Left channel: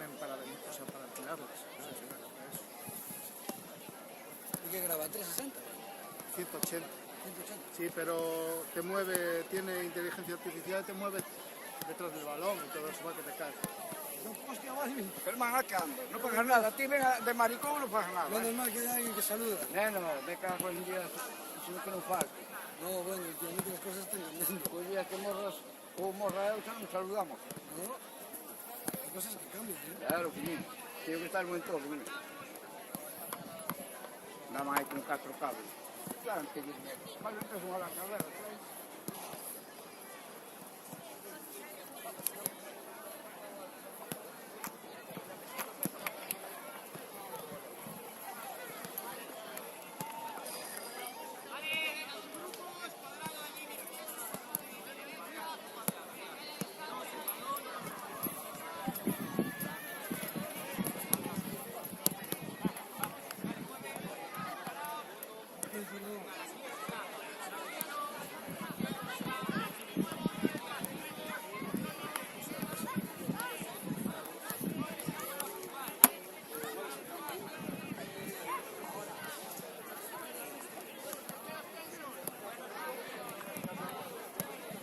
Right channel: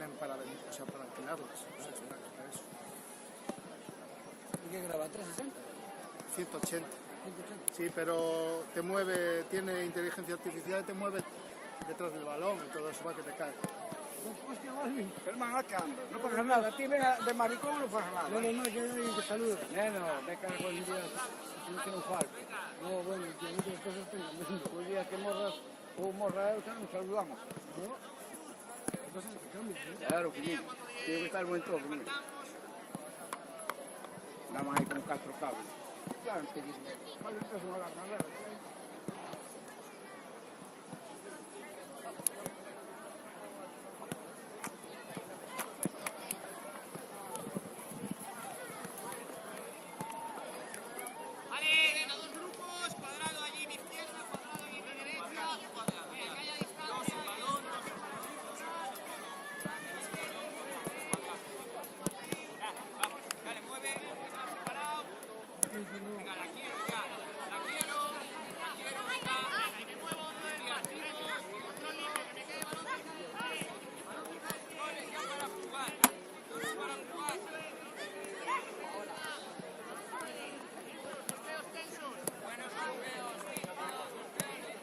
tienen para, o sea, para alquilarlas. O sea, es para eso. ¿Y qué graba? ¿360? 180. 180. Sí, pero te mueve, tiene inteligencia artificial y te mueve detrás del balón y todo eso va que te cae. Hostia, Walmi. Hermano, acá, no pagas nada. A ti venga de maricón no pagas nada. Menos mal que hay alguien que saluda. No, me cago en Dios. Eso no que non falta. No, bueno, que en otras cosas están cambiando. El día que morras, ou morra eu, nos saludamos. ¿No? Hay cosas que cambian, ¿no? Claro que sí. Tiene que estar buen todo, ¿no? Nada más hay con 4 cables. Claro, que vale, entonces no la carrera.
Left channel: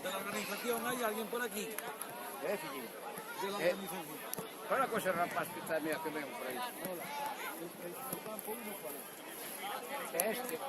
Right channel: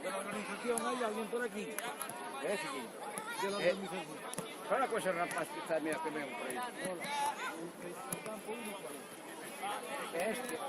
¿De la organización hay alguien por aquí? Sí. De la organización. Fala con ese rapaz que está, mira, que veo por ahí. Este.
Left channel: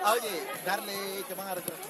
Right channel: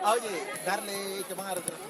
Oye, darle que van a retrasar.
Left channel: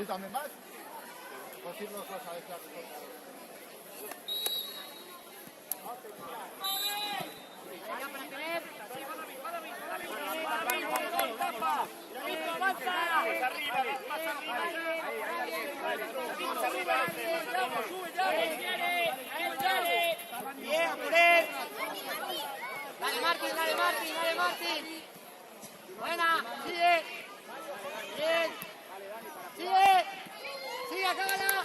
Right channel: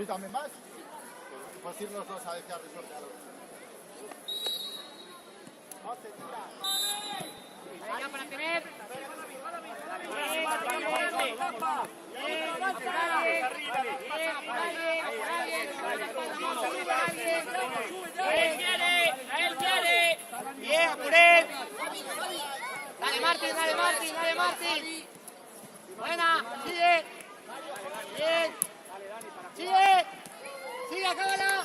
¿Tú también vas? Pues irnos dos a ver qué haces. Venga, para tener. Bien, Puré. Dale, Martín, dale, Martín, dale, Martín. Buena, sigue. Bien. Sigue. Sigue, acábala.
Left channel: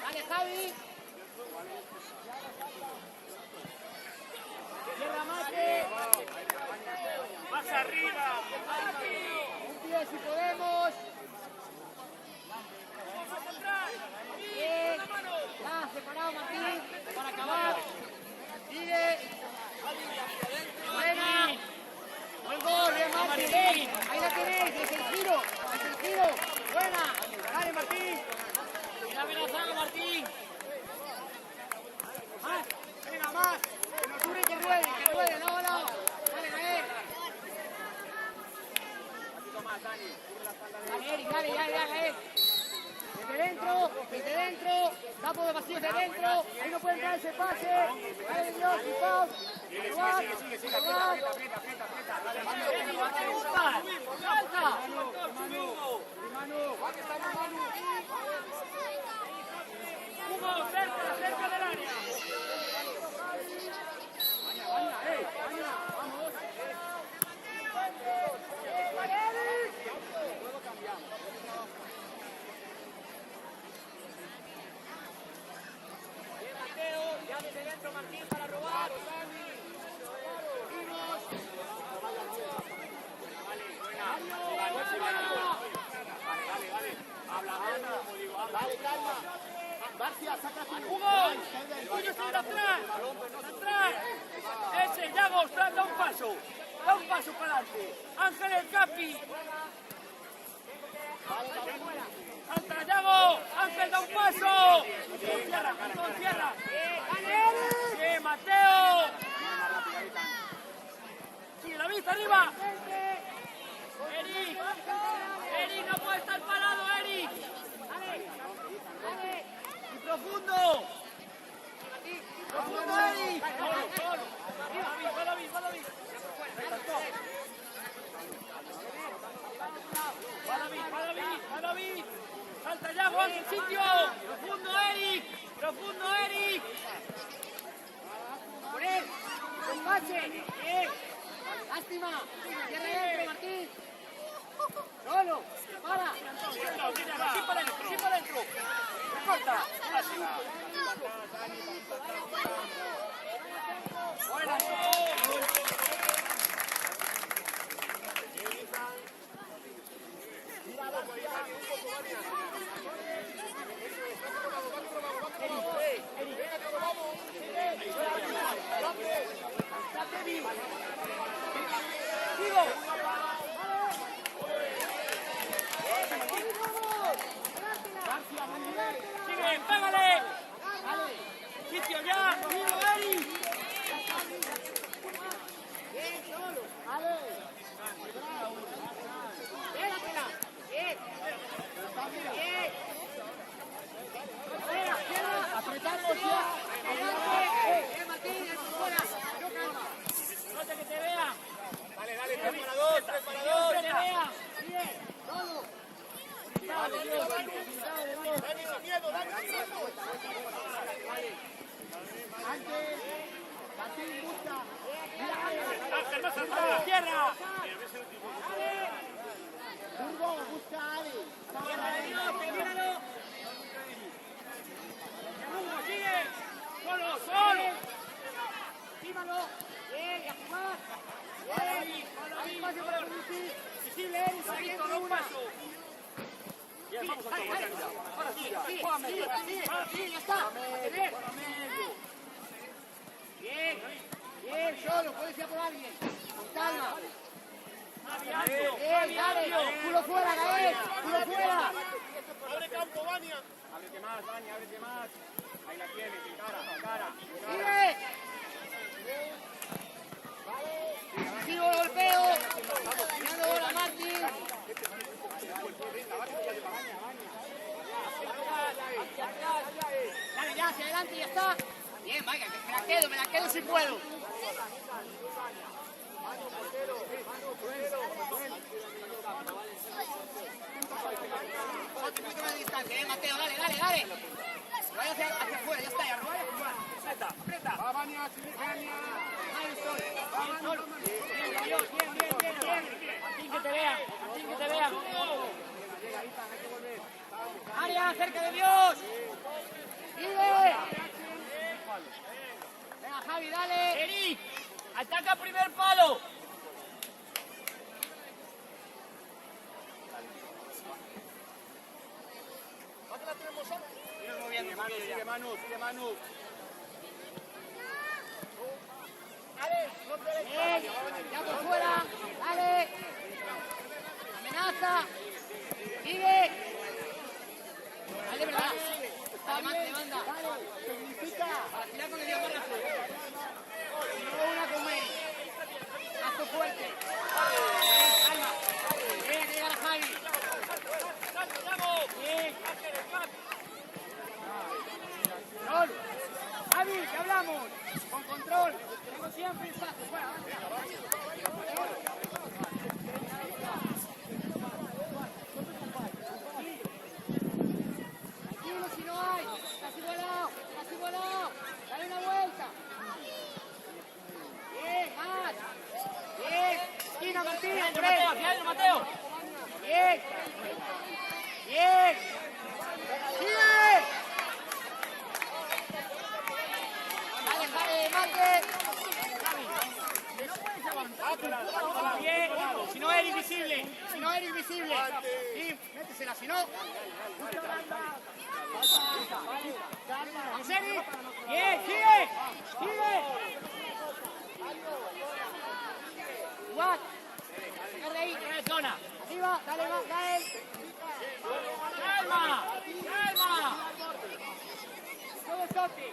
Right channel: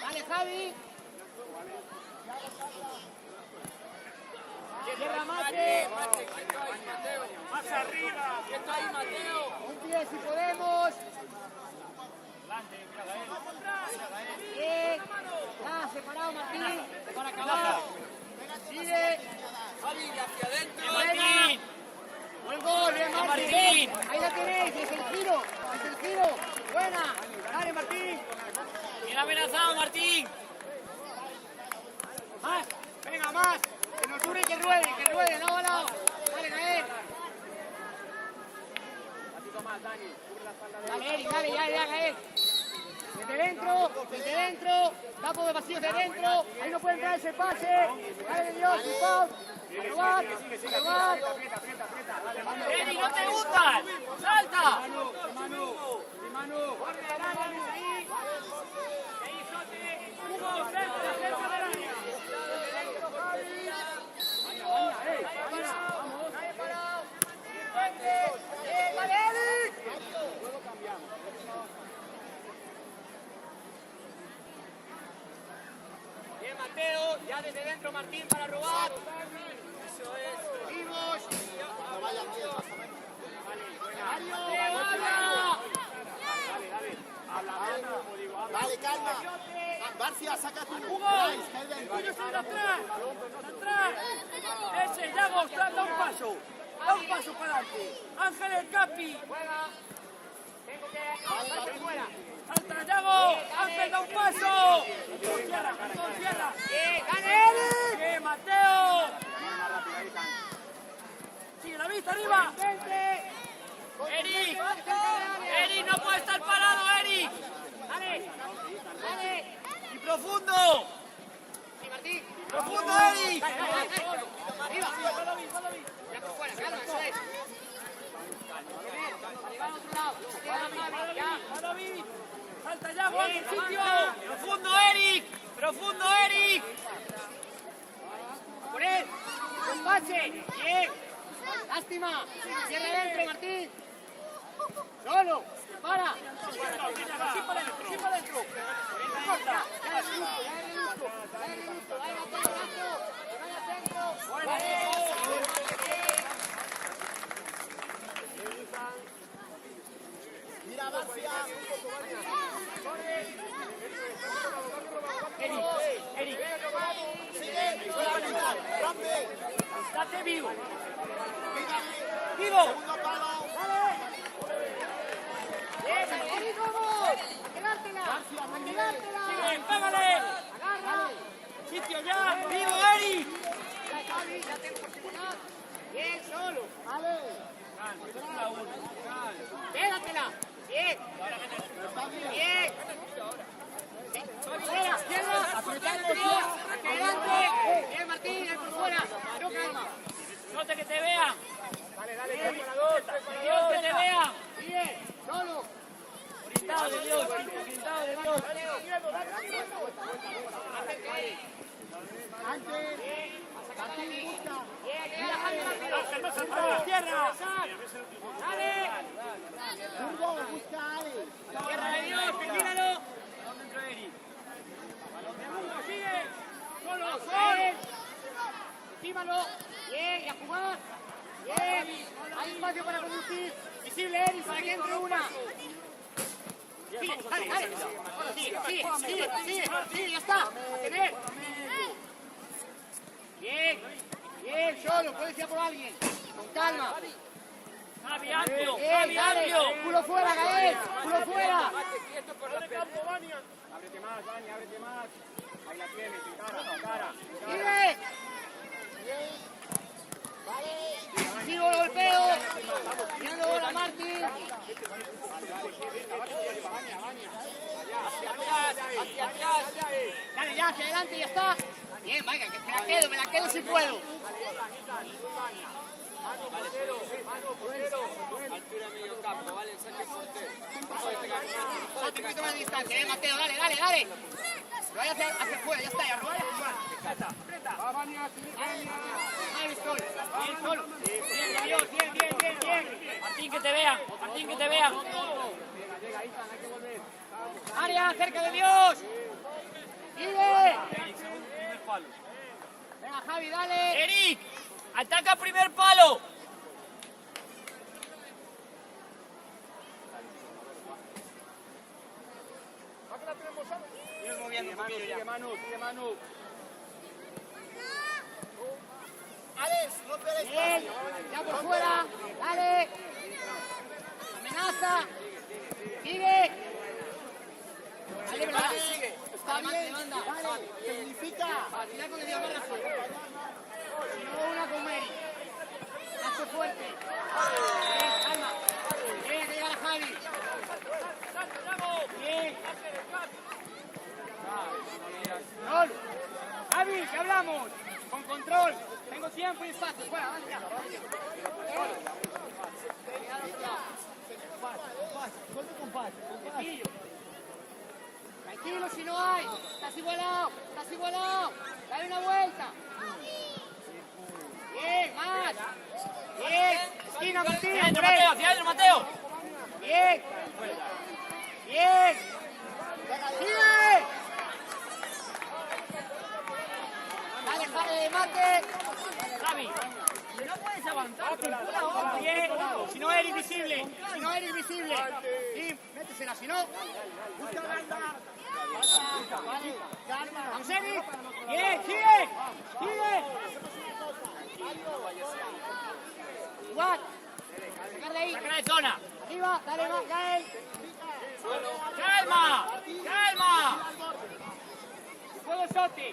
Dale, Javi. Cierra Mate. Más arriba. Un pie si podemos. Bien. Ya, separado Martín. Para acabar. Sigue. Buena. Buen gol, bien Martín. Ahí la tenéis, es el giro. Es el giro. Buena. Dale Martín. Bien amenazado Martín. Más. Venga, más. Que no dure, que ruede, no volado. Dale, caer. Dale, Eric, dale, ya, caer. Desde dentro, tapos de vacíos de dentro. Ahí no puede entrar ese pase. Dale, Dios, y Pau. A robar. Aprieta. Dale, mano. Eric, no te gustan. Salta. Mano. Vamos. Luego cambiamos. Bien, Mateo. Ya desde dentro, Martín, para robar. Seguimos. Vale, calma. García, saca tu. ¡Hugo! ¡Tienes que ir atrás! ¡Ese, Yago! ¡Da un paso! ¡Da un paso para adelante! ¡Ángel el Capi! ¡Falta, Yago! ¡Ángel, da un paso! ¡Cierra! ¡Bien, Mateo! ¡Sigue la vista arriba! ¡Eric, no puede estar parado, Eric! ¡Dale! ¡Y profundo! ¡Profundo, Eric! ¡Salta ya, Juan, el sitio! ¡Profundo, Eric! ¡Profundo, Eric! ¡Por él! ¡Con pase! ¡Bien! ¡Lástima! ¡Cierra adentro, Martín! ¡Solo! ¡Para! ¡Sí para adentro! ¡Corta! ¡Buena! Eric. Estate vivo. Vivo. Pégale. Sitio ya. Vivo, Eric. Bien, solo. Quédatela. Bien. Bien. Apretamos ya. Adelante. Bien, Martín, por fuera. No calma. Suelta que te vean. Dale, Dios, que te vean. Bien, solo. Pintado de Dios, pintado de Dios. Antes, Martín busca. Ángel, más atrás. Tierra. Dale. Burgo, busca a Ale. Tierra de Dios, termínalo. Sigue. Solo. Encímalo. Bien, y a jugar. Bien. Hay espacio para conducir. Visible, Eric, para que entre una. Sigue, ya está. Bien, solo, puedes ir por alguien. Con calma. Bien, dale. Culo fuera, Gael. Culo fuera. Ábrete más, Dani, ábrete más. Ahí la tienes, encara. ¡Sigue! Sigo el golpeo. Mirando bola, Martín. Dale, ya, hacia adelante, ya está. Bien, vaya, que me la quedo si puedo. Otro poquito más de distancia, Mateo, dale. Que vaya hacia afuera, ya está, ya robar y a jugar. Va, Vania. Ahí estoy. Bien, solo. Bien. Martín, que te vean. Llega, Ethan, hay que volver. Área, cerca de Dios. ¡Vive! Venga, Javi, dale. Eric, ataca primer palo. Sigue moviendo un poquillo ya. Sigue Manu. Bien, ya por fuera. Dale. Amenaza. Sigue. Dale, verdad. Levanta. Significa. Vacila con el Dios Barraza. No una con él. Hazte fuerte. Calma. Deja que llegar a Javi. Bien. Control. Javi, ¿qué hablamos? Con control. Tengo tiempo y espacio. Fuera, tranquilo si no hay. Casi volado. Dale una vuelta. Bien, más. Bien. Esquina, Martín. Mateo. Bien. Sigue. Dale, mate. Javi. No puedes avanzar. Bien. Si no eres visible. Sí, métesela, si no. Vamos, Eric. Bien, sigue. Jugar. Sacar de ahí. Sacar de zona. Arriba, dale más, Gael. Calma. Puedo Sotti.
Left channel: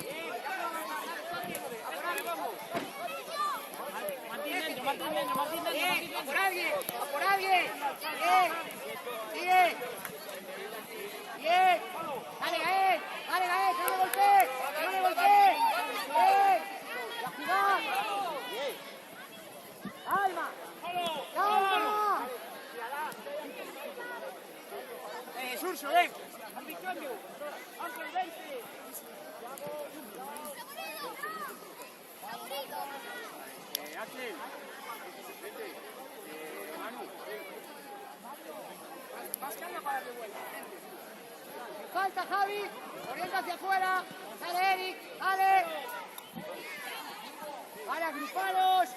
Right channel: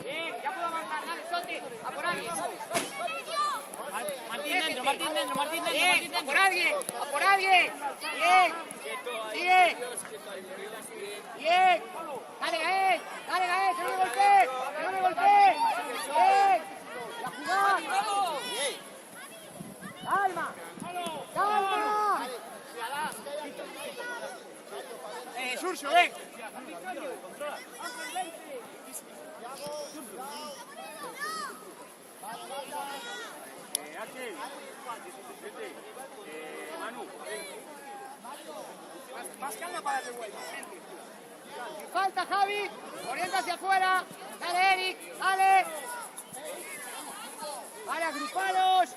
Bien, ya puedo avanzar. Dale, Sotti. A por alguien. Martín dentro. Bien, a por alguien. Bien. Sigue. Bien. Dale, Gael, que no le golpee, que no le golpee. Bien. La jugada. Calma. Calma. Surcio, ven. Axel, vente. Manu. Más calma para darle vuelta. Falta, Javi. Orienta hacia afuera. Dale, Eric. Dale. Vale, agrupalos.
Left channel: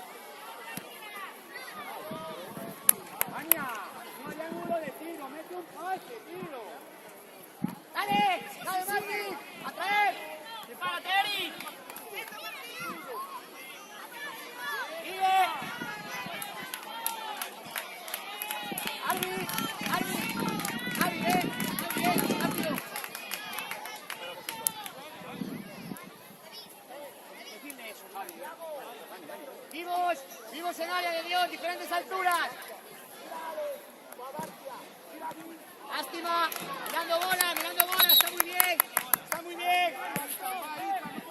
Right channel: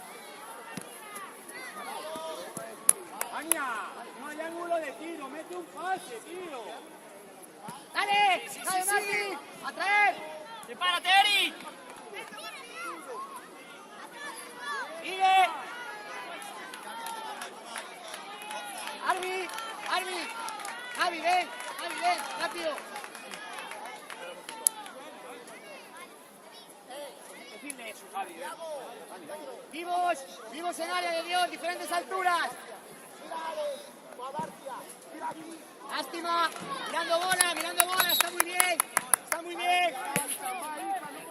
Ania, no hay ángulo de tiro, mete un pase, tío. Dale. Dale, Martín. A traer. ¡Prepárate, Eric! Sigue. Arby. Javi, ven, rápido. Decirle eso, Javi. Vivos en área de Dios, diferentes alturas. Lástima, mirando bola, está muy bien.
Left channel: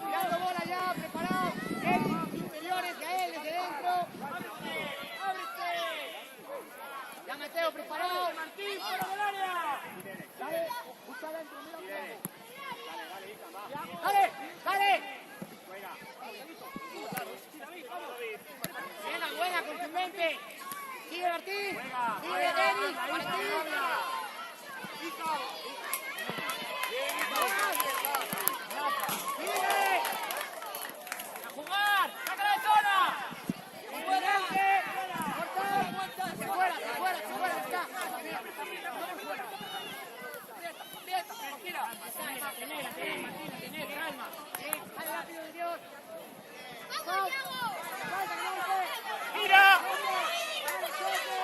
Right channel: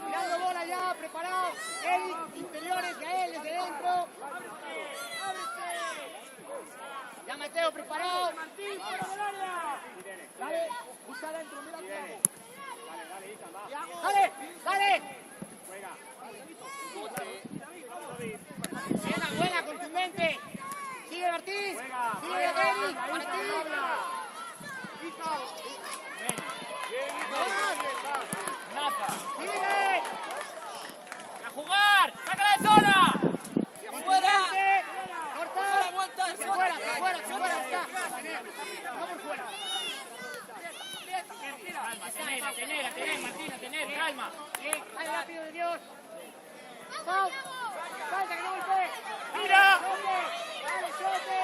Mirando bola ya, preparado. Eric, interiores, Gael desde dentro. Ya Mateo, preparado. Dale, busca adentro, mira. Dale. Buena, contundente. Sigue Martín. Sigue Eric. Martín. Sigue. ¡A jugar! ¡Sácala de zona! Contundente. Corta. Hacia afuera, ya está. No por fuera. Tener, Martina, tener, calma. Dale rápido de Dios. Falta, que no golpee. ¡Mira! ¡Dale, siete!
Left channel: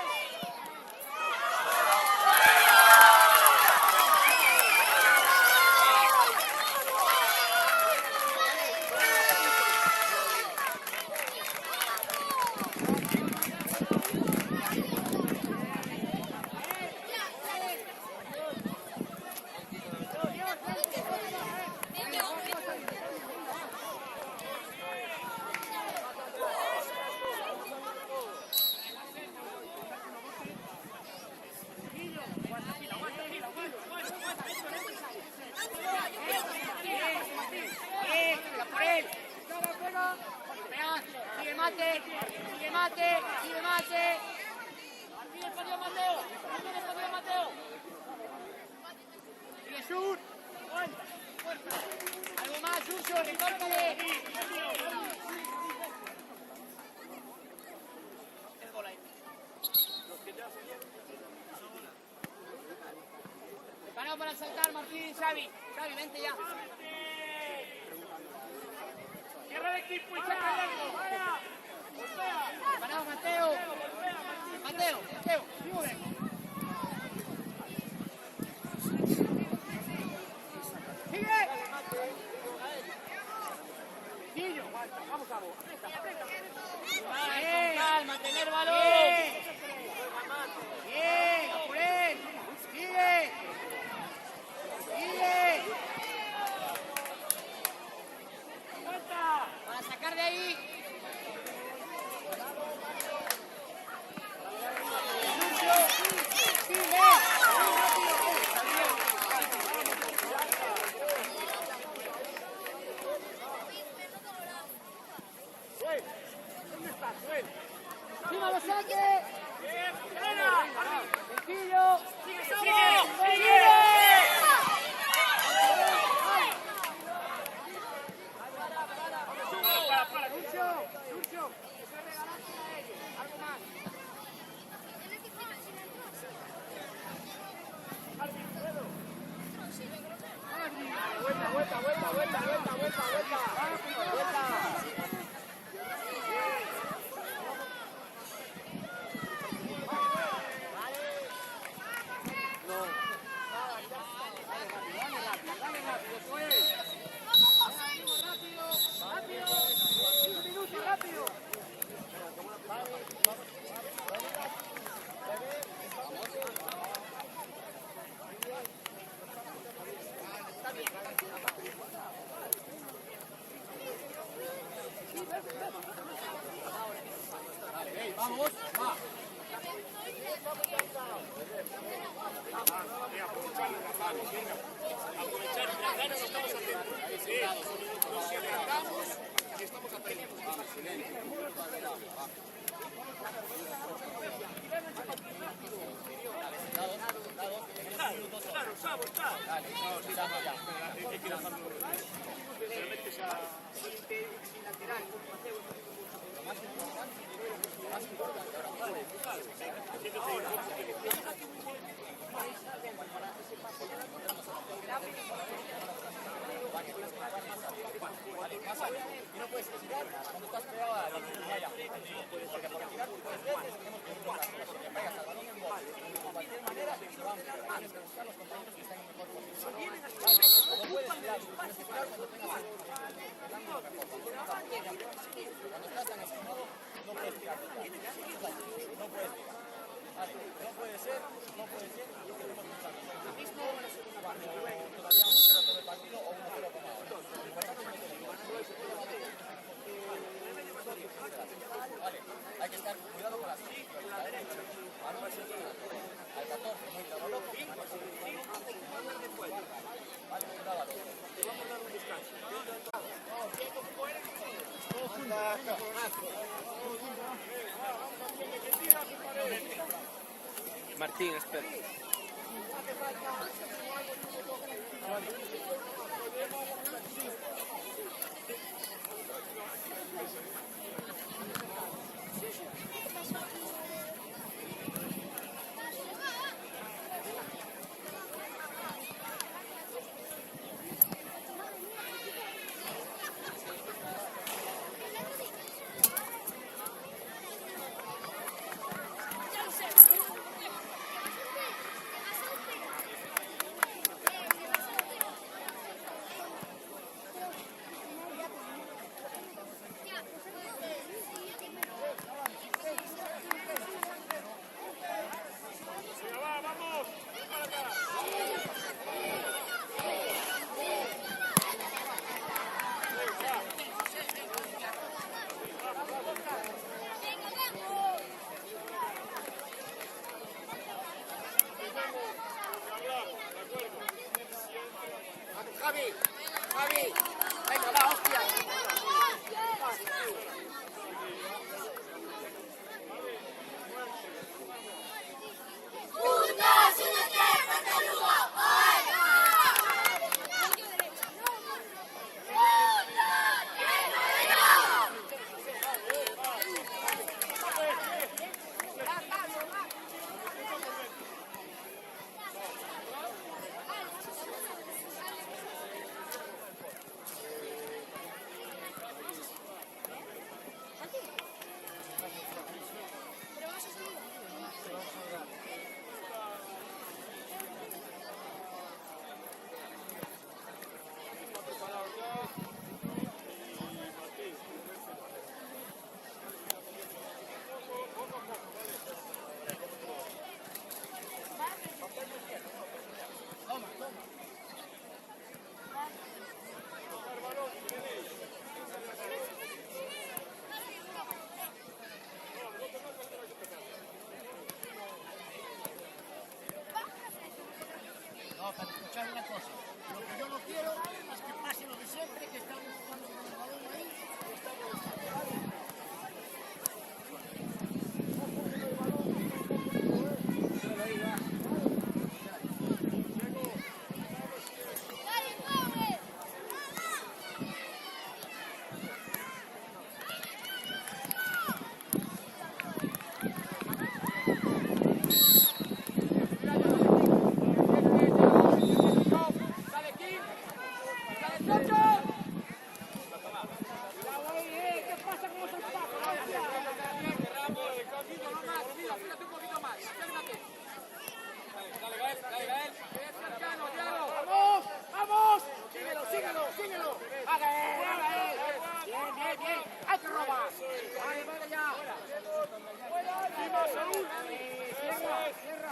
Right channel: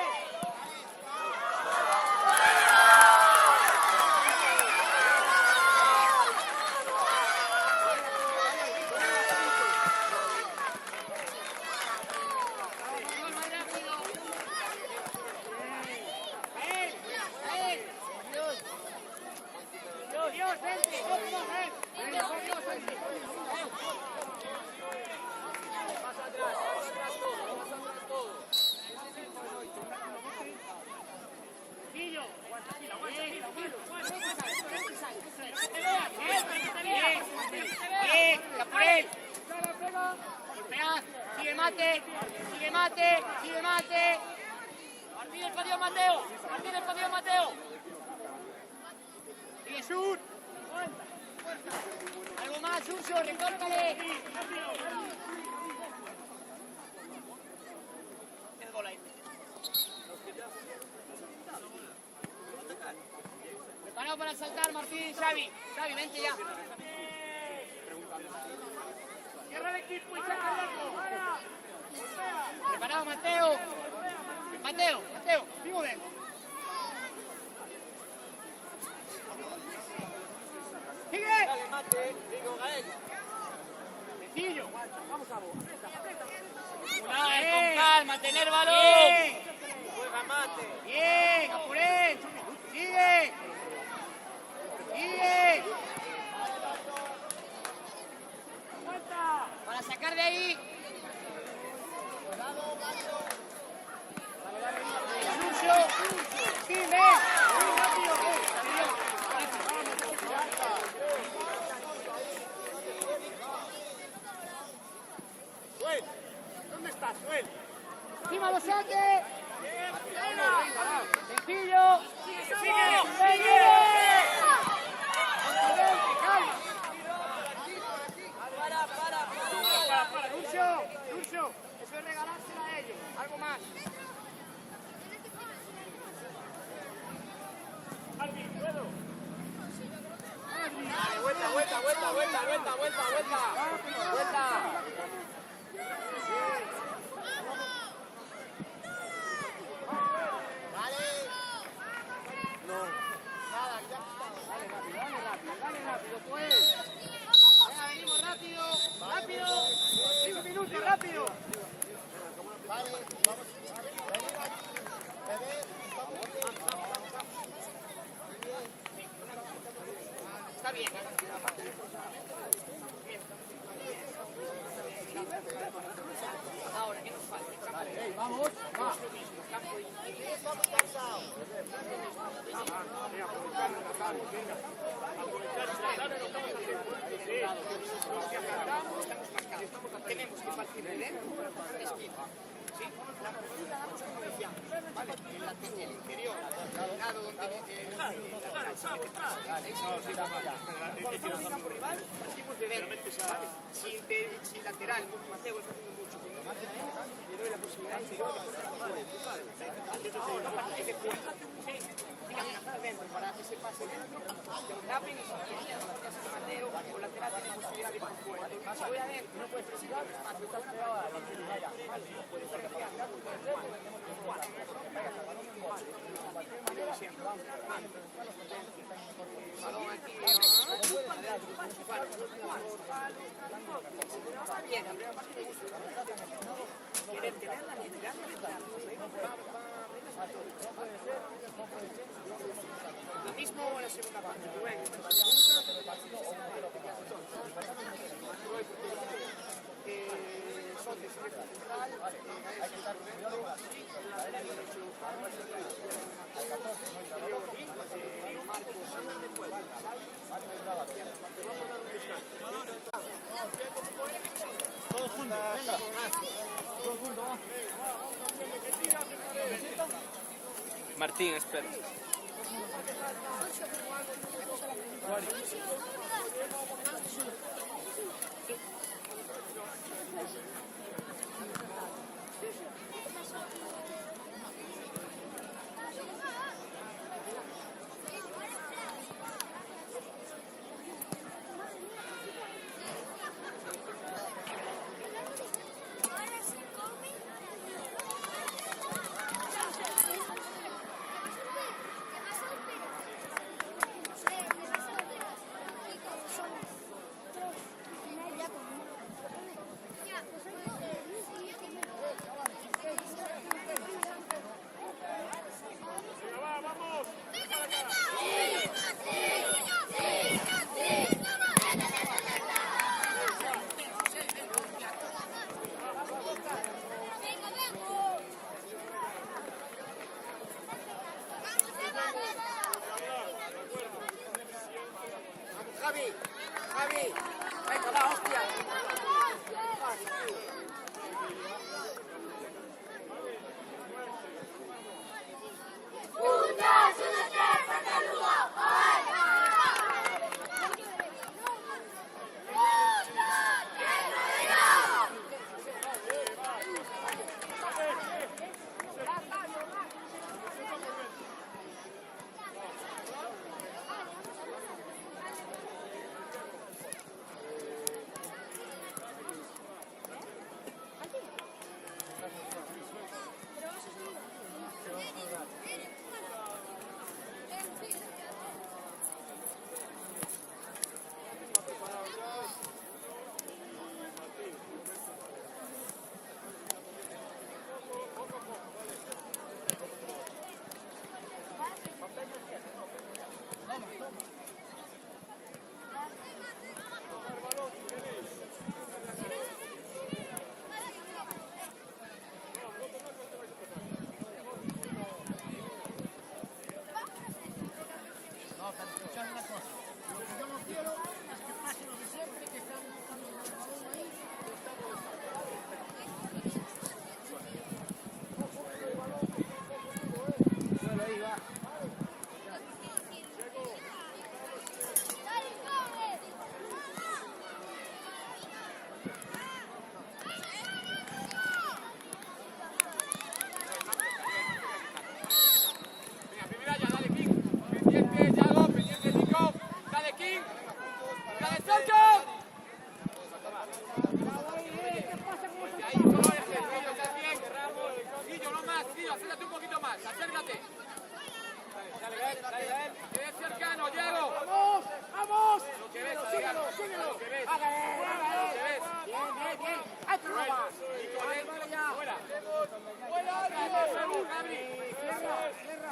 Sigue mate. Martín, el perdió Mateo. Jesús. Algo más, Urso, recórtale. Preparado para saltar, Martín y Xavi. Xavi, vente ya. Cierra el equipo y saca el arco. Preparado, Mateo. Muy bien. ¡Sigue! Sencillo. Vamos a vos. Con calma, tener balón. Bien, a por él. Sigue. Para sacar de ahí. Lucio. Sí, ven. Muy rápido. ¿Dónde estás, Suel? ¡Encima lo saque! ¡Sencillo! ¡Sigue! Para, Lucio, eso es regalárselo a ellos, algo más. Rápido. No, sí, capaz. Espera, hay que dejarlo. Pero metes a... Sin lateral. Para que se pase Martín, espera. Javi, venga, va, hostia.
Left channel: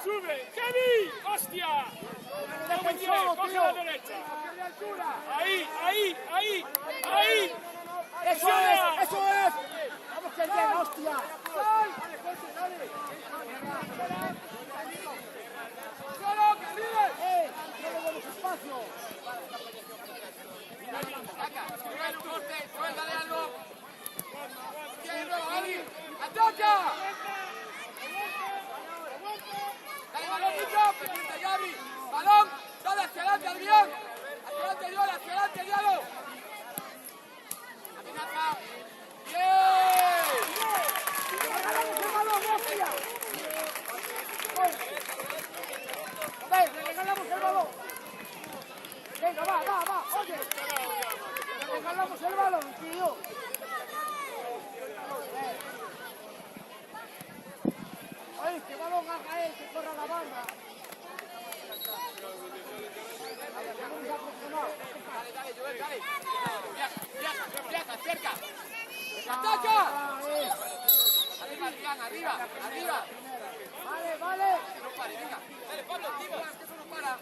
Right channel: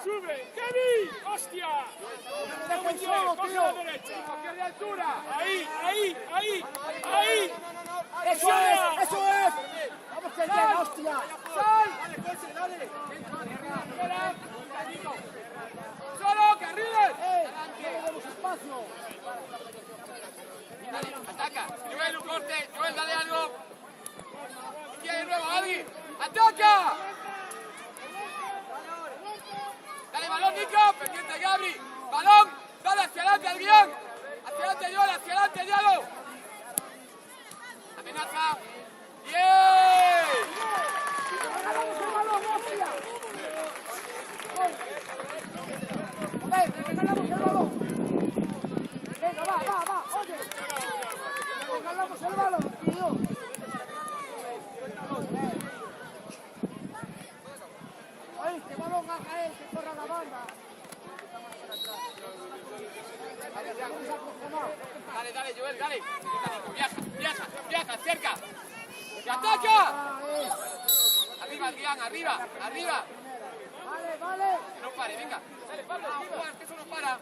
¡Sube! ¡Kevin! ¡Hostia! ¡Ahí! ¡Eso es! ¡Vamos que llega, hostia! ¡Solo, Carriles! ¡No le demos espacio! ¡Ataca! ¡Joel, un corte! ¡Joel, dale algo! ¿Quién lleva, Javi? ¡Ataca! ¡Dale balón, Nico! ¡Pendiente, Gabri! ¡Balón! ¡Dale hacia adelante, Adrián. Hacia adelante, Diego, hacia adelante, Diego. Amenaza. ¡Bien! ¡Regalamos el balón, hostia! ¡Regalamos el balón! Venga, va, oye. Regalamos el balón, tío. Oye, este balón haga él, que corra la banda. Dale, dale, Joel, dale. Viaja, cerca. ¡Ataca! Arriba, Adrián, arriba. Vale. No pare, venga. Juan, que eso no para.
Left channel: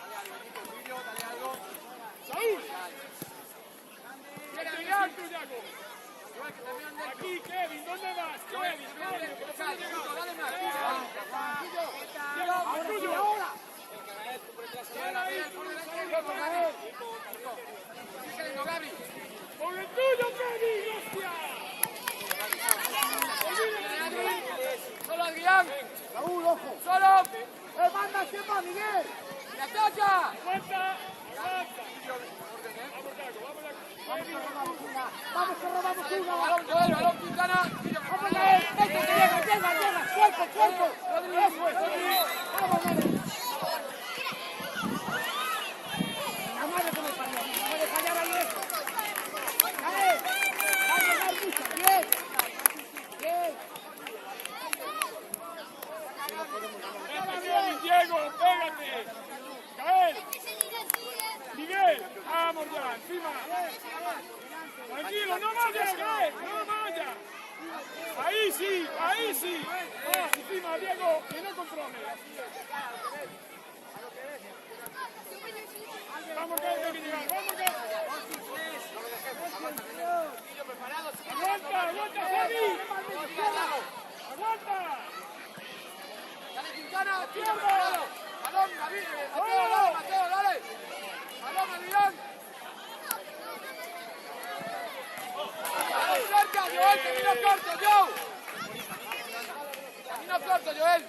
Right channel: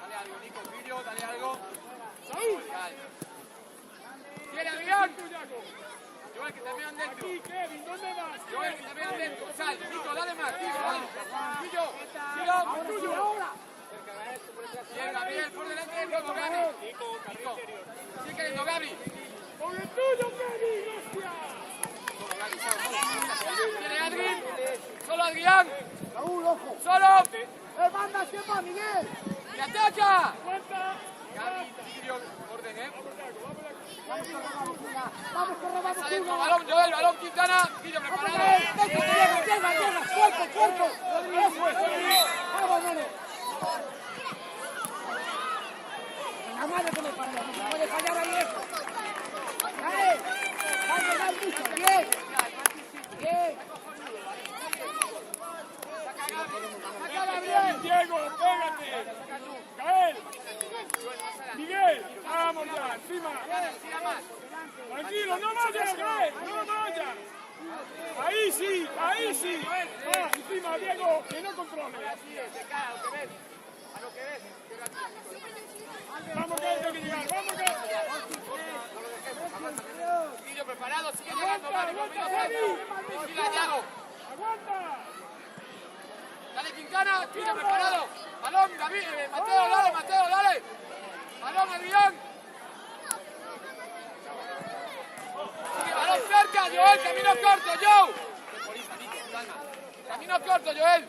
Dale algo, Nico, tuyo, dale algo. Dale. ¡Viene, Adrián! Joel, que también dentro. Kevin, ¿dónde vas? Joel, que también dentro. Sal, Nico, dale más. Tuyo. Ahora sí, ahora. Bien, por delante, Nico, Gaby. Sigue cayendo, Gaby. ¡Con el tuyo, Kevin! ¡Hostia! Solo Adrián. Raúl, ojo. Solo. Manda, ¿quién va, Miguel? ¡Y ataca! ¡Aguanta! Orden, Vamos que robamos una. Balón, Joel, balón, Quintana. Vamos a ver, llega, cuerpo. Eso es. Vamos, nene. La madre que me parió, no se puede fallar ahí eso. Cae, va a llegar mucho, bien. Diego, pégate. Gael. Miguel, vamos ya, encima. Tranquilo, no vayas, Gael, no vayas. Ahí sí. Va, encima, Diego, que no controle. Vamos, Gael, tengo que llegar, vamos, Gael. Preparado, sigue Aguanta, Javi. Aguanta. Dale, Quintana, tiro preparado. Balón, David, Mateo, dale. Balón, Adrián. Balón cerca, Joel, camino corto, Joe. Camino corto, Joel.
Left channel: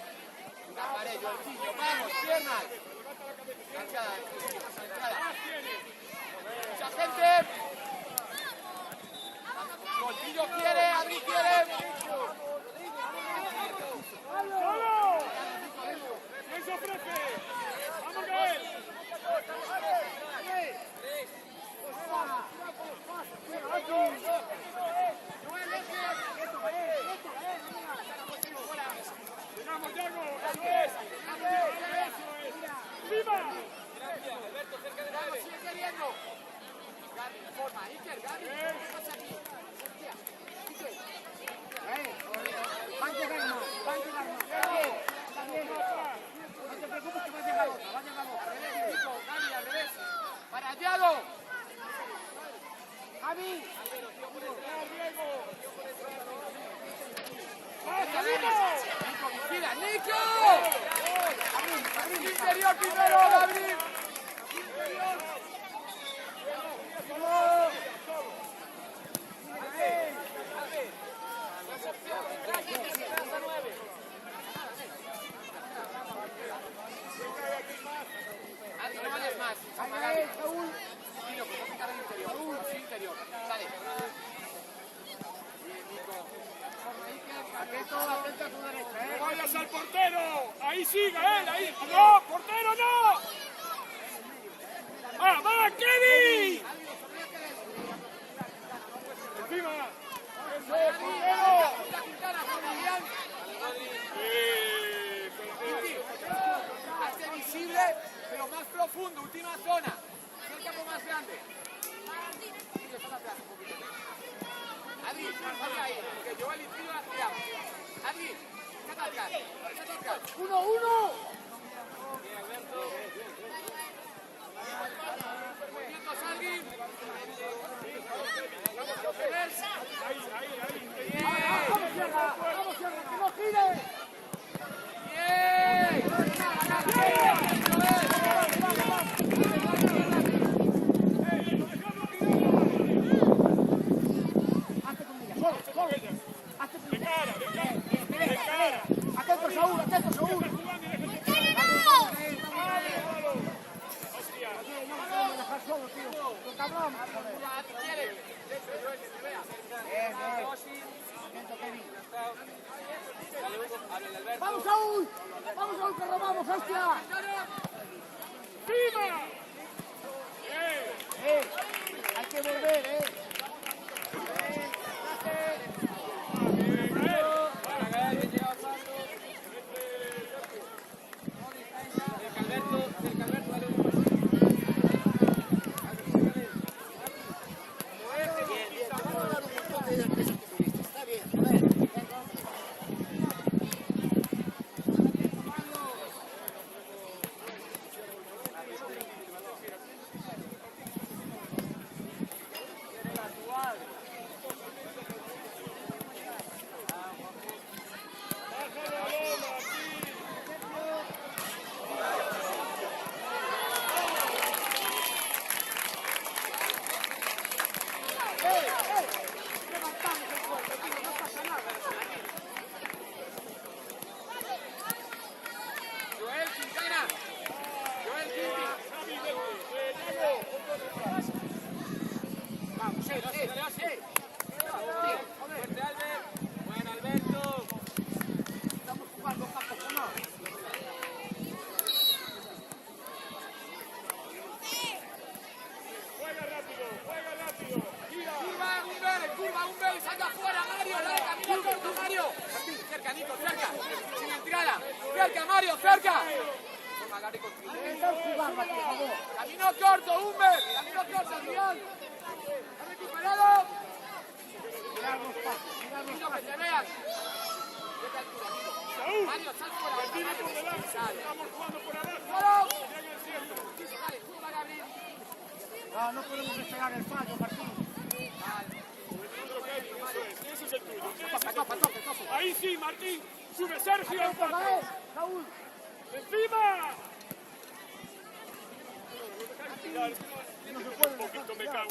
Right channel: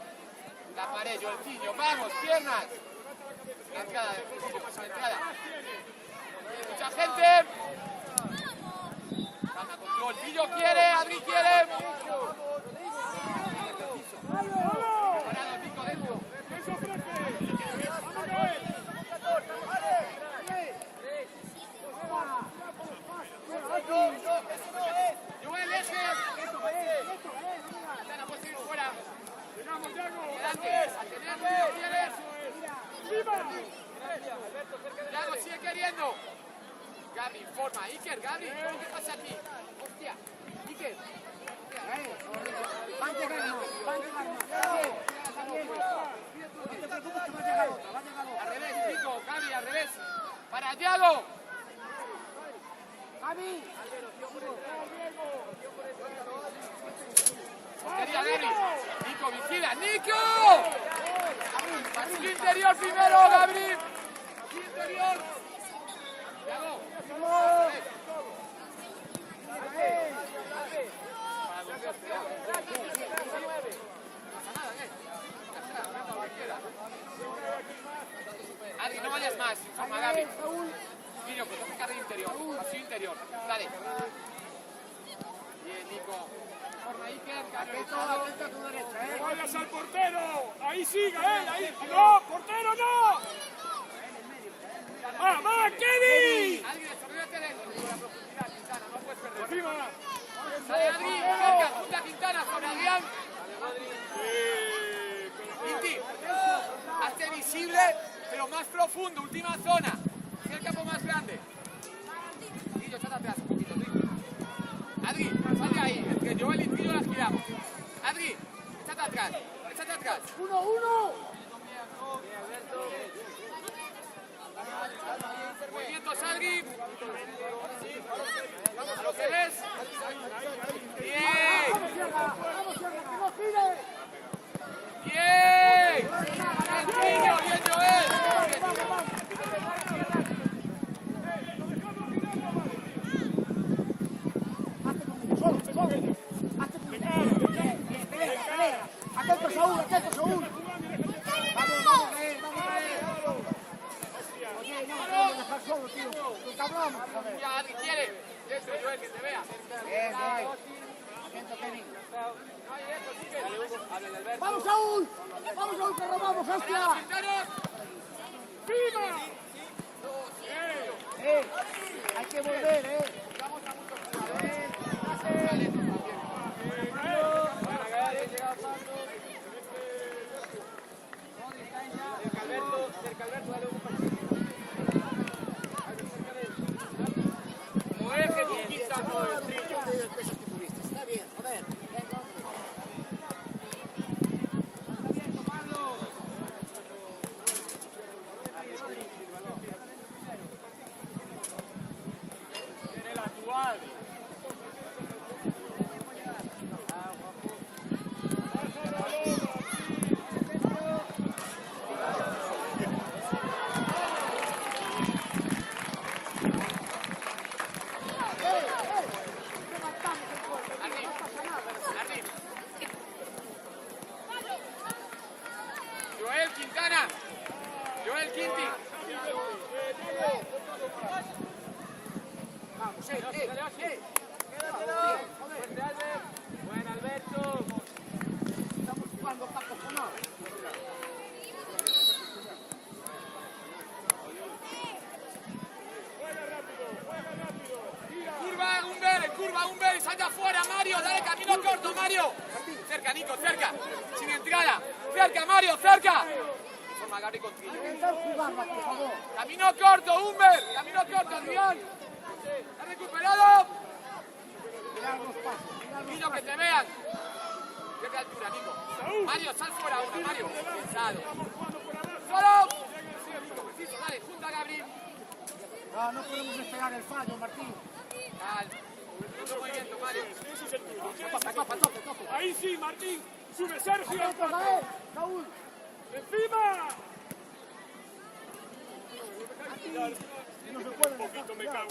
La pared, Jorginho, vamos, piernas. Entrada. Mucha gente. Gana control. Pillo quiere, Adri quiere. ¡Vamos! ¿Qué se ofrece? ¡Vamos, Gael! Joel, ese. ¡Vamos, Diego! Yago, sigue queriendo. Gaby, forma. Iker, Gaby, ¿qué pasa aquí? Hostia. Iker. Va a llegar más. No te preocupes que va a llegar otra. Al revés, Nico, Gaby, al revés. Para Yago. Javi. Nico, vigila, Nico. Interior primero, Gabriel. Adri, no vayas más. Toma, Gaby. Nico, pues toca el interior. Así interior. Dale. Bien, Nico. Atento a tu derecha, ¡Vayas al portero! ¡Ahí sí, Gael! ¡Ahí! ¡No! ¡Portero, no! ¡Va, Kevin! ¡Encima! Mira Quintana, con Adrián. Inti, hazte visible, pero más profundo, última zona. Es el campo más grande. Nico, sácate atrás un poquito. Adri, sale ahí, que Joel y Tilo las tiramos. Adri, échate atrás. 1-1. Movimientos, Adri. ¿Lo ves? Bien. Vamos, no gires. Bien. Bien, Joel. Hazte conmigo, solo. Hazte conmigo. Pelea. Atento, Saúl. Vamos, Gael. dejar solo, tío. Lo cabrón, joder. Ya, Adri, quiere. Dentro, Joel, que te vea. Bien, bien. Atento, Kevin. ¡Vamos, Saúl! ¡Vamos, Saúl, que robamos, hostia! Hay que volver, Buena mano. Joel Quintana. Joel Quinti. Vamos, Buen Alberto. Estamos jugando para cojonar. Curva, un B, salta afuera, Mario, dale camino corto, Mario. Cerca, Nico, cerca. Sin entrada. Cerca, Mario, cerca. Toma, Gabri, contigo. Intentar jugarla, por favor. Camino corto, Humber. Camino corto, Iván. ¿Has recuperado? Mirad los pases, Nico, que te vean. ¿Qué te altura, Nico? Mario, sal fuera, Mario. Sale. ¡Solo! Vale, junta, Gabri. No, no podemos despegar el fallo, Martín. Vale. Toque. Ahí sí, Martín. Sube Sergio. Atento, Gael. Saúl. ¡Encima! No se puede dejar tirar.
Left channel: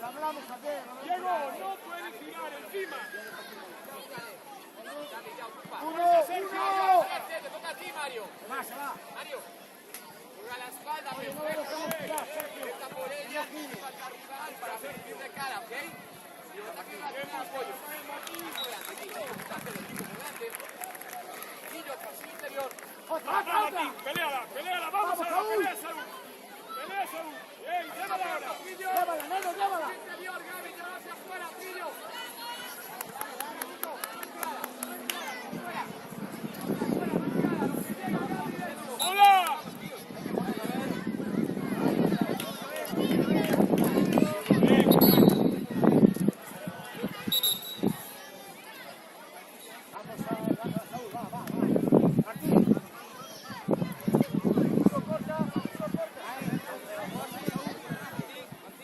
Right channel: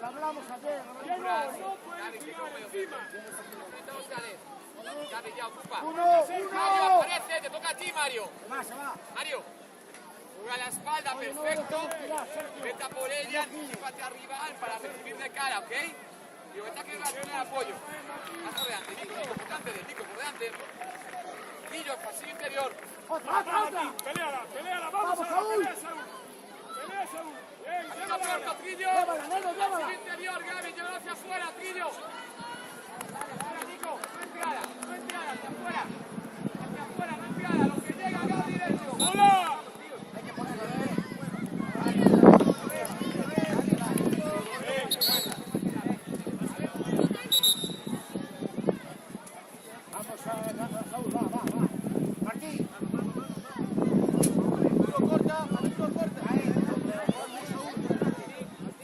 Lo hablamos ayer. Diego, no puedes tirar encima. ¡Uno! Te toca a ti, Mario. Se va. Mario. A la espalda, Oye, no lo dejemos tirar, Sergio. Vete por ella, para rival para hacer un de cara, ¿ok? Y el ataque va a tener apoyo. Más adelante, Nico, importante del Nico por delante. Guillo, pasillo interior. ¡Otra! Peleala, ¡Vamos, Saúl! Pelea, Saúl. Bien, Corta, Trillo. ¡Llévala, Neno, llévala! Interior, Gaby, lleva hacia afuera, Trillo. Ahora, Nico, entrada, hacia afuera. Hacia afuera, entrada, lo que llega, Gaby, dentro. ¡Hola! Hay que ponerla bien. Vamos a Saúl, va. Martín.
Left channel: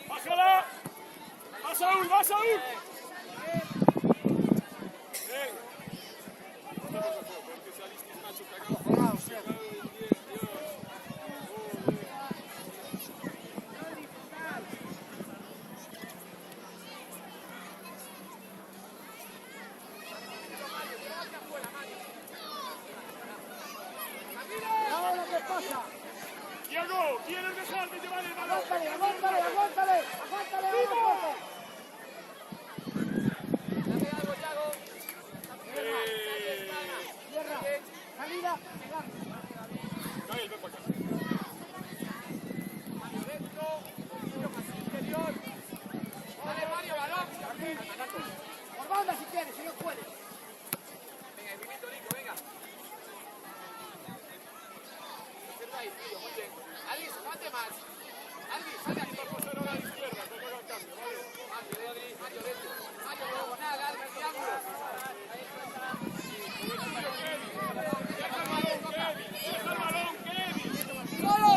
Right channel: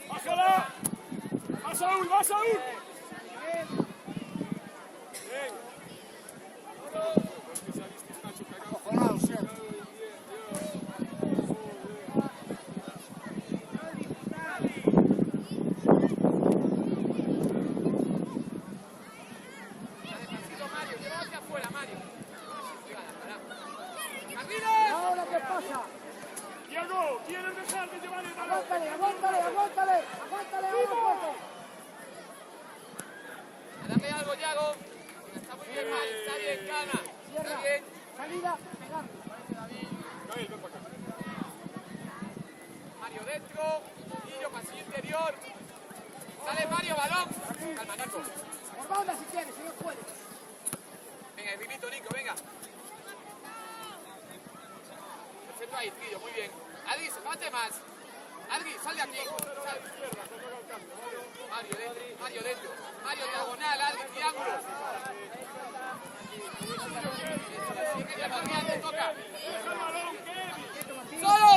¡Pásala! ¡Va, Saúl! Acojonado siempre. ¿Y ahora qué pasa? Diego, ¿quieres dejar de llevar el balón? Aguántale, vamos, Dame algo, Yago. Cierra. Está bien, Cana. Tierra, salida, pegarle. Mario dentro, Guillo, pasillo interior. Sale Mario, balón. Calma, Marco. Por banda si quieres, si no puedes. Venga, el pipito, Nico, venga. Observa ahí, Guillo, muy bien. Adri, mate más. Adri, sal de aquí. Mario dentro. Mario diagonal, Adri, triángulo. ¡Solo!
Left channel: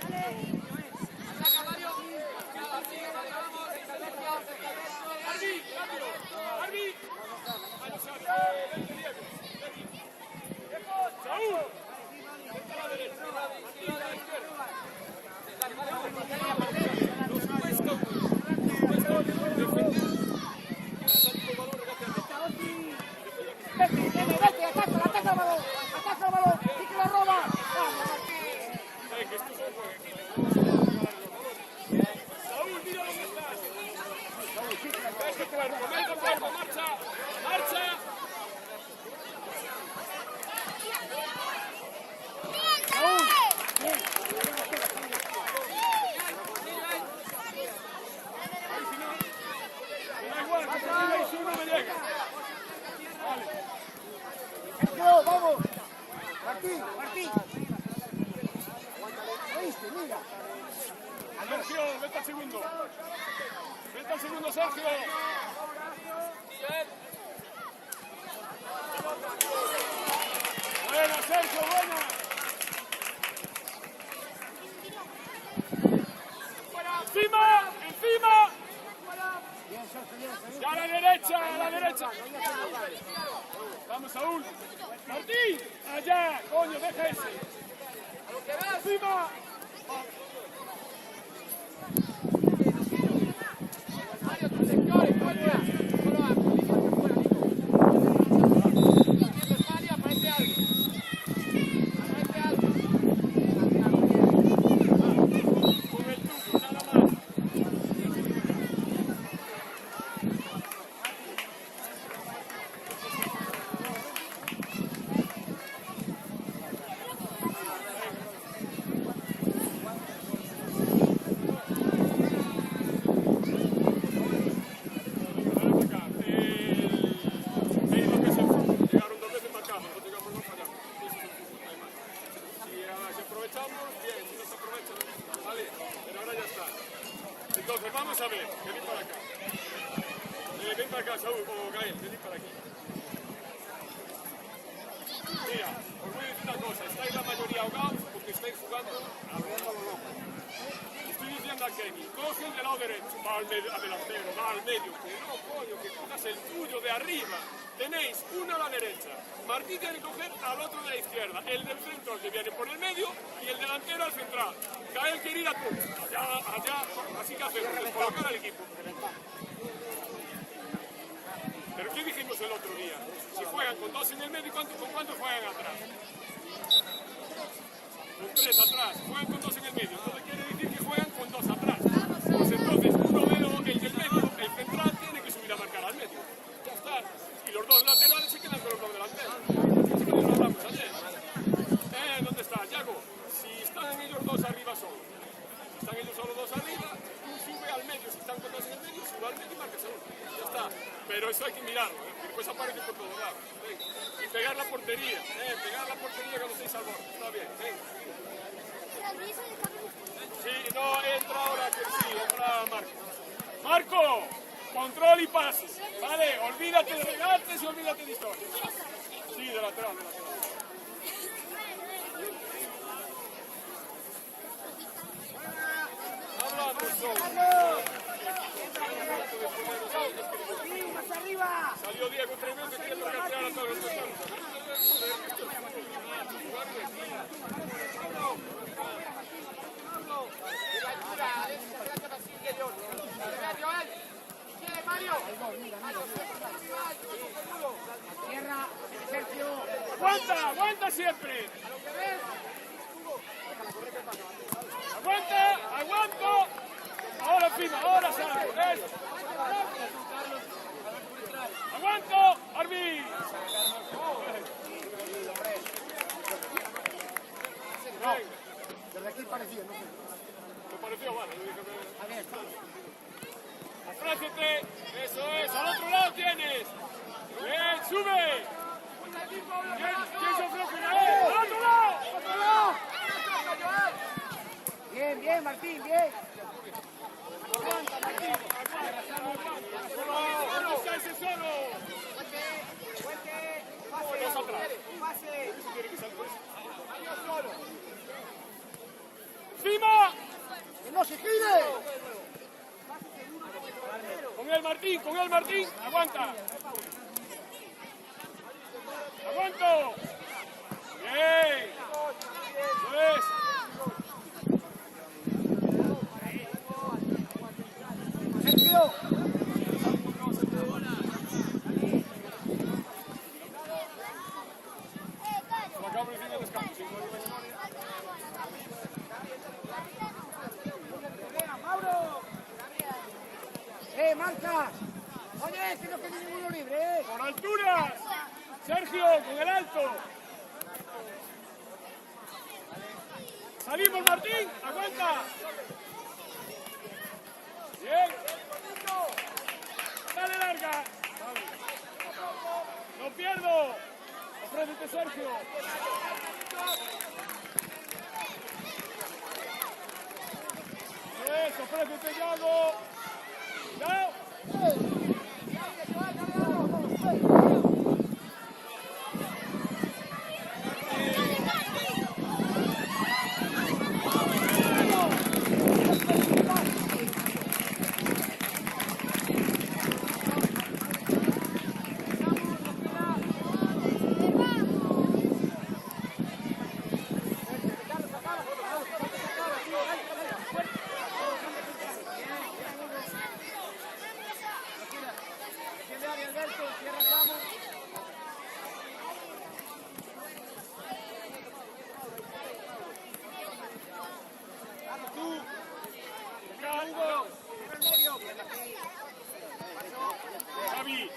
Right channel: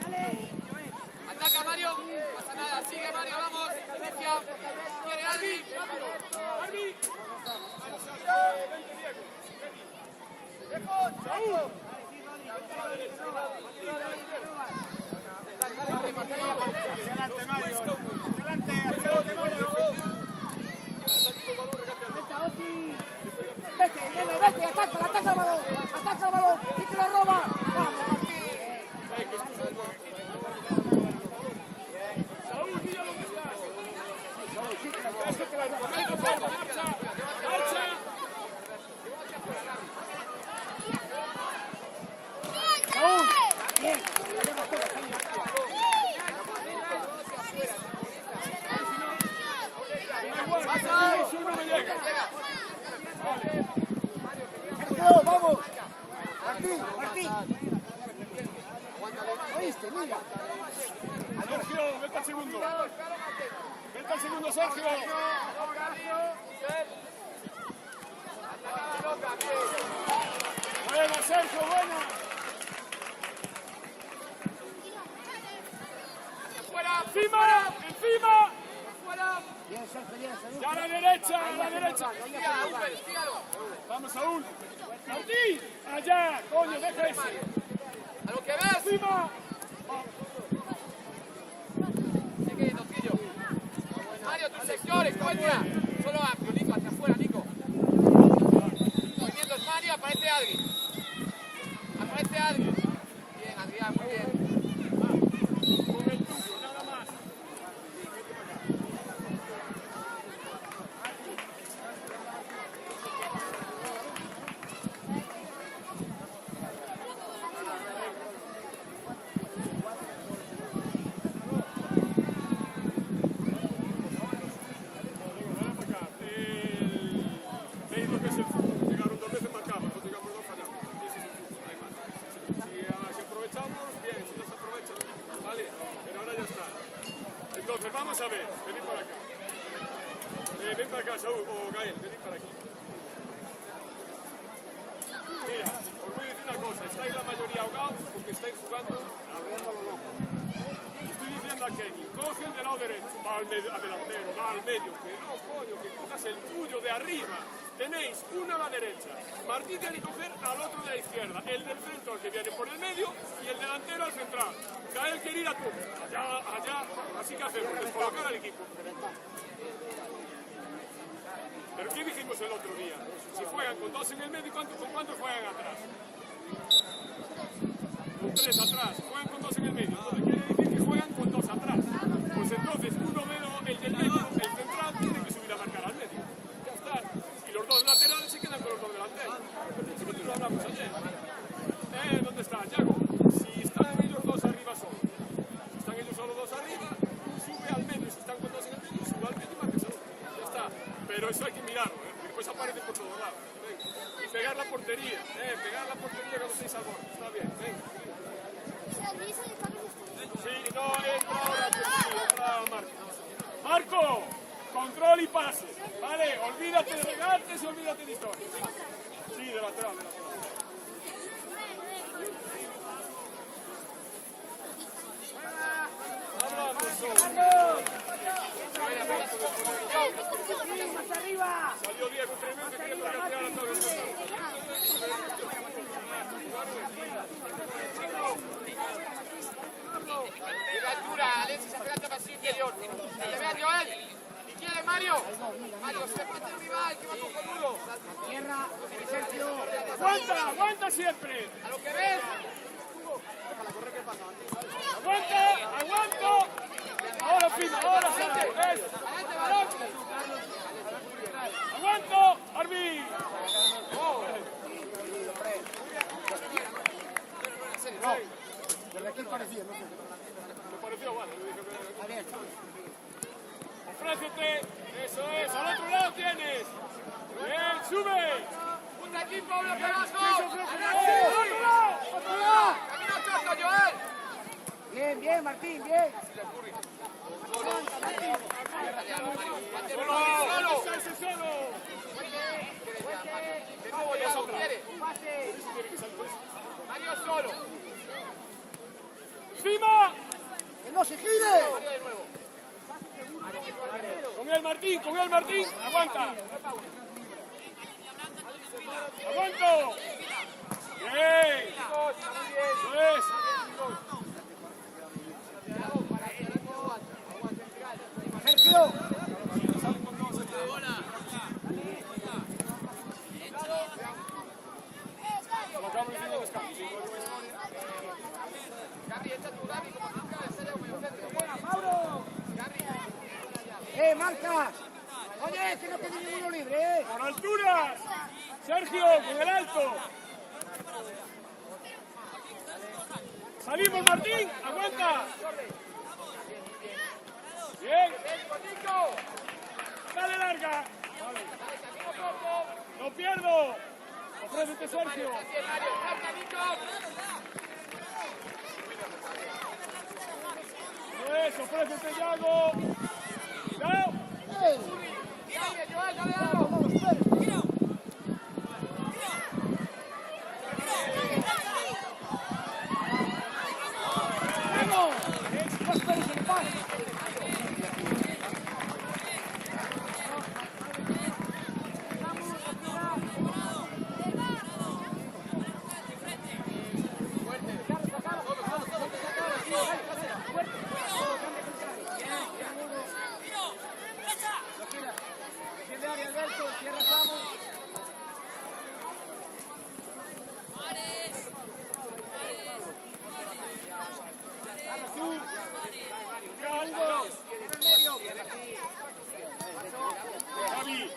Dale. Ataca Mario. Pasa nada, sigue Mario, vamos. Viene Adri. Vete, ataca, balón. este, mira. Sergio, vete al segundo. Vete al segundo, Sergio. Buena, Sergio, buena. Encima, encima. Bien, Sergio, bien, Sergio. A la derecha, a Ahí la hacemos derecha. daño, ahí hacemos daño. Vamos, Saúl. Martín, allá, coño, deja ese. A lo que ves. Encima. Mario, tus sectores, cuenta. Solo amplio, Nico, hacia afuera, Nico. Movimientos, Mario, aparece alguien. Aparece alguien. Bien, Adrián, muy bien. Con el tuyo, nada más. Entonces, vamos a ver, venid para acá. Ven para acá, Saúl, o Gael, venid para acá. Mira, os voy a decir una cosa, estáis la mayoría ahogados porque estáis jugando a ronda loco. Estoy diciendo a Kenny, coge el del lado derecho, va al medio, al delantero, va al medio, que no, coño, que cojas el tuyo de arriba. Tenéis uno a la derecha, Martín tiene que coger al otro de la izquierda, el del centro que viene por el medio y el delantero al central. Gael quiere ir a tú, allá, así que hacemos, descolocar al equipo. Pero ¿qué dijimos el otro día? Si juegan con dos en el medio, ¿con cuántos juegan atrás? Con tres atrás, juegan con dos en el medio. Quiere decir que juegan con dos atrás. Pues entonces, uno de los, el del medio, el central, tiene que subir a marcar al medio. Ya está. Y los dos laterales se quedan con los dos delanteros. Así que nos hablamos ayer. ¿Dónde está? Yago, si están ellos dos arriba solo, si están ellos solo dos arriba, tú sube al medio, si están con dos en el medio, sube al medio y marcas al otro. Ya está. Pero eso hay que mirarlo, después aparece por todo lado. Y pegar la portería, que no estéis al borde. Está bien, Sí, no, entra ahora, pues sí, entra Marco. ¡Marco! Control y pase. Vale, olvídate de regates y olvídate de historia. Sí, de lateral, de lateral. Hablamos todos. Salió Diego tremendo, tiene que cambiar a todos los De la altura, Alexis, adelante más interior. Que vea Joel. ¿Y quiere Mario? Cierra, Sergio. ¡Aguanta, aguanta siempre! A lo que ves. ¡Aguanta, aguanto! Ahora firma, ahora sale, ¿ves? ¡Aguanto! ¡Arbi! No, desde aquí parecía, no sé. Me pareció, vale. A ver, Ofrécete, eso es, al otro lado tienes. Bien, sube. Un equipo, Pablo, que vas, ¿Quién se ofrece? ¡otro lado! ¡Otro lado! Joel. Bien, bien, Martín, bien. Mario solo. ¡Encima! ¡Que no se gire! Con él Martín, aguanta. ¡Aguanto! ¡Bien! ¡Eso es! Sergio. Lo acabo de decir en el descanso. ¡Mauro! Marca! Oye, que no quede ninguno libre, ¡Por alturas! Sergio, con el alto. Salimos, Martín. Aguanta. Bien. Dale larga. Vale. No pierdo. Ofrécete, Sergio. Eso, ofrécete, Yago. Cuidado. Defiende área, Alberto, cierra Samu. Vamos tú. Hugo. Javi.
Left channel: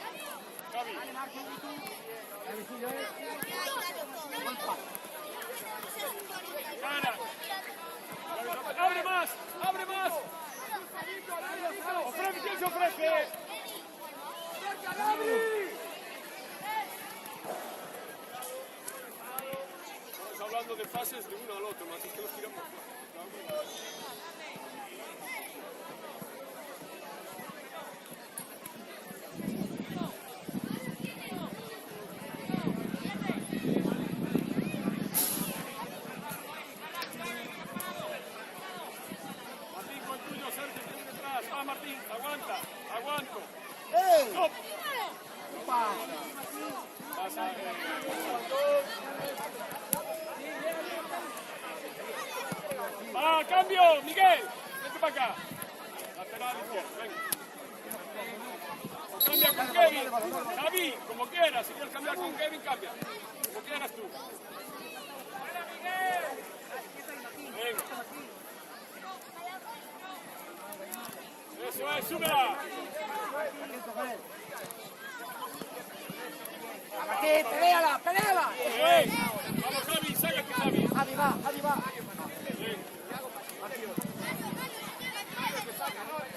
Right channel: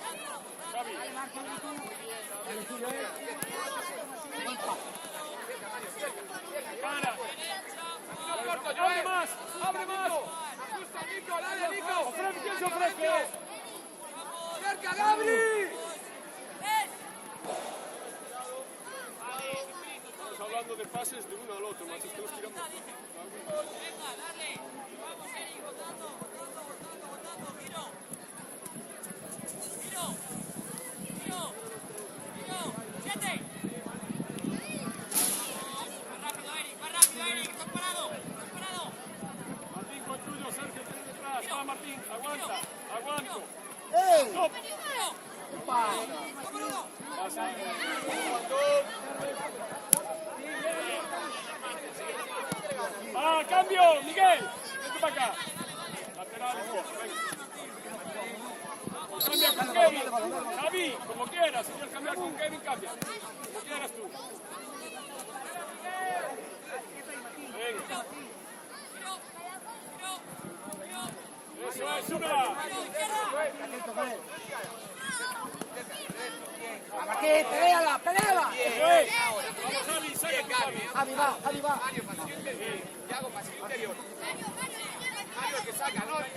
Dale, suyo, Buen pase. Abre más. Ofrece, ¿quién se ofrece? Estamos hablando de fases de uno al otro, más es que los tiramos. Martín, con tuyo, Sergio, tú detrás. Va, Martín, aguanto. ¡Ey! ¿Qué pasa? ¡Ah, cambio! ¡Miguel! Vente para acá. Lateral izquierdo, venga. O cambia con Kevin. Javi, como quieras. Si quieres cambiar con Kevin, cambia. Como quieras tú. Venga. Eso es, súbela. Atento con él. ¡A Martín, peléala! Eso es. Vamos, Javi, sale. Javi va.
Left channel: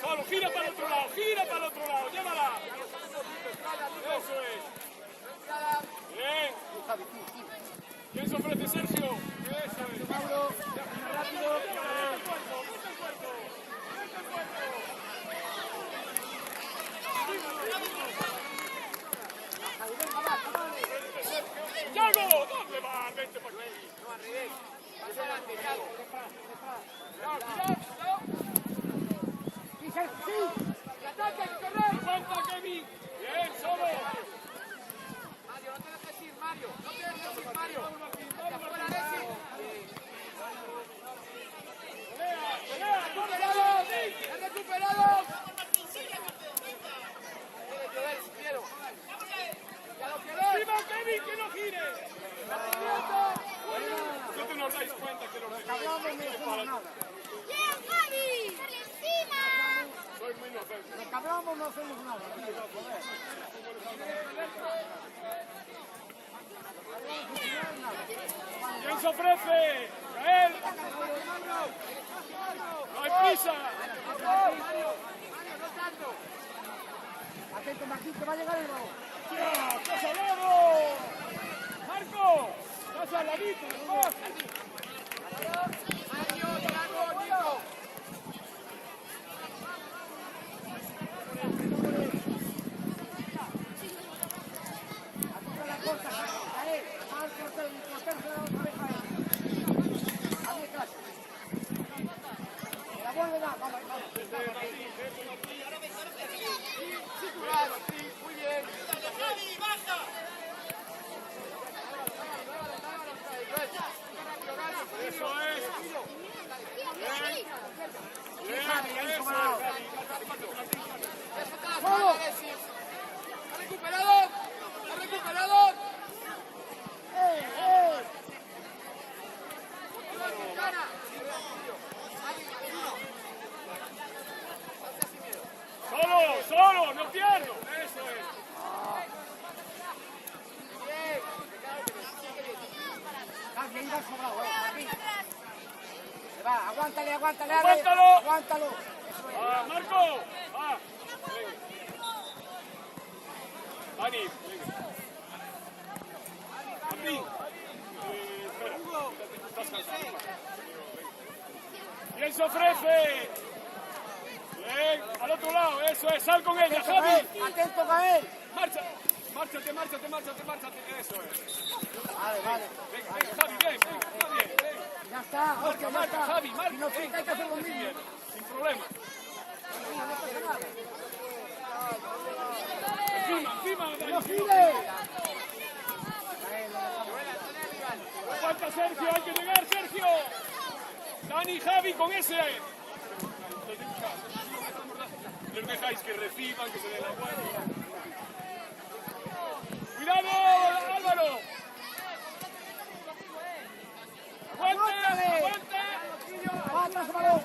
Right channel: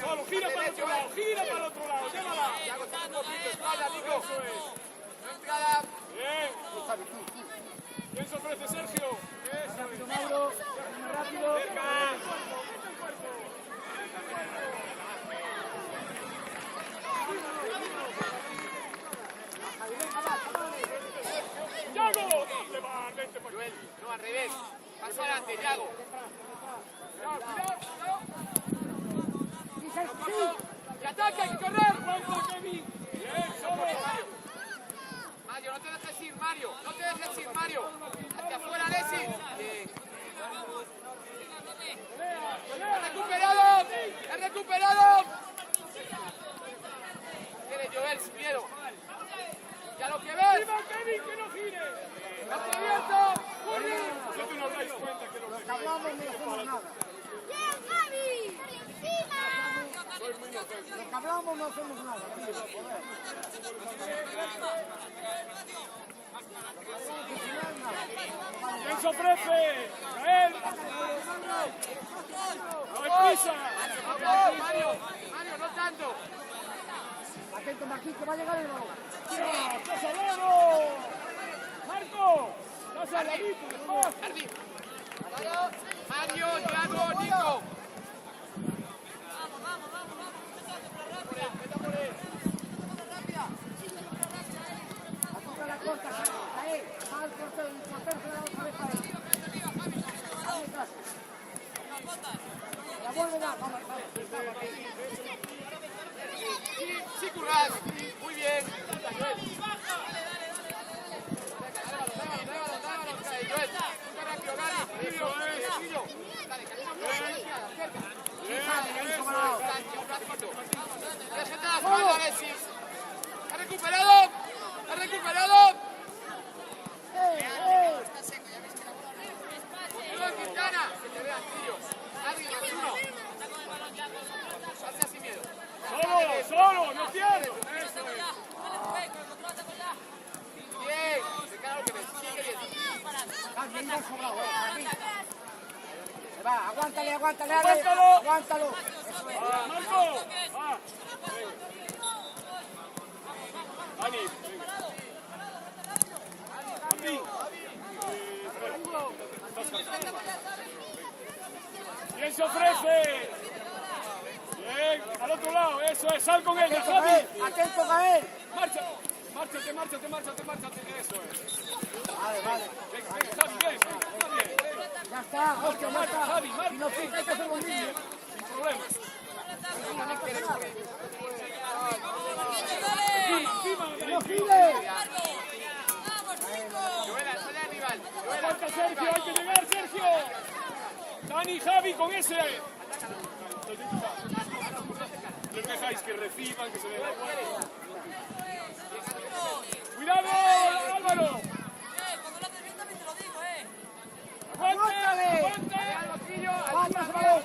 Solo, gira para el otro lado, llévala. Eso es. Bien. Javi, tú. ¿Quién se ofrece, Sergio? Rápido, Mauro. Más rápido. ¡Yago! ¿Dónde va? Vente para acá. No, al revés. Paso adelante, Yago. ¡Que ataque, hay que correr! ¡Vamos, Kevin! ¡Bien, solo! Mario, no te dejes ir, Mario. Hacia afuera, Alexis. ¡Ha recuperado! Viene Joel sin miedo. ¡Ya lo que ves! ¡Viva Kevin, que no gire! ¡Abierto! Vosotros no os dais cuenta que Los que hablamos no hacemos nada. sois muy inocentes. Los que hablamos no hacemos nada, tío. Joder. Los que hablamos al final nada. ¿Quién se ofrece? ¡Gael! ¡No hay prisa! Mario, no tanto. Atento, Martín, que va a llegar el balón. ¡Ya! ¡Estás al lado! ¡Marco! ¡Estás al ladito, despacio! Mario, Yago, Nico. Atento a la corta, cae. Mal corteo, y cortarse la otra vez a él. Hazme caso. Se la vuelve a dar. Vamos. Sí, Curas. Muy bien. ¡Ha recuperado! ¡Solo! ¡No quiero! Bien. Sigue bien. Javi, ahí va sobrado, Martín. Se va, aguántale, ¡Aguántalo! aguántalo. Eso es. ¡Ah, Marco! ¡Ah! Dani, aquí. ¿Quién se ofrece? Al otro lado, eso es, sal con ella, Atento, Javi. Gael. Atento, Gael. Márchate, eso es. Vale. Bien. Ya está, hostia, ya está. Si no pica, hay que hacer lo mismo. Sin problemas. Tranquilo, no pasa nada. Encima. ¡No gire! Falta Sergio, hay que llegar, Sergio. Dani, Javi, con ese. Les dejáis que reciban, que se den la vuelta. ¡Cuidado, Álvaro! ¡Aguántale! ¡Va atrás el balón!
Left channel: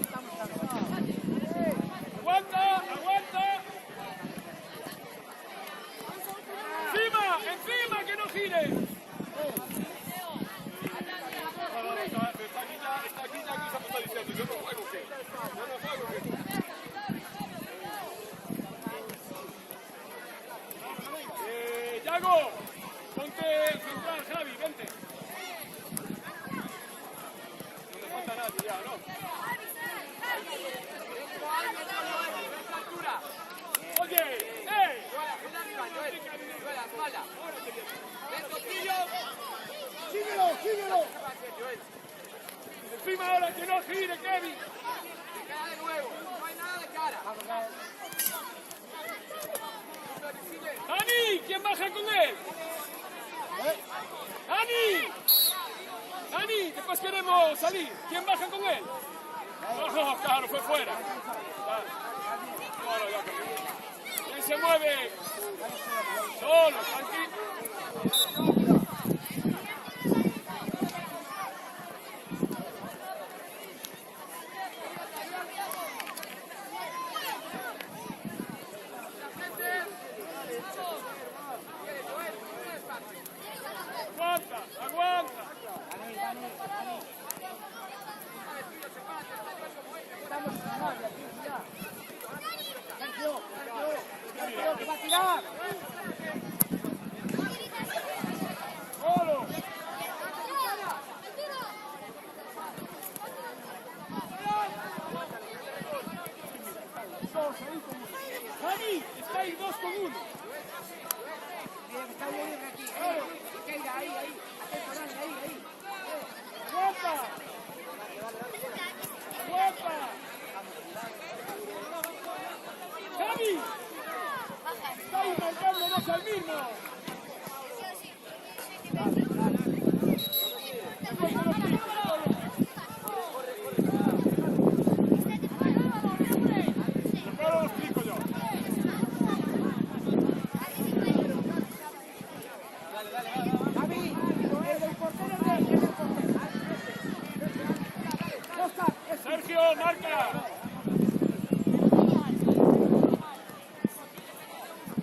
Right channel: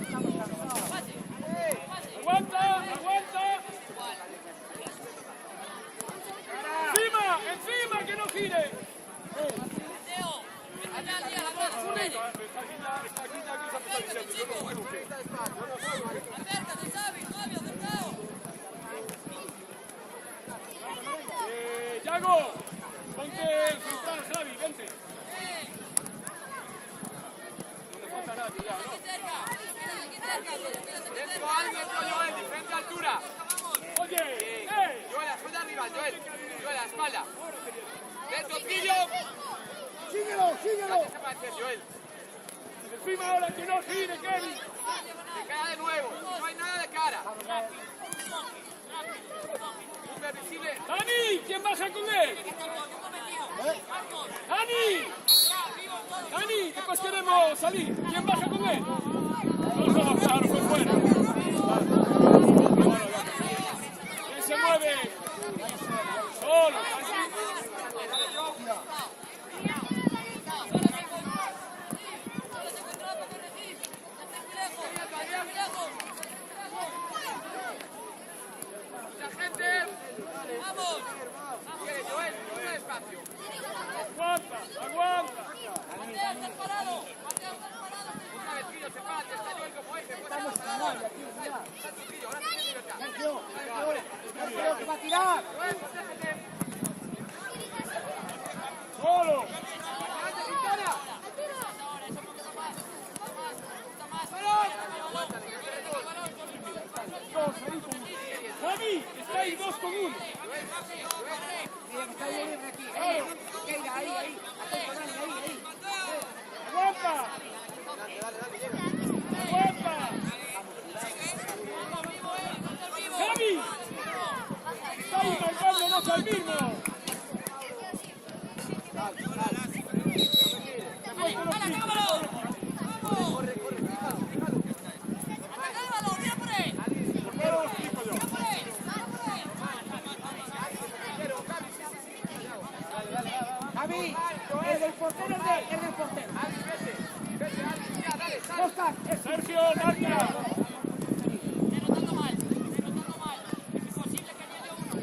Estamos cansados. ¡Aguanta! ¡Encima, que no gire! Yago, ponte central, Javi, vente. No me falta nada, ya, ¿no? Vente altura. Oye, Joel, suelta arriba, Joel. Joel, a la espalda. Del toquillo. síguelo. Joel, Encima ahora, que no gire, Kevin. de cara de nuevo. No hay nada de cara. Supervisible. ¡Dani! ¿Quién baja con él? ¡Dani! Después queremos salir. ¿Quién baja con él? No, claro, fue fuera. Claro. Bueno, ya cambió. ¿Quién se mueve? Solo, tranquilo. Aguanta. Dani. Estamos sin nadie aquí, mira. Sergio, que va a tirar. Solo. Dos ahí con uno. Javi, está ahí 2 con 1. Mira que está bien libre aquí. Claro. Keira, ahí. Atento, Dani, ahí. Aguanta. Javi. Está ahí marcándonos al mismo. Después con los picos. Javi, el del portero es del portero. Costa, Sergio, marca.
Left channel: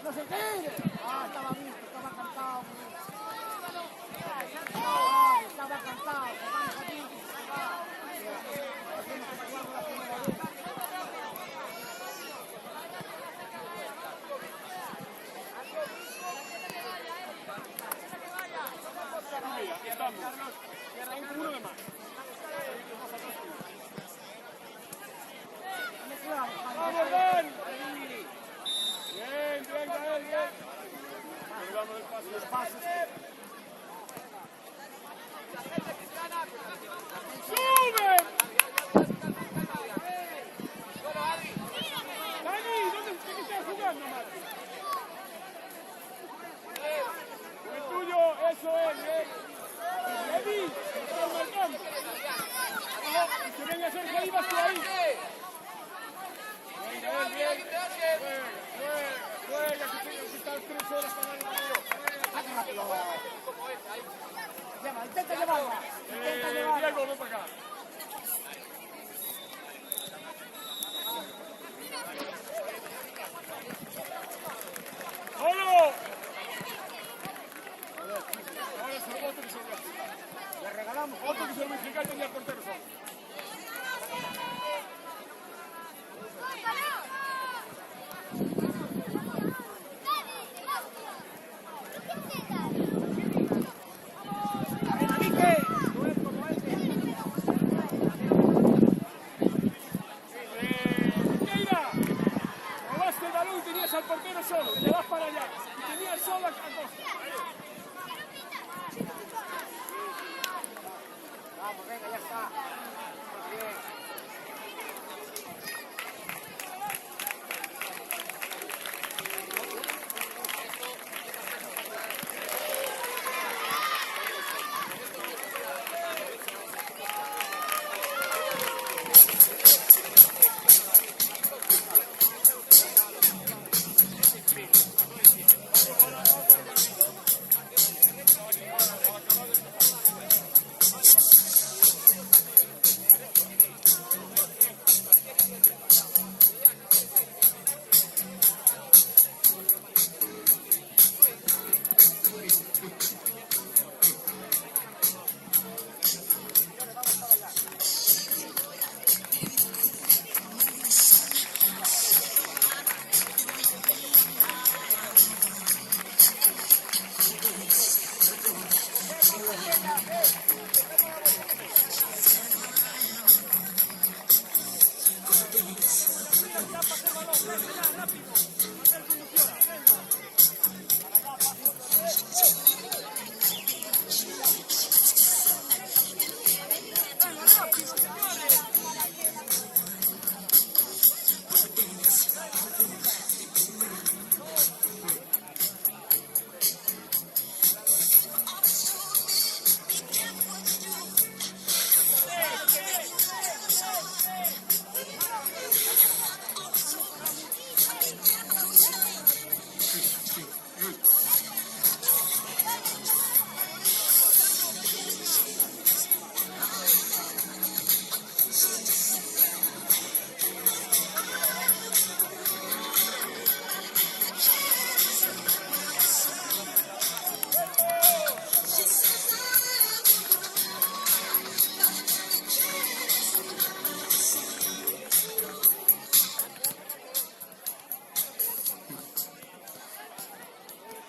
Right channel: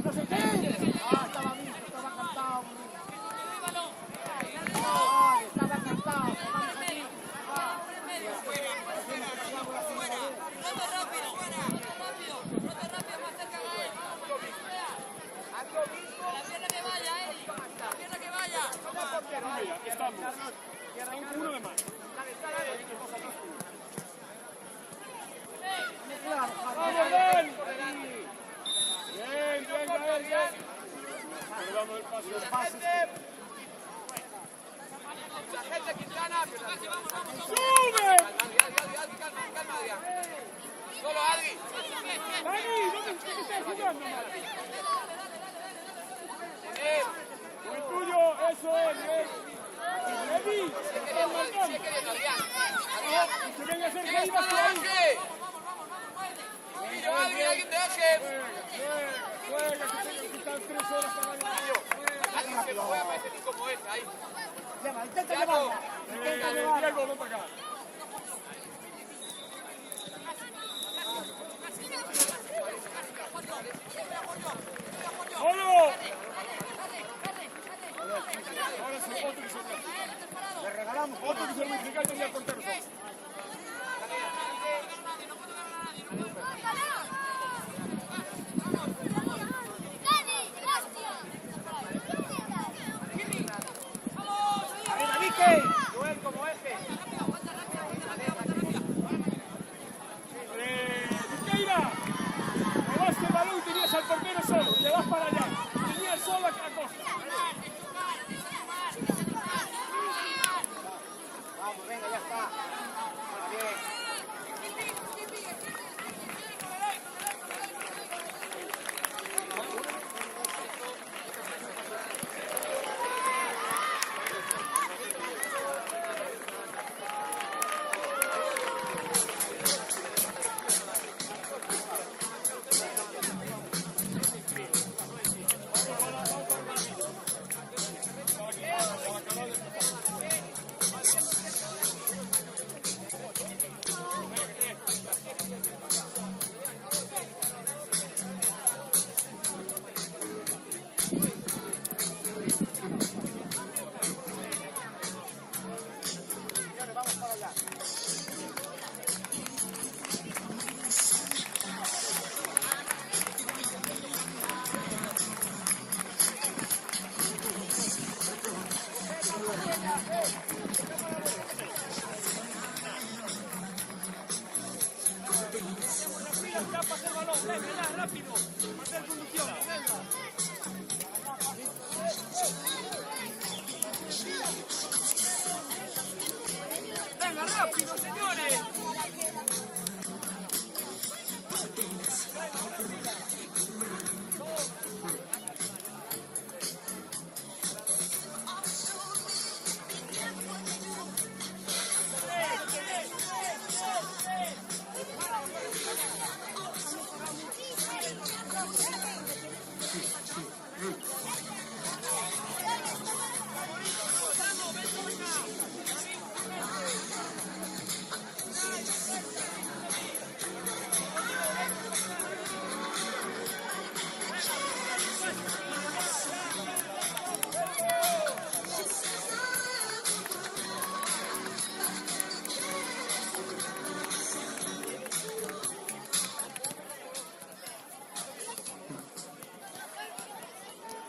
no se tire. Estaba visto, estaba cantado. Estaba cantado. Vamos aquí. Hacemos que jugamos la primera vez. Mira, están con uno de más. Vamos claro, Javi. ¡Vamos, Dan! Bien, Gael, bien. Pero damos el pase. ¡Sube! Dani, ¿dónde estás jugando, Mati? Con el tuyo, eso es, bien. Eddie, lo están marcando. Y que venga Sergio ahí, vas tú ahí. Venga, bien. Juega, que están 3 horas para darle Saca rápido. Intenta llevarla. Diego, ven para acá. ¡Solo! A ver, ahora es otro que se lo voy a explicar. Le regalamos. Otro que se lo voy a explicar y tenía el portero solo. A ver, David, ¿qué? Vamos, venga, ya está. Ahora bien.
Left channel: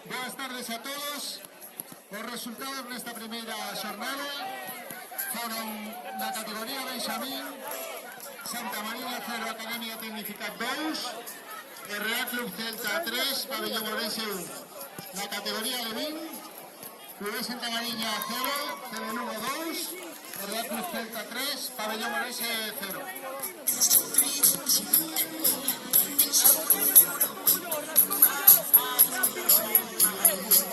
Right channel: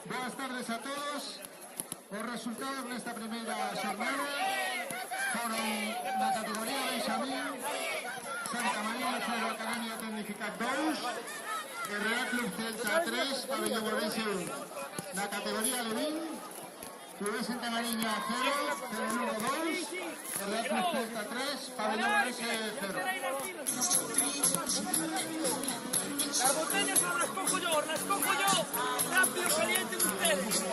Buenas tardes a todos. Los resultados de esta primera jornada fueron la categoría de Isabel, Santa María Ferro Academia Tecnificat 2, Real Club Celta 3, Pabellón Orense 1. La categoría Levín, Club Santa María 0, Tele Lugo 2, Real Club Celta 3, Pabellón Orense 0. Las botellas no las cojo yo, rápido, caliente ustedes.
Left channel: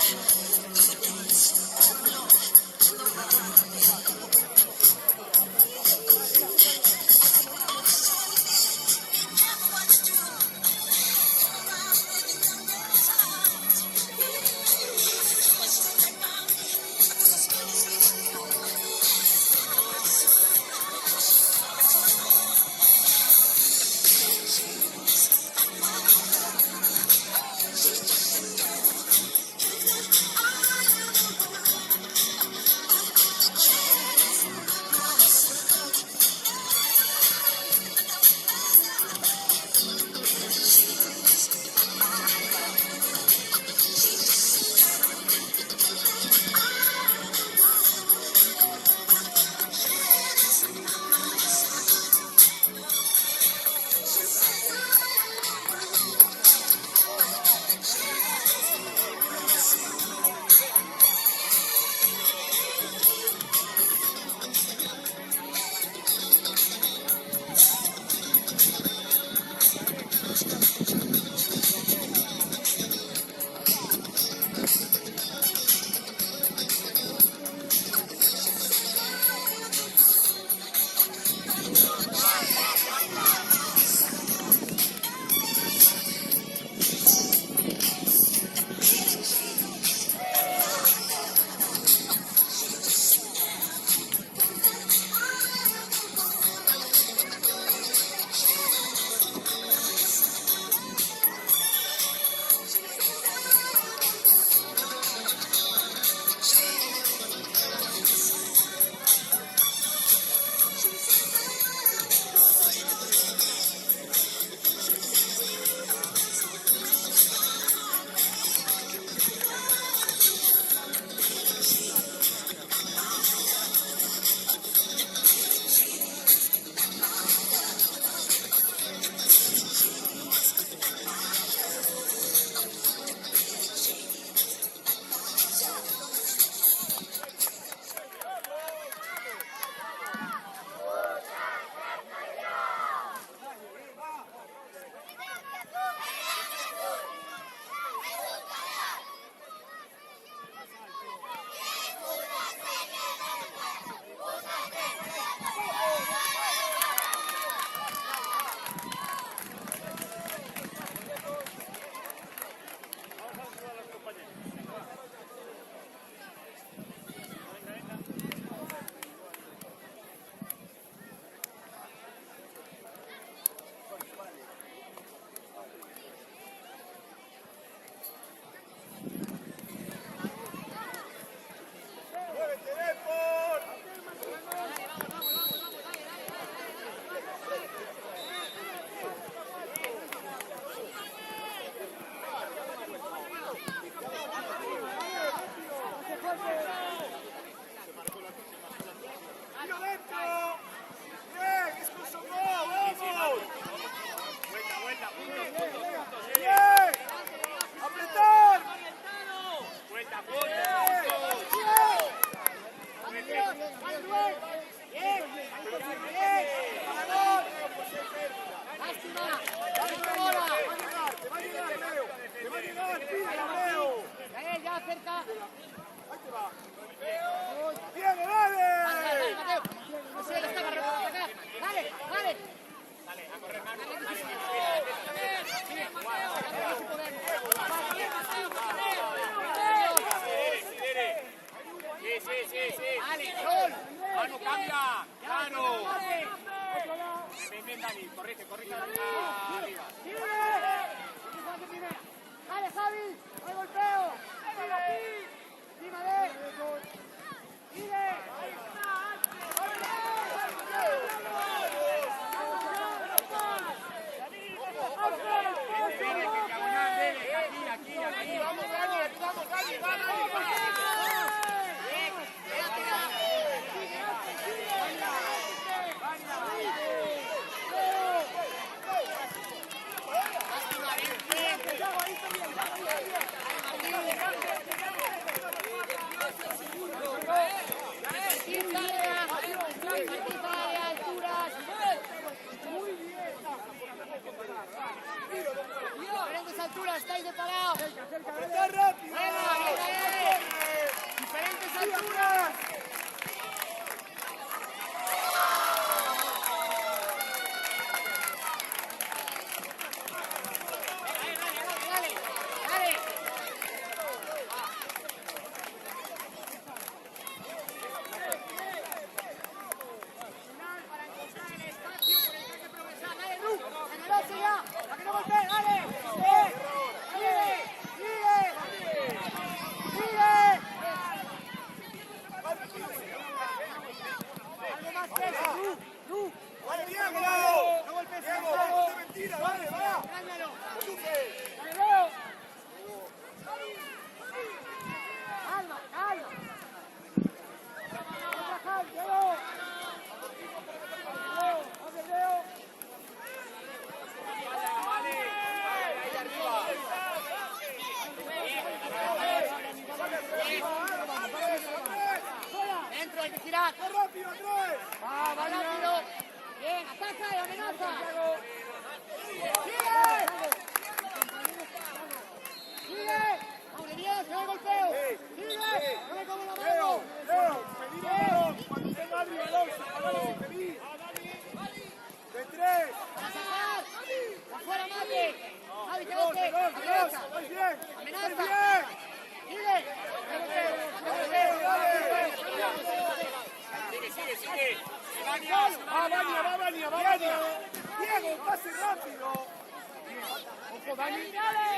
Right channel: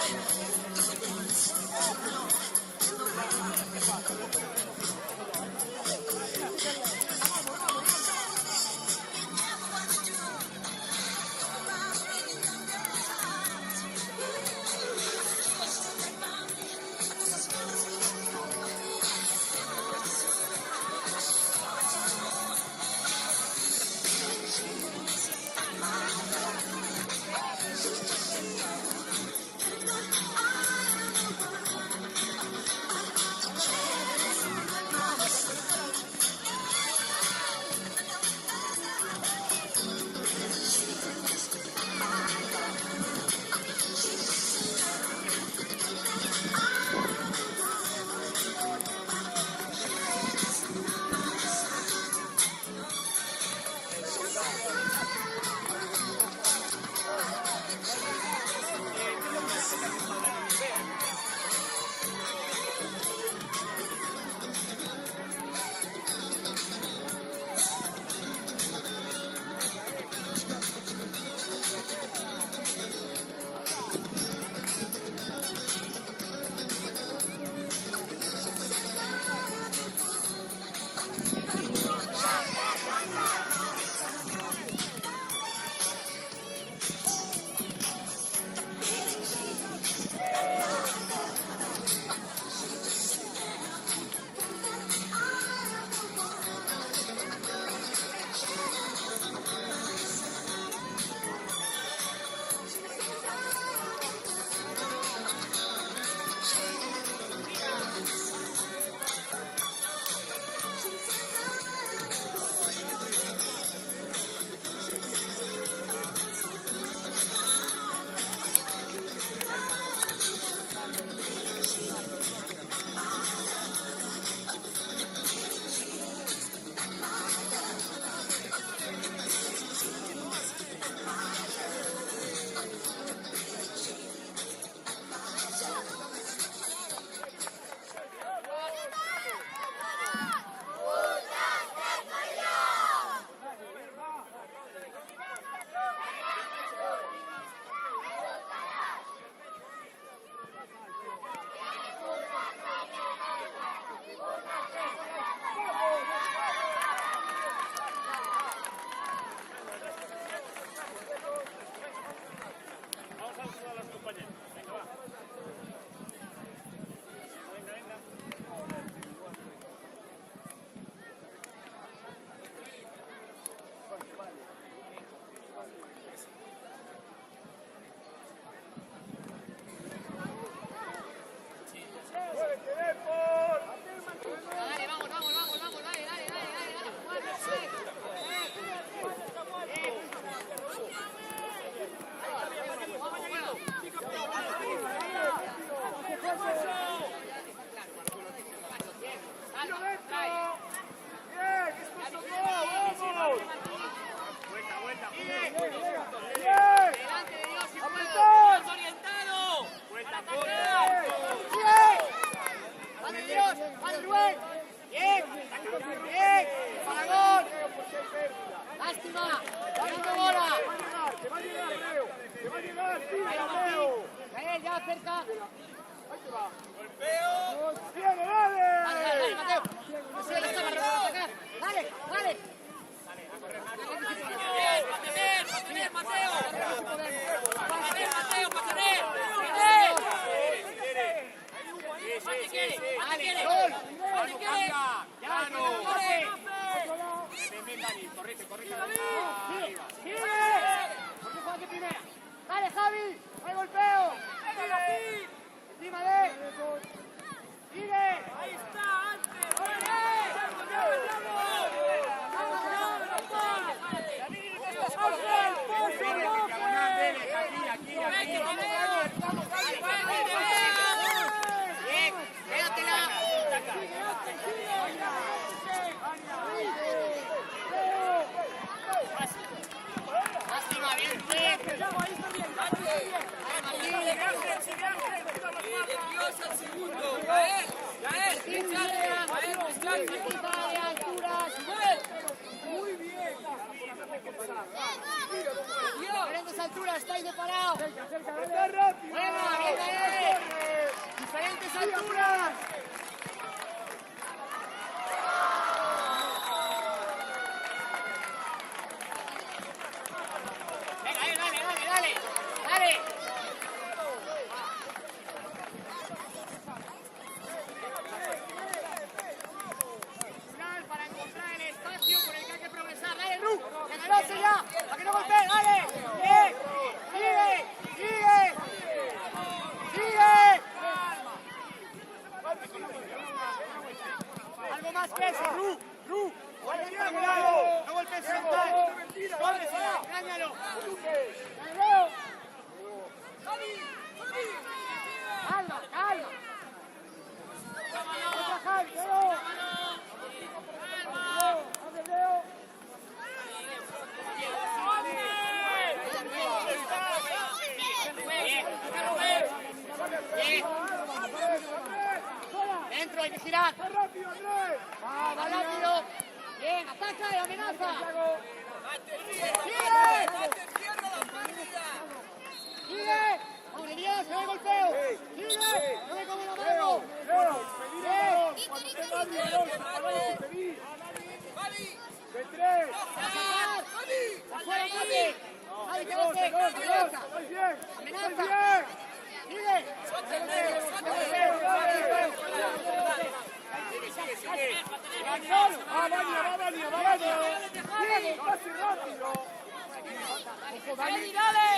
Lástima, ganando bola. Gael, ya cerca. Dale, Mateo. Mateo, ya está para atacar. Dale, dale. Sí, podemos. Dale, gol. Vamos, cambia. Claro. Correcto. Dale, Javi. El golpeo. Encima de él. Sigue. Alturas. Diferentes alturas, estáis separados. Buena, bien, diferentes alturas. Dale. Para encontrar el espacio por el que hay que progresar. Dale, Ru, generoso ya, para que no golpee, dale. Sigue. Algo más que eso, Ru. No golpees central. Engáñalo. Calma. Otra Jaime, Dentro, hay que girar. Va rápido. Bien, ataca y amenaza. Sigue. Madre mía, se ve el golpeo. Sigue. No me como la mano. Para sacar. Afuera, mate. Javi, quédate. Amenaza. Sigue. Va, Viene, pase rápido. Ojo, Dani. Dale.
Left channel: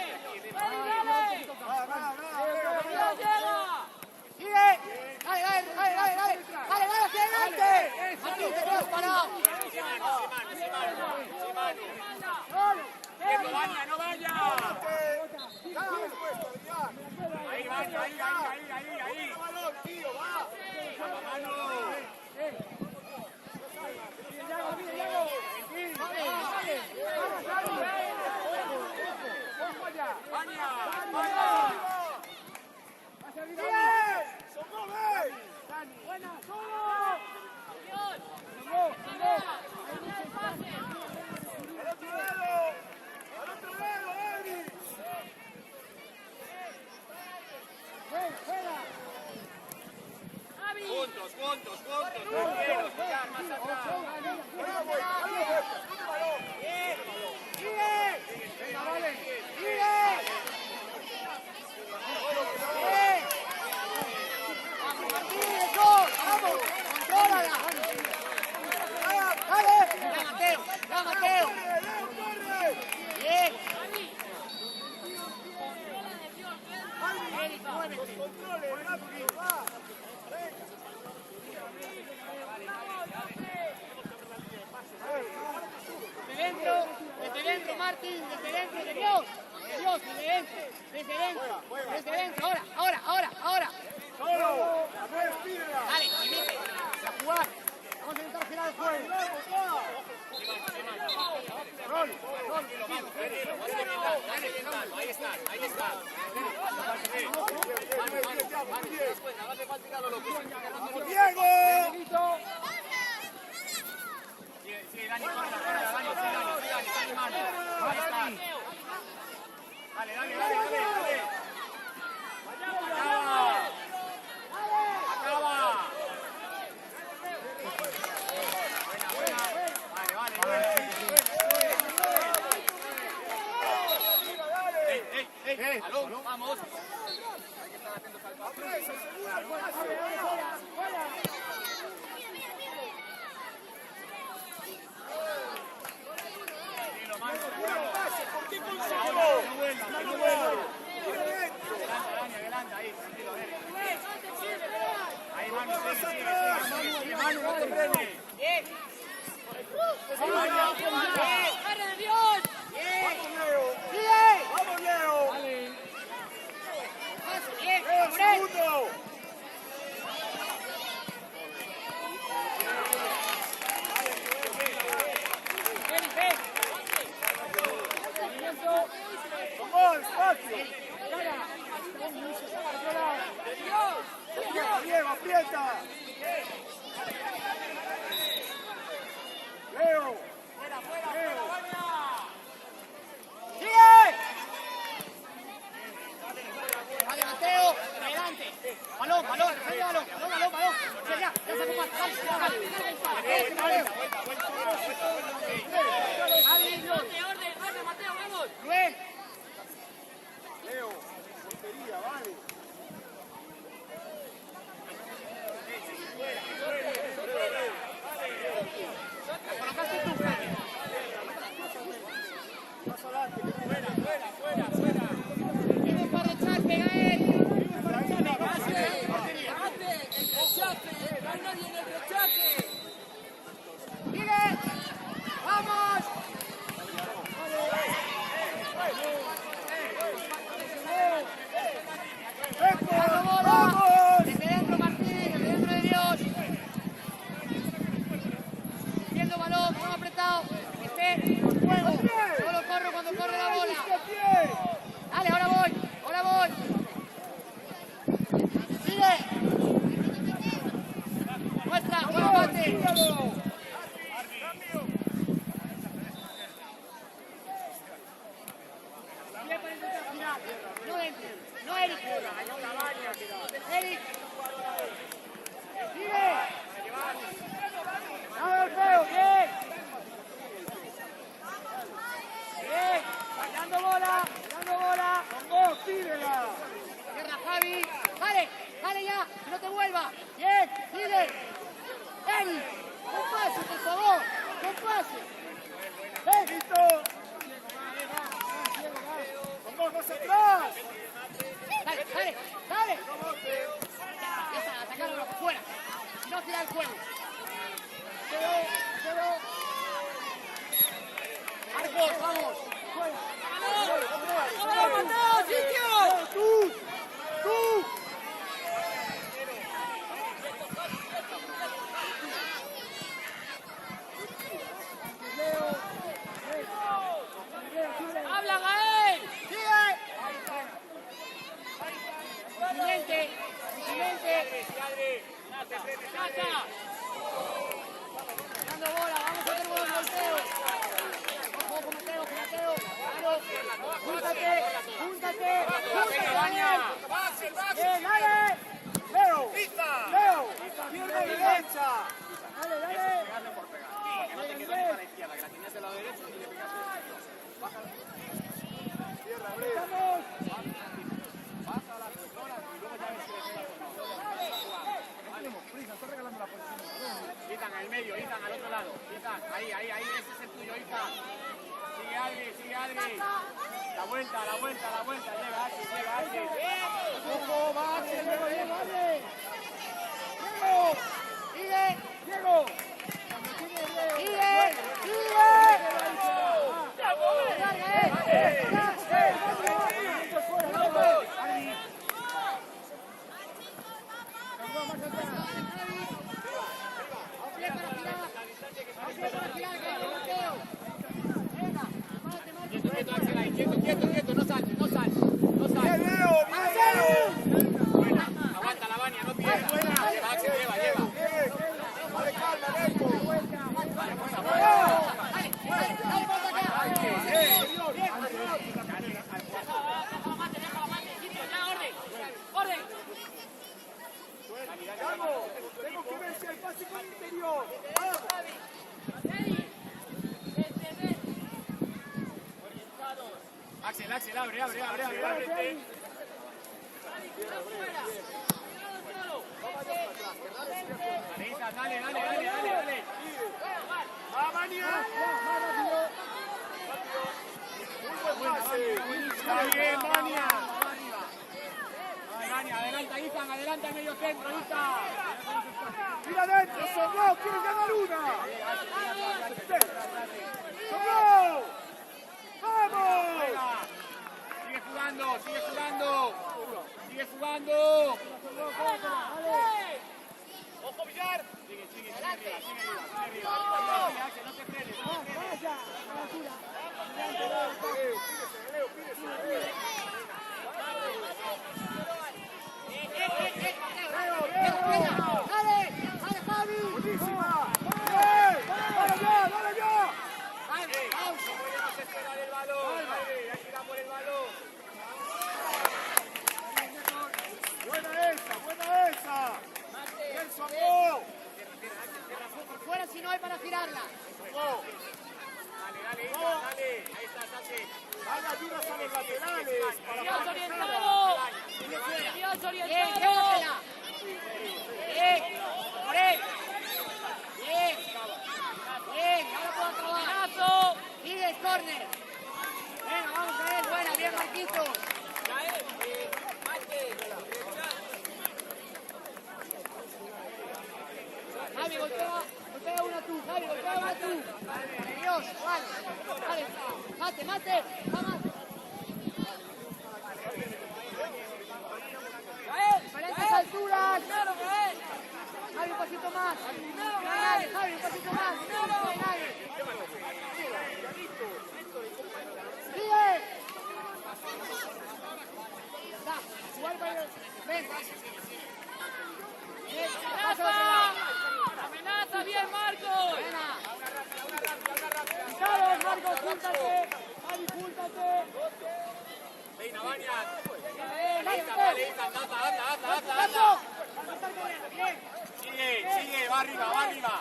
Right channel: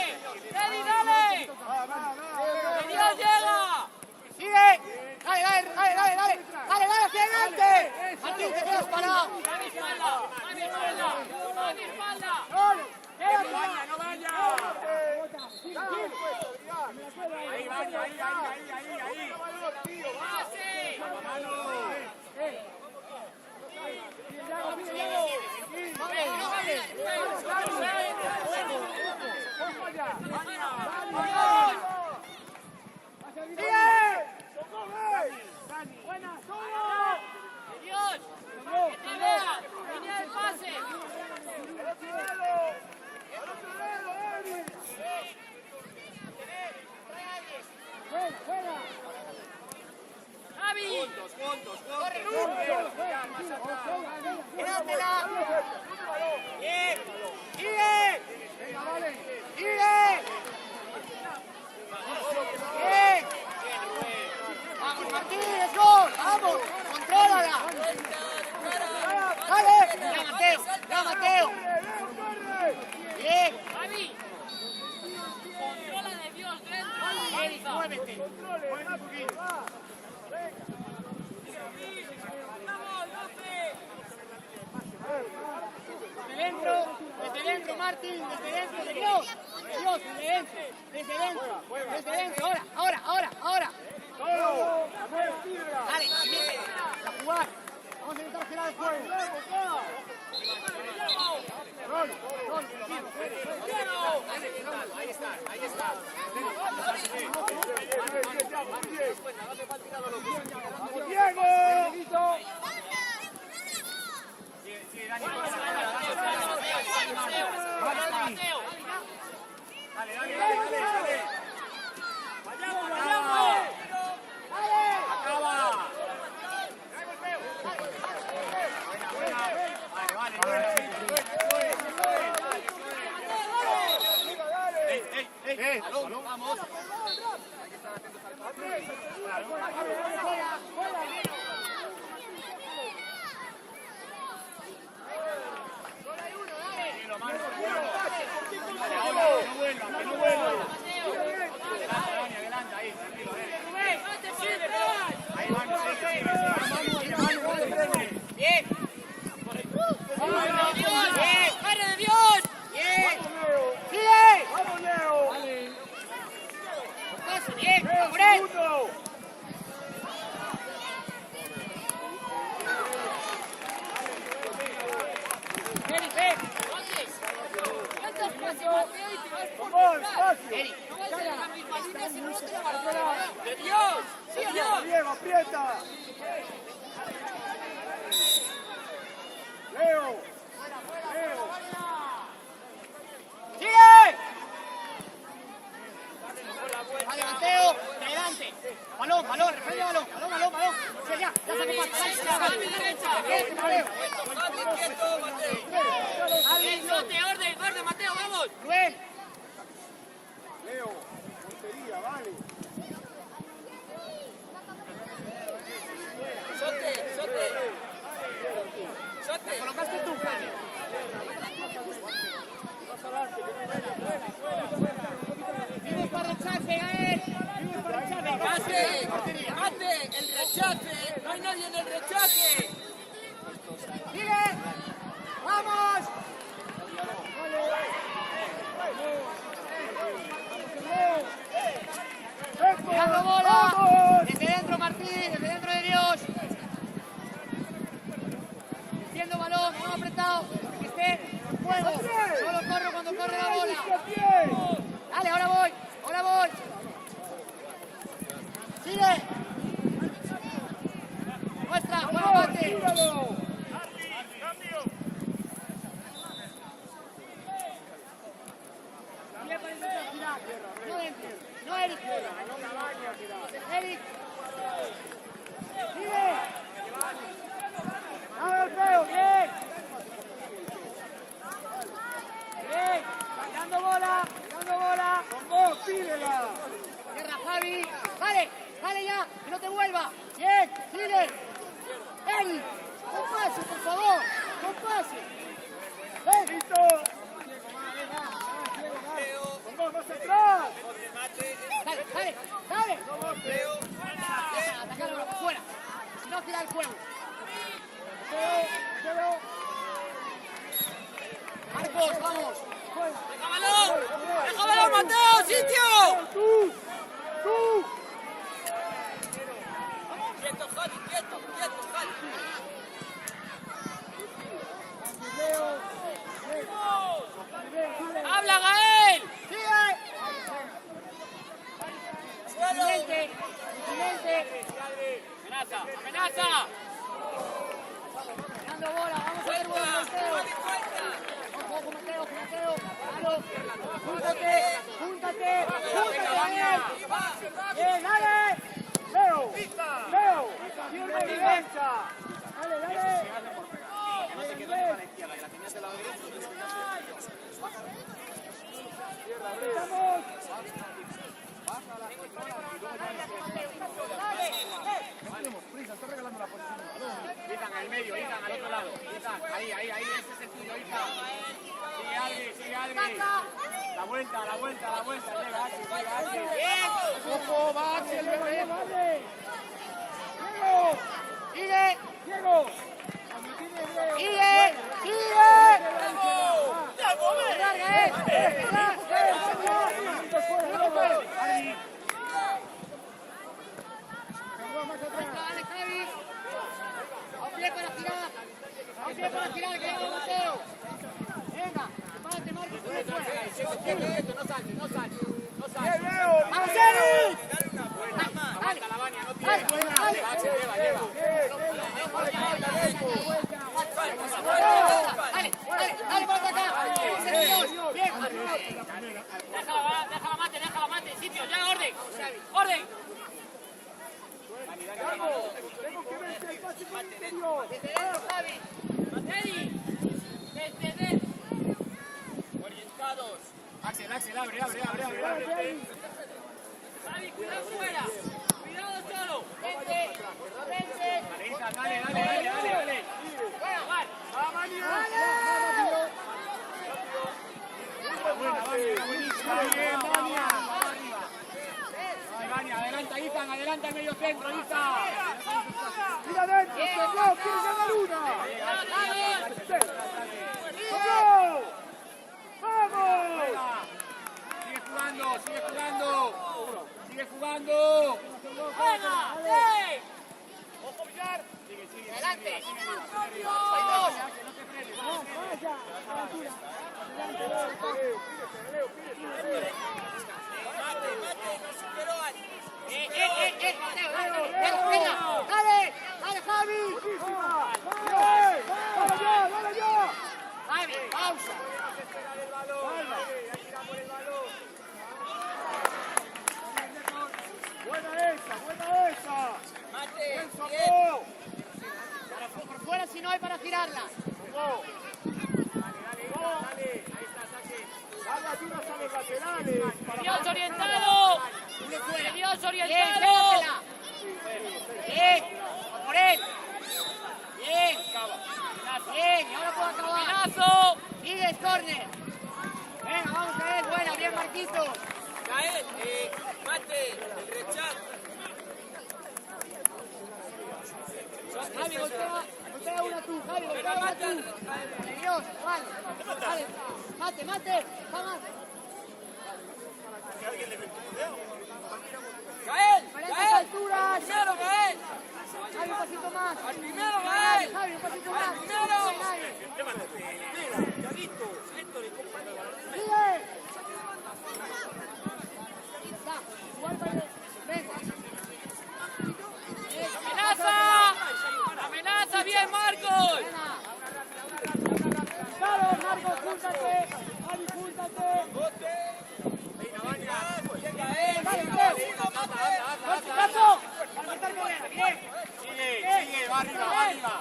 Sigue. Dale hacia adelante. Martín, te quedas parado. No vaya. Ahí. Ojo allá. Dani, buena, solo. Ahí el pase. Juega. Javi. Juntos. Bien. Sigue. Venga, vale. Sigue. Bien. Vamos, Martín, eso. Vamos, contrólala. Dale. Ya, Mateo. Bien. Muévete. Desde dentro, Martín, desde dentro, de Dios, desde dentro, ahora. Dale, limite, a jugar. Vamos a intentar girar el juego. Rol. Diego. Dale. Acaba. Buena. Vale. Ey, balón, vamos. Vale, ahora, que no vuelva. Adelante, ahí, tranquilo, Ahí, Manu, sigue. Manu, no te frenes. Bien. ¡Madre de Dios! Bien. ¡Sigue! Vale. Bien, por él. Movimiento. Vamos, espacio. Cara. Otro lado. ¡De Dios! Diego, aprieta. Leo. ¡Sigue! Vale, Mateo, adelante. Balón, refrende balón. Ya está con pata, dale, Mateo. Orden, Mateo, vamos. Rubén. Leo, portería, vale. La colocaste tú, Cali. Vimos para rechace, Gael. Bate, el rechace. No hay nadie en el rechace. ¡Sigue! ¡Vamos! ¡Dando bola! ¡Desde dentro, Martín! ¡Desde dentro de Dios! Defiendo balón, balón apretado. Que esté en juego. Solo corro cuando corre la bola. Dale, ahora voy. ¡Sigue! ¡Nuestra! ¡Juega, bate! No, Eric. Eric. ¡Sigue! ¡Dale el feo! ¡Bien! ¡Bien! ¡Mirando bola! ¡Con vos, tírela! ¡Tierra, Javi! ¡Vale ya! ¡Que no te vuelva! ¡Bien! ¡Sigue! ¡Eric! ¡Con pase, por favor! ¡Con pase! ¡Listo! Va! ¡Con vos, no se atrás! ¡Dale! Ya está, atacarlo por fuera. Si no, gira el juego. Mateo. Marcos, vamos. Fuera. ¡Vámonos, Mateo! ¡Sitio! ¡Tú! ¡Habla, Gael! ¡Sigue! Continente. ¡Amenaza! Dando bola, vamos a hacer buenos volteos. Ojo, Mateo. Claro. Júntate, Daniel. Bien, dale. Leo. Dale. Porque no te quedes para la izquierda, que la tienes de la derecha, tienes que hacer. Estamos. Baja la controla y luego ya no tenemos prisa, está regalando la posición del balón. Ethan, en el medio, Ethan, al otro lado. Ethan, ahí, ese es el tuyo, Ethan. Sigue Adri. La vuelta, llega Adri. Ojo, va, Adri. Diego. Cuando tiene Leo, más atrás. Venga, te marco. Quieto, no saltes. Aguanta la Vani, no tienes. Lleva. Déjala mate, sitio, ya orden. Axel, abre. Dale, Isa, dale. Buena, buenísima. Va arriba. Vani, adelanta, Isa, adelanta el medio centro, Isa. Mira adentro, no, quiere ganar una. ¡Vamos! Sigue jugando. ¡Ojo, Villar! Sigue arriba. Vaya, a la altura. Adelante, Leo, toque. Dale, Javi. Dale yo. Pausa. Buena esa. Por fuera si no hay para girarla. Vaya tiros a los laterales. Dios orientado. Bien, a por él. Bien, ahora puedo acabar. Sigue, córner. Venga, vamos a ver, buena, bien Marquitos. Javi, golpea una tú, Por Dios, vale. Mate, vamos. Diferentes alturas. Javi, un pasito más. Javi, un pasito más. Sigue. Ya está, a jugar para el... Venga. ¡Amenaza bien, Marcos! Carlos, Marcos, júntate. Javi, júntate. Dale, Mateo. ¡Paso! Sigue, va arriba.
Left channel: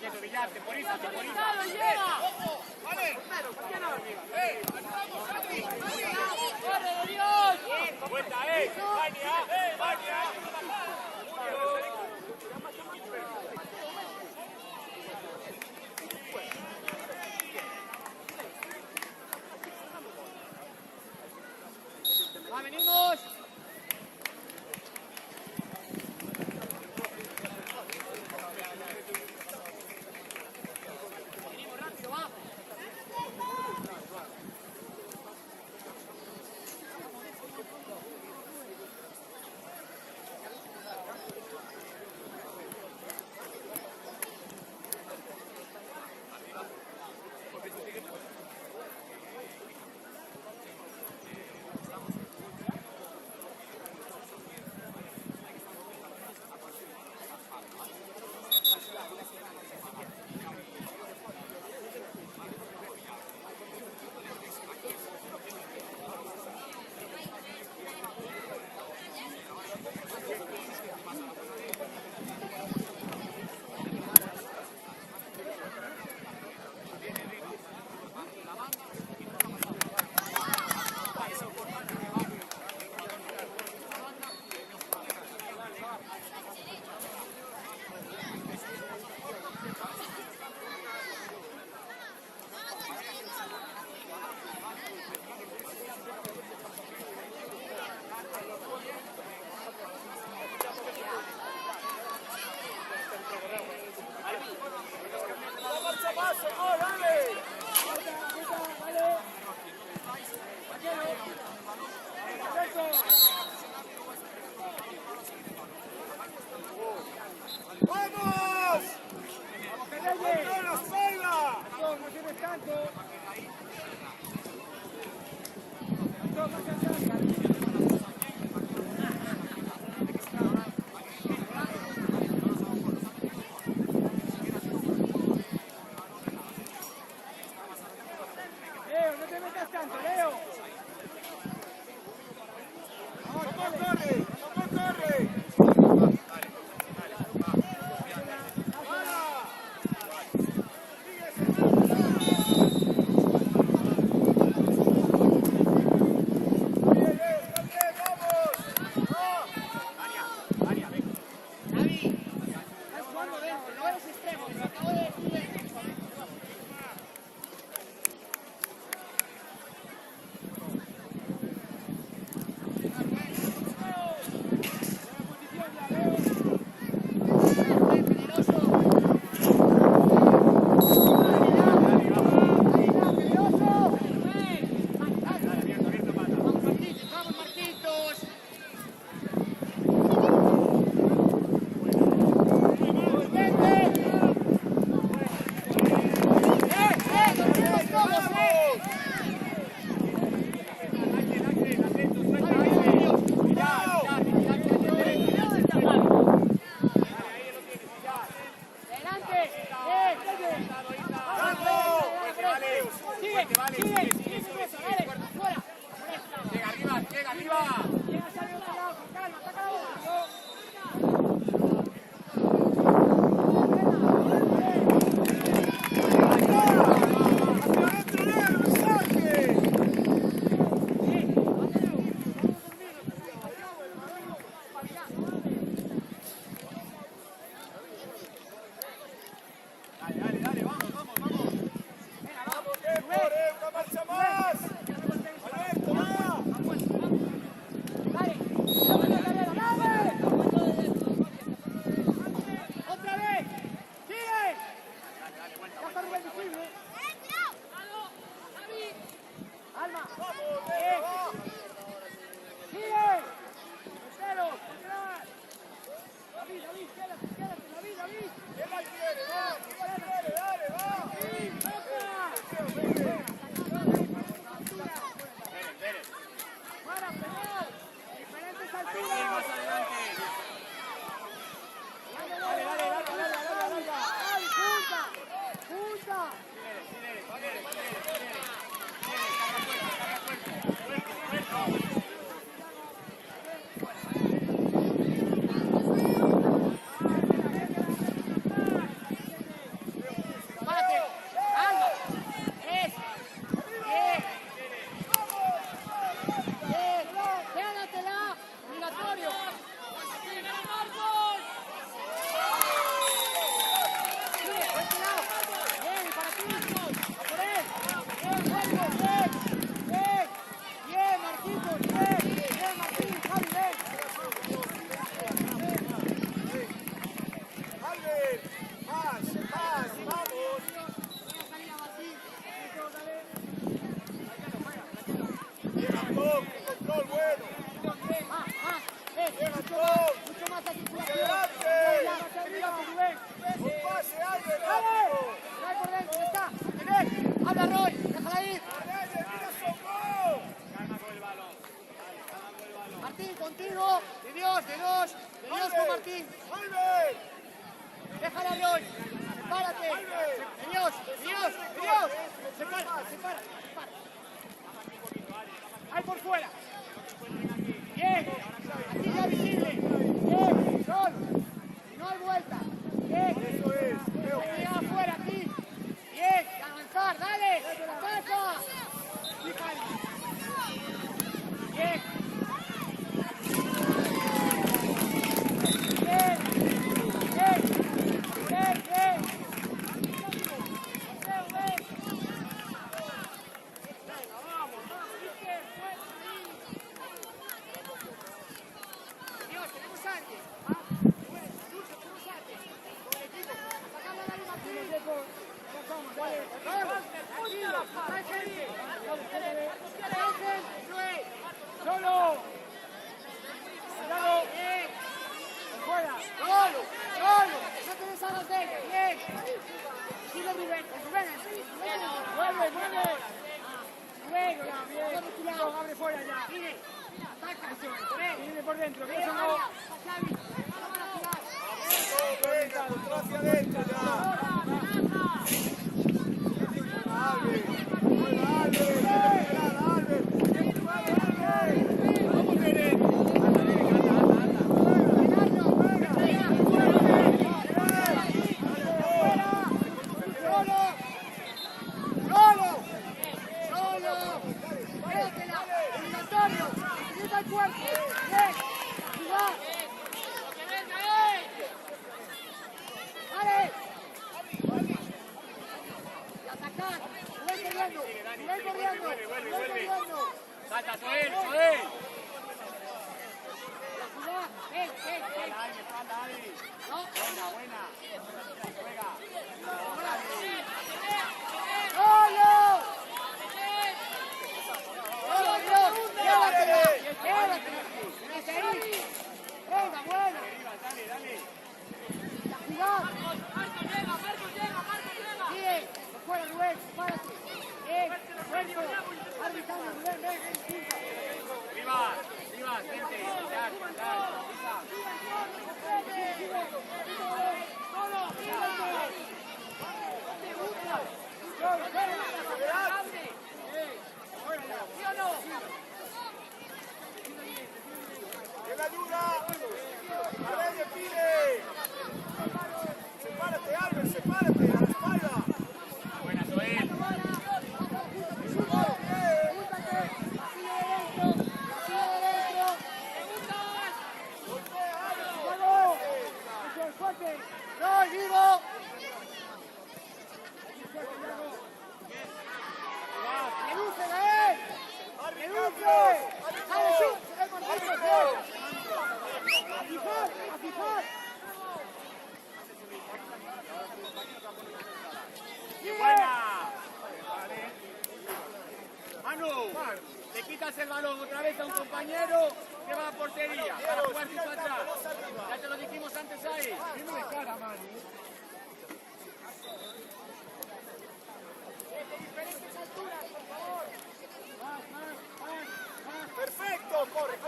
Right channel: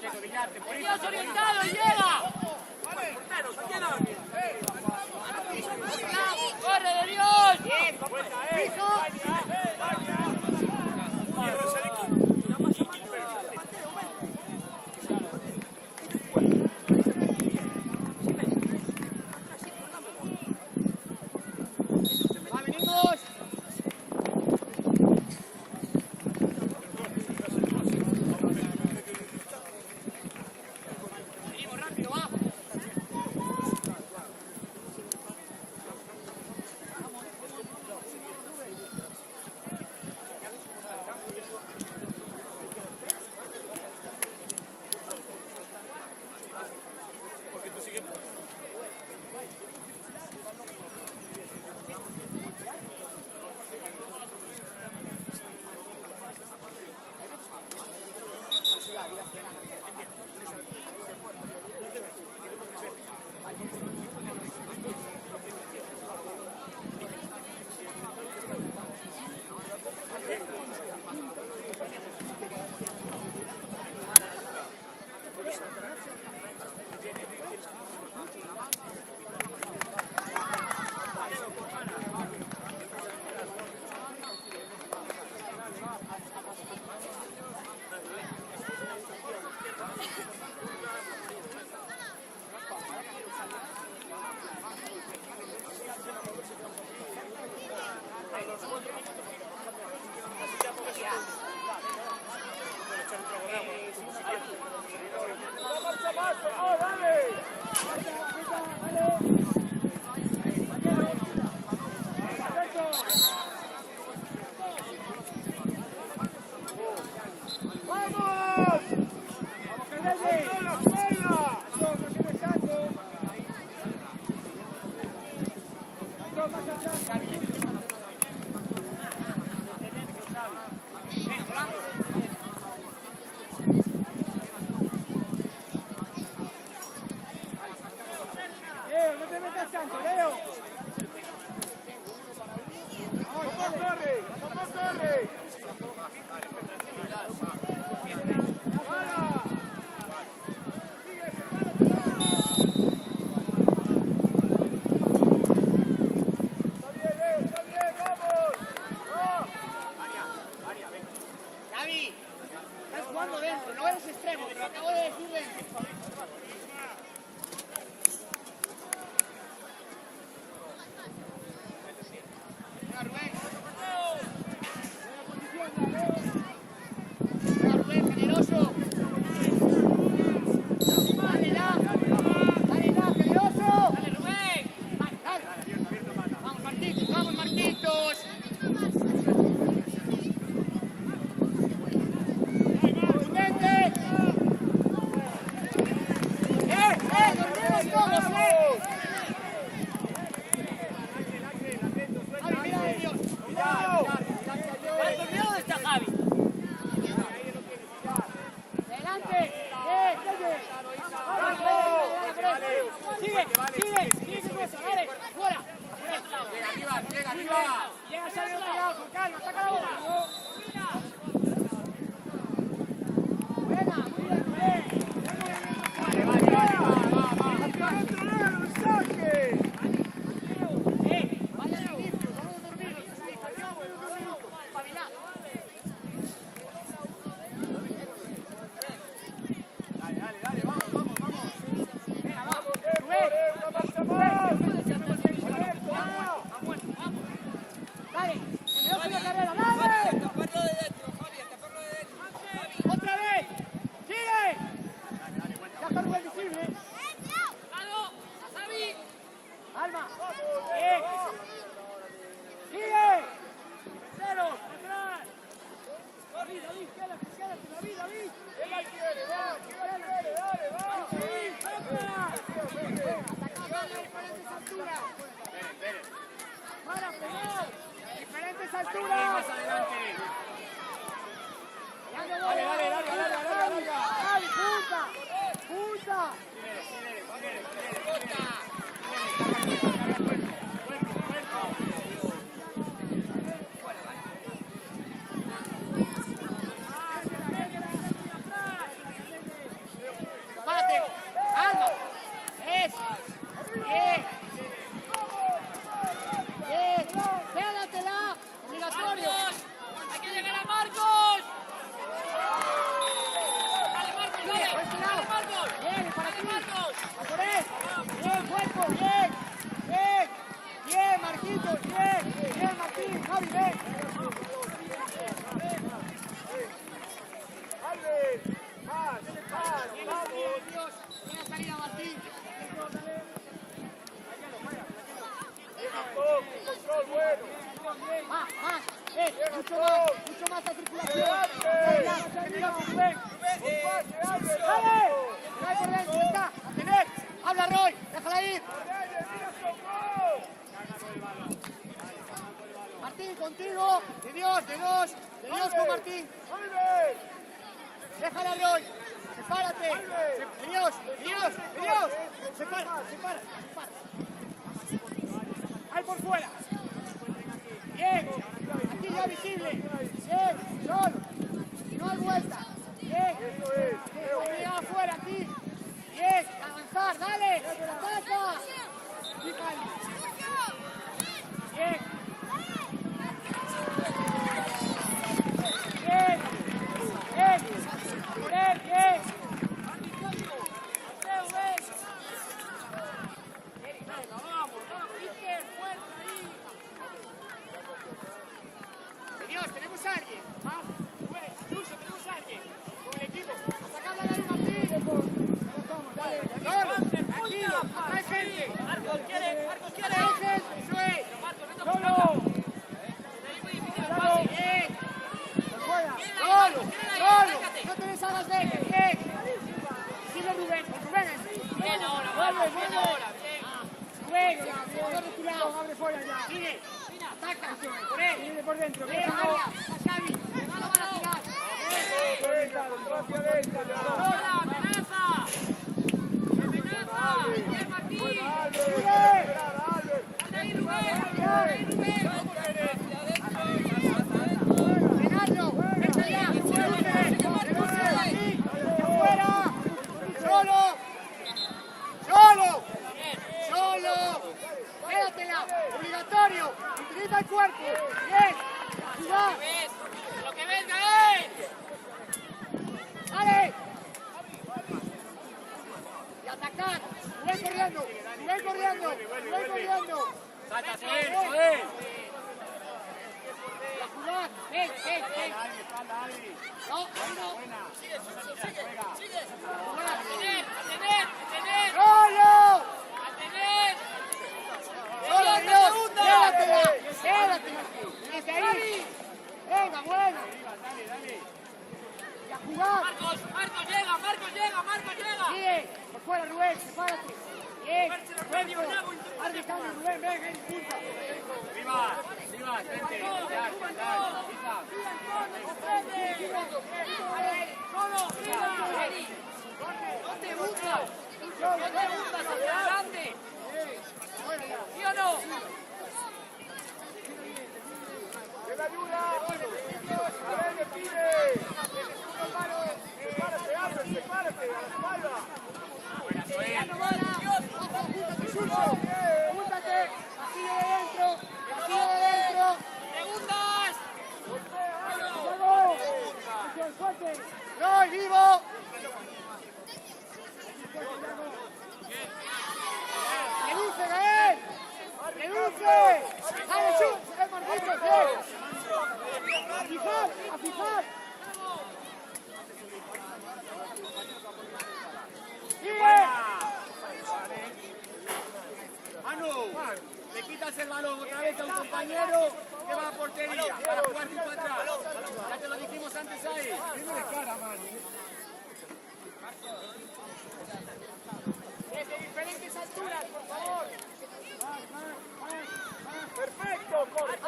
Quieto, Villar, temporízate. ¡Corre de Dios! ¡Venimos! dentro, no eres extremo, pero acabo de decir dentro. Más adelante. Dale, larga. ¡Ay, punta! Párate, Alma. Bien. Quédatela. Obligatorio. Bien, por este lado. Bien, para ti. A por él. Bien, cuerpo, bien, Marquitos, bien, Martín, Javi, ven. Mucho más la circulación. Termina con Rubén. ¡Dale! ¡Dale por dentro! ¡Ya está! ¡A tener! ¡Habla, Roy! ¡Déjala ir! Martín, contigo. De Dios, de dos. De Dios con Martín. Déjala, Roy. Sepárate. De Dios. Separa. Ahí por fuera. Bien. Aquí ya visible. Bien. Solo. Si no hay vuelta. Bien. Hay que afuera, aquí. Bien. Avanzar. Dale. La pasa. Bien. A por él. Bien. Dios, tenemos a alguien. Tenemos a alguien. Con el equipo. Sacadla de ahí, Martín. Solo. No te deshagas de él. Sigue Rubén. Con Rubén. Vuelve. Luego, de tu lado, abre fuera ya. Sigue. Ataca. Sigue por dentro. Solo. Quédatela. Obligatorio. Utiliza el cuerpo. Bien. Jugar. Lo que venga, atacar. Rubén corriendo. Salta, Joel. A jugar. Ven. Espalda, Adri. Buena. Juega. ¡Golo! ¡Golo, Dios! ¡Llévatela! ¡Desde ahí! ¡Venga, buena! Dale. ¡A jugar! Marco llega. ¡Sigue! ¡Por fuera, Rubén! ¡Sepárate! ¡Bien! ¡Fuerzo! ¡Arbitrando, Rubén! ¡Ven, punta! Rivas, vente. Ya, Lisa. Buena, Joel. ¡Pregúntate! ¡Vacío de dentro! ¡Vamos! ¡Hacia el fuerte! ¡Gol, vivo! ¡Reduce, Gael! ¡Reduce! ¡Dale, shoot! ¡Es Marquitos, bien! ¡A fijar! Manu, le quitas el balón otra vez a un compañero que va a portería para jugar tipo atrás. Ya te lo dijimos antes ahí. Viene de cara, Manu. Desde diferentes alturas, por favor. Perfecto, corre.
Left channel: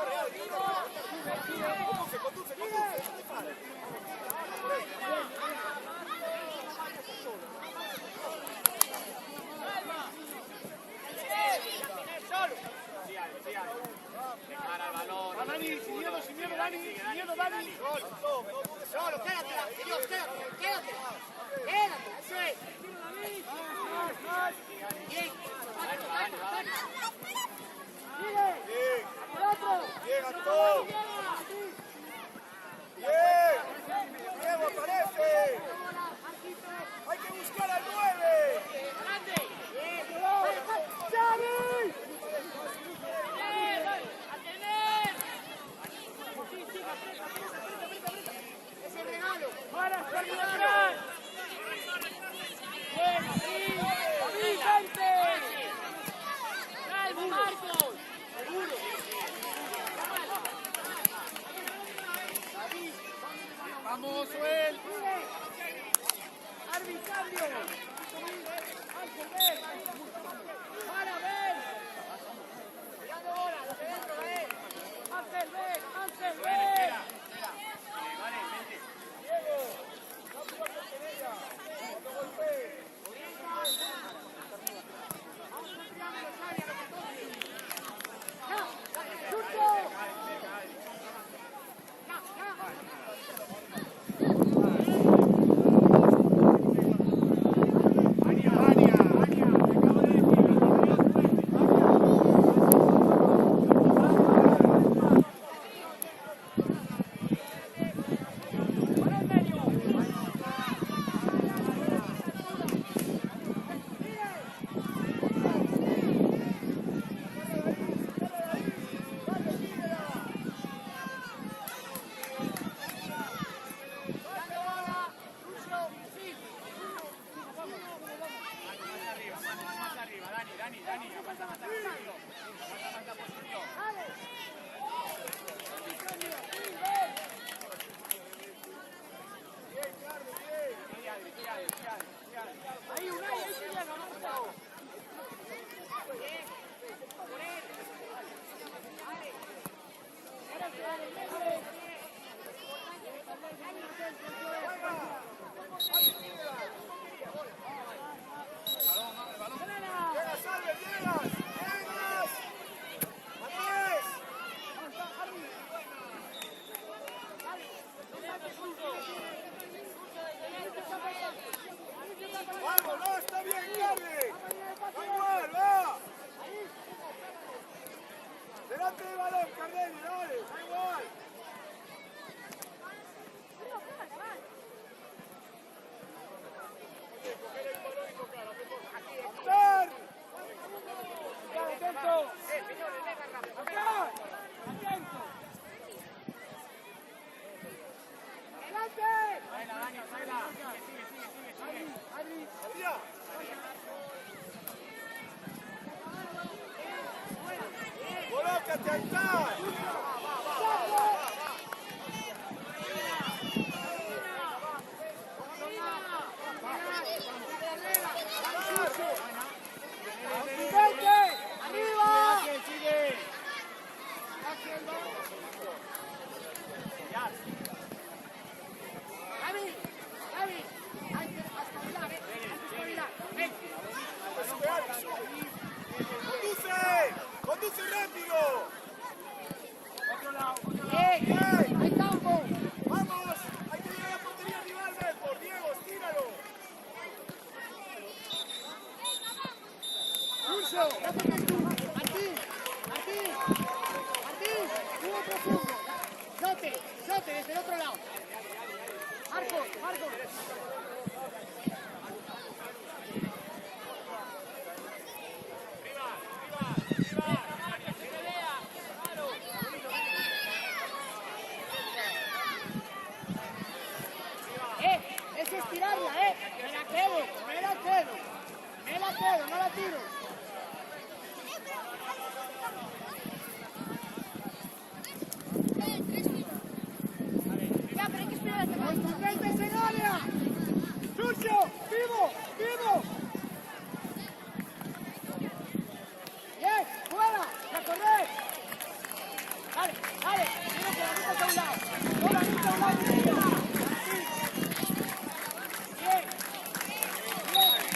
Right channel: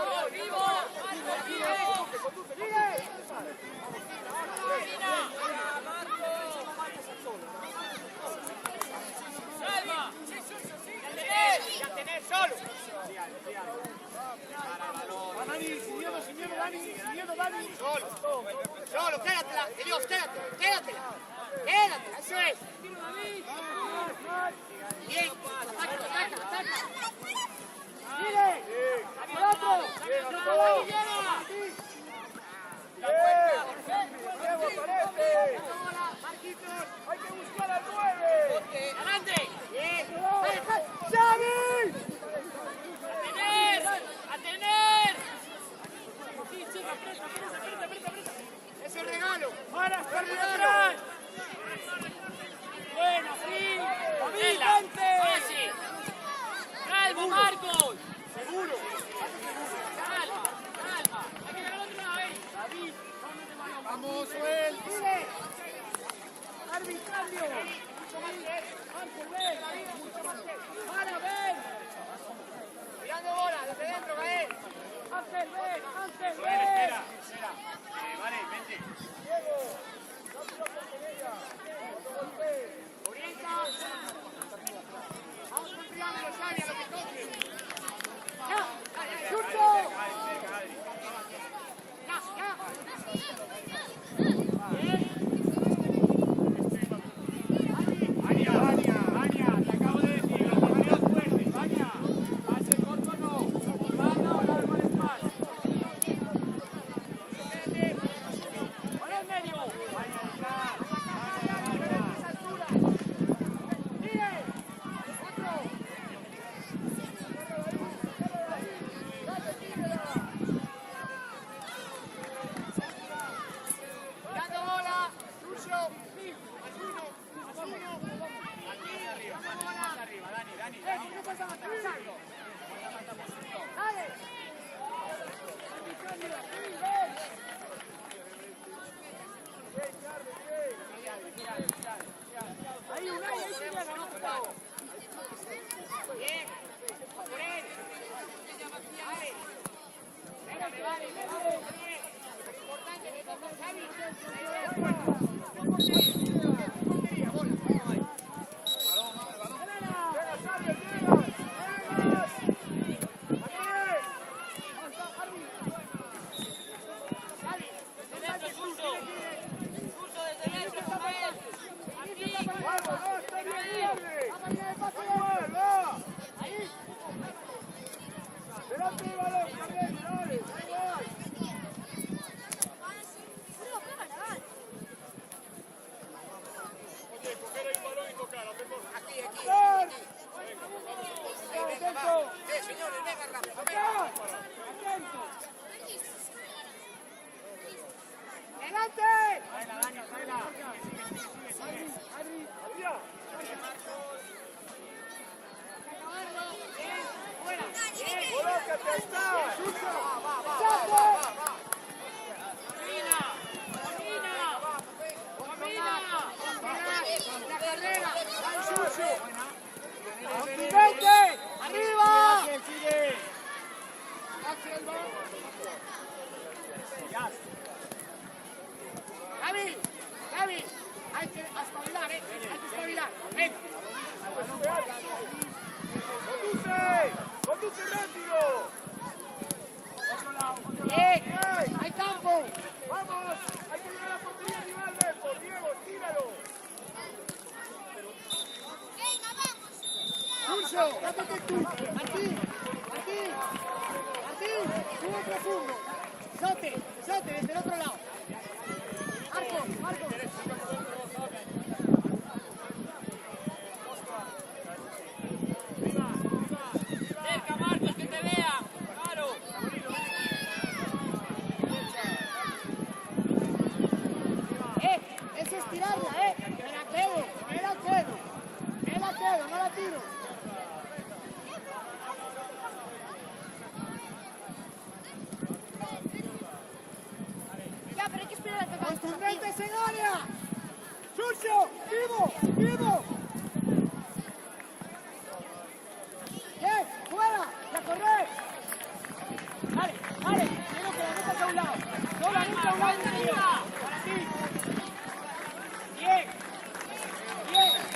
Dani, sin miedo, Dani. Solo, quédate, Dios, quédate. Eso es. Bien, ataca. Mire, al otro. Hay que buscar al 9. Adelante. Bien. ¡Xavi! ¡A tener! Sí, aprieta. Es el regalo. ¡Para, Xavi, atrás! Bien, así. ¡Avísante! ¡Calma, Marcos! ¡Seguro! Vamos, Joel. ¡Arbitrio! ¡Ángel, ven! ¡Para, ven! ¡Mirando bola! ¡Desde dentro, ven! ¡Ángel, ven! Espera. Vale, vente. Dani, aguanta más la posición. Ahí, Unai, ahí se llega, Marcelo. Ahora que va en medio. ¡Arriba! Gaby, Gaby, hay que espabilar, hay que espabilar. Ven. ¡Conduce rápido! Bien, hay campo. ¡Vamos! ¡Hay que llegar a portería finalmente! ¡Diego, tíralo! Pulso, métete tú. Martín, Martín, Martín, tuvo profundo. Sote, Sote, desde el otro lado. Marcos, Marcos. Es estirarla, me la quedo, me la quedo, me la quedo, no la tiro. Ya, pero hay que esperar a que acabe. ¡Contundentes en área! ¡Sucio! ¡Vivo! ¡Vivo! ¡Bien! ¡Fuera! ¡Y a correr! ¡Dale! ¡Dale! Quiero que la metas a un lado. No la metas a un lado del mío. Para ti. ¡Bien! ¡Bien!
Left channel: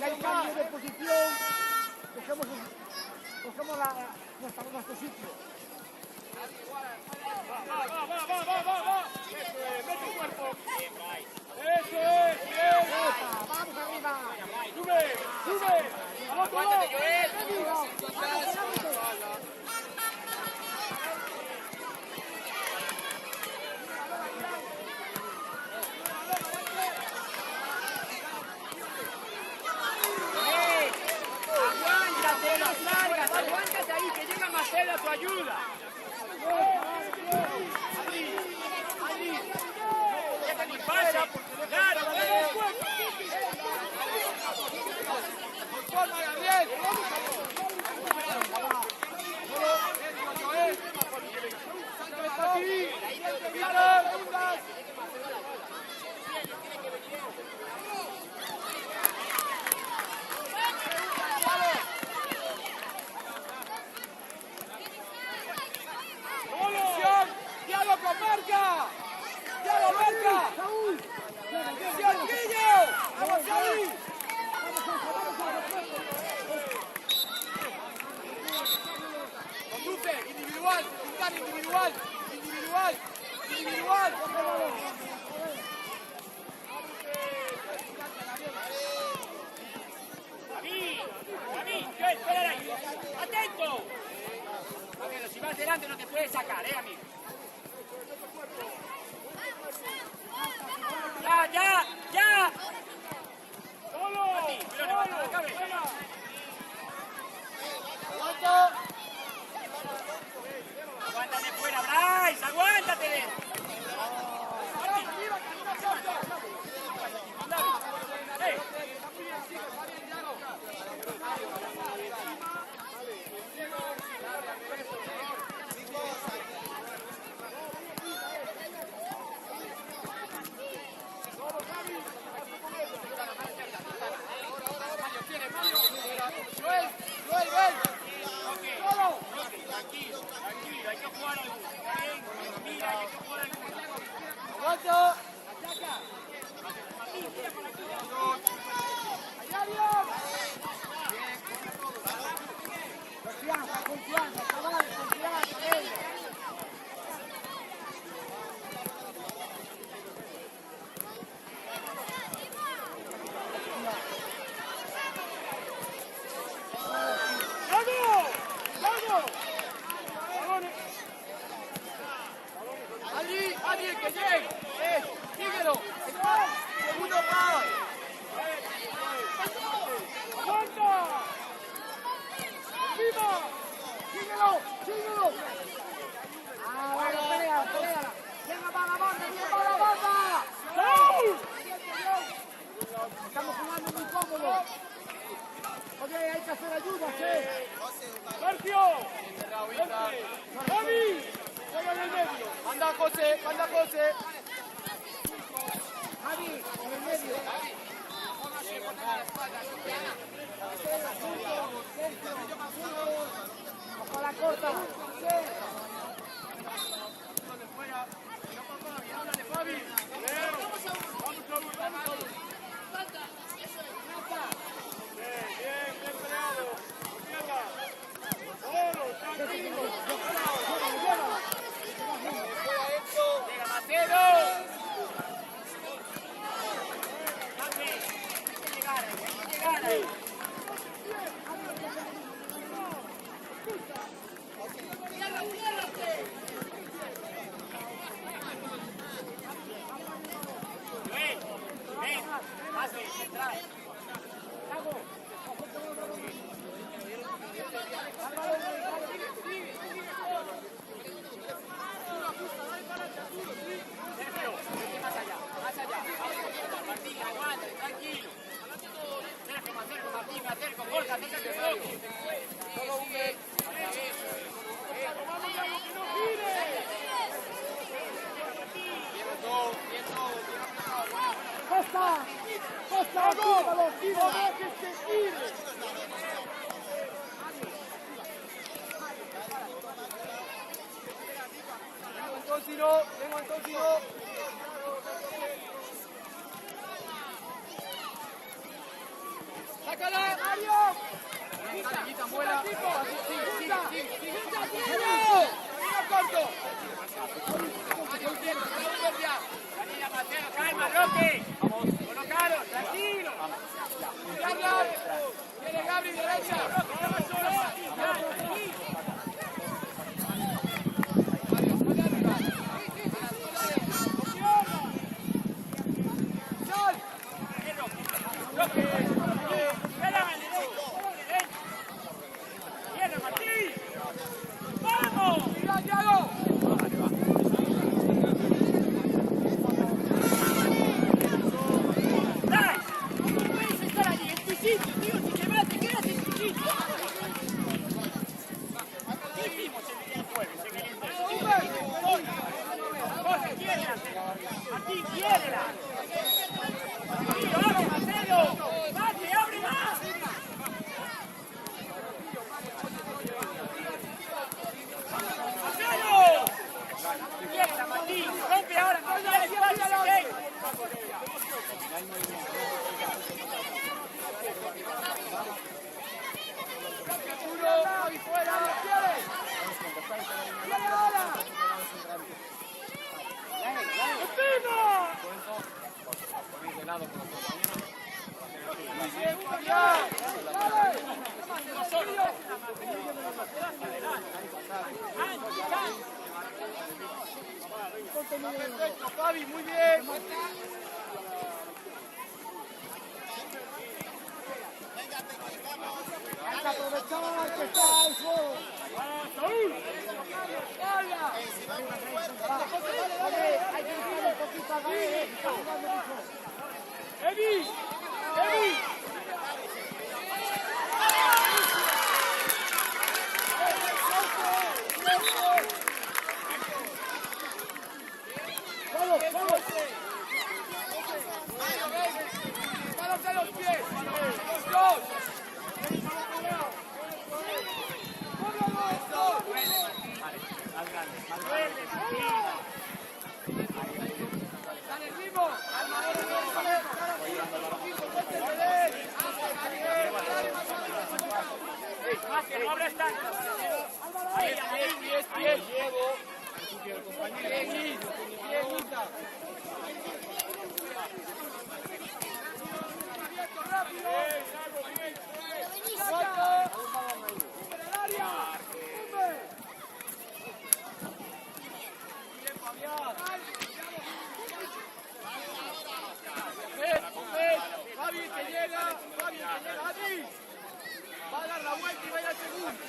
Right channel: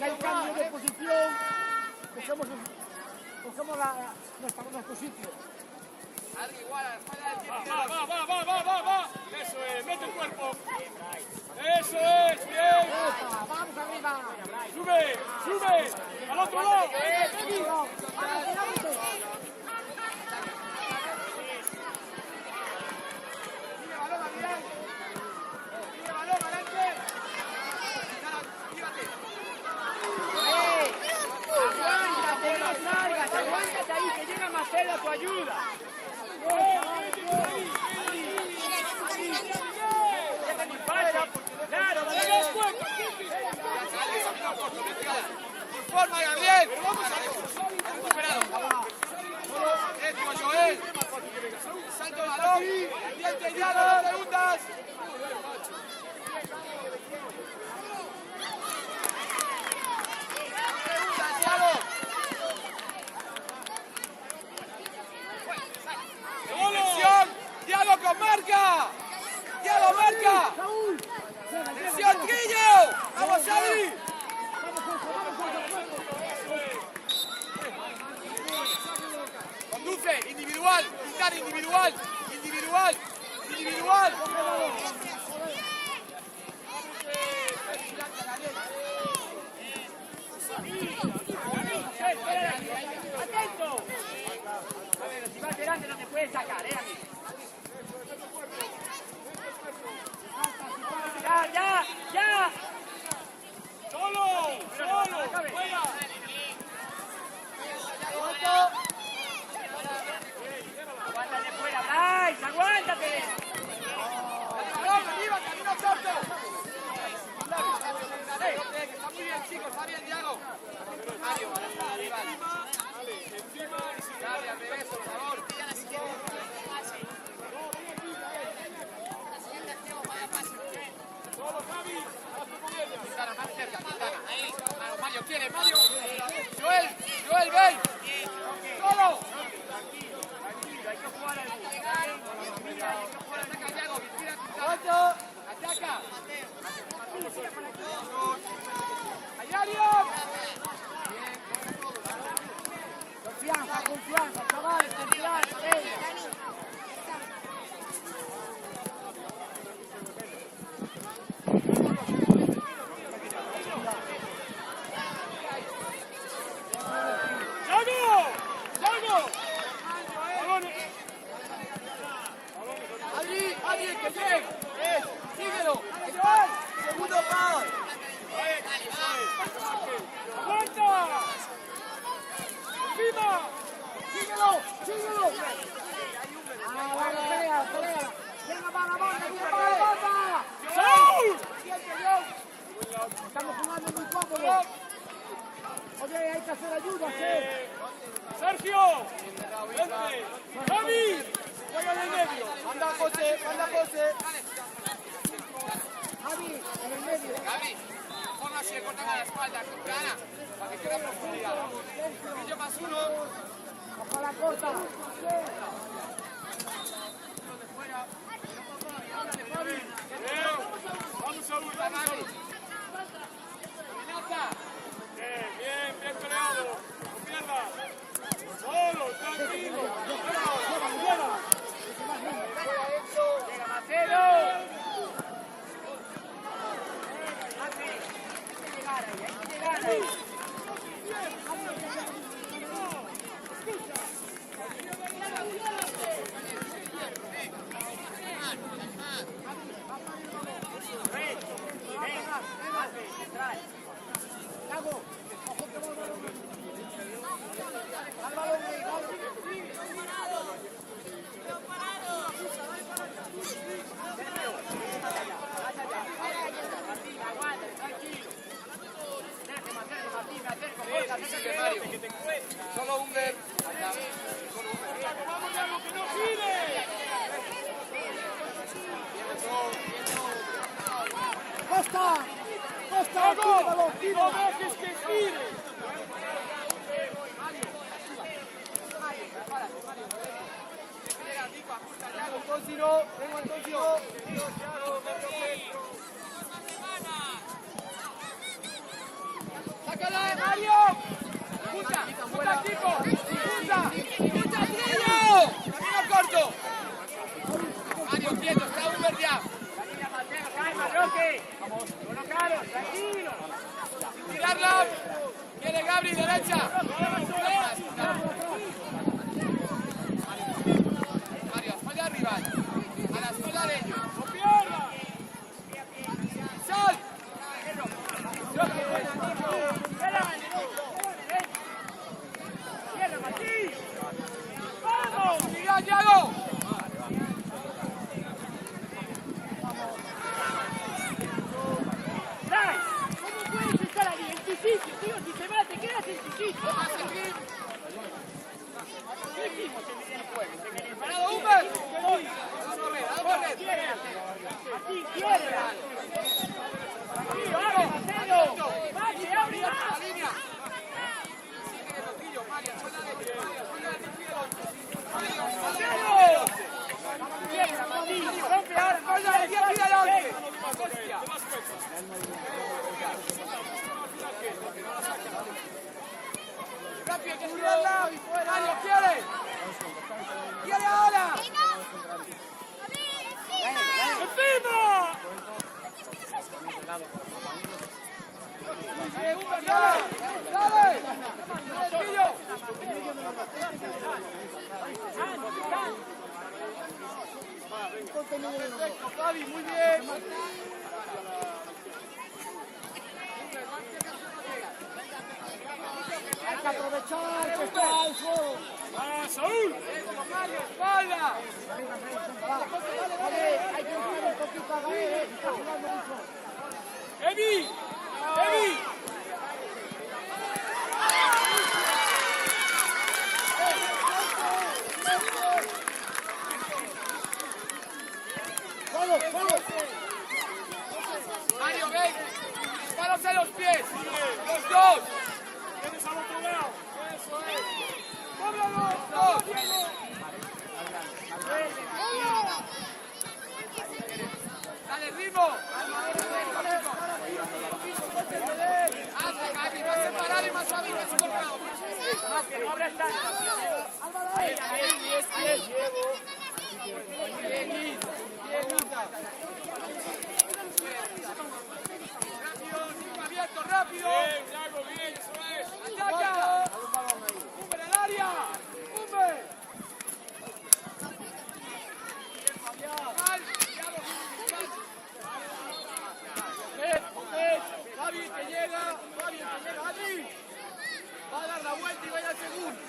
Hay cambio de posición, cogemos nuestro sitio. Va. Eso es, mete el cuerpo. Eso es, bien. ¡Epa! ¡Vamos arriba! Sube. Al otro lado. ¡Vamos! Aguántate ahí, que llega Marcela a tu ayuda. ¡Forma, Gabriel! ¡Salto balón! ¡Diente y aro! ¡Segundas! ¡Diablo con marca! ¡Diablo marca! ¡Saúl! ¡Presión, Trillo! ¡Vamos ahí! Conduce, individual, pintar individual. ¡Atento! Bueno, si vas delante no te puedes sacar, amigo. ¡Ya! ¡Solo! ¡Aguántate fuera, Bryce! ¡Aguántate! ¡Arriba, corto! Está muy bien, chicos, está bien, Diago. Arriba. Por favor. Mario quiere, Joel, ven. ¡Solo! Tranquilo, hay que jugar al ¡Aguanto! ¡Ataca! ¡Hay área! Confianza, chavales, confianza, venga. Adri, que llega. Síguelo. Segundo pau. ¡Aguanta! ¡Arriba! ¡Síguelo! ¡Ah, vamos, pelea! ¡Quién va a la banda! Estamos jugando muy cómodos. Oye, hay que hacer ayuda, ¡Sergio! ¡Javi! ¡Juega en el medio! Manda José. Javi, en el medio. Póngase con la espalda. Ojo a la corta. Bien peleado. No pierdas. Solo, tranquilo. Llévalo. Solo un ver. Costa, tíralo. ¡Que gire! Vengo Antonio. ¡Sácala, Mario! ¡Punta, Trillo! ¡Mira, corto. Mario, quieto, está Uber ya. Tirarlo. Viene Gabri, derecha. Mario, allá arriba. A las polares. ¡Sol! ¡Vamos! ¡Tira, Thiago! Perfecto, Fabi, muy bien. Hay que aprovechar que está el juego. Saúl! Oye, hay que buscar un poquito a Gael, que está jugando mucho. ¡Evi! ¡Evi! ¡Vamos, vamos! Mario, ven. Párate los pies. Los dos. Dale ritmo. Abierto, rápido. ¡Cumbre al área! ¡Cumbre! Fabi que llega, Adri. Va a dar la vuelta y vaya al segundo.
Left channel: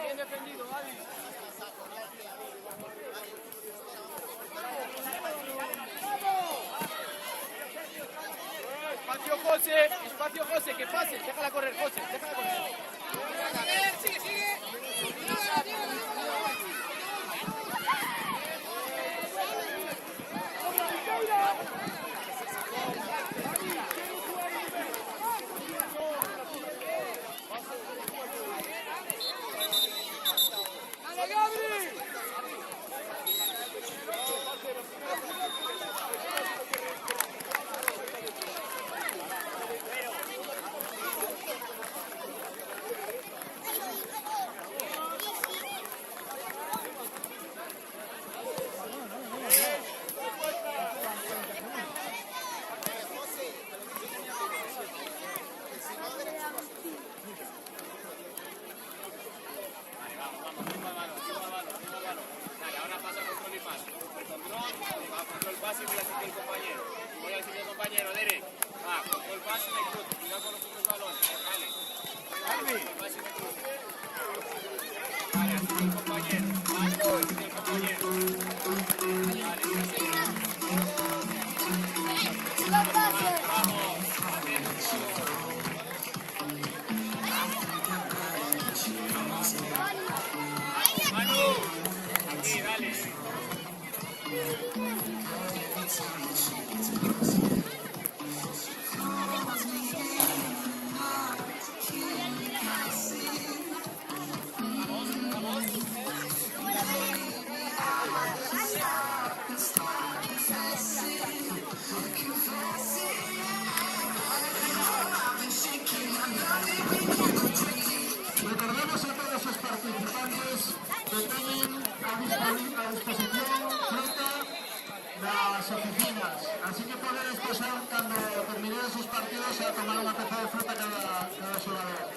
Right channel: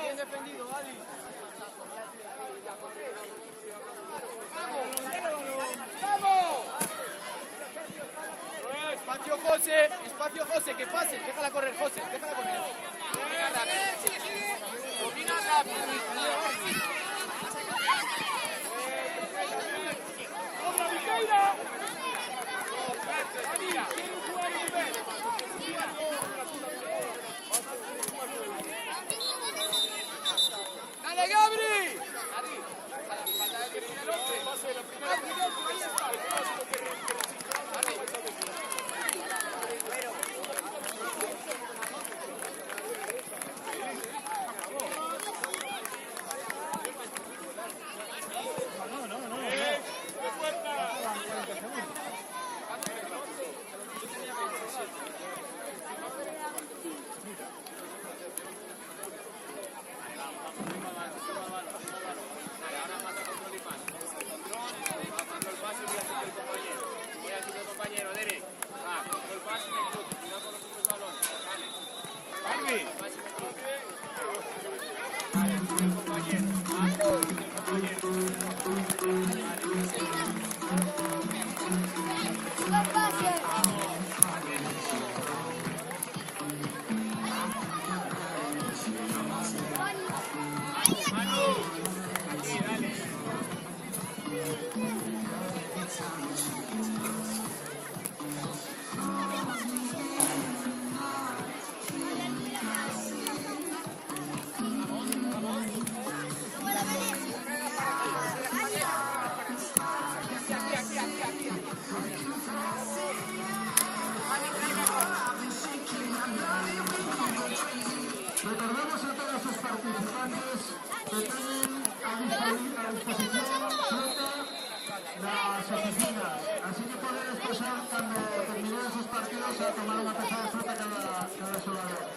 Bien defendido, Adri. Espacio José, que pase, déjala correr, José, déjala correr. ¡Dale, Gabri! a tomar una taza de fruta cada jugador.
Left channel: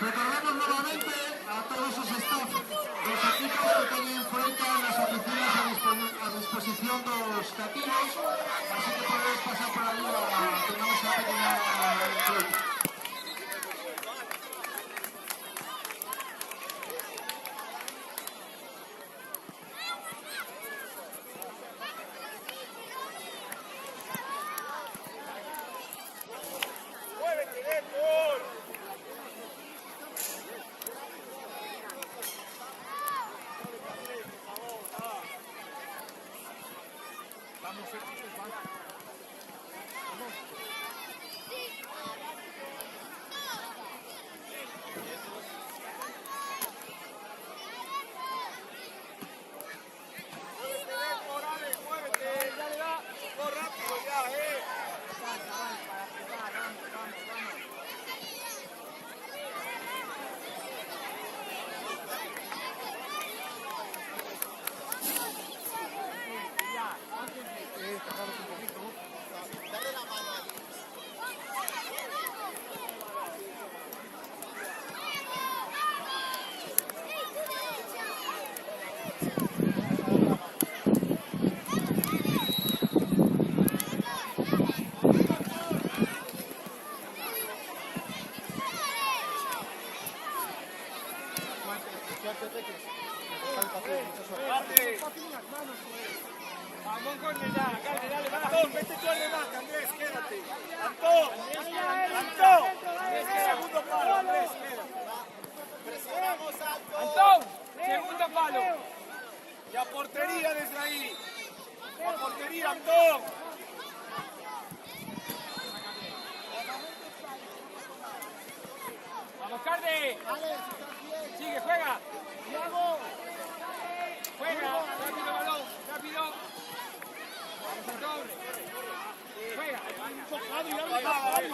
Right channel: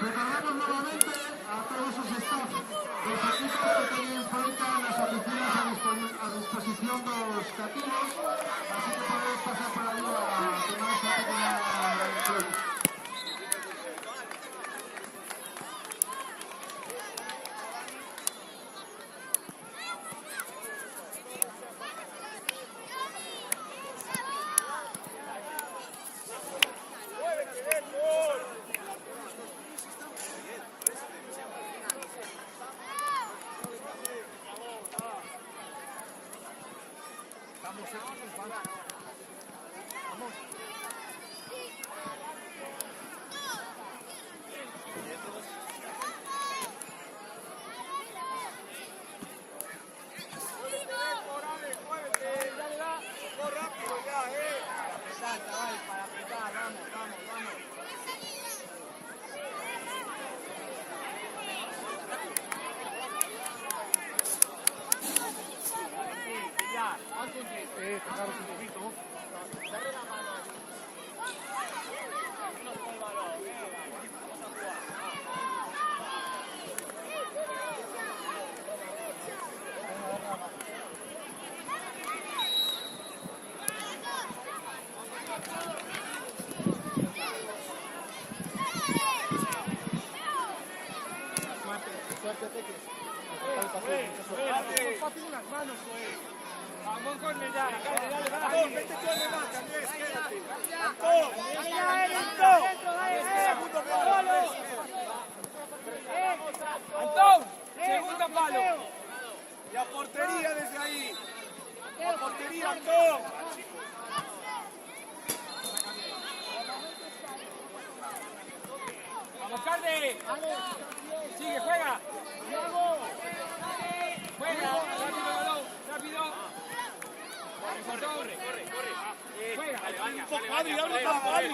Recordamos nuevamente a todos esos staff, los equipos que tienen en cuenta las oficinas a disposición de los cativos, así que podéis pasar por ahí a tomar esa pequeña lección. Vamos con ella, dale, dale, dale. Antón, no te tomes más, Andrés, espérate. Antón, segundo palo. Antón, segundo palo. La portería desde ahí. La portería, Antón. Vamos, Carde. Sigue, juega. Juega, rápido balón, rápido. Vamos, Antón. Juega. Adri, habla para Adri.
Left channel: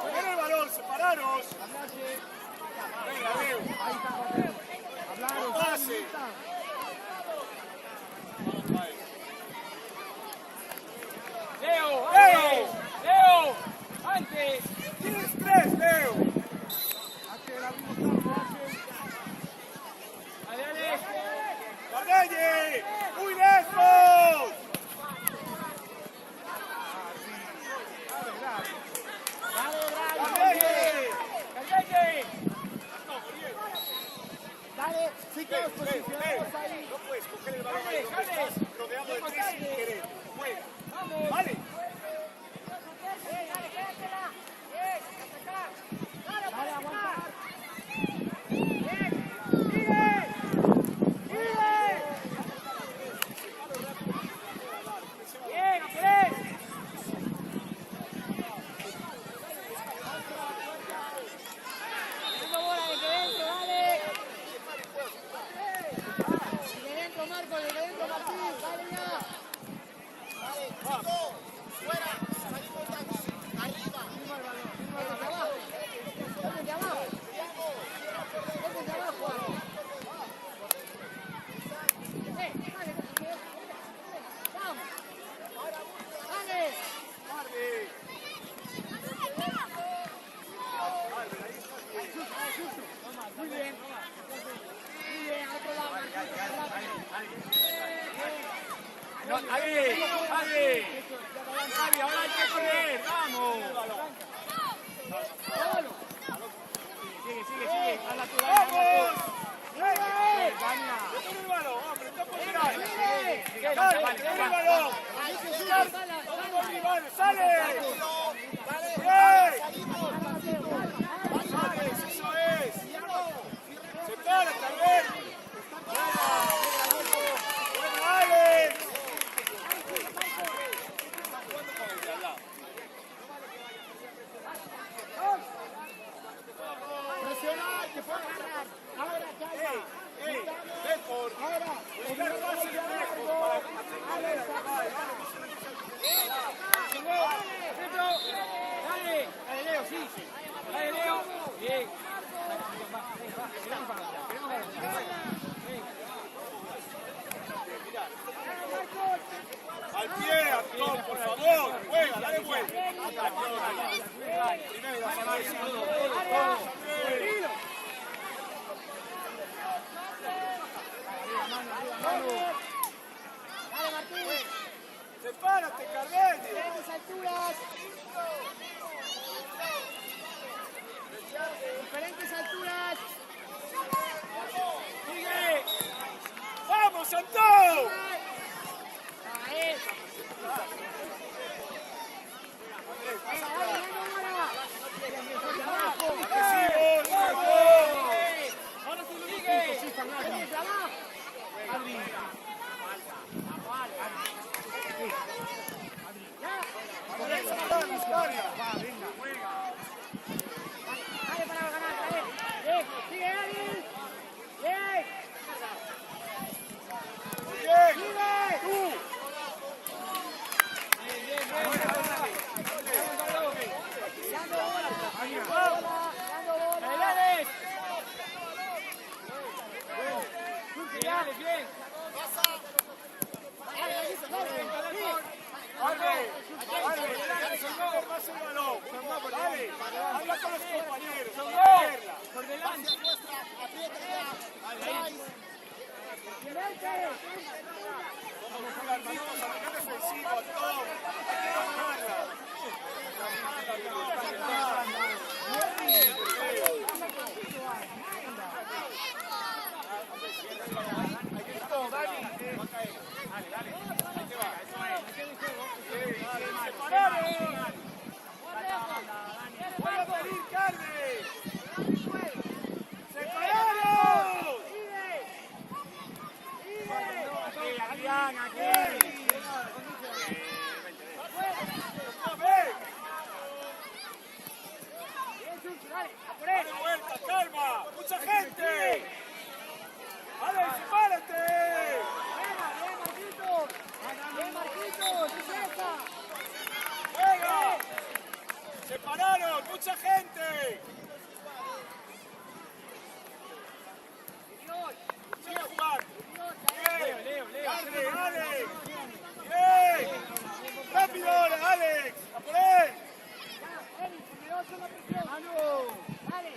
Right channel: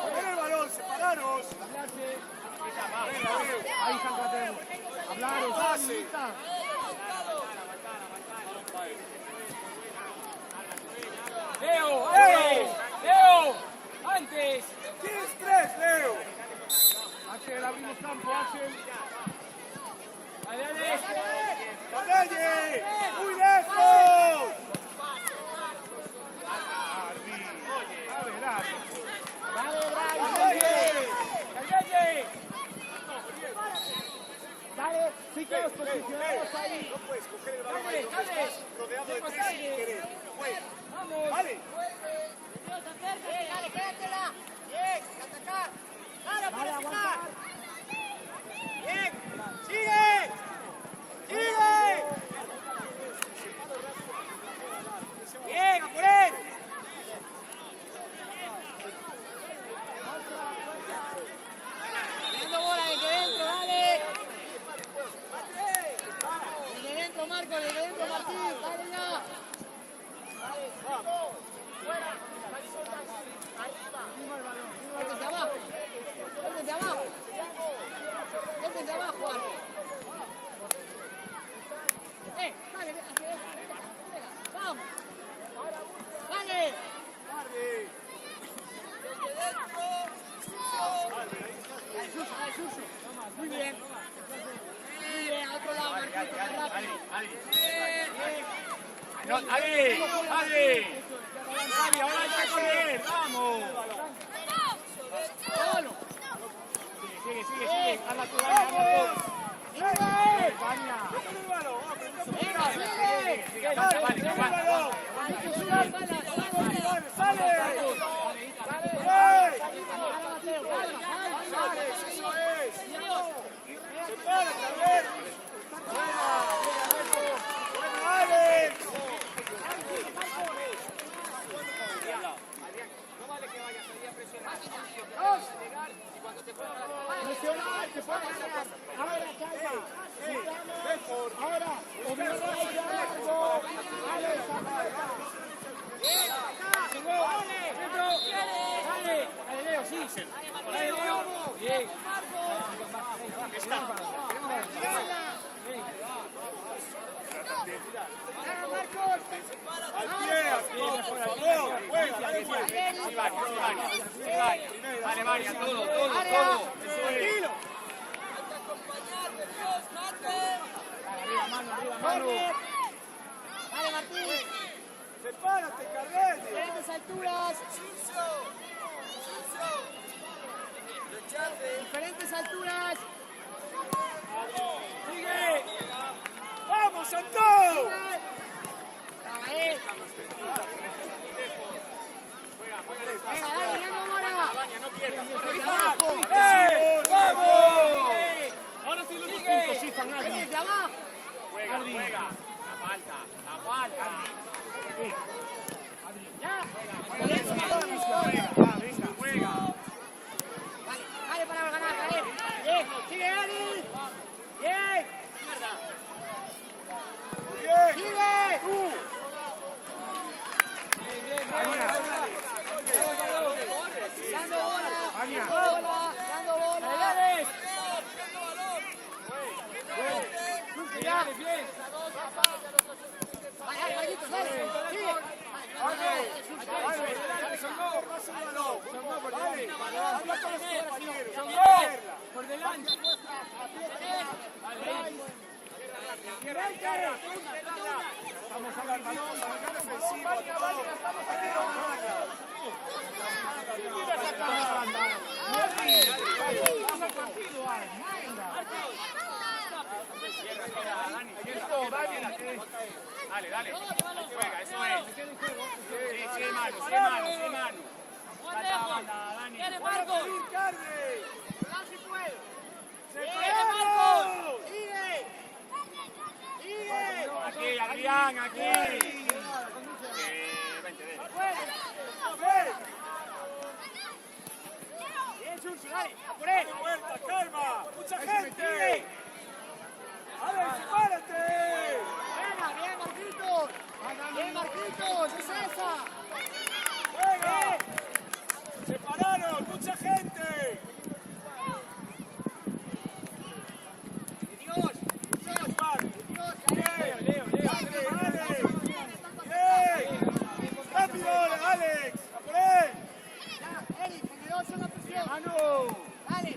Juega el balón, separaros. Ahí está Carrero. Hablaros, Pase. Leo, antes. Leo, antes. 10-3, Leo. Hace la misma campo, hace. Dale, dale. ¡Guadalle! ¡Muy lejos! Vamos. Vale. Vale, aguantar. Marco, desde dentro Martín, dale ya. Desde abajo. Desde abajo. Desde abajo, Arco. Dale, vamos. Dale. Dale, Suso. Muy bien. Muy bien, a otro lado, Marquito. ¡Javi, ahora hay que correr! ¡Vamos! Solo. Sigue. Hazla tú, Dani, hazla tú. Dania. Venga, sigue. Aguanta. Presionar, que puede agarrar. Ahora, calma. Estamos. Ahora, obligar a tirar largo. Alex, aprieta. Dale, Leo, sí. Dale, Leo. Bien. Al pie, por favor. Arriba, mano. Dale, Martín. Prepárate, Carmen. Diferentes alturas. Diferentes alturas. ¡Vamos, Santos! Ahí. Dale, Ahora sí, sigue. Sí, desde abajo. Adri. Ya. Venga. Dale para ganar, bien. Sigue, Adri. Bien. Sigue. Tú. Dando bola. Bien. Por delante. Vamos a ver el balón. Dale. Adrián, ¡Dale vuelta, calma! ¡Mucha gente! ¡Alex, párate! Venga, bien, Marquitos. Bien, Marquitos, descansa. ¡Venga! ¡Se pararon! ¡Mucha gente! Leo, ¡Rápido, Alex! ¡A por él! ¡Mano! ¡Dale!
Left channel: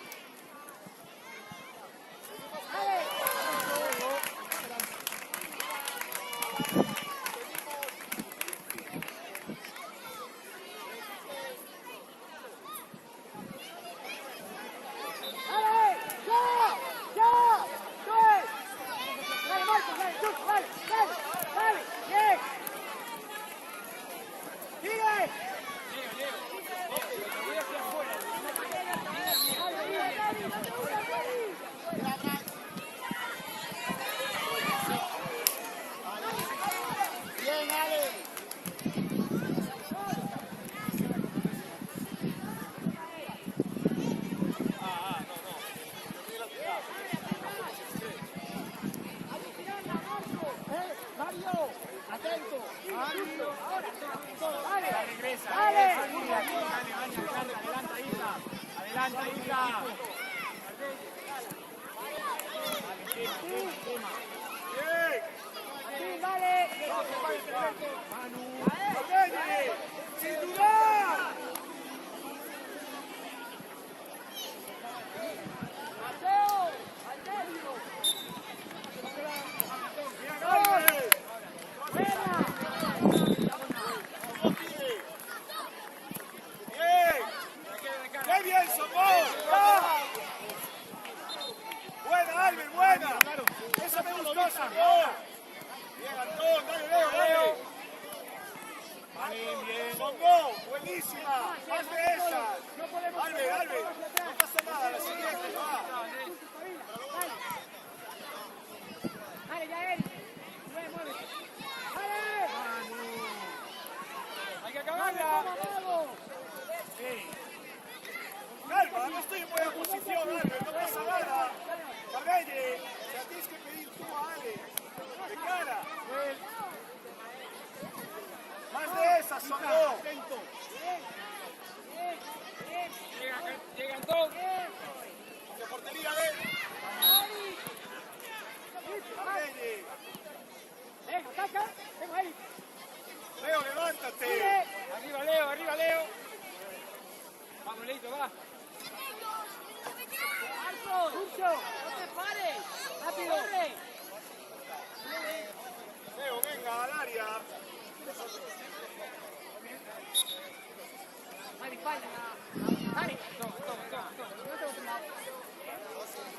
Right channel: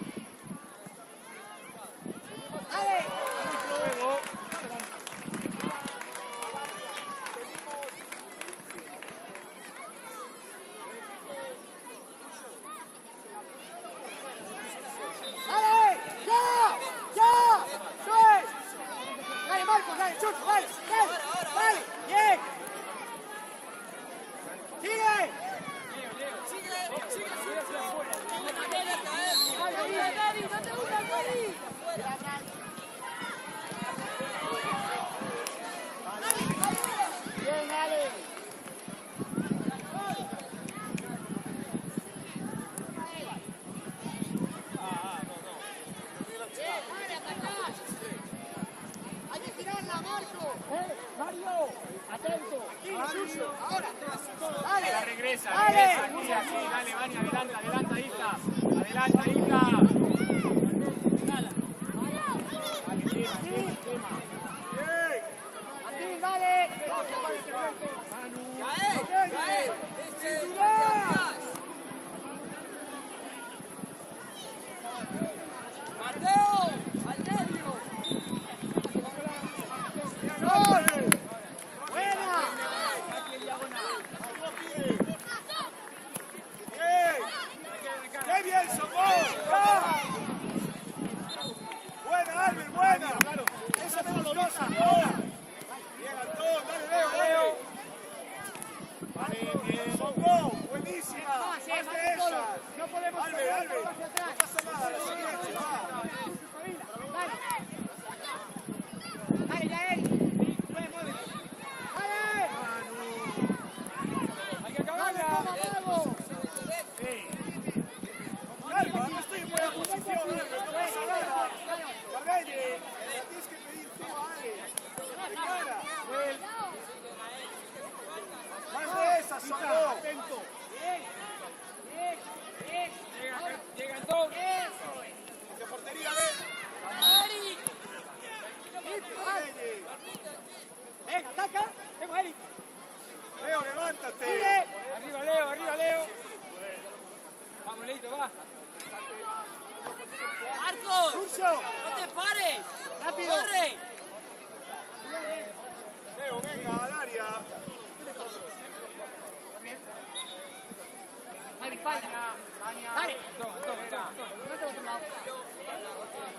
Atento. Dale. Regresa. Dale. Adelanta, Isa. Adelanta, Isa. Dale, encima. Martín, dale. Manu. ¡Qué bien, Socó! ¡Buena, Alvin, buena! ¡Esa no lo pasa! ¡Ahora! ¡Bien, Antón! ¡Dale, Leo, dale! Vale, bien. ¡Socó! ¡Buenísima! No podemos Dale, correr dale. hacia atrás. No pasa nada, la siguiente. Dale. Dale, Yael. Dale. Hay que acabarla. Vamos. Calma, no estoy en buena posición, Alvin, no pasa nada. Guardate, la tienes que pedir tú a Ale. ¡Prepara! ¡Más de esa, Socó! Atento. Llega Antón. ¡Hacia portería, Leo! Venga, tapa. Venga ahí. Leo, levántate. Arriba, Leo. Vamos, Leito, va. Curso. Rápido. Leo, venga, al área. Dale, espalda. Dale. Toma. Ponete al otro lado.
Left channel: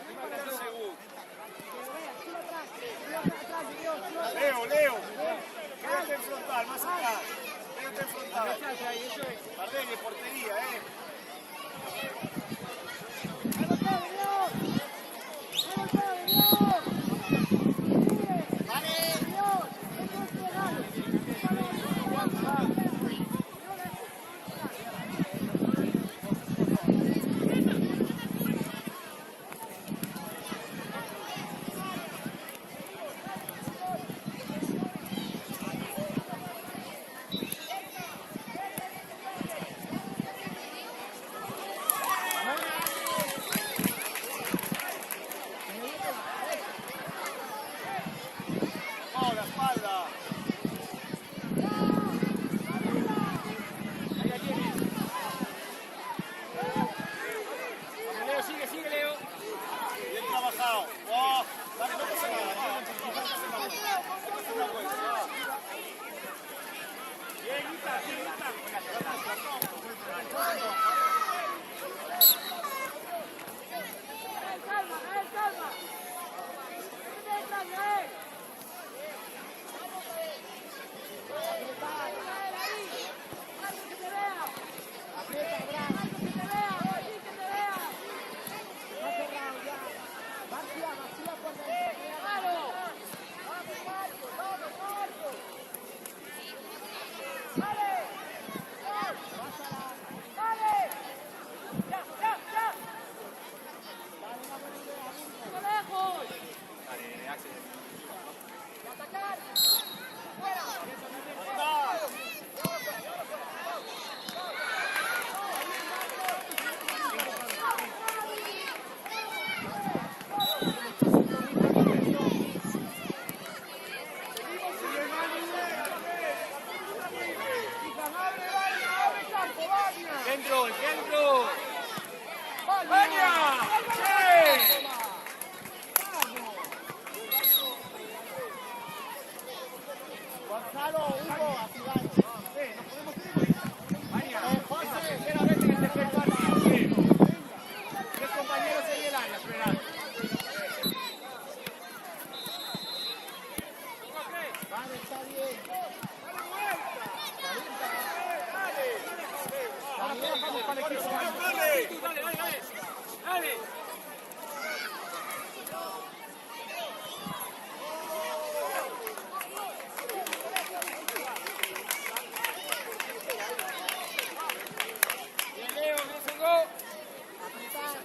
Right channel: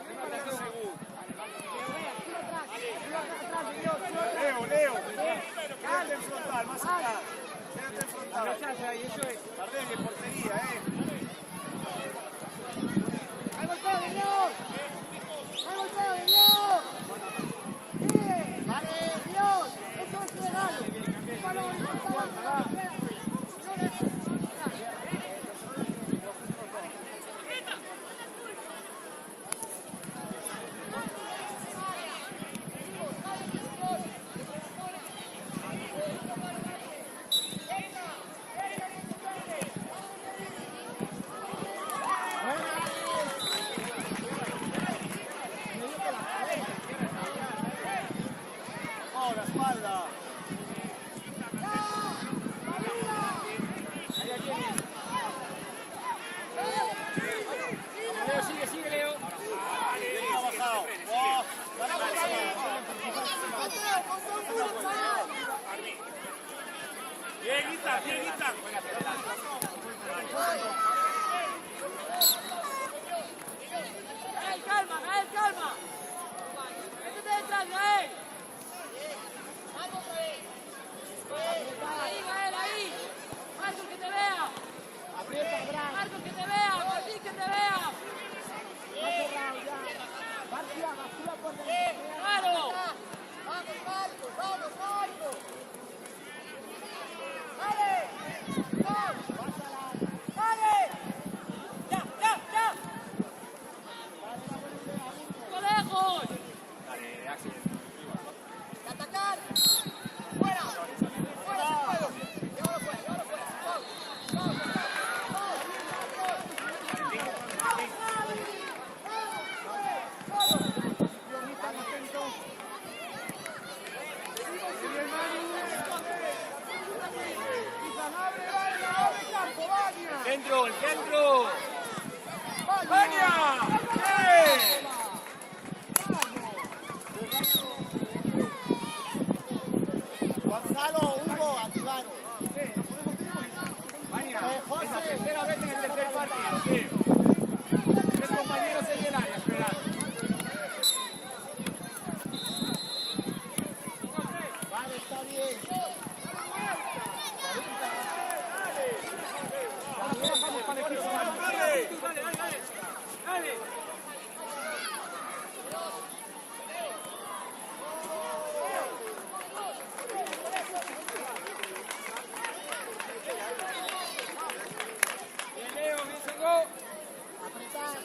Arriba, Leo. Que lo veas. Tú atrás, Dios. Tú atrás. Leo. Quédate en frontal, más acá. Quédate en La frontal. rechaza ahí, eso es. También de portería, Ahí lo queda, Dios. Sigue. Dios. Eso es que dale. Confianza, va. No, la espalda. Ahí la tienes. Vamos, Leo, sigue, Leo. Bien trabajado. ¡Wow! Bien, Ita. Calma. Apretar. Aprieta, Abraham. Está cerrado ya. Vacía por dentro. Pásala. Vale, una buena idea, Burgo. Dale, Axel. ¡Centro! ¡El centro! ¡Baña! ¡Sí! Gonzalo, Hugo, activaros. Baña, es la tercera vez en el tercer partido. Sí. 3 compañeros en el área, esperad. Vale, está bien. Calienta. Ahora trabajamos para el equipo. Apretar.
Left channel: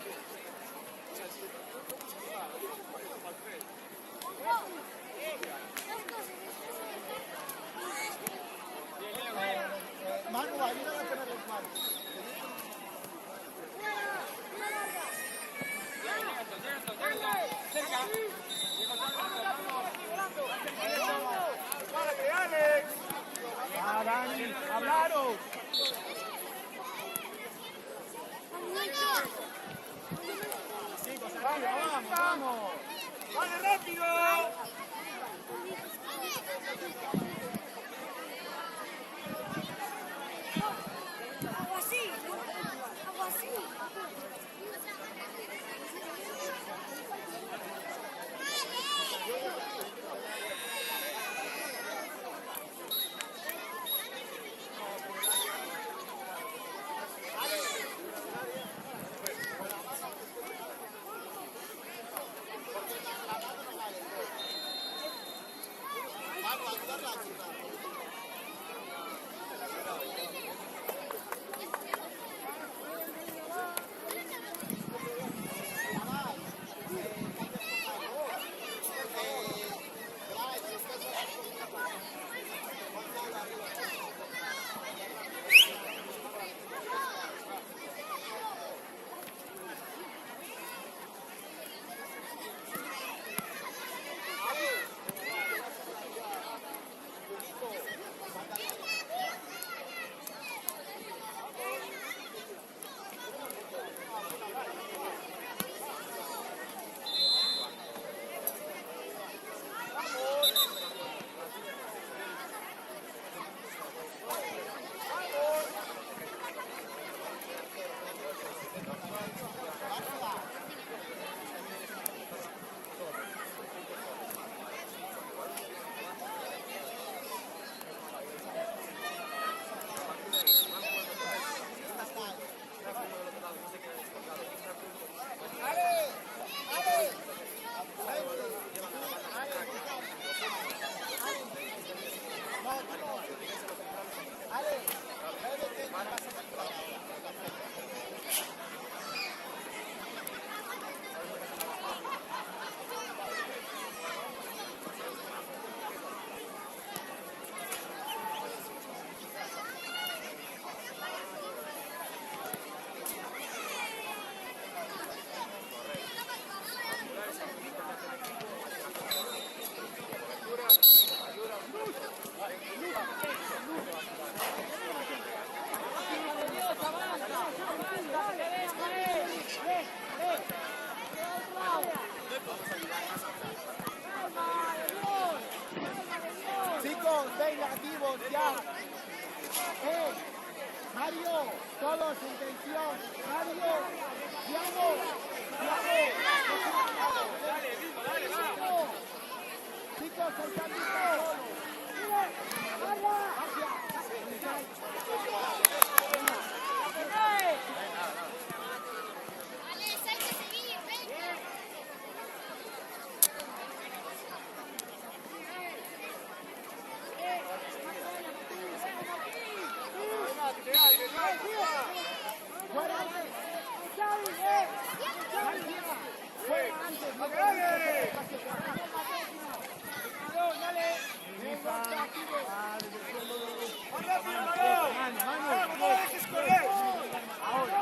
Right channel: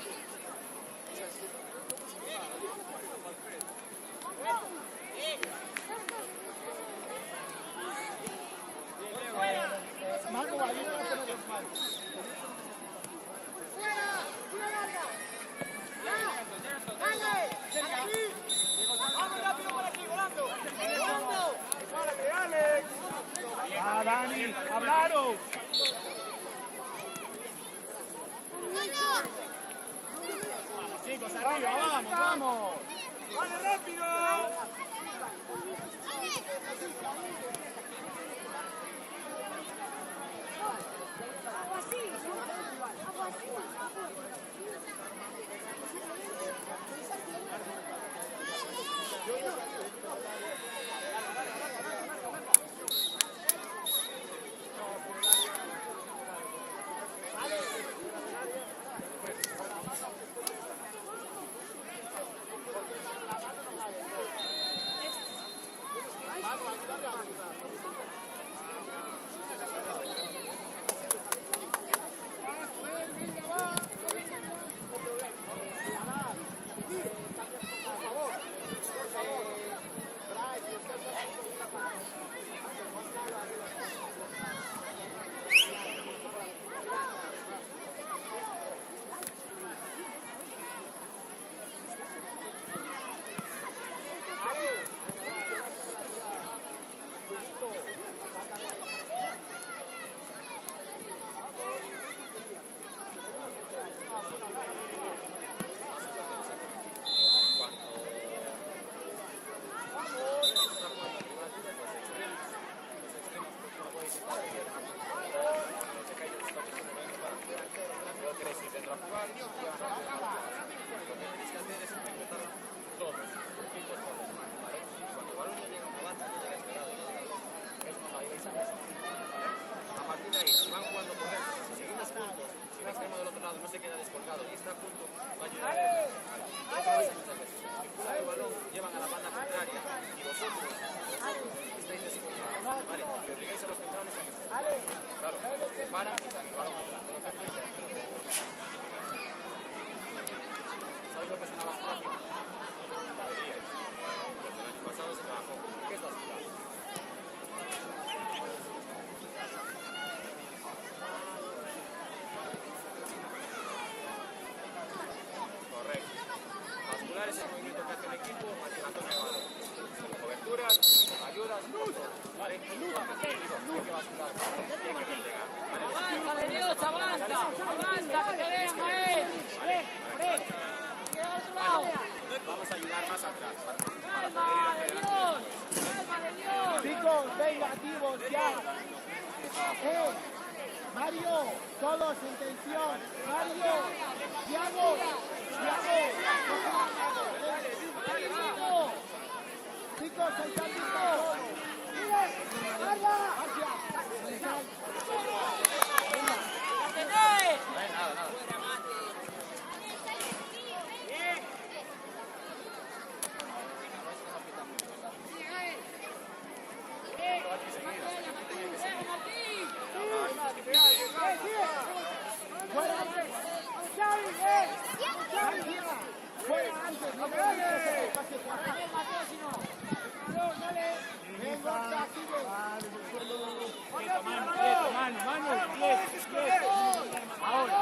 ¡Va, Dani! ¡Hablaros! ¡Vamos, vamos! Chicos, venga, activos ya. Mario, todos en tensión. Mario, Thiago, chicos, el cambio está solo. Fuera, García, fuera antes, no podemos hacer el espacio cerrado. Va desde el suelo de mano. Ahora.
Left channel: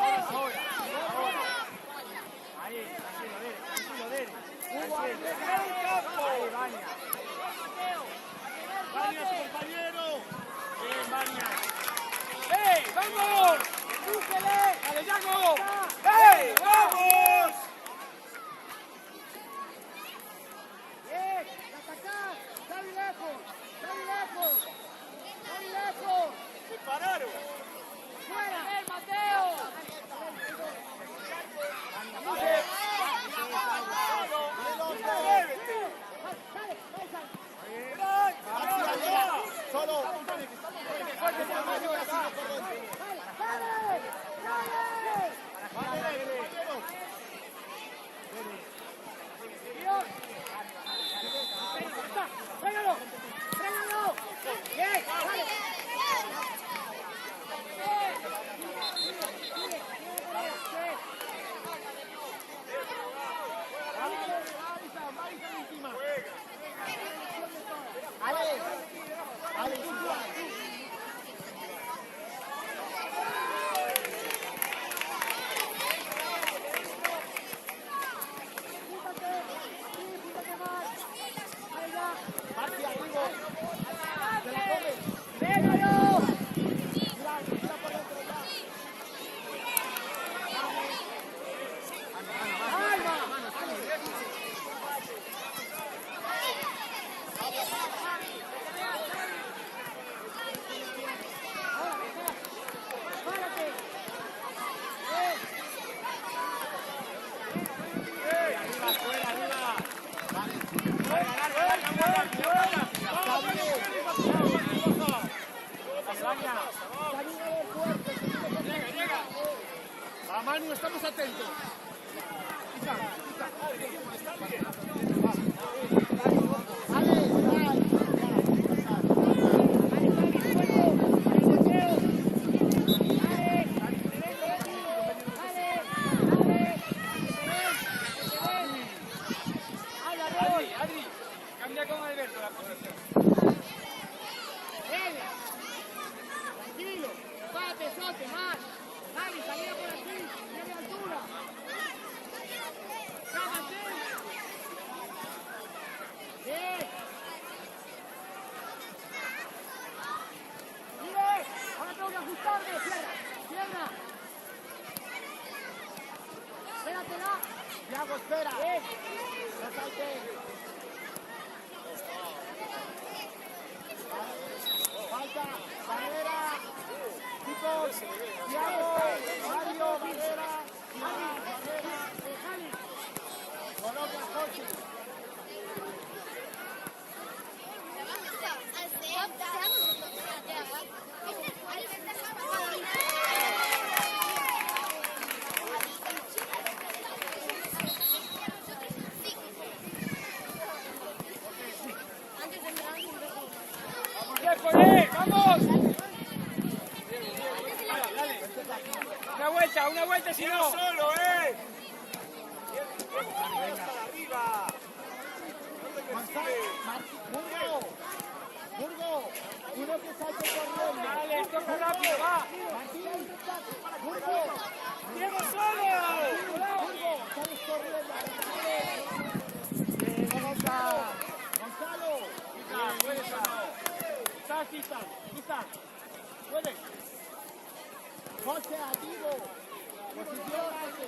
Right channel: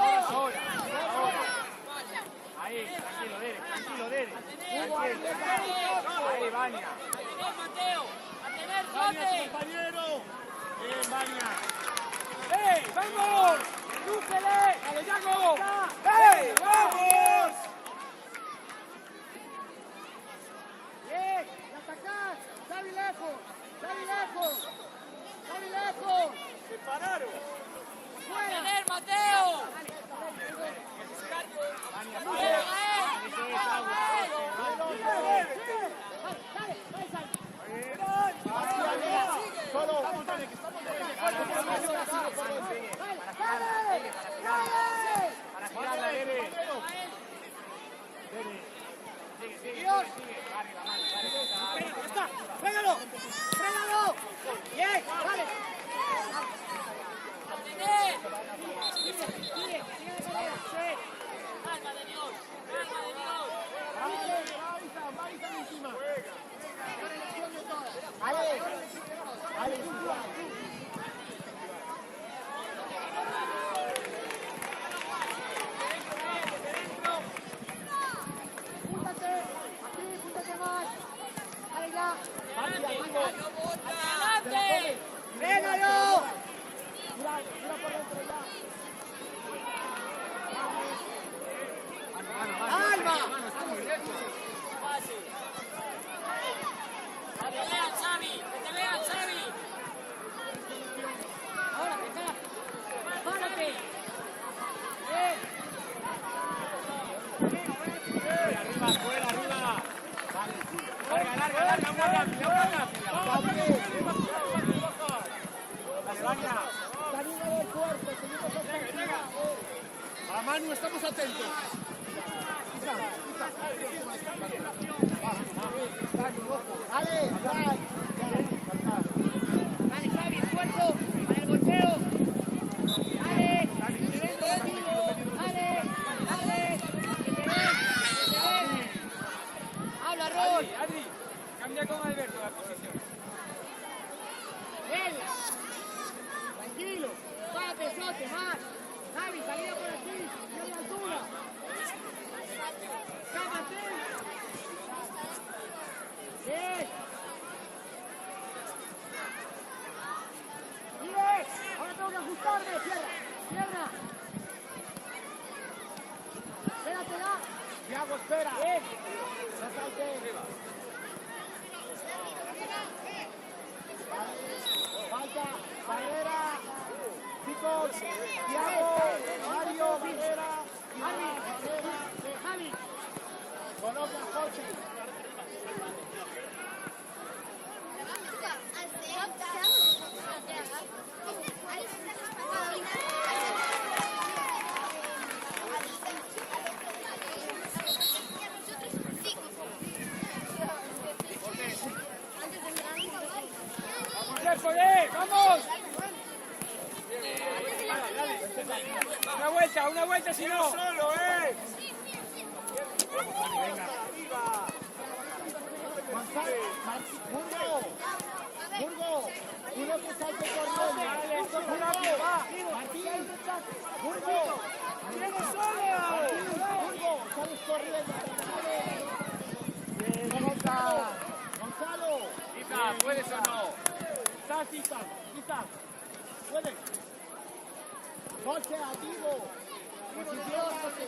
Ahí, tranquilo, Dede. Ahí, Vania. Vania, tu compañero. Bien, Vania. ¡Vamos! ¡Búsquelo! ¡Dale, vamos! ¡Vamos! ¡Bien! ¡Atacás! ¡Xavi lejos! ¡Se pararon! ¡Afuera! ¡Mateo! arriba. Larga, una rápida. Dale, Vania. Camino del puerto, seguimos con tranquilidad. Va, Manu, estamos atentos. Ale, habla, Roy. Adri, cambia con Alberto la posición. Venga. Tranquilo. Párate, sote, más. Dale, salida por aquí. Tiene altura. Cámate. Bien. Mire, ahora tengo que ajustarme. Cierra. Espératela. Thiago, espera. Bien. No saltes. Falta, barrera. Chicos, Thiago, Mario, barrera. Javi. Coloca a Jorge. ¡Vamos! Una vuelta, si no. Burgo, uno que salte corriendo. Martín, Burgo, Burgo, sales corriendo. Gonzalo, ¿Puedes o no? Quizás, puedes. José, activo. Posición base.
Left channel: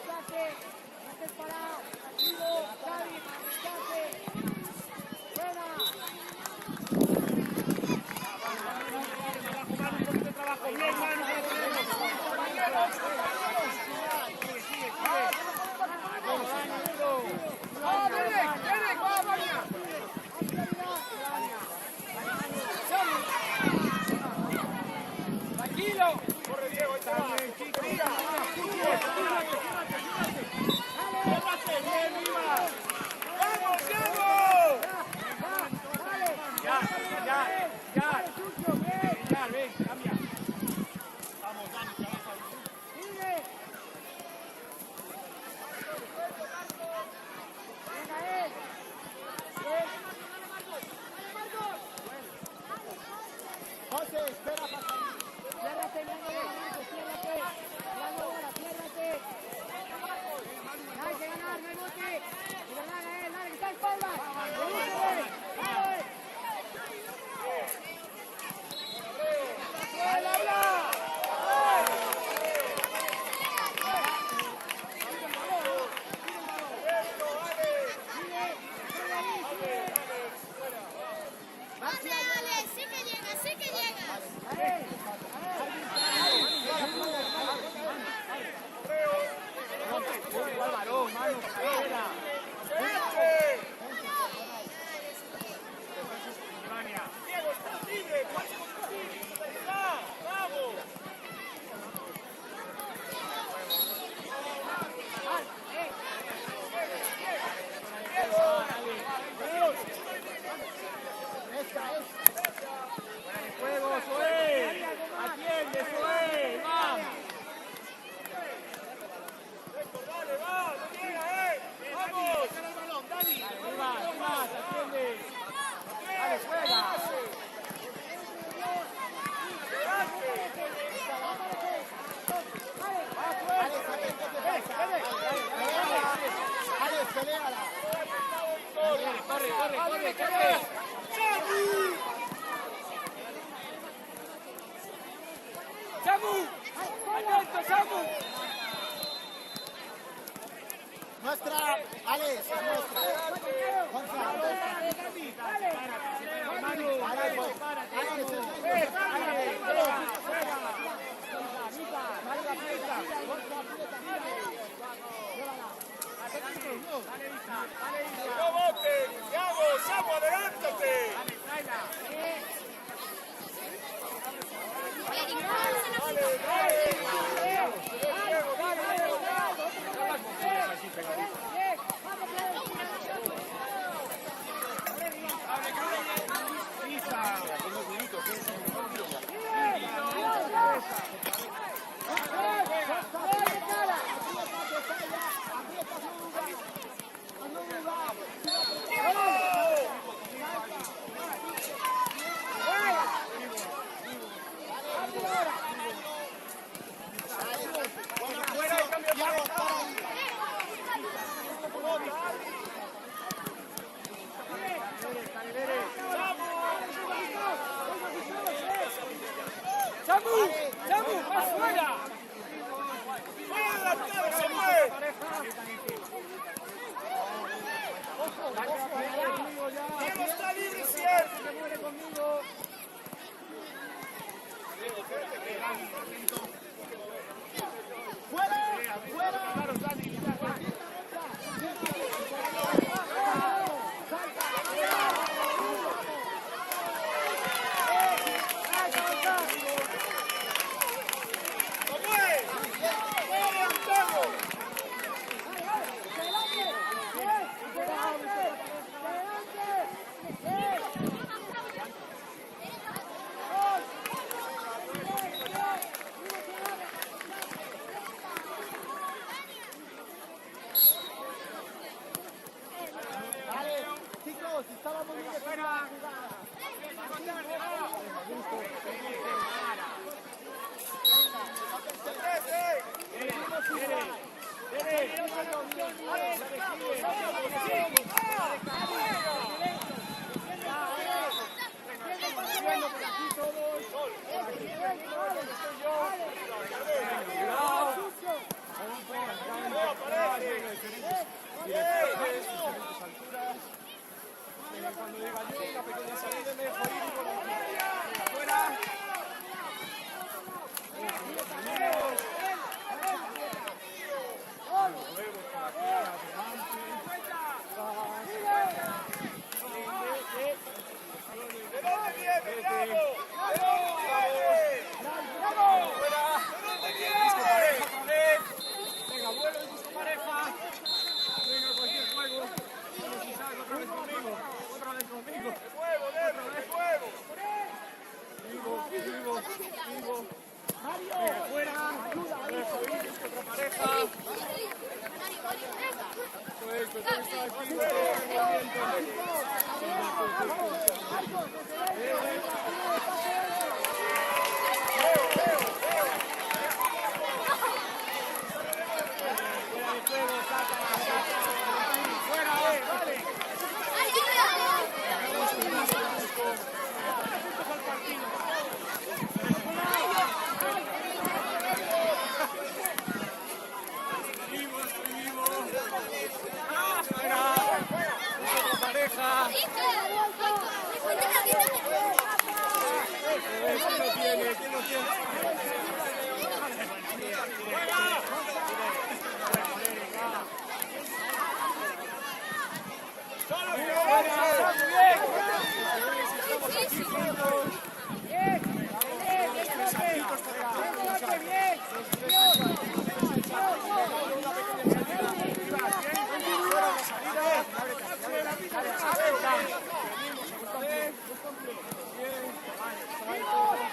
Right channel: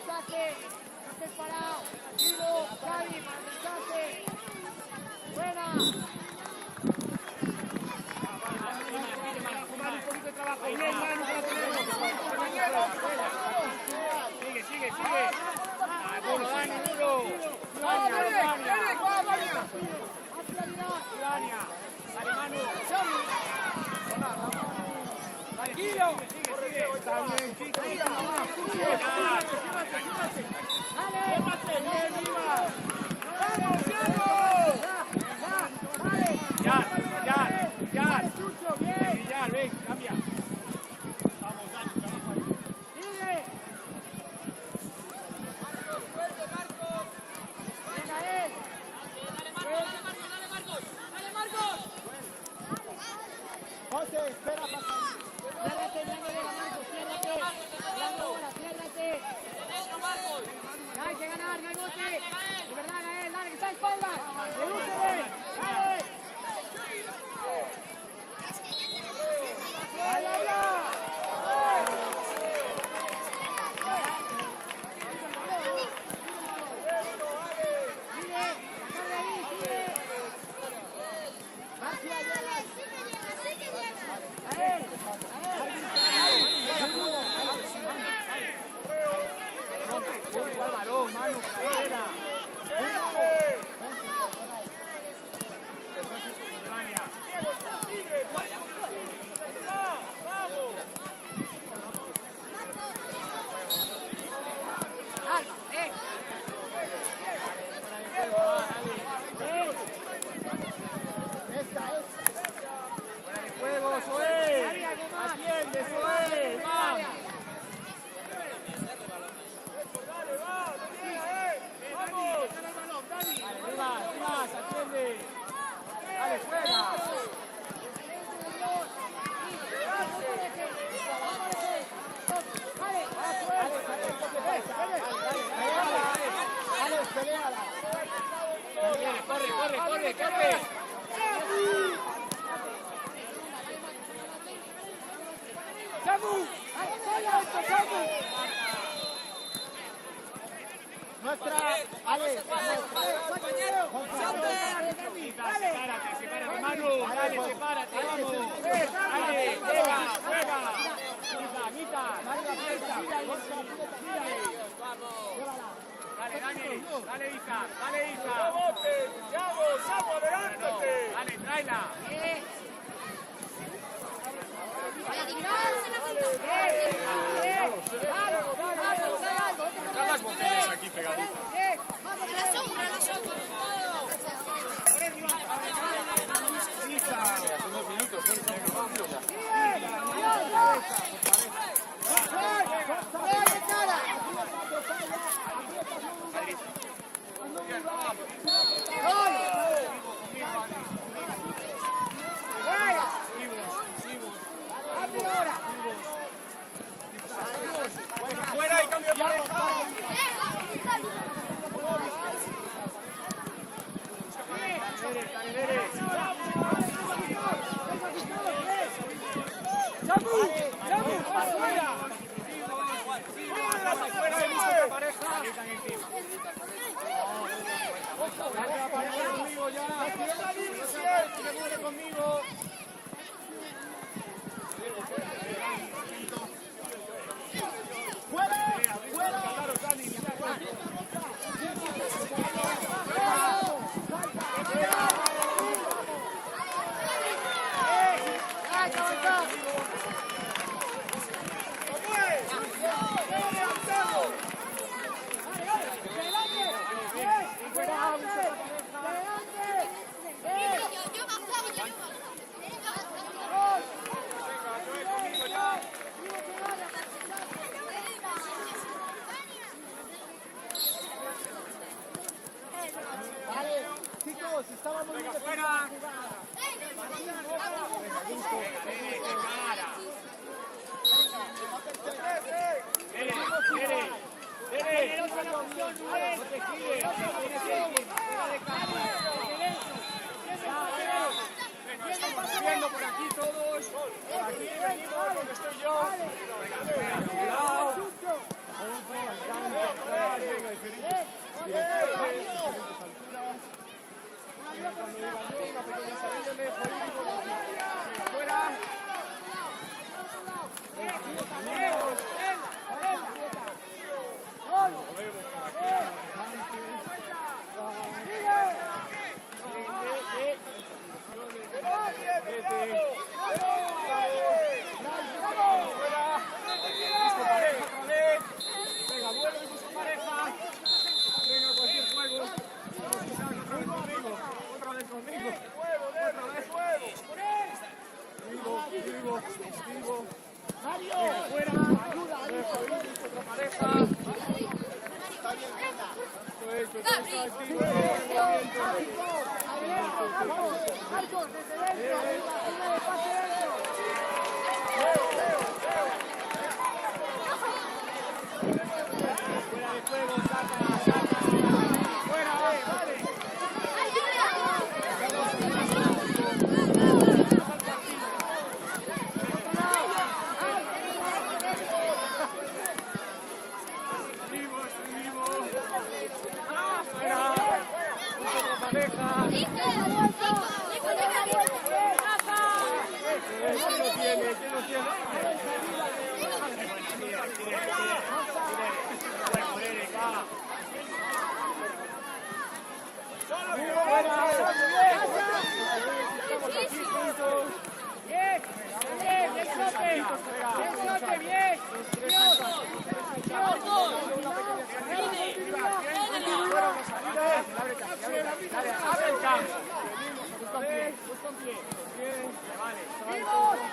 Activo, Trabajo bien, Manu, que la tenemos. Compañeros. Sigue. Derek, va, Vania. Tranquilo. Está bien, chicos. Ciérrate. Ciérrate, bien, viva. Ya, ven, cambia. Vamos, Dani, trabaja ahí. José, espera para salir. Ciérrate, mirando bola, Marcos, ciérrate. Ciérrate. Hay que ganar, no hay bote. De verdad, Gael, dale, que está en espalda. Redúcele, dale. Al balón, mano, fuera. Fuera de juego, Zoé. Atiende, Zoé. Vamos. Dale, arriba, atiende. Dale, fuera. Alex, peleala. Corre. ¡Samu! Nuestra, Alex, nuestra. Gonzalo. Manu, Marga, aprieta. Gonzalo, aprieta. Llévala. Dale, Isa, dale, Isa. ¡Vamos, adelántate! Dale, tráela. Aquí pegadita. Isa, unos minutos, Vale, chicos, estaba muy bien definida la jugada. Martín, ojo. Seguimos igual. Venga, vuelo y su pareja. Venga, cualquier juego. Vamos, chicas, otra vez conmigo. Otra vez conmigo. Otra vez. Vivo. Venga, fuera. Ayuda, fuera de juego, saca.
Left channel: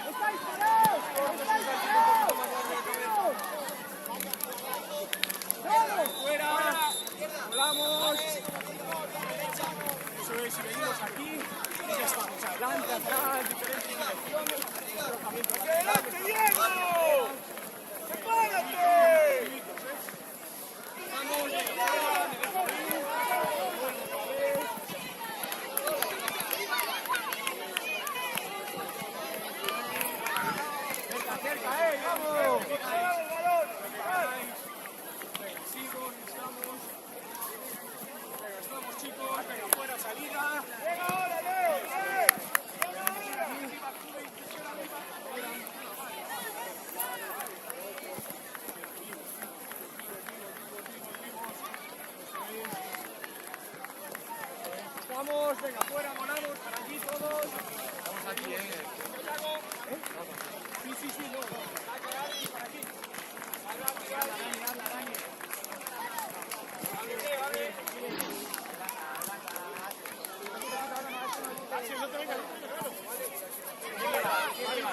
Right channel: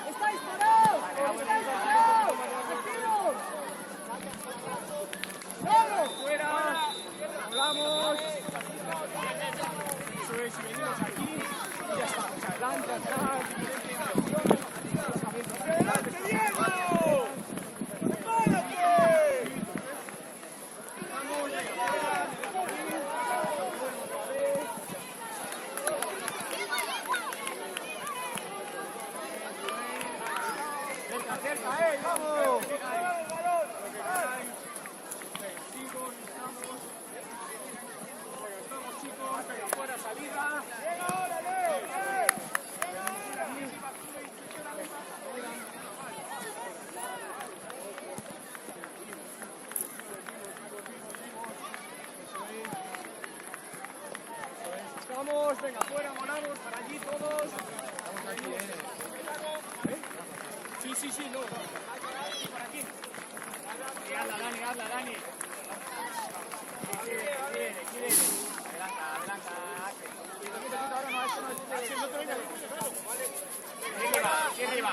¡Estáis parados! ¡Activos! ¡Claro! ¡Fuera! ¡Vamos! Eso es, si venimos aquí, ya se nos adelantan, ¡adelante, Diego! Cerca, vamos. Vamos, venga, fuera, molamos, para allí todos. Sí, no. Habla, Dani. No te vengas, claro. Aquí arriba.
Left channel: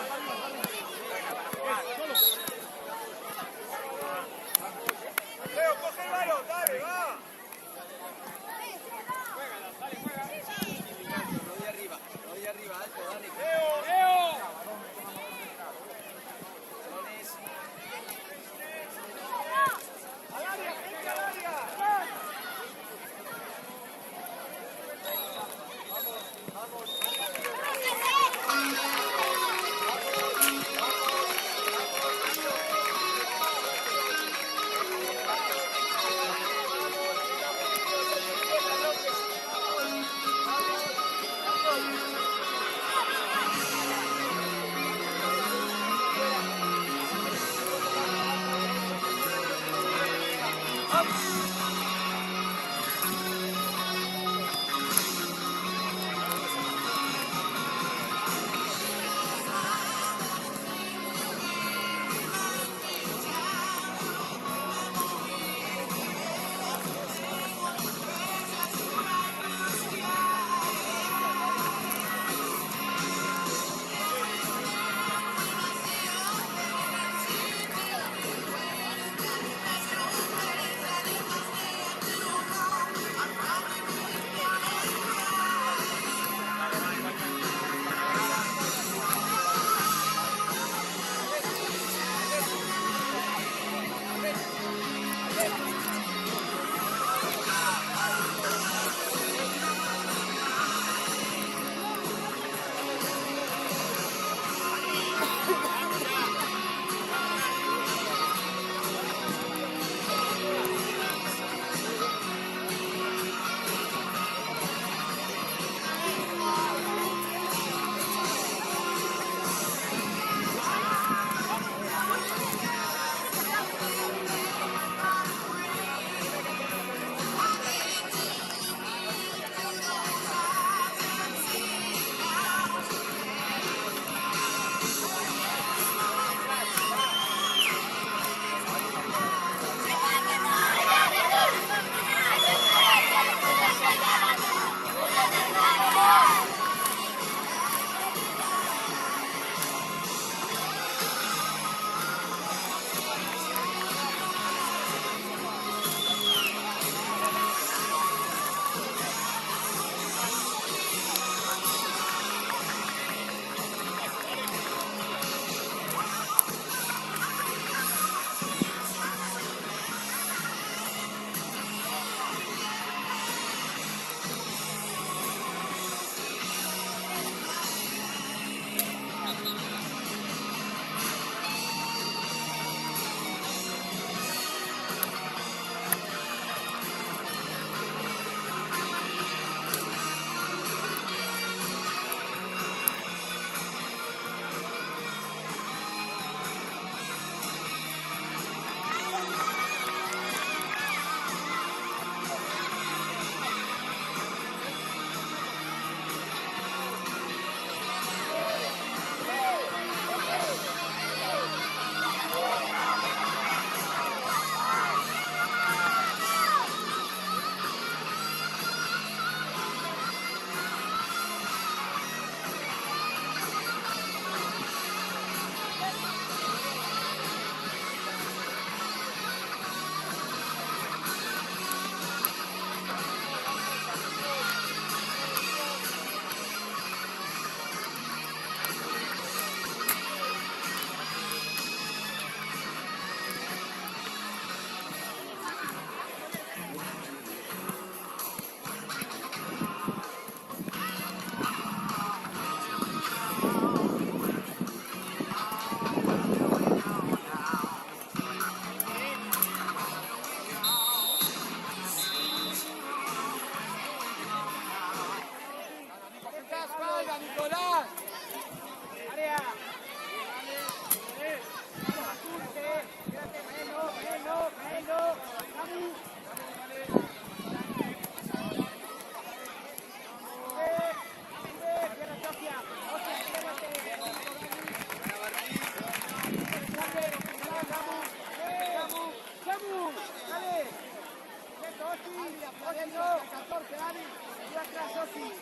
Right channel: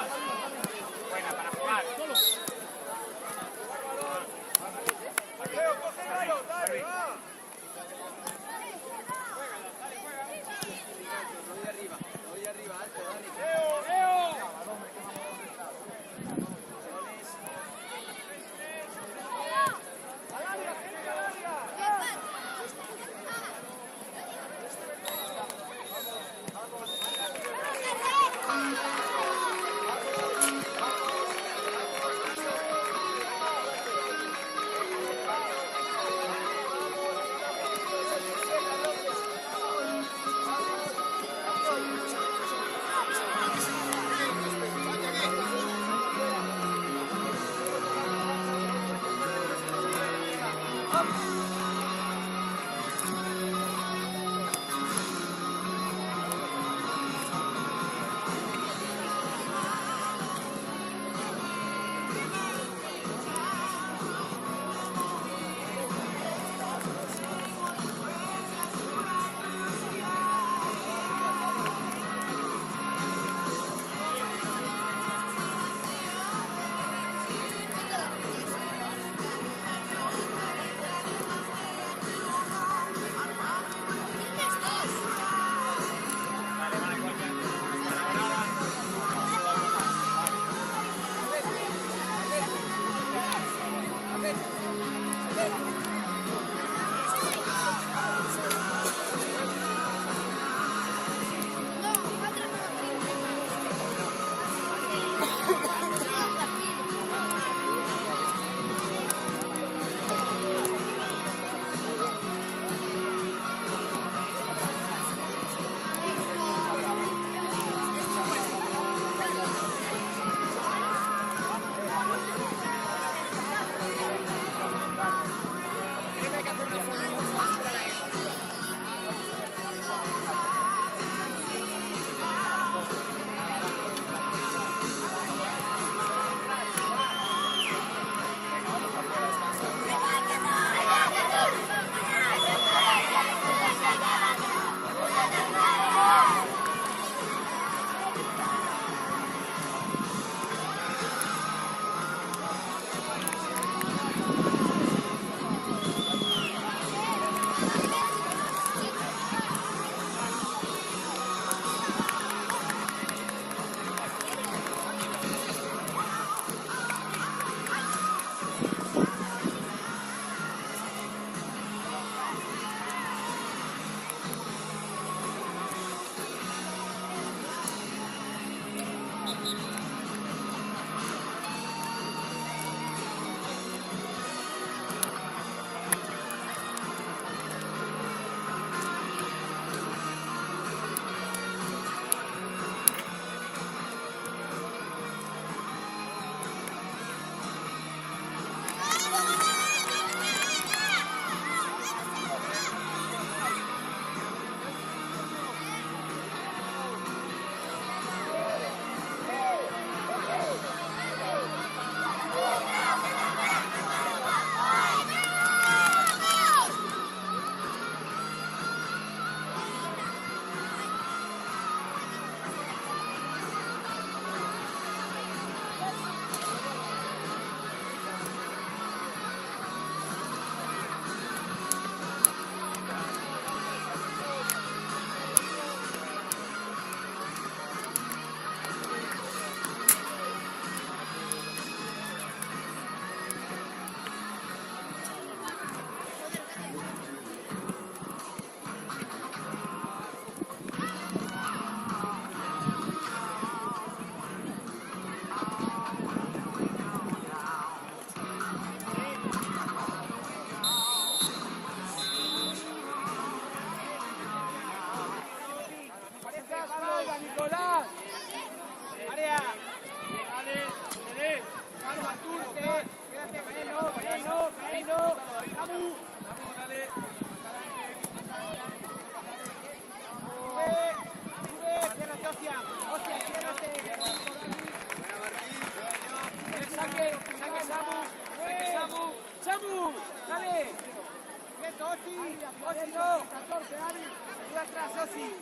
Fuera, Sosi.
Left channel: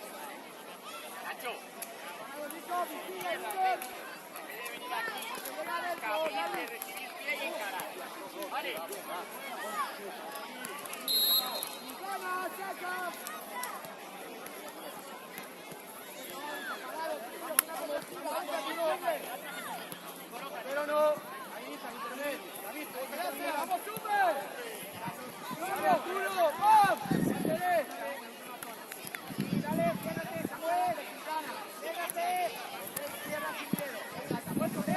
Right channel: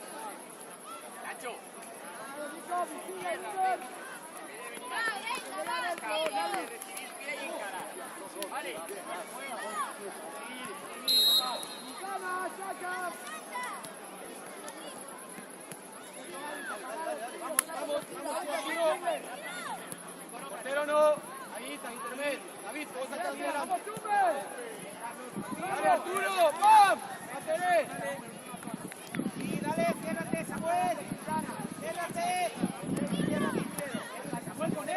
Macho. Vale. Pero no. Ahí está, intermedio. David, vos estás bien. Dale, Arturo. ¡Vamos! ¡Dale! Dale, quédate, Samuel. Quédate. Samuel, con él.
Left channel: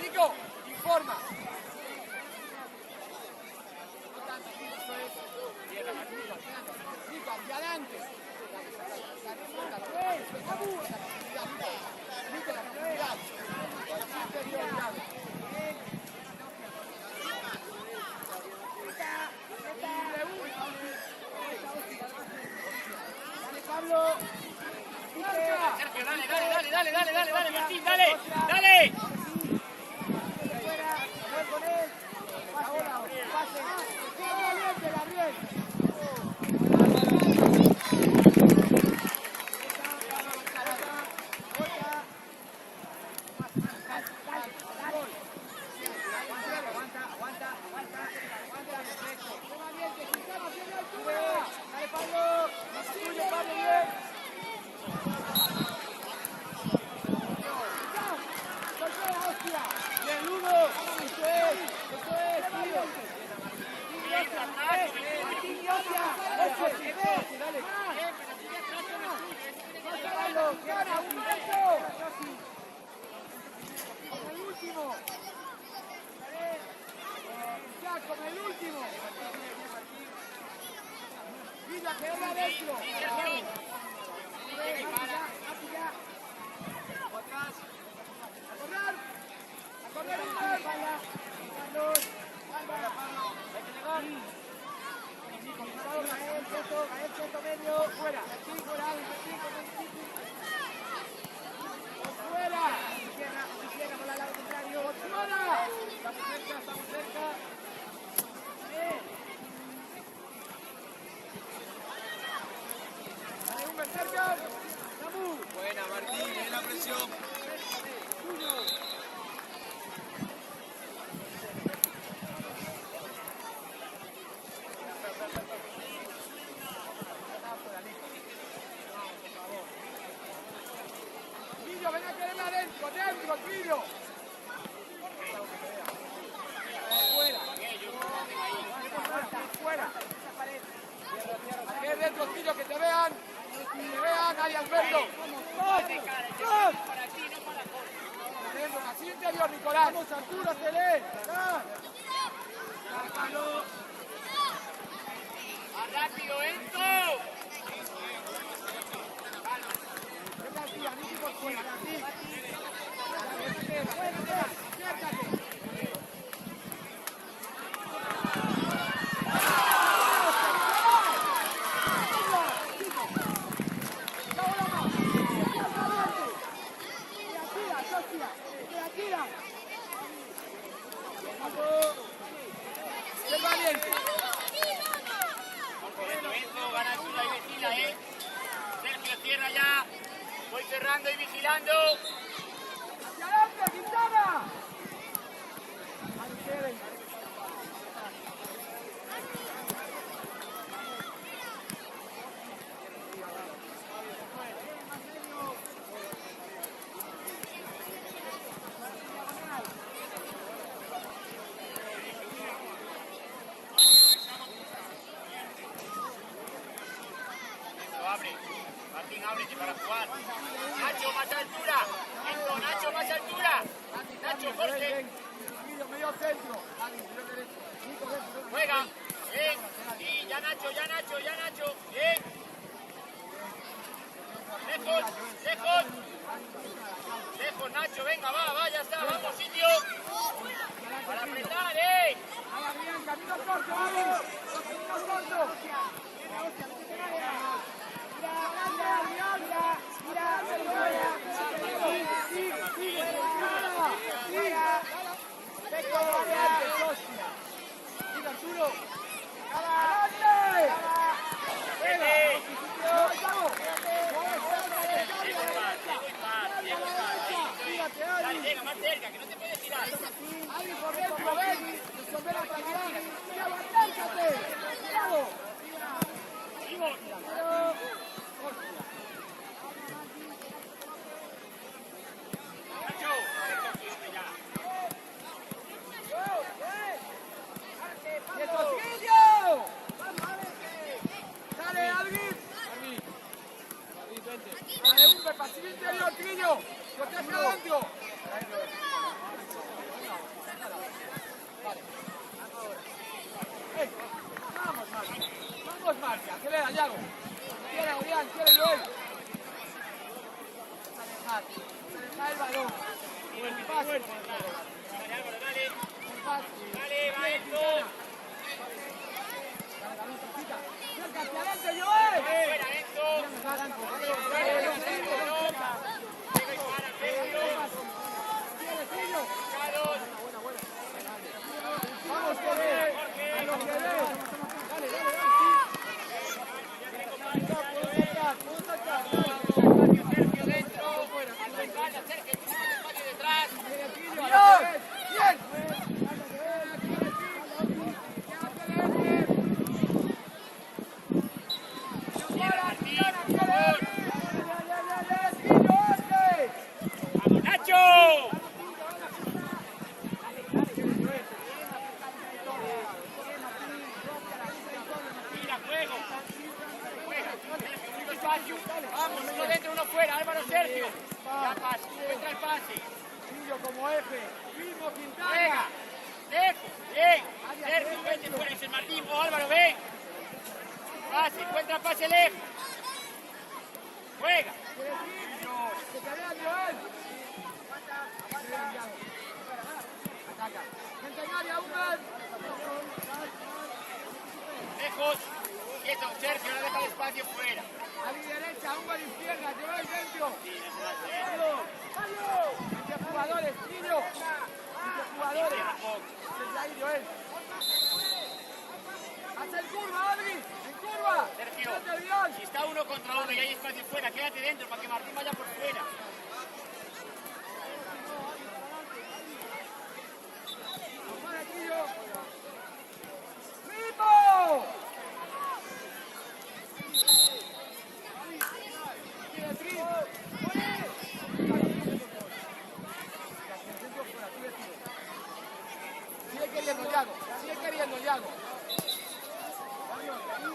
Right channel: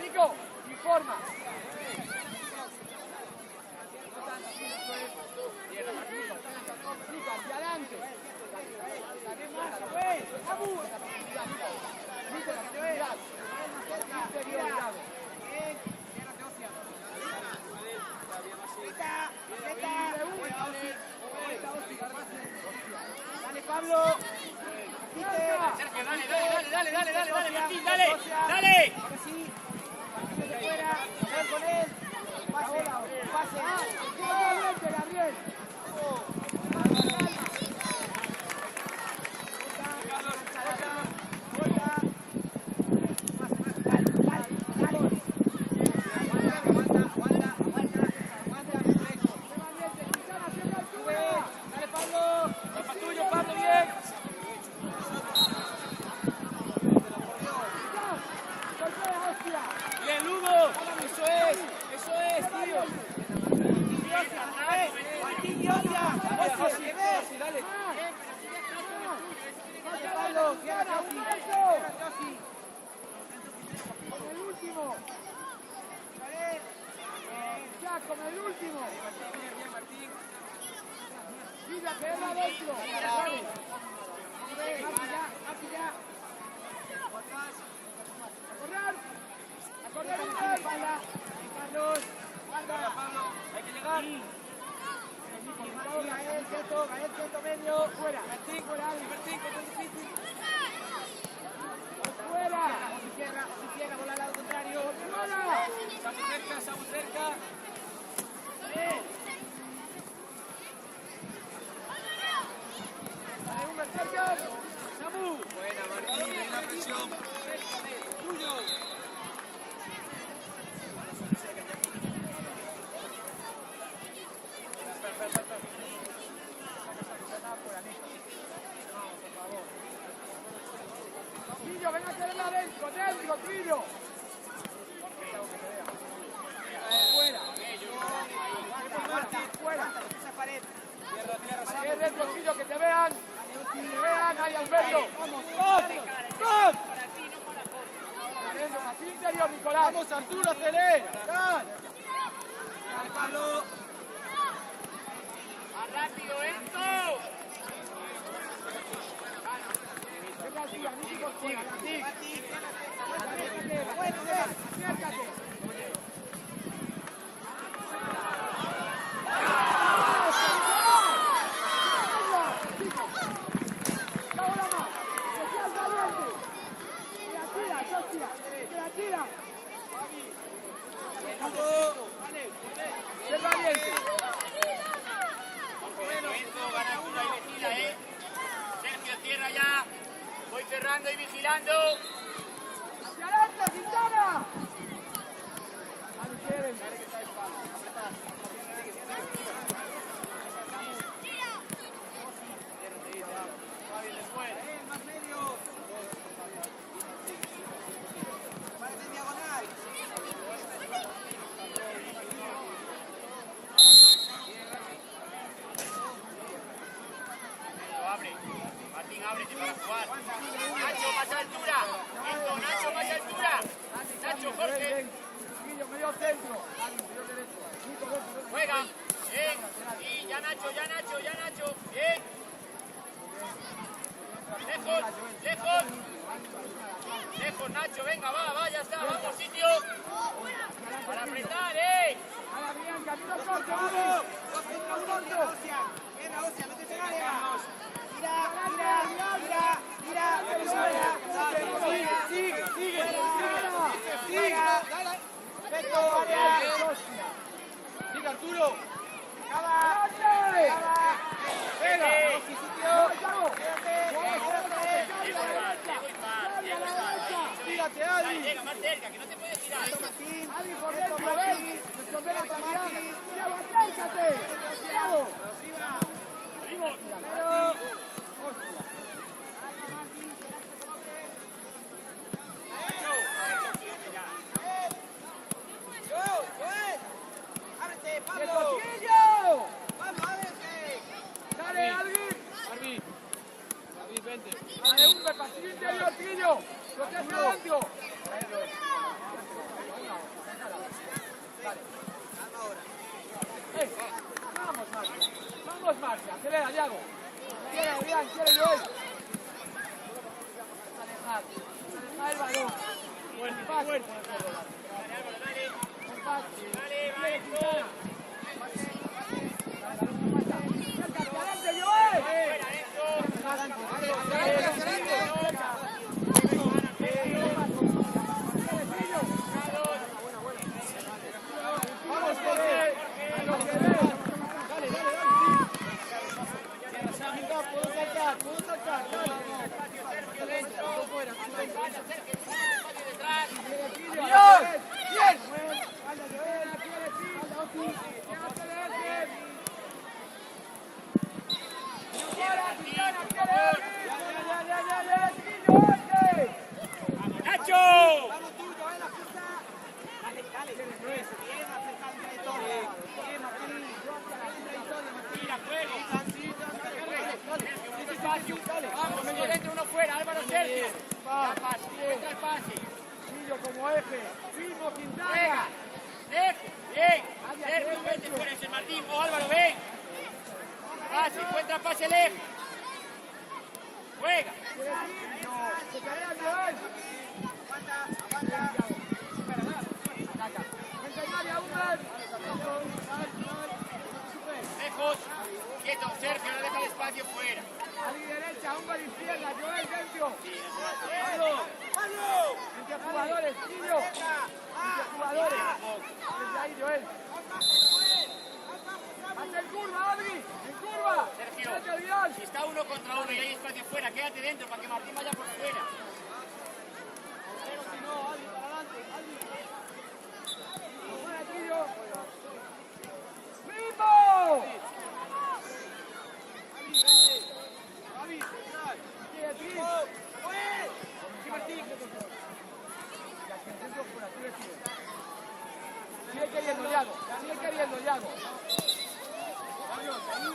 Nico, informa. Nico, hacia adelante. Dale, Pablo. Dale. Ahora sí. De fuera. Samuel con él. Pase. Gabriel. Dale, Pablo. Es tuyo, Pablo, bien. Bien, Hugo. Eso es, tío. Dale, Pablo. Cierra, Casi. El último. Vale. Con el último. Mira, que era adentro. Mati ya. A correr, espalda. Carlos, guarda. Hay que llegar. Gael, quieto, medio. Fuera. Fuera. Cierra, bola al lado contrario. Está muy cerca. Buena, Martín, buena presión. Tiro, ven a quererla dentro, tiro. Fuera. Esa pared. Tierra, dentro, tiro, que te vean. Vale, al fondo. ¡Vamos! Así interior, Nicolás. Vamos, Arturo, acelera. ¡Rápido, Enzo! Cierra ya, voy cerrando y vigilando. ¡Hacia adentro, Quintana! Martín, ábrete para jugar. Nacho, más altura. Nacho, más altura. Nacho, Jorge. Medio centro. Juega. Bien. Sí, ya Nacho. Bien. Lejos, Nacho. Venga, va, ya está. Vamos, sitio. Para apretar, Vaya, bien, camino corto, vale. Camino corto. Mira, fuera, Peco, área. Arturo. Venga, sí, sitio. Tírate, Adi. Más cerca, que no te puedes tirar. Vamos, Marcia, acelera, Diago. Quiere Adrián, quiere Joel. Deja el balón. Buen pase. Un pase. Quiere Quintana. Acércate adelante, Joel. Vamos, corre. Dale. Puedo saltar, dale. Fuera, bien. ¡Nacho! Vamos, medio dentro, uno fuera, Álvaro Sergio. Entra el pase. Sigo como eje. Sigo Quintana. Eje, bien. Sergio, vete fuera ese Martín. O Álvaro, ven. Pase, encuentra pase el eje. Juega. Se carga Joel. Ataca. Entra el área, Huber. Lejos. Quieto, Sergio, no deja el espacio fuera. A mi derecha, Huber izquierda, Joel dentro. 20 jugadores, Kilo. 20 jugadores. Desde ahí, Joel. Haz el curva, Adri. En curva. Sergio, si está uno contra uno y hay espacio fuera, quédate dentro para que Martín vaya por fuera. ¡Equipo! Sigue queriendo Diago.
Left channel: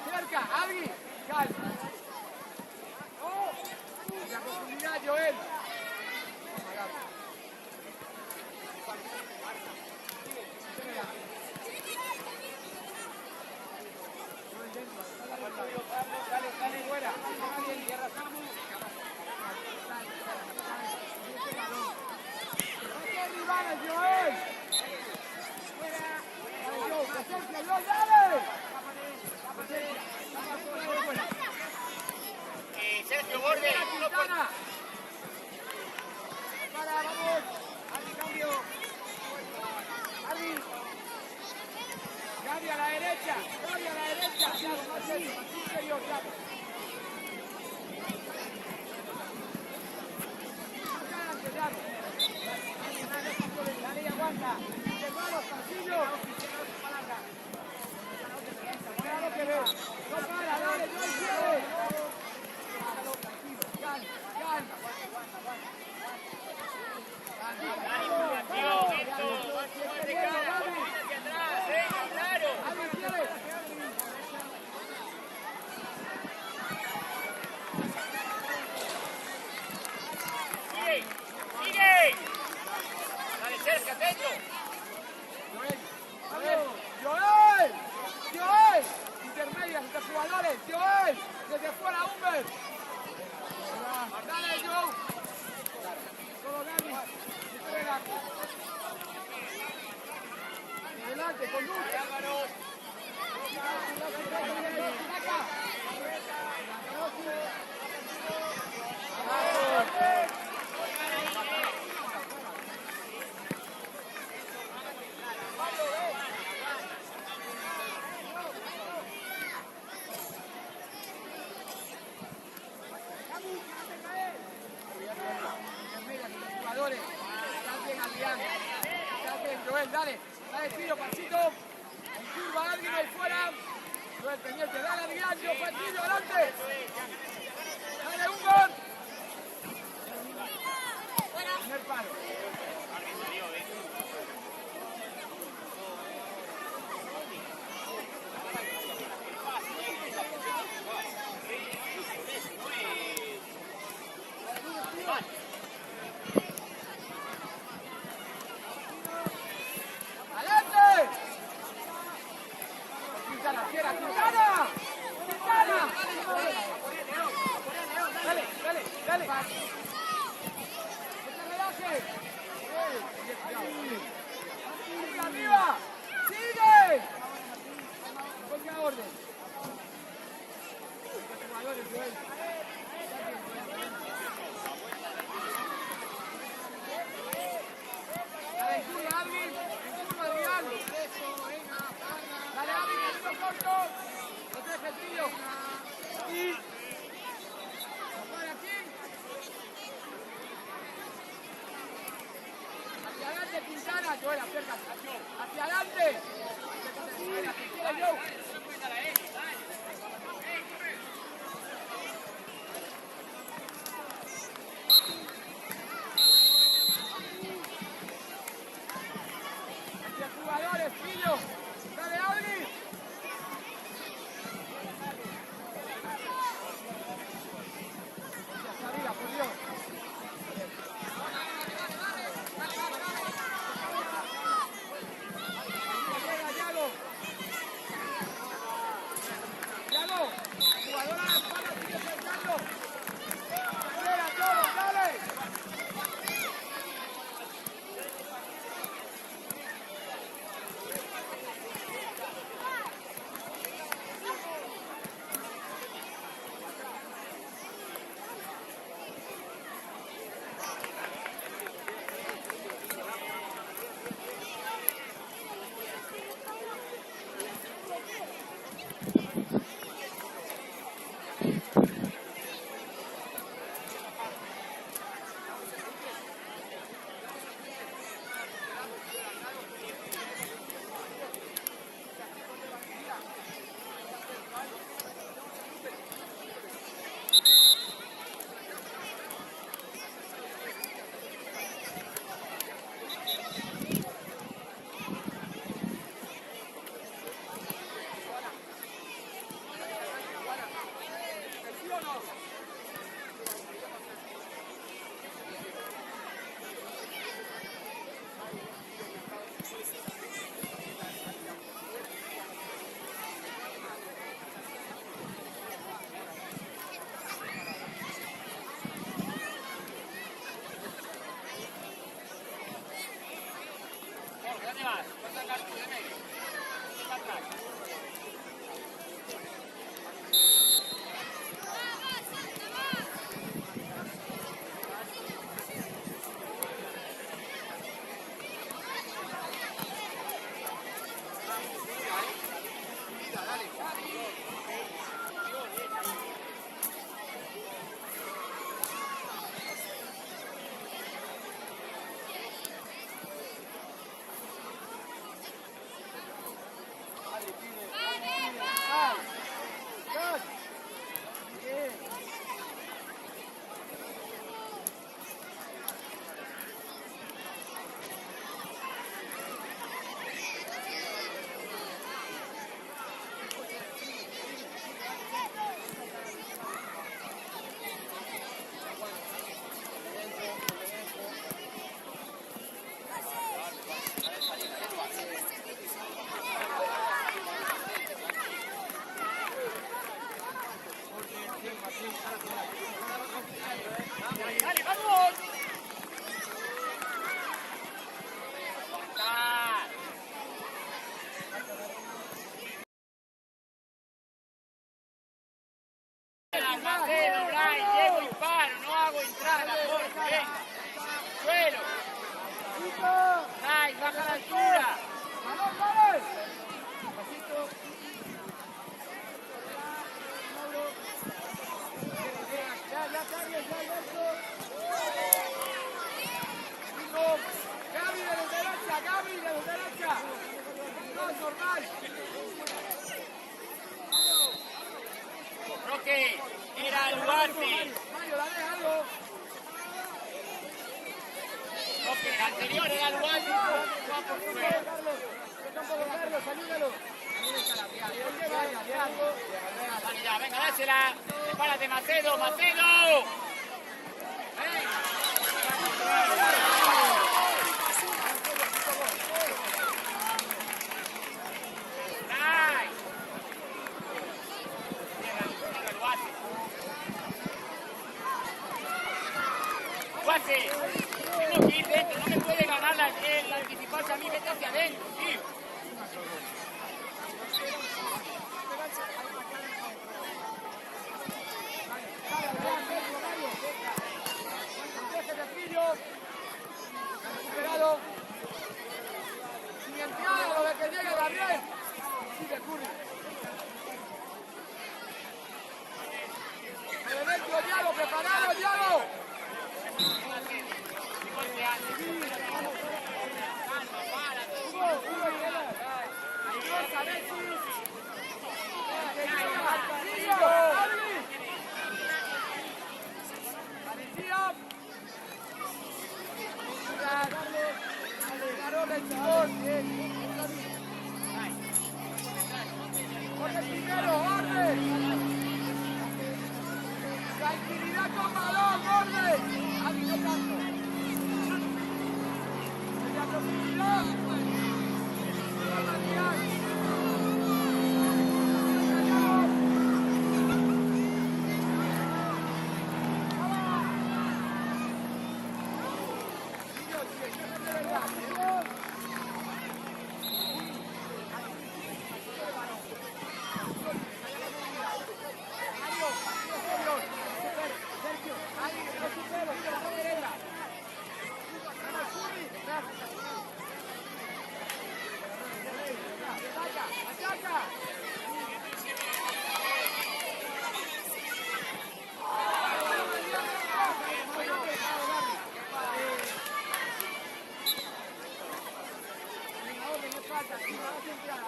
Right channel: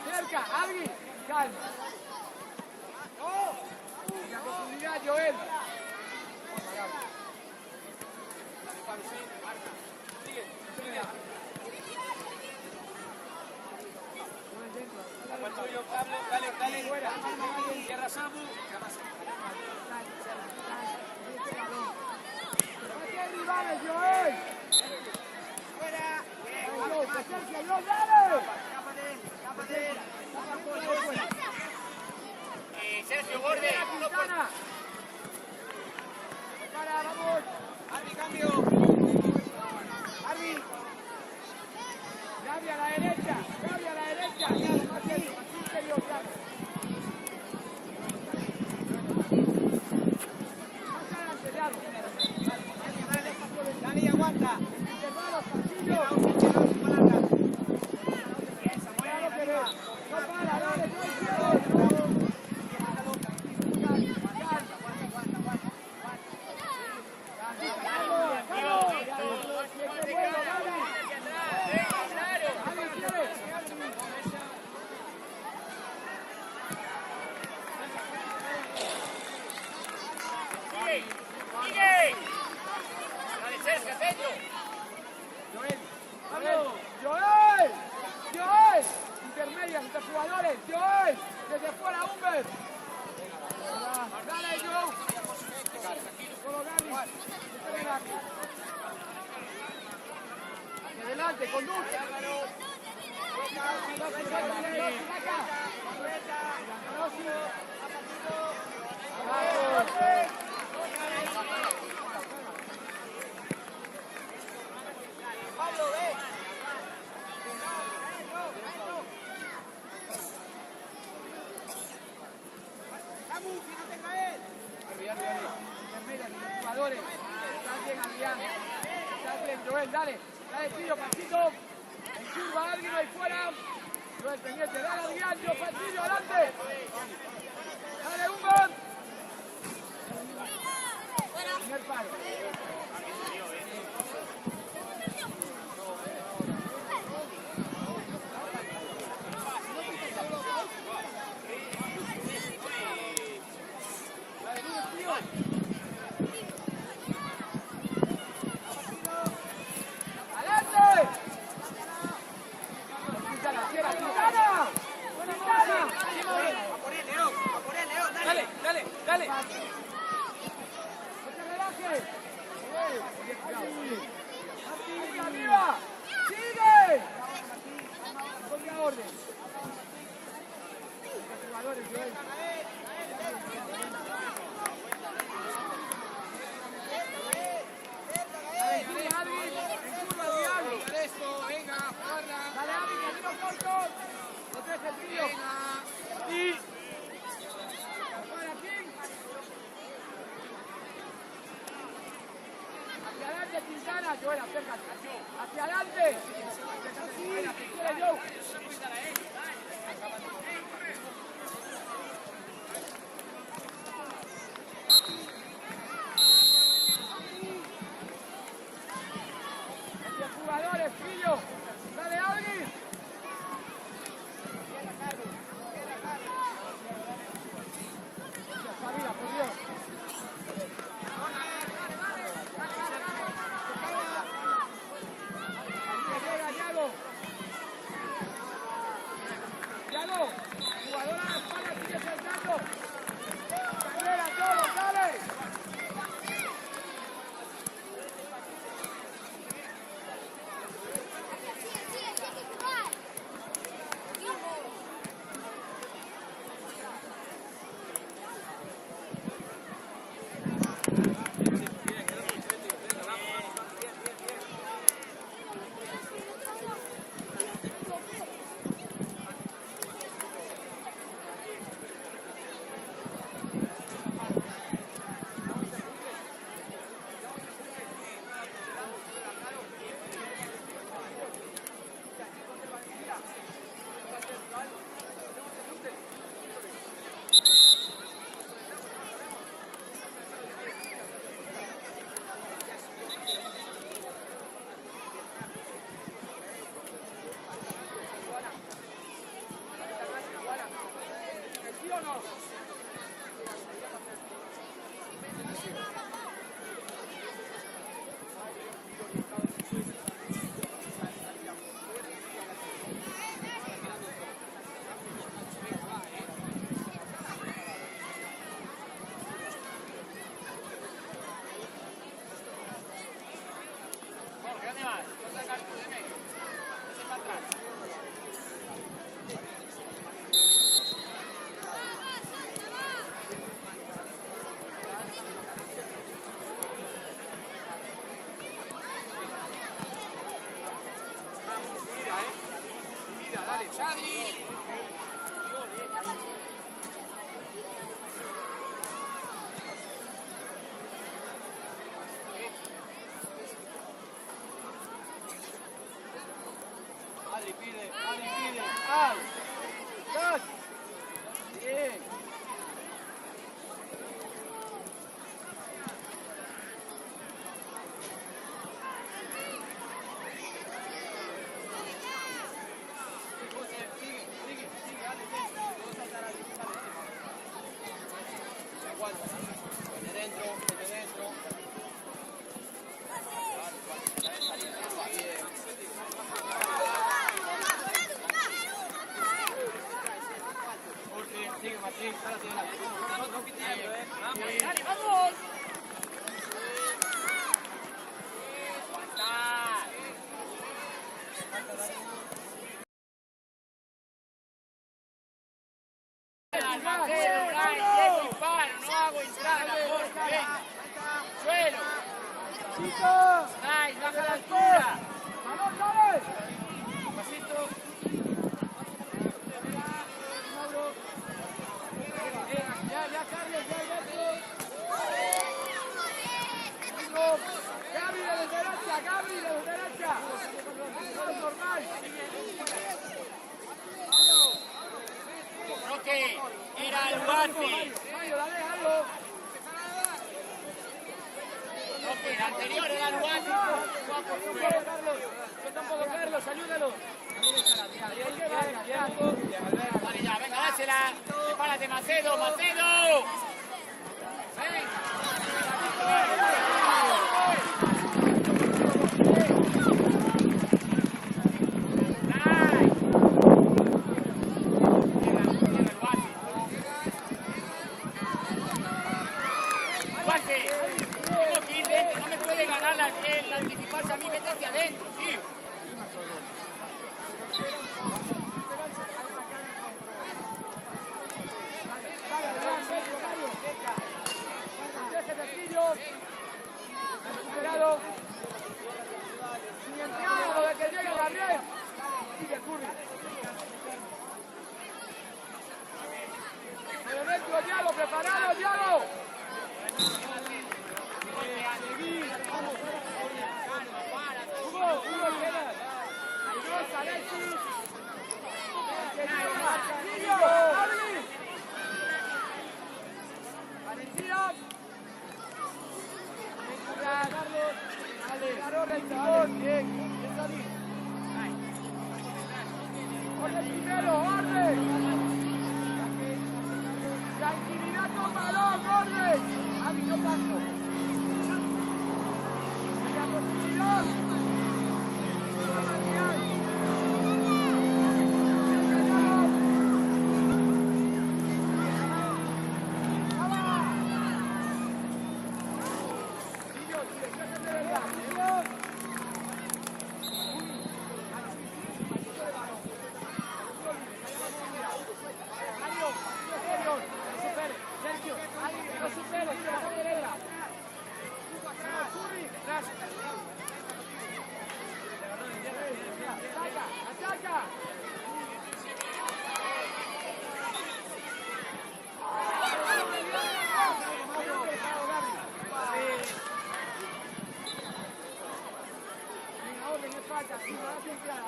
Cerca, Adri. Calma. La profundidad, Joel. Vamos, Gaby. ¡Rivales, Joel! Sergio, borde. Vamos. Ari, cambio. Ari. Gaby a la derecha. Dale, aguanta. Tomamos, Castillo. No para, dale, Joel, intermedio, entre jugadores, Joel, desde fuera, Huber. Dale, Joe. Solo Dani, adelante, conduce. Adrián. Está bien, Joel, dale. Dale tiro, pasito. En curva, alguien ahí fuera. Joel, pendiente, dale Adrián, yo partido, adelante. Dale, un gol. Primer palo. Hacia adelante. Hacia jugadores, Fillo. Dale, Audi. Hacia arriba, por Dios. No hago entrada, suelo. Baja la altura. Vamos, vamos. Pasito. Mauro. Ya, Carlos, ya, Alberto. Gaby. derecha, Gabriel, de derecha. No, normal. Roque, mira al guante. Mario, dale algo. Roque, el anterior era el guante. Carlos, Carlos, ayúdalo. Ya, venga, dásela. Párate, Macedo, Macedo. No me puede ganar la principal a mí, vete hacia adentro, tío. Recuperado. Sin el tiro, lo que viene Gabriel. Sigue Curry. Dentro, Diallo, preparado, Diallo. Hay dos, Alexis. Que llega. Sillo, Adri. Parecida. Tranquilidad con balón, orden. Adri, no tanto. La posibilidad.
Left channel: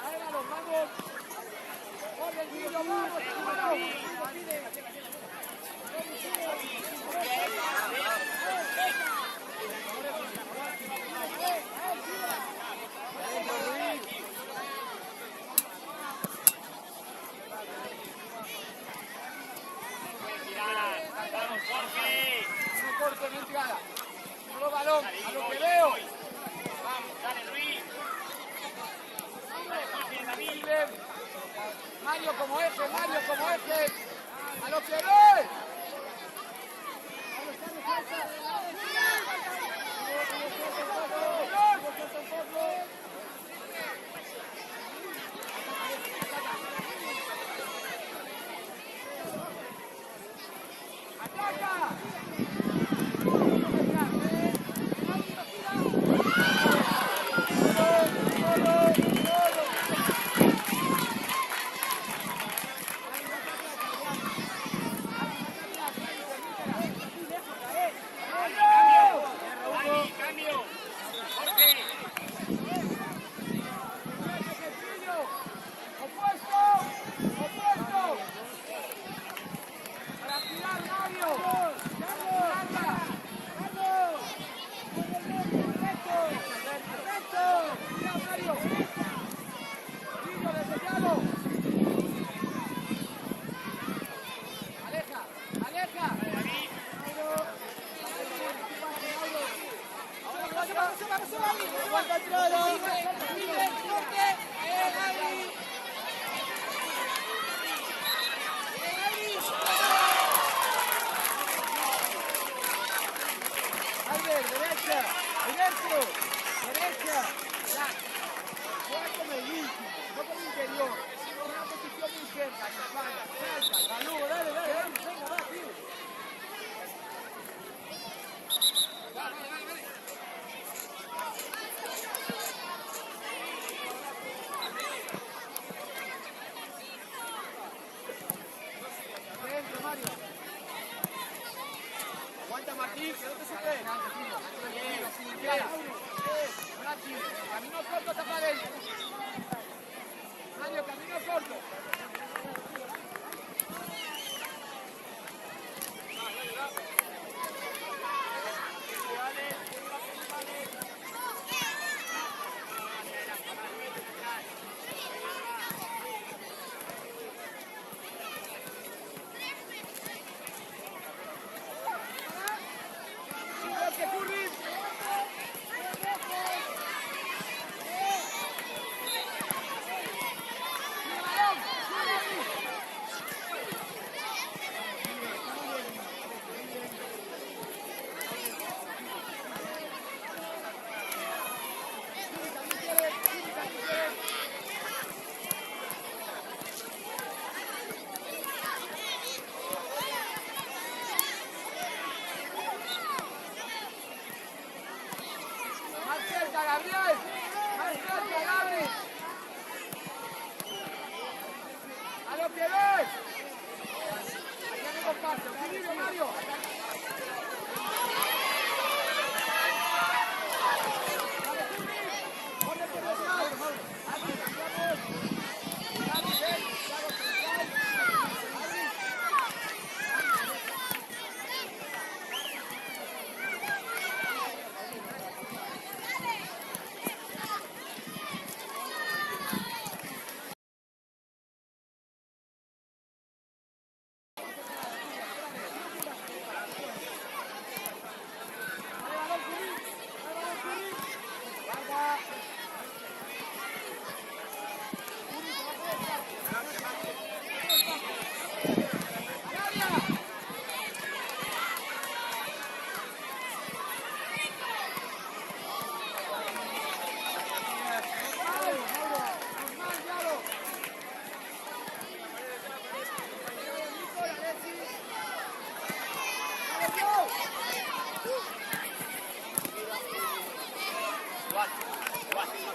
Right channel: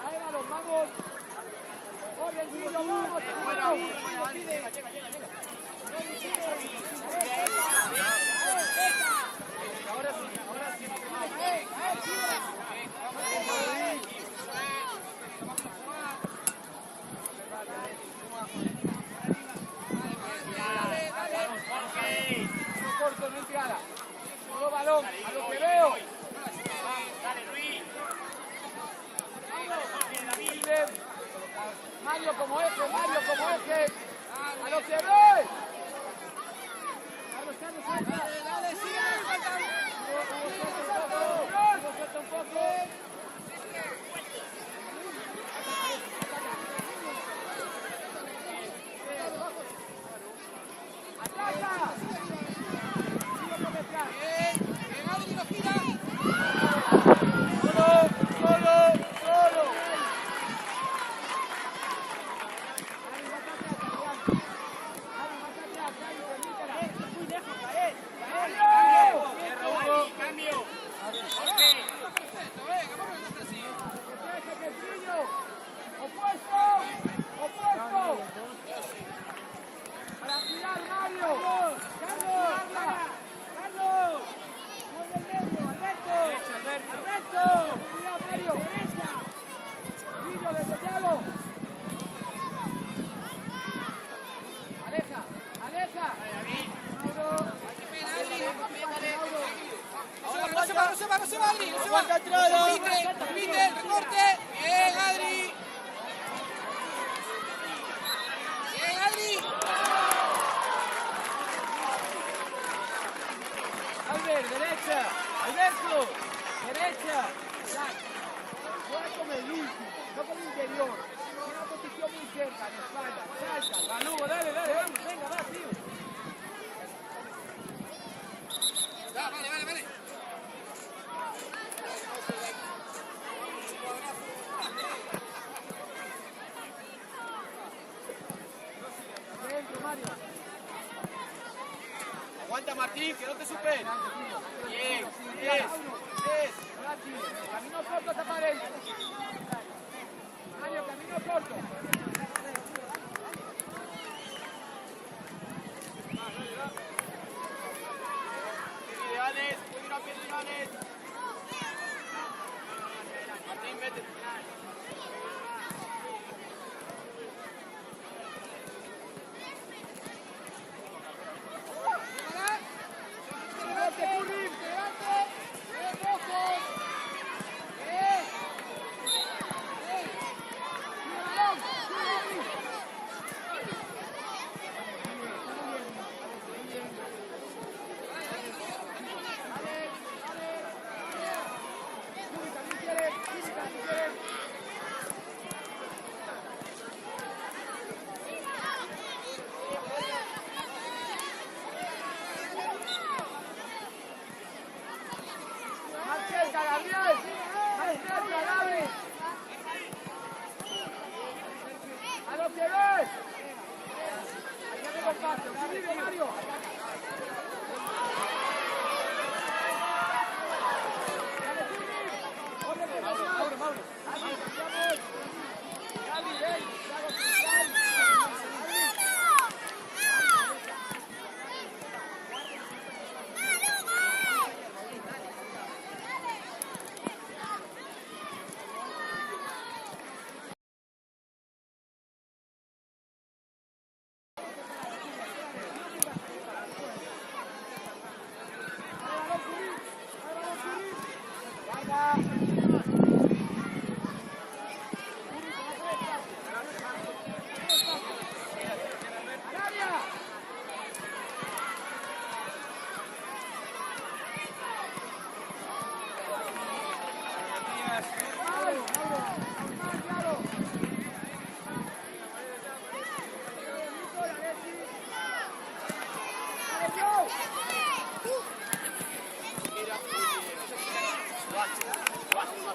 Ahora los vamos. Corte en entrada. Nuevo balón, a lo que veo. Mario como eje, Mario como eje. A lo que ve. Derecha, ahí dentro, derecha. Juega como el último, no como el interior. Una posición muy cerca, en espalda, salta, Balú, dale, venga, va, tío. Vale. Dentro, Mario. Aguanta Martín, que no te supere. Bien. Camino corto, tapa adentro. Mario, camino corto.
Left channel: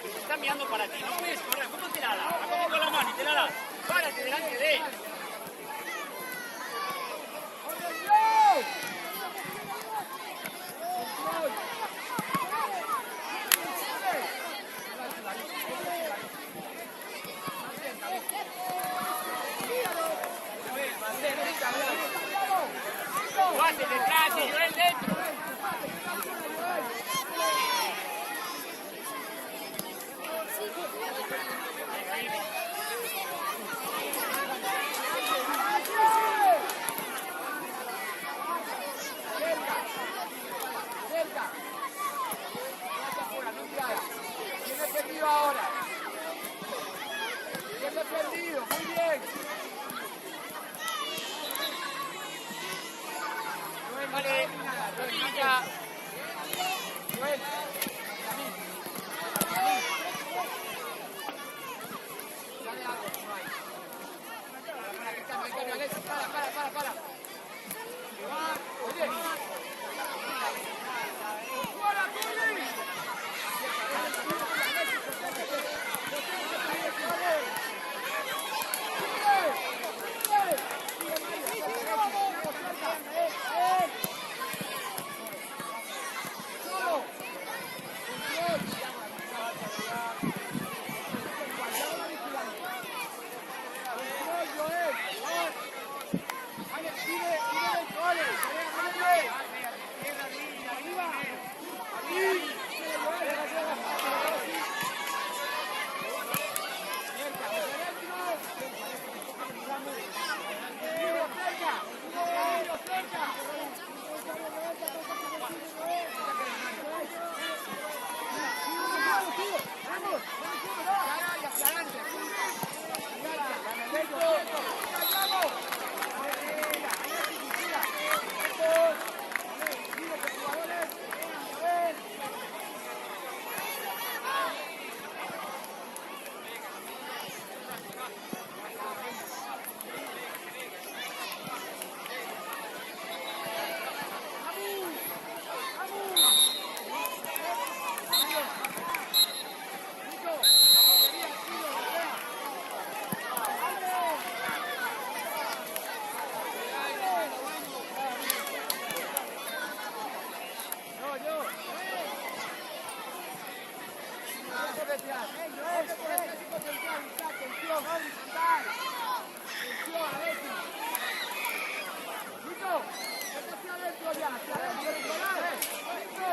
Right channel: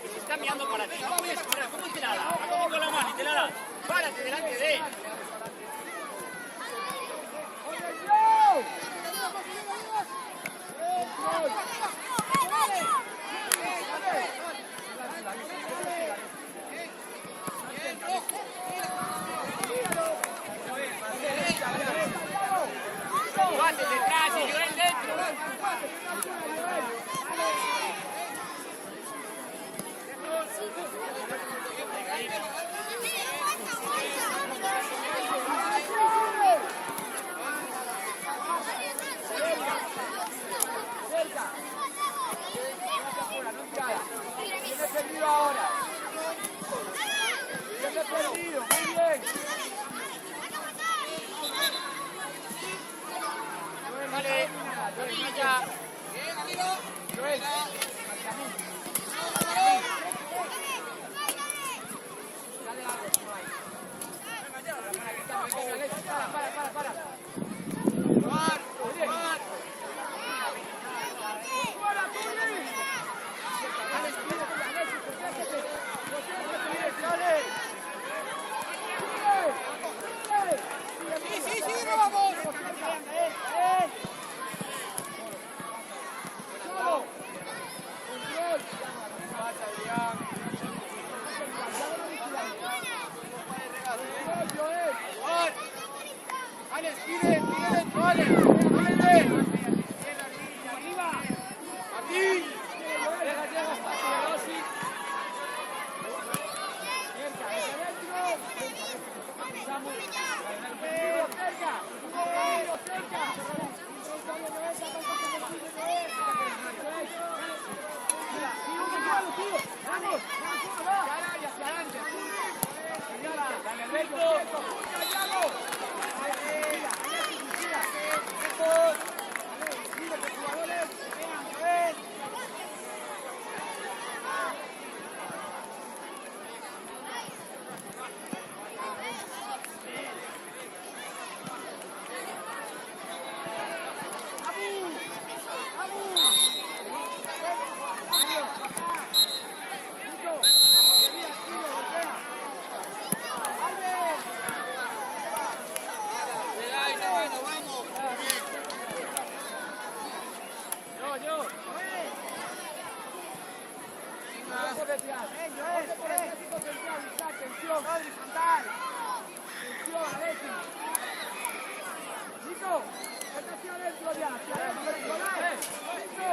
Se está mirando para que no puedes correr. ¿Cómo te la da? ¿Cómo con la mano y te la da? Para que delante de él. Guate detrás y yo en dentro. Ahora. Yo me he perdido, muy bien. Vale, ya. Joel, hacia mí. Dale algo, si no hay. Para. Oye. ¡Para, especial. Atención, Adri, saltar. Atención, Alexis. Nico, vete hacia adentro ya. Hacia adentro, Nico.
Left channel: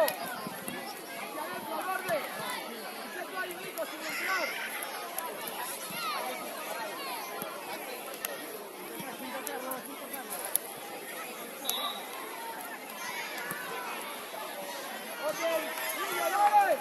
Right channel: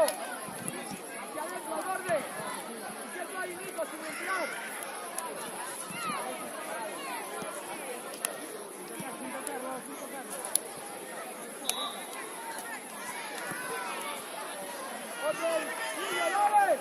Hacia adentro, al borde. Hacia tú ahí, Nico, sin entrar. Sin tocarlo, sin tocarlo. Oye, sigue, dale.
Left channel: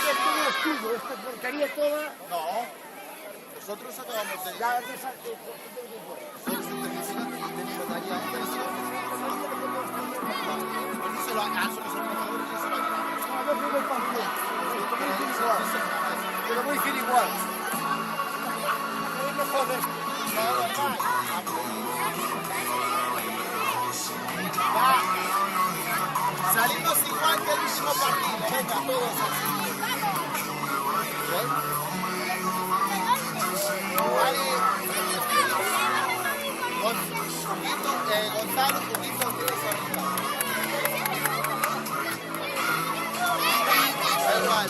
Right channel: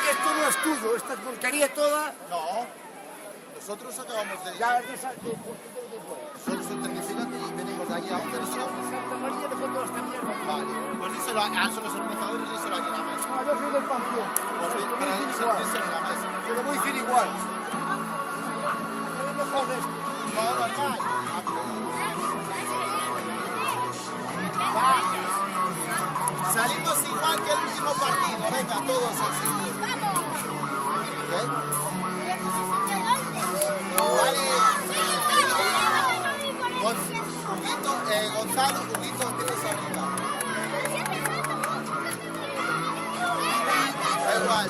Que esto no es tuyo, esta porquería toda. No. Nosotros acabamos de... La verdad es que Nosotros venimos de allí a un Vale, pues díselo a los organizadores y díselo a Dinamo. no, yo soy del Panteón. Pero voy a ir igual. Pero voy a ir igual. No, normal. Va. Salimos igual del mismo partido. Venga, todos así. ¿Ven? Vale. Gonzalo, un poquito, tienes que arreglar. Da igual.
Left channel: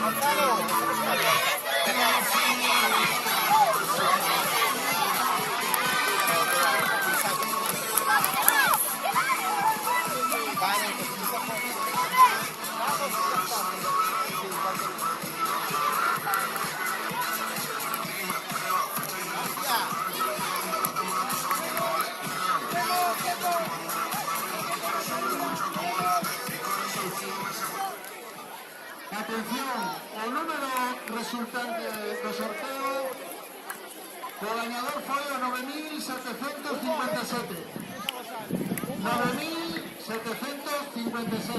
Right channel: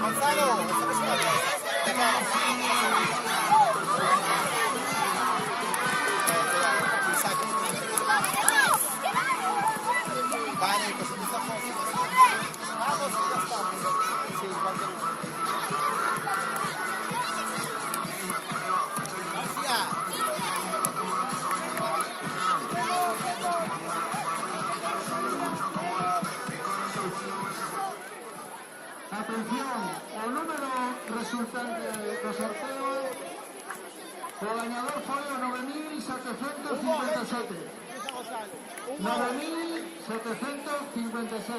Gonzalo, eso no es una cosa. Venga. Vamos, ya estamos. Sí, igual que Atención, el número resultante del sorteo, el ganador fue 9.757. 9.757.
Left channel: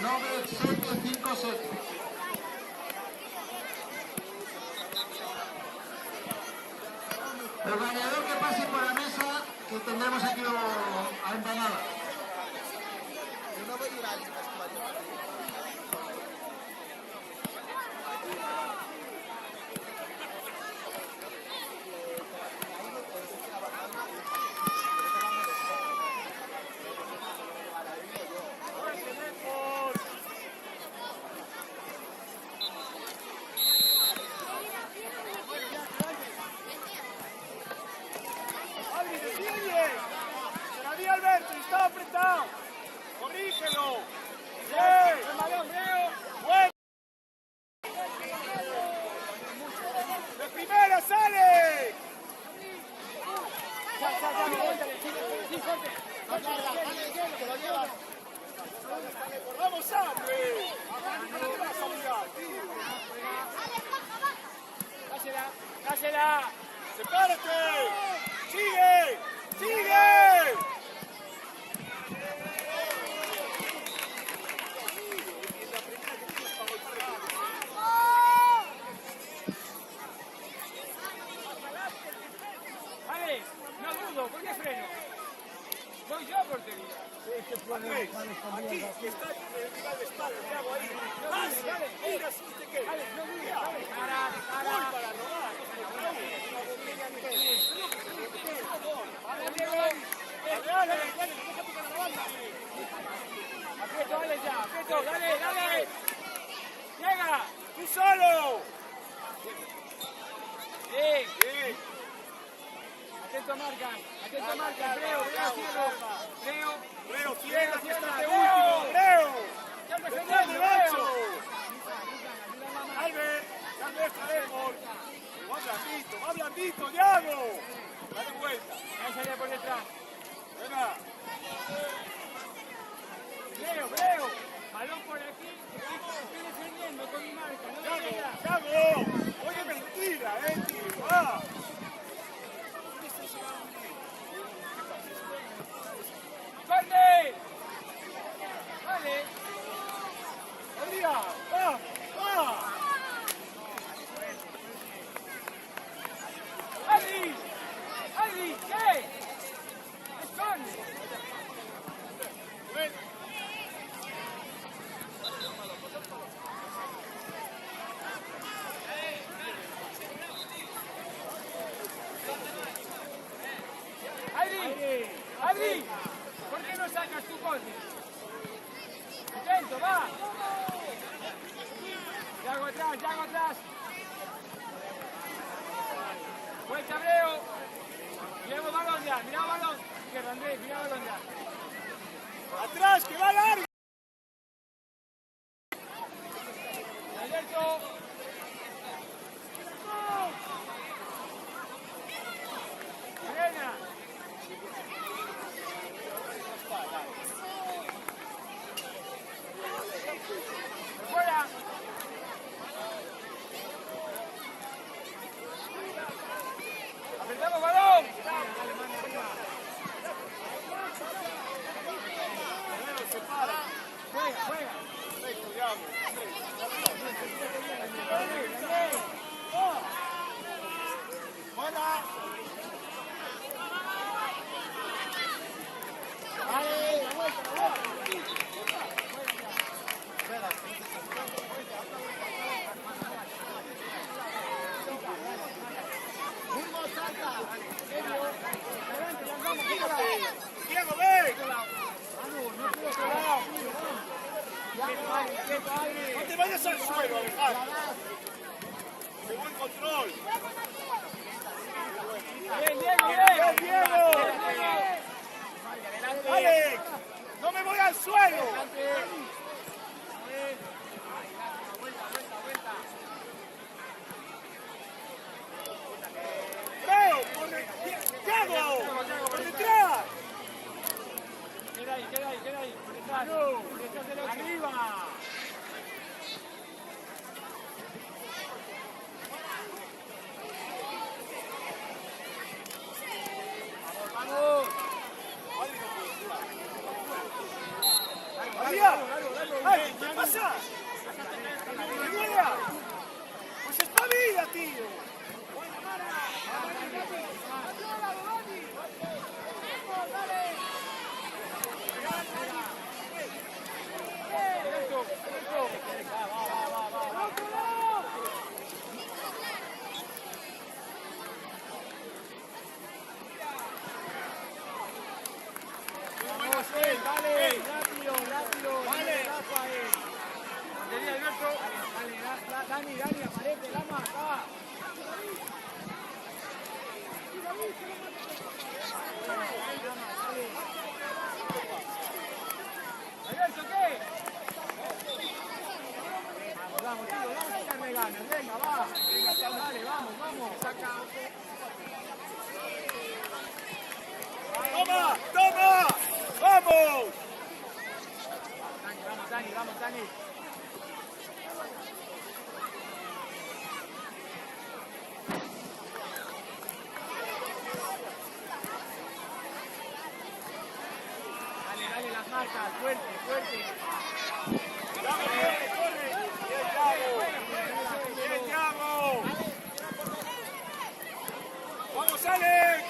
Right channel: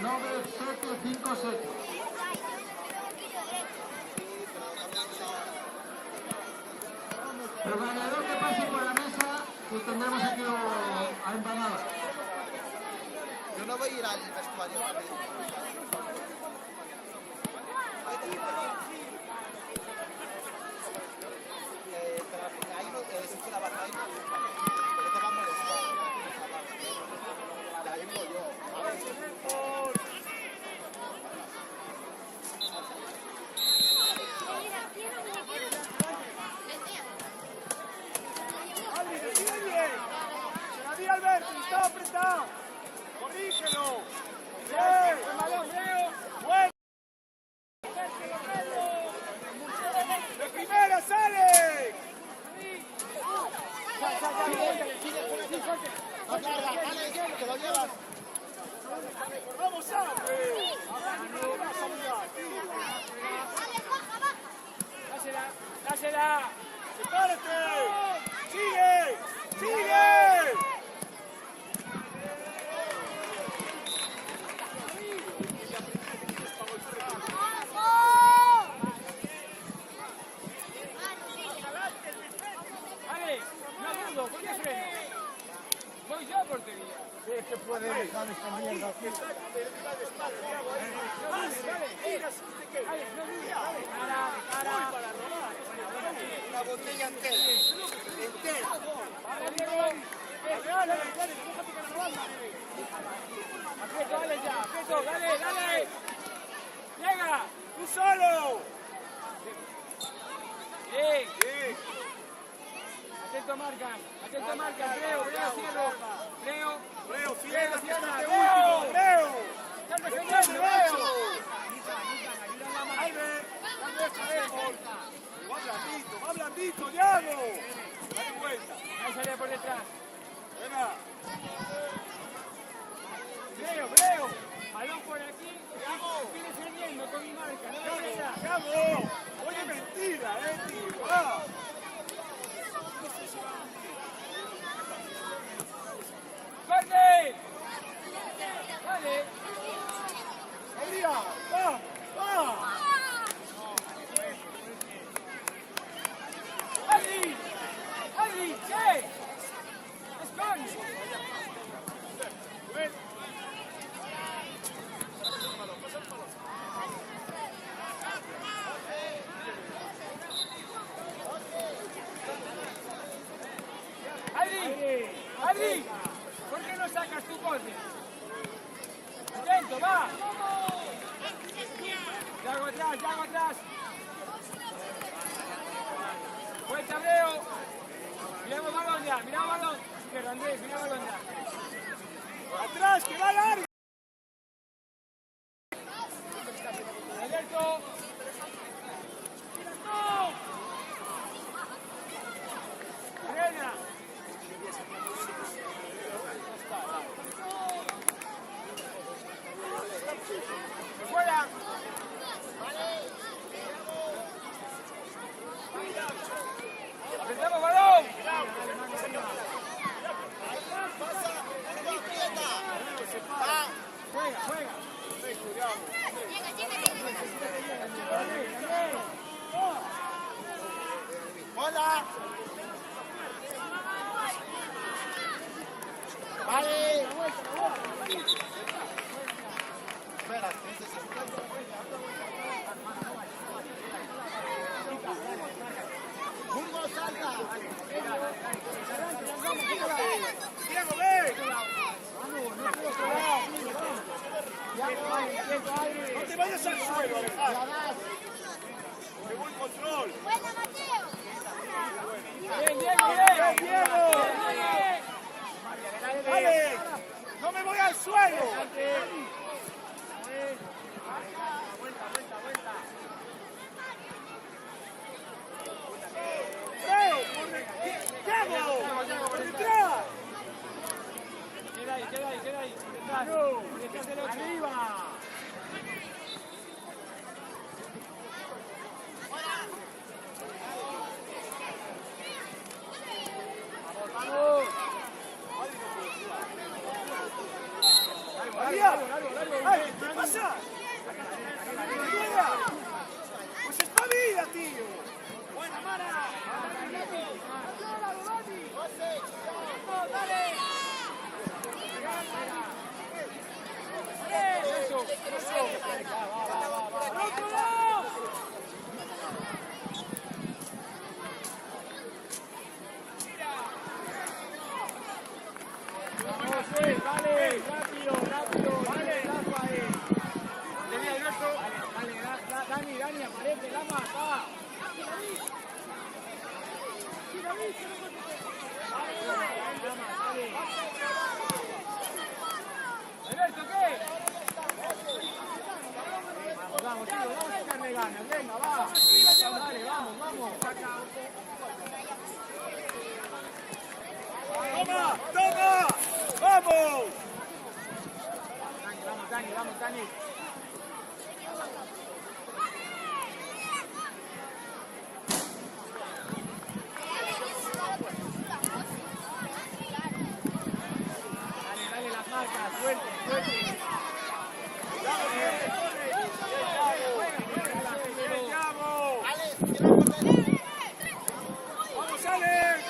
9757. El ganador que pase por la mesa, que tendremos aquí a empanada. yo no voy a ir al vestuario. Se lo llevas. ¡Vamos, Sandro! ¡Pásela! ¡Sepárate! ¡Sigue! ¡Sigue! Alex, no rudo, ¿por qué freno? Voy yo por portería. Dale. ¡Llega! ¡Tú solo! Bien. Atento marcas, Leo, cierro. Leo, cierra, Leo. ¡Están defendiendo, Leo! ¡Va blandito, Diago! ¡Dale vuelta! Ahí salía por detrás. ¡Buena! Leo, balón por aquí, estoy defendiendo con mi marca, no voy allá. ¡Diago! ¡Es mentira, ¡Ah! ¡Corre! ¡Dale! ¡Olía! ¡Va! ¡Adri! ¿Qué? ¡Esconde! ¡Adri! ¿Por qué no sacas tu corte? ¡Atento, va! ¡Yago atrás! ¡Vuelta, Breo! Miramos balón ya, Izquierda, Andrés, mira balón ya. ¡Atrás, que va largo! Alberto. Frena. Por fuera. Apretamos balón. Dale, mano arriba. Juega. Hola. Burgos, salta. No te vayas al suelo, Alejandro. De buen control. Bien. marcas del 8. ¡Arriba! ¡Vamos! ¡Dale! ¿Qué pasa? ¡Pues está viva, tío! ¡Buena, Mara! Vamos, vale, rápido, no me relajo ahí. Tenía Alberto. Vale, Dani, aparece, Lama, va. Alberto, ¿qué? Vamos, chicos, vamos a echarle ganas, venga, va. Dale, vamos. ¡Vamos, Vamos, Dani! Dale las marcas, fuerte. ¡Vamos, Alex!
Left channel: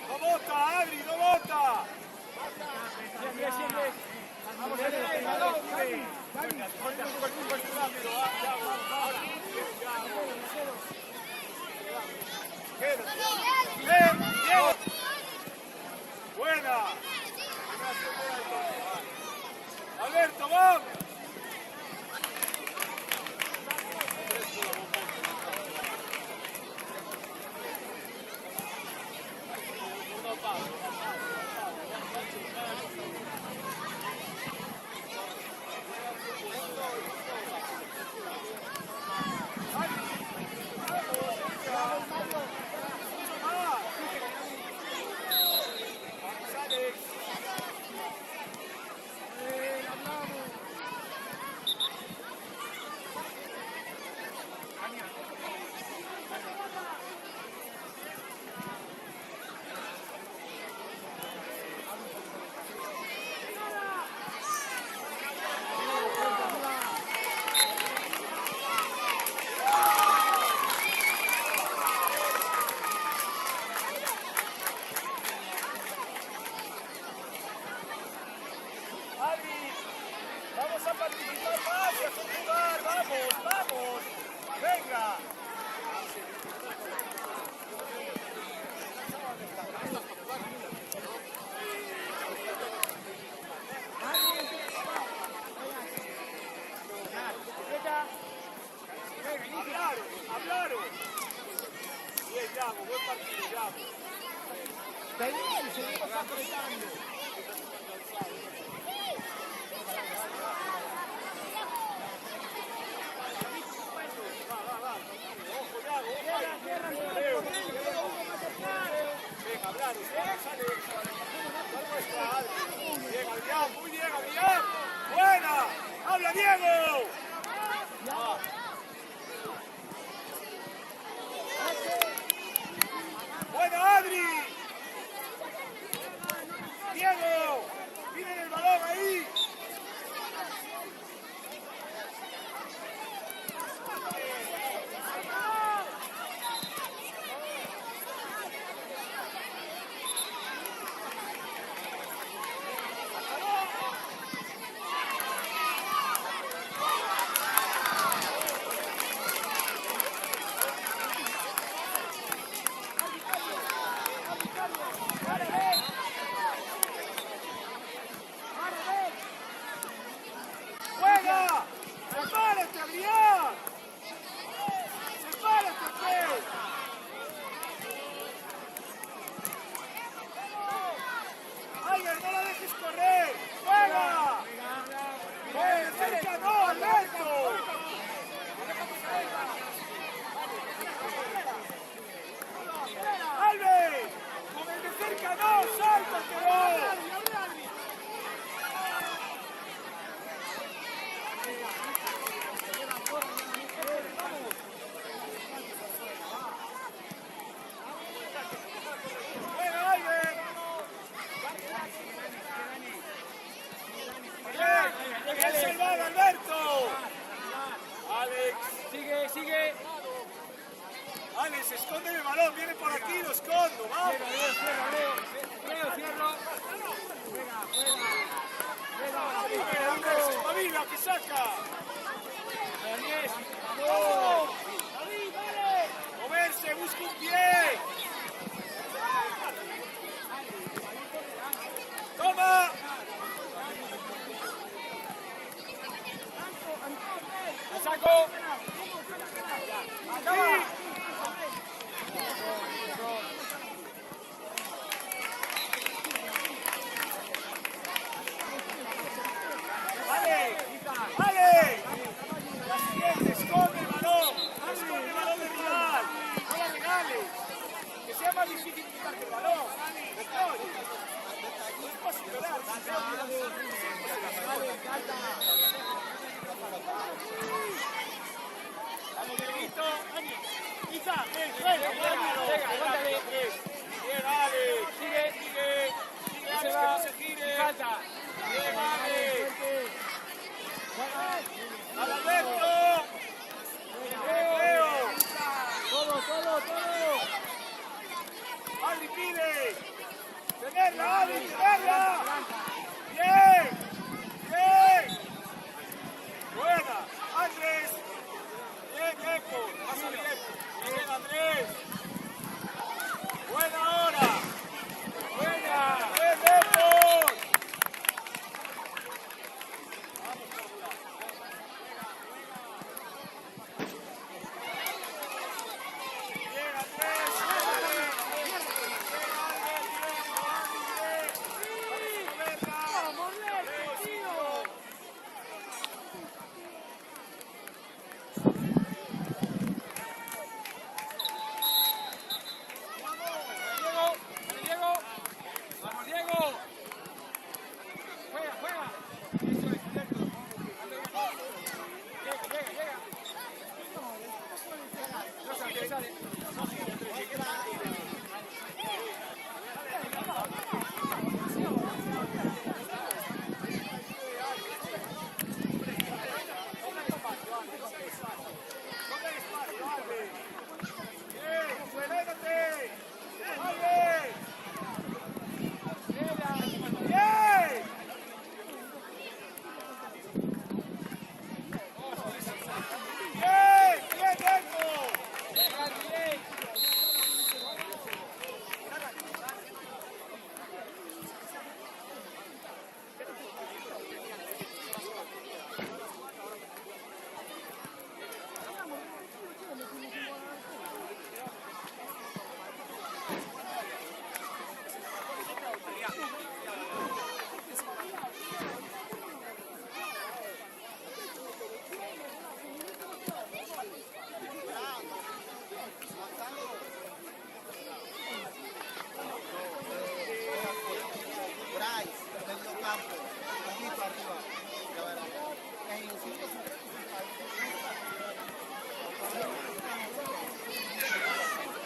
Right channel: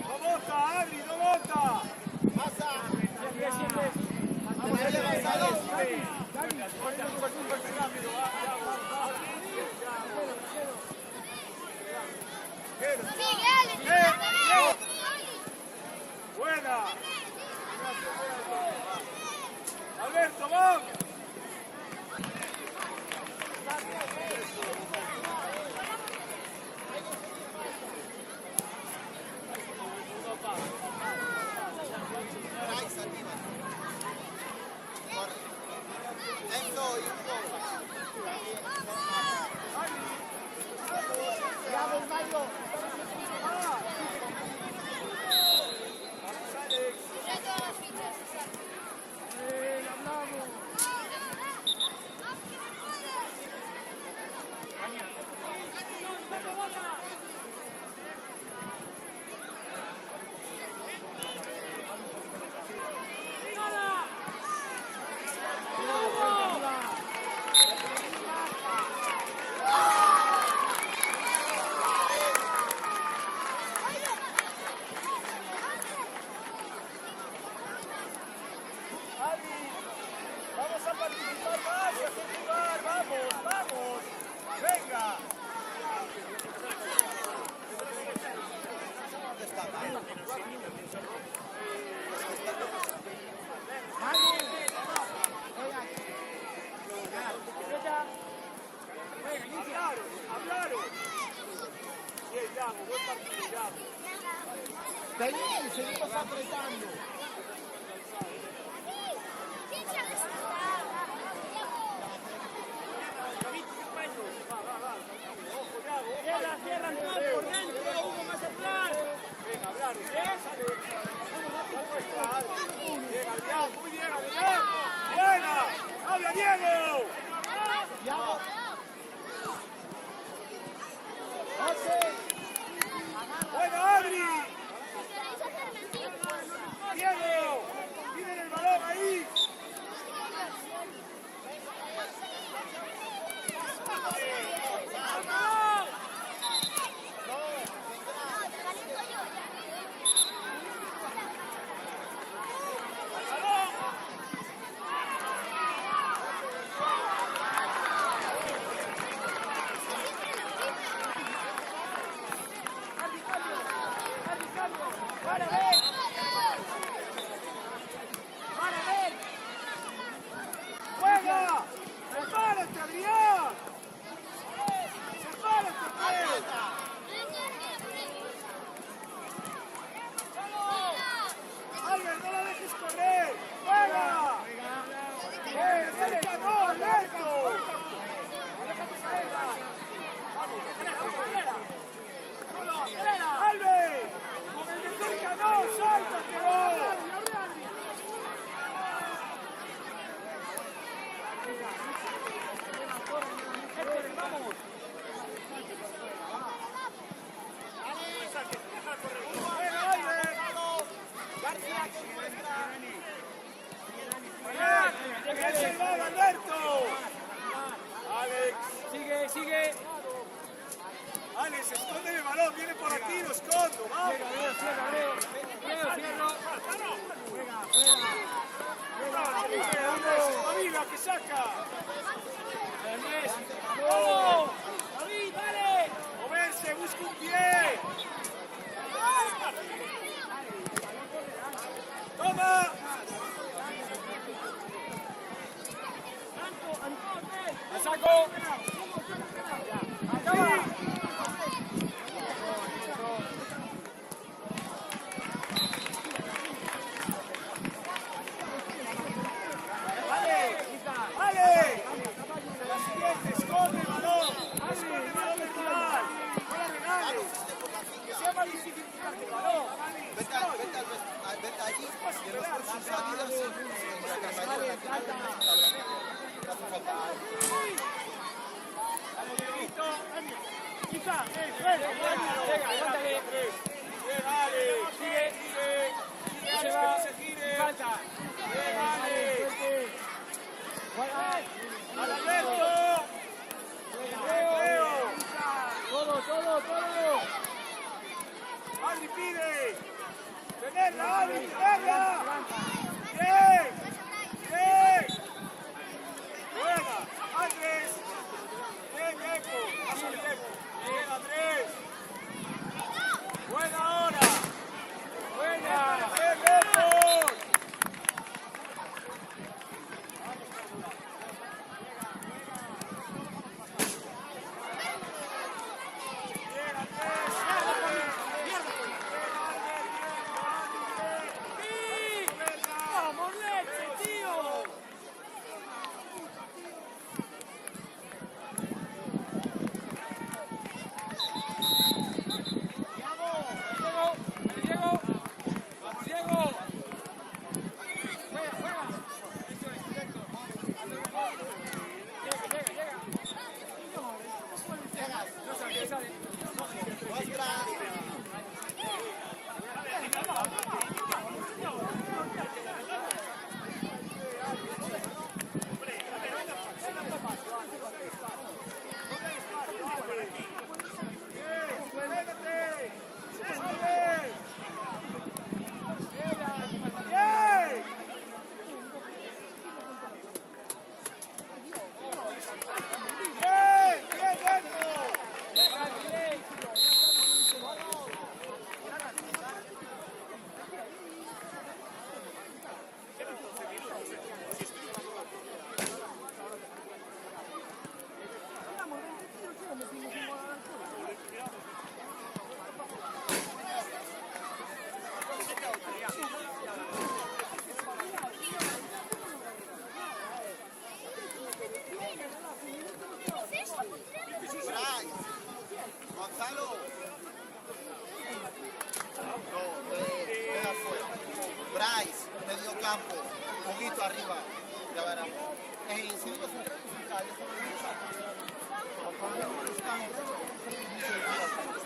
¡No bota, Adri, no bota! ¡Vamos, ¡buena! ¡Alberto, vamos! Seguimos apretando. ¡Bueno, Adri! ¡Diego! ¡Miren el balón ahí! Alberto! Alex. Sigue. Alex, esconde el balón, viene por aquí, lo escondo, vamos. Juega. Que saca. ¡Vamos! ¡David, dale! Moverse, busca un pie. ¡Toma! ¡La saco! ¡Toma! ¡Esconde el balón! ¡Esconde el balón del rival! ¡No la regales! ¡Que sea más difícil quitar el balón! Todo. ¡Adri, pide! ¡Ponerla, Adri! ¡Ponerla! ¡Bien! ¡Buena! ¡Andrés! ¡Bien, Eco! ¡Llega Andrés! ¡Buena hora! ¡Buena! ¡Bien, Eco!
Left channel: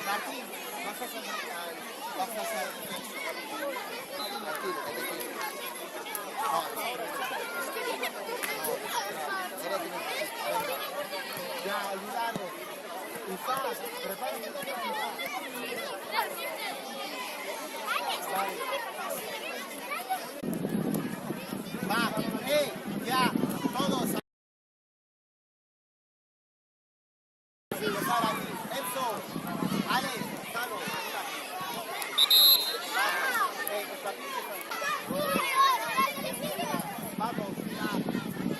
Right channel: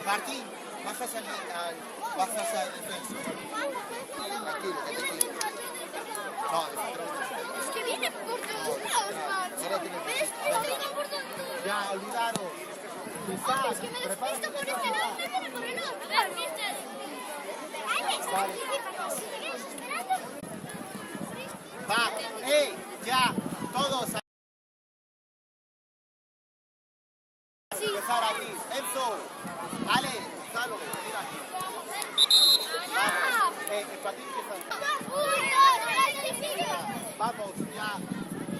Martín, vas a hacer el No, ya, olvidaron. Quizás, prepárense. Va, ya, todos. Empezar aquí. Enzo, Ale, Gonzalo, mira aquí. Vamos, ya.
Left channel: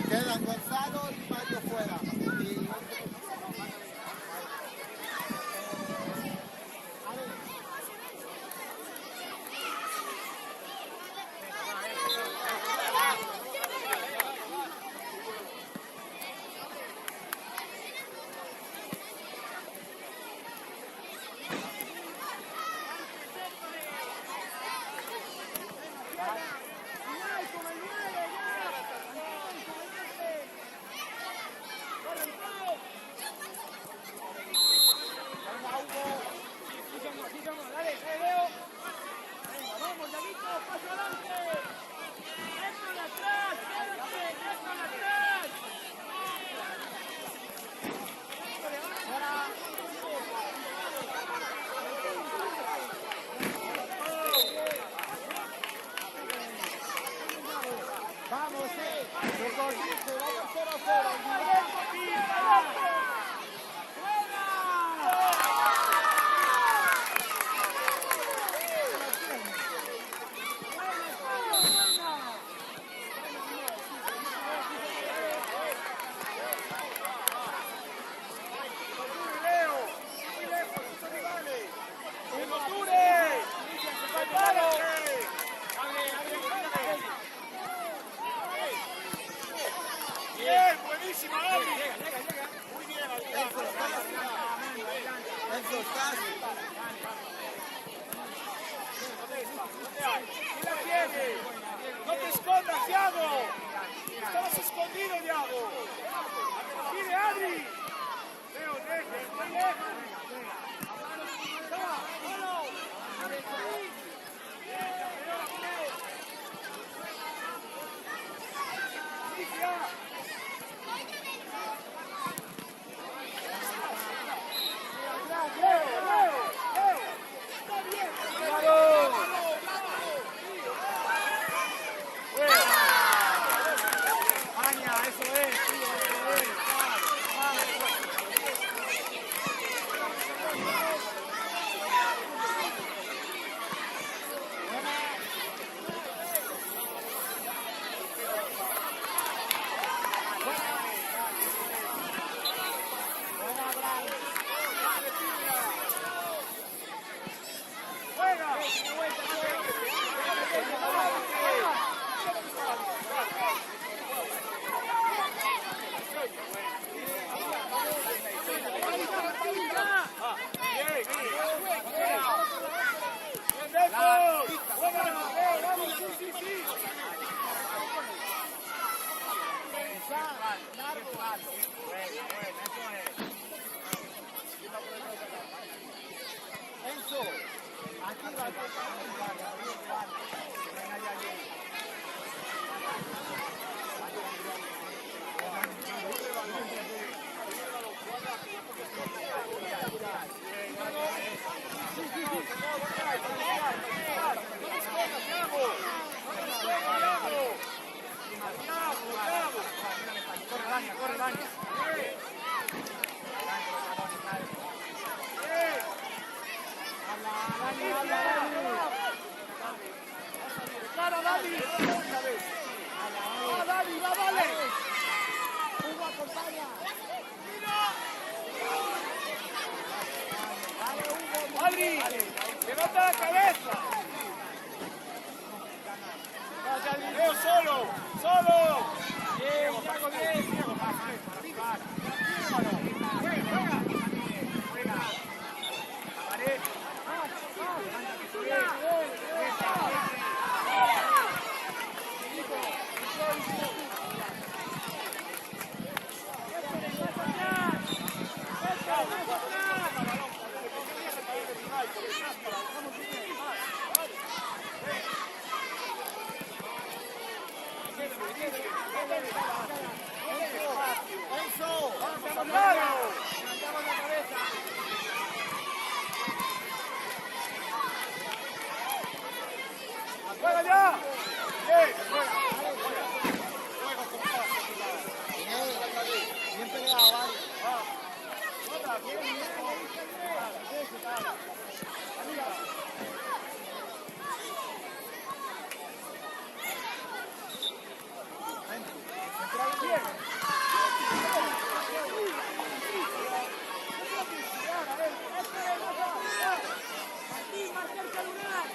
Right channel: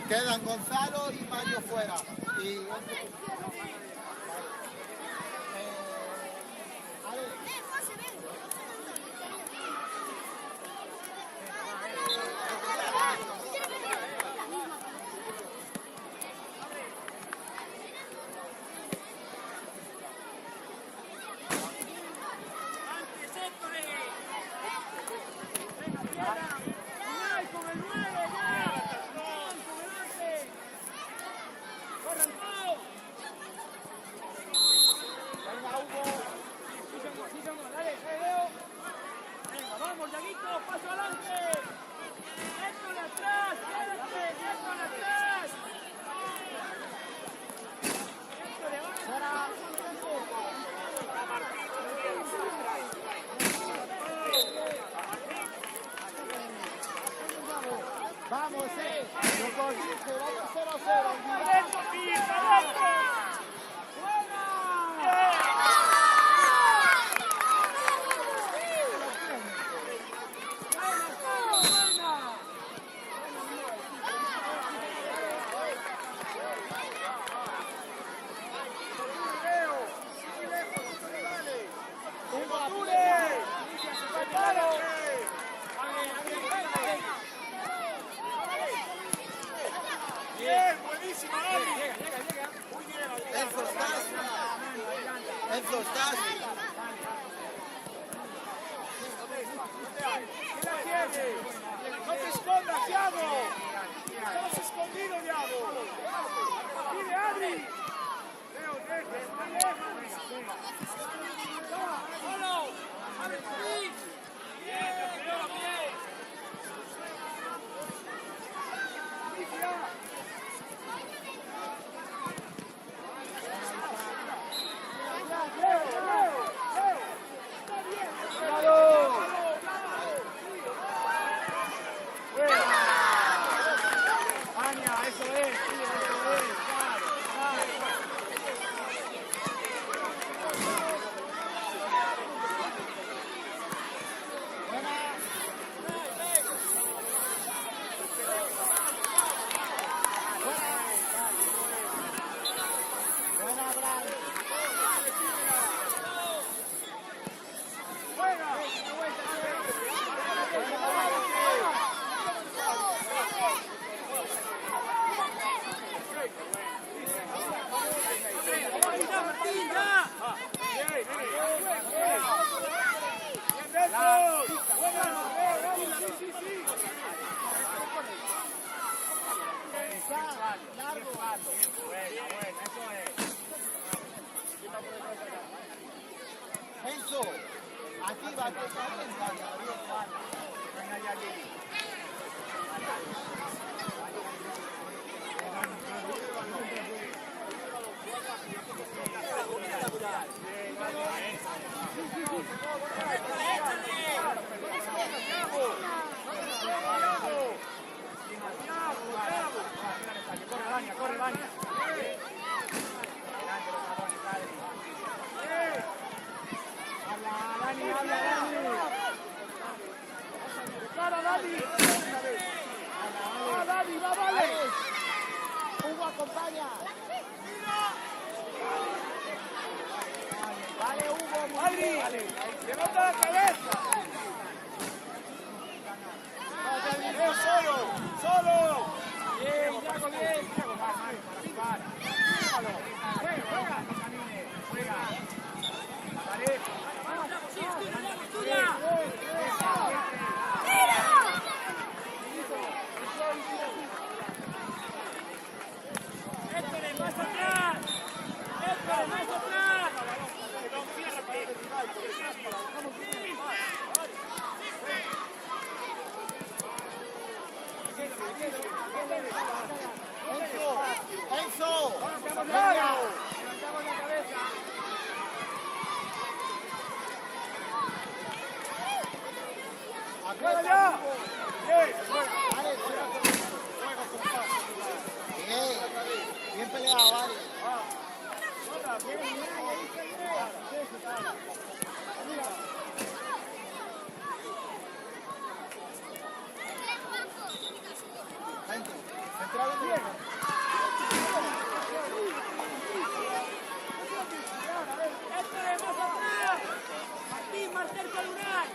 Quedan Gonzalo y Mario fuera. Ale. atrás! ¡Quédate! ¡Déjalo atrás! ¡Fuera! Vamos, lo corrige, vamos 0-0, Enzo, estás. ¡No te escondas, Thiago! ¡Estás escondido, Thiago! ¡Mire, Adri! Buena, Brian. Largo, alto. Buena, eso es. Enzo, aquí va a pasar el guarda. Corre, baña. Habla, Dani. Hugo, acompaña. Dale, Hugo. Adri, levanta la cabeza. No, solo. Bien, Thiago, bien. Enzo. Levantamos la cabeza. ¡Afuera ya! Bien peleado, vale. Martín, más cerca al lugar.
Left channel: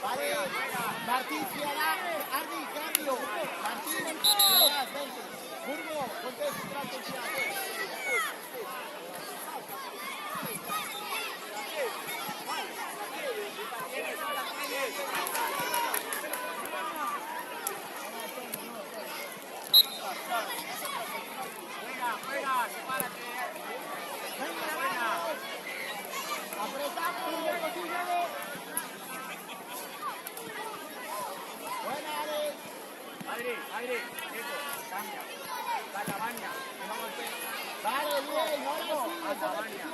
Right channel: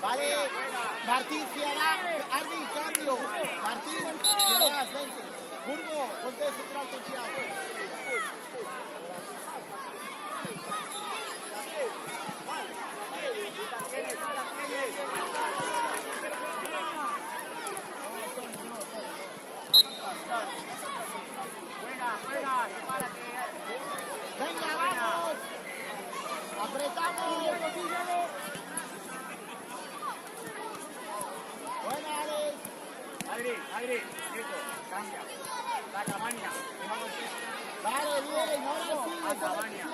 Vale, Martín, Armin, cambio. Martín, atrás, vente. Burgo, ponte ese trato, Thiago. apretamos. Buena, Alex. Adri, Nico, cambia. Saca Vania, que no golpee. Vale, bien, ahora sí. Anda, Vania.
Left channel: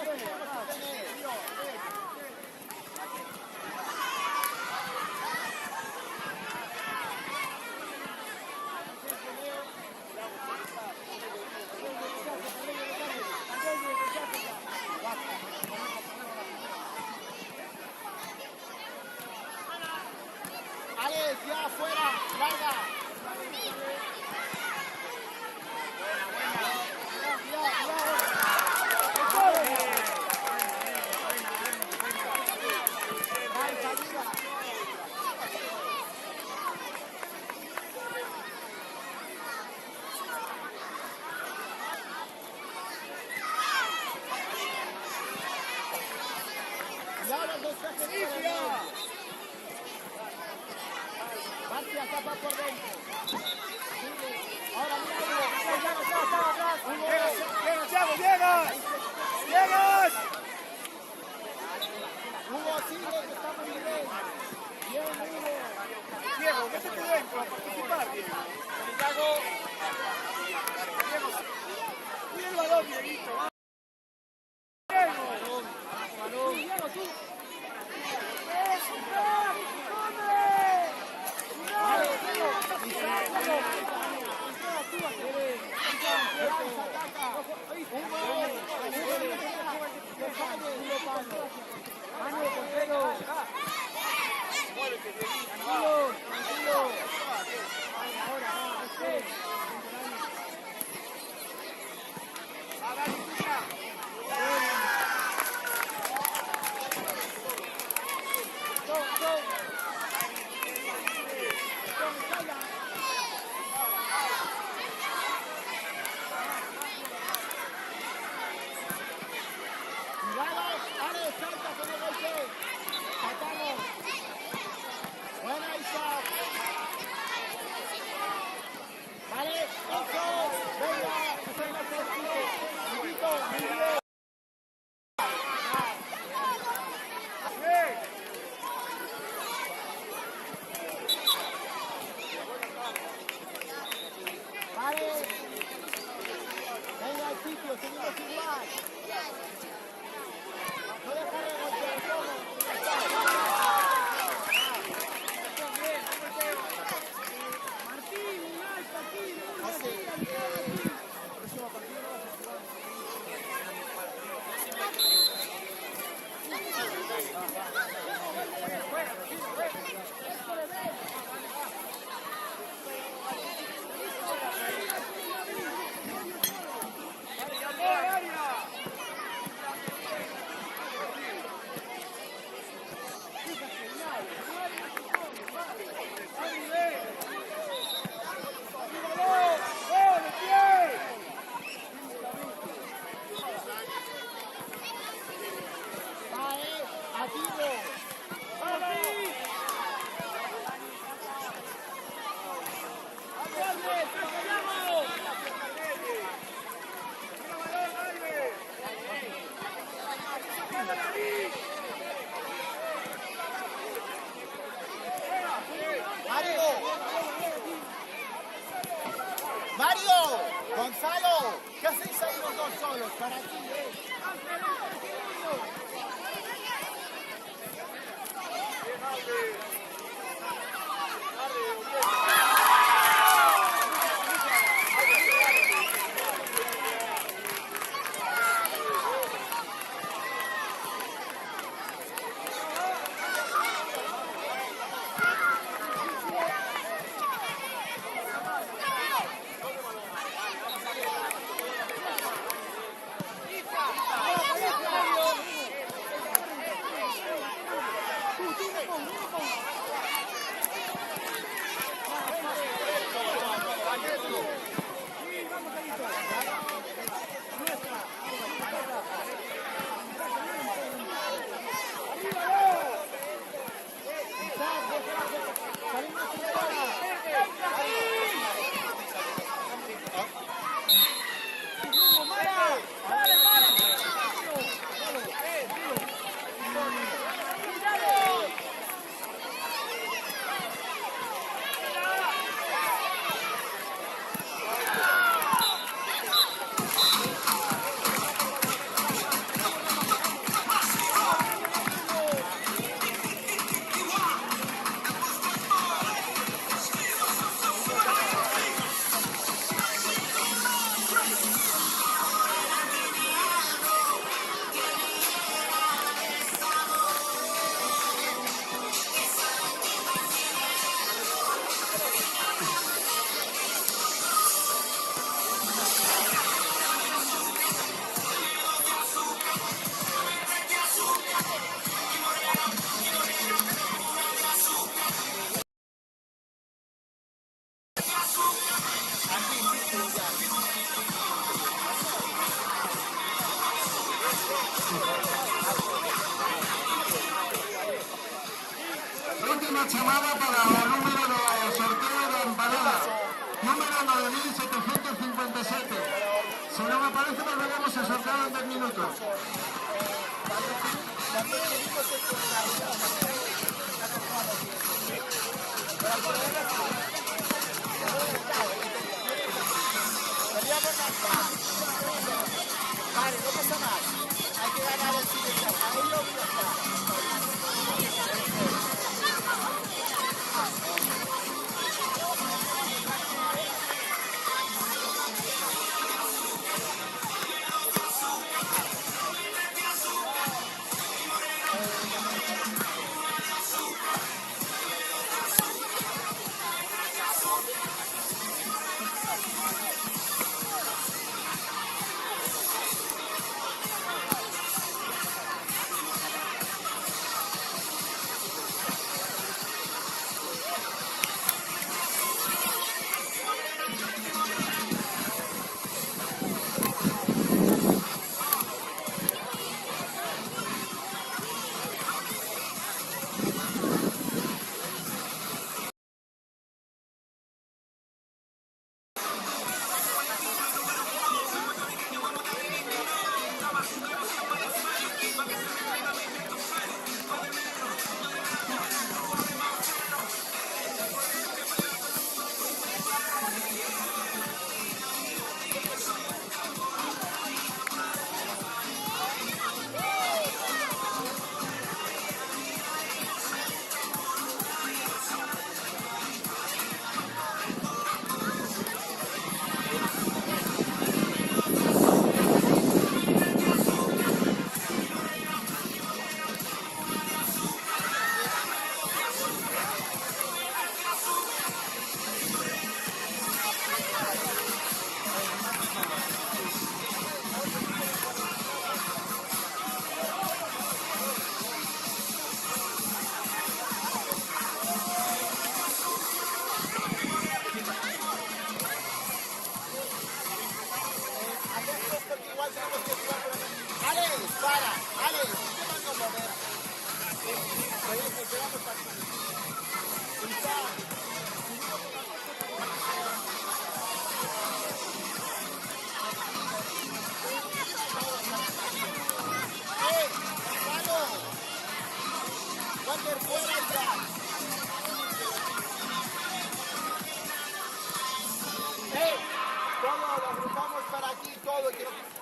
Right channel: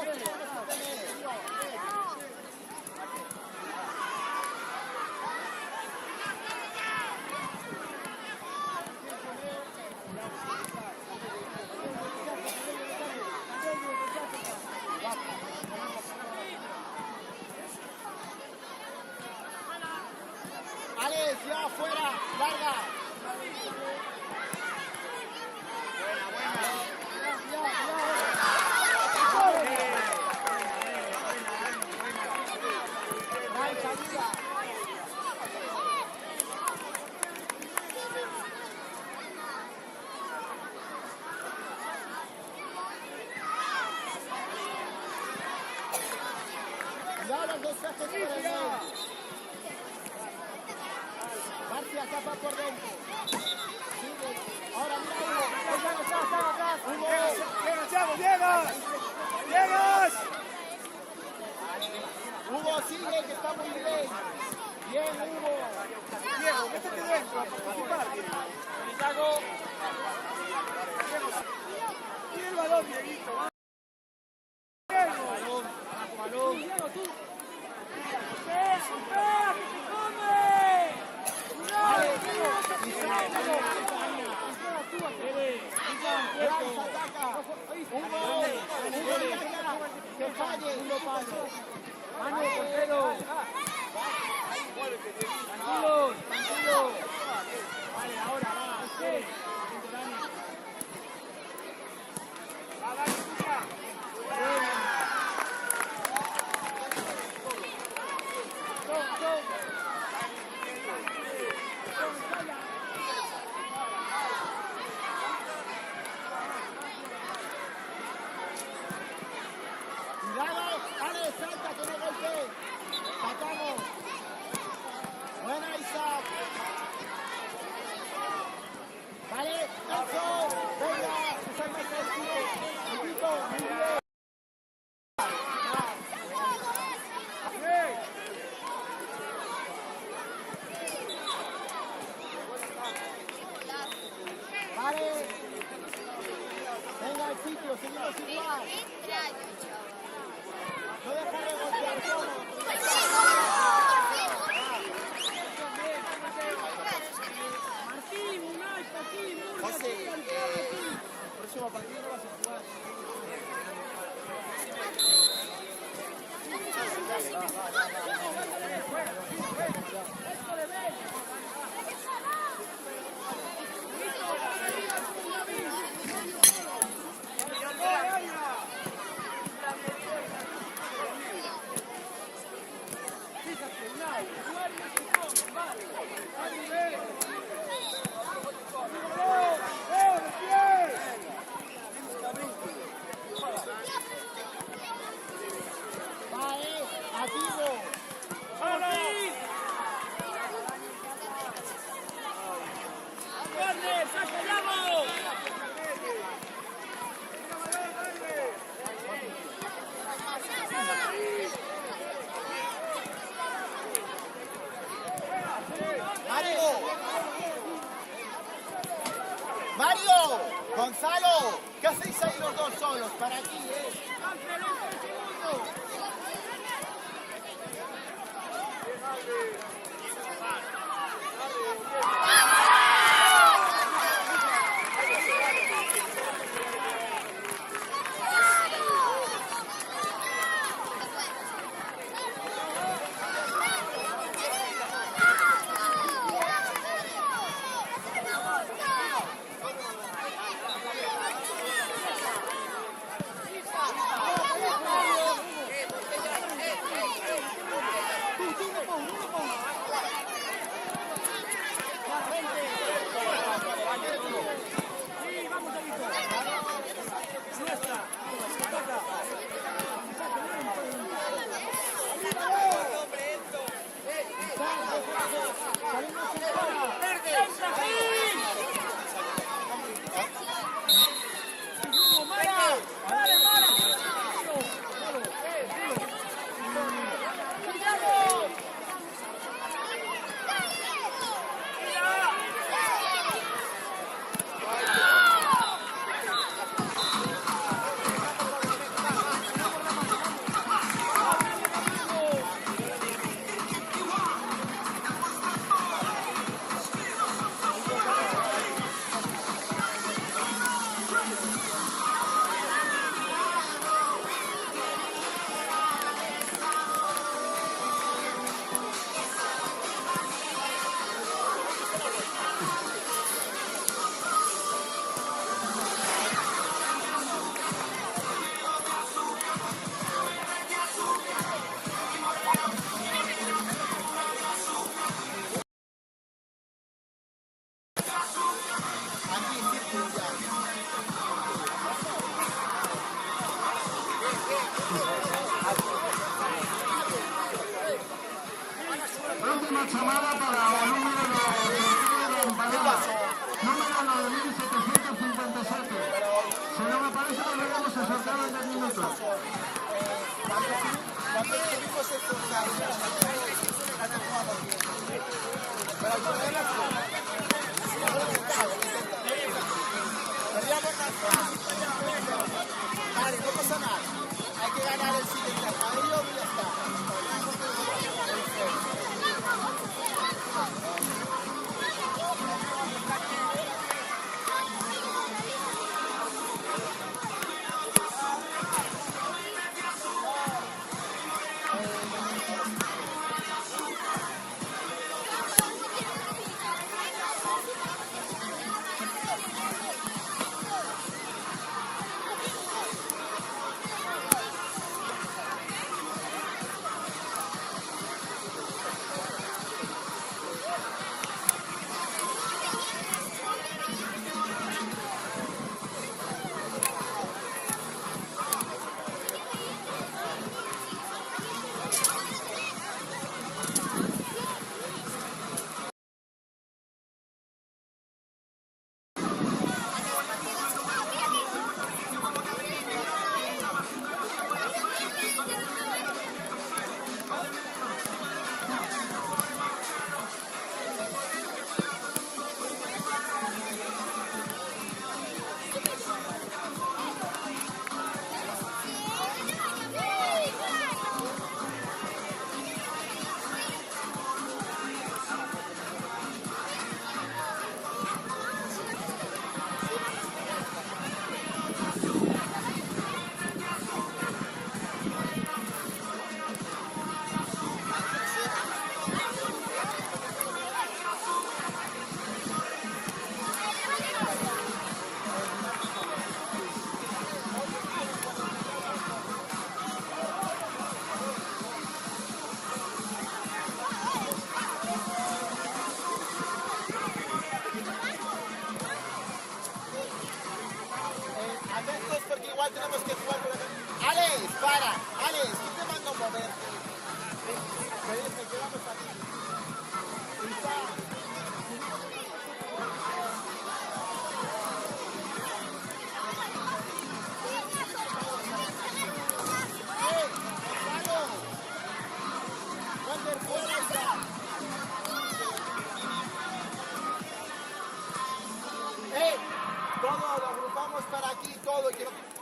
Alex, ya afuera, larga. Bryce, ayuda. Cuidado los despejes por el medio. García tapa por dentro. Ahora mira Hugo. Atrás. Hugo. ¡Llegas! Hugo, sigue que está muy bien. Bien, Hugo. Diego, métete dentro a participar. Chicago. Tira el balón, bonito. Abajo balón. Diego, tú. Vale, Diego. Isaac, vamos. Bryce ataca. Hugo. Que falle. Manu, portero. Tranquilo. Vale, ahora va. Atento, Dani. Dani, escucha. Buena. Go. Cuidado, Ale, salta que no golpee. Sacamos. Buena, Isaac. Vale, eso. Venga, usar más fresquito. Chiquito, muy bien. Vale. Venga al sitio, seguimos igual. No dejar de golpear cómodo, pero ya está. Martín, Unai, aquí, Murga, aquí, Antonio, aquí. Próximo partido no vas a jugar. Mario, Gonzalo, ¿qué hacéis ahí los dos solos? Para ti, Ángel, 11 segundos. Última llamada para el número de ¿Qué pasó? número 9757. Si no me parece, volvemos a saltar en 10 minutos. Cuando escribimos el portal, casi jugamos bien. Pero el problema es que no lo intentamos, no lo intentamos. Queríamos ganar. Vale, no pasa nada. Hay que ganar el siguiente a ellos y ya está. Porque igual tenemos que jugar por acá. ¡Alex, para! ¡Alex! ¿Qué mando a moverte? Porque vamos aquí. Todo lo agrupamos para aquí, todo. Y quiero que...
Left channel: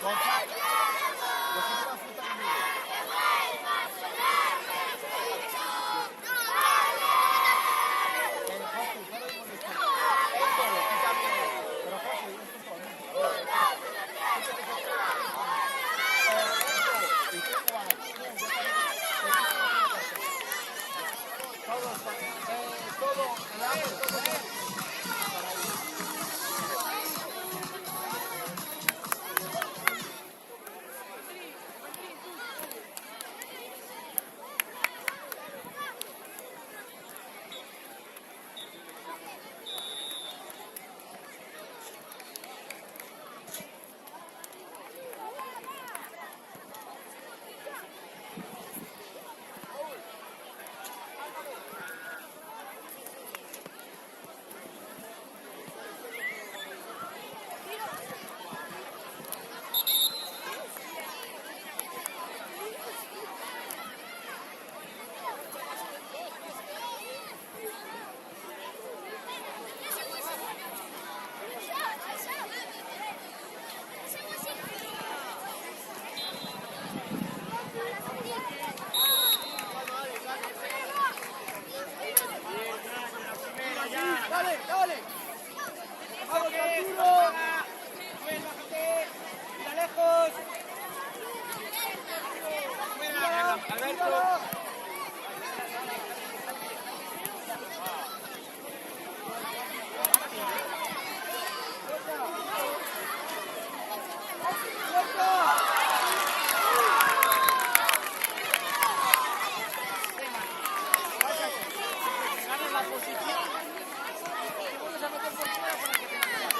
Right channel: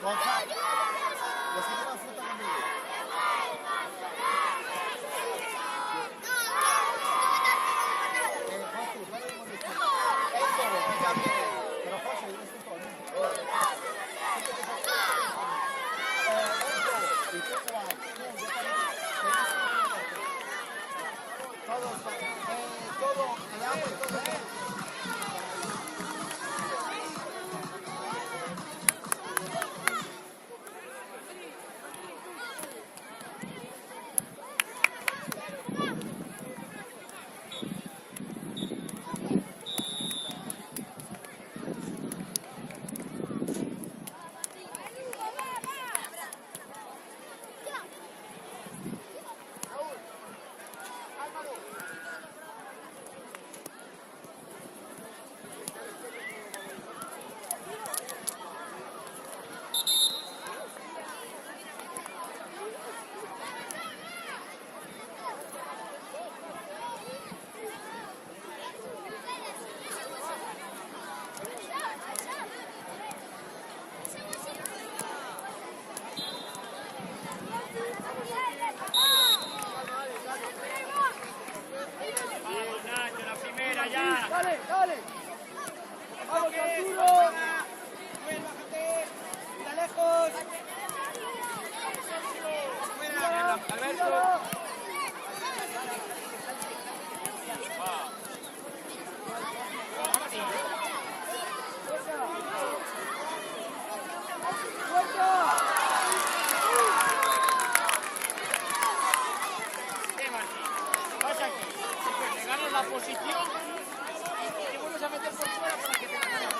Gonzalo, los que llevan fruta conmigo. José, para de molestar. Pero José, esto es todo. Y tú igual, todo, el agua y todo para ahí. Alberto. Ganas la posición y te vuelves a meter por fuera para que te la ganes.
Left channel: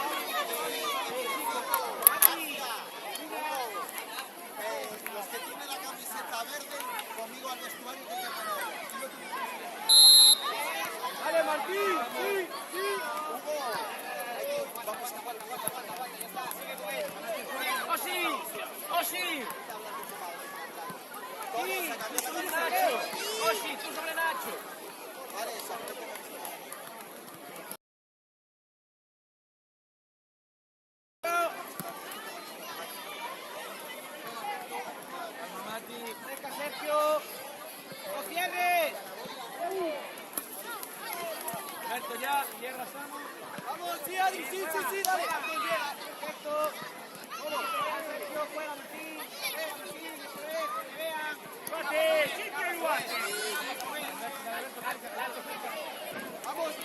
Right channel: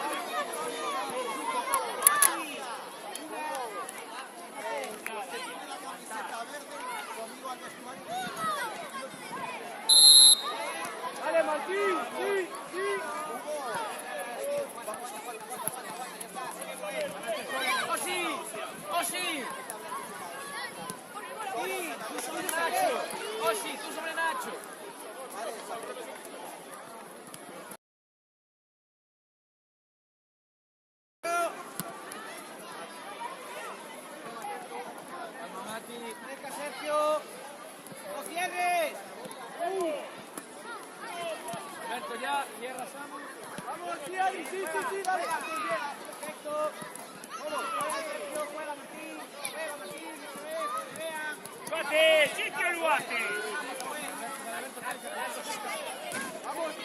Vale, Martín, sí, sí. Osi, Osi. Tú sobre Nacho. Osi, tú sobre Nacho. Calma, Mati. Venga, Sergio. ¡No cierres! Perfecto, ya. Cierra, Samu. Sí, Adri, sí, dale. Perfecto. Sergio, juega, Martín. Juega, Martín. ¡Guate! ¡Siempre lo hace!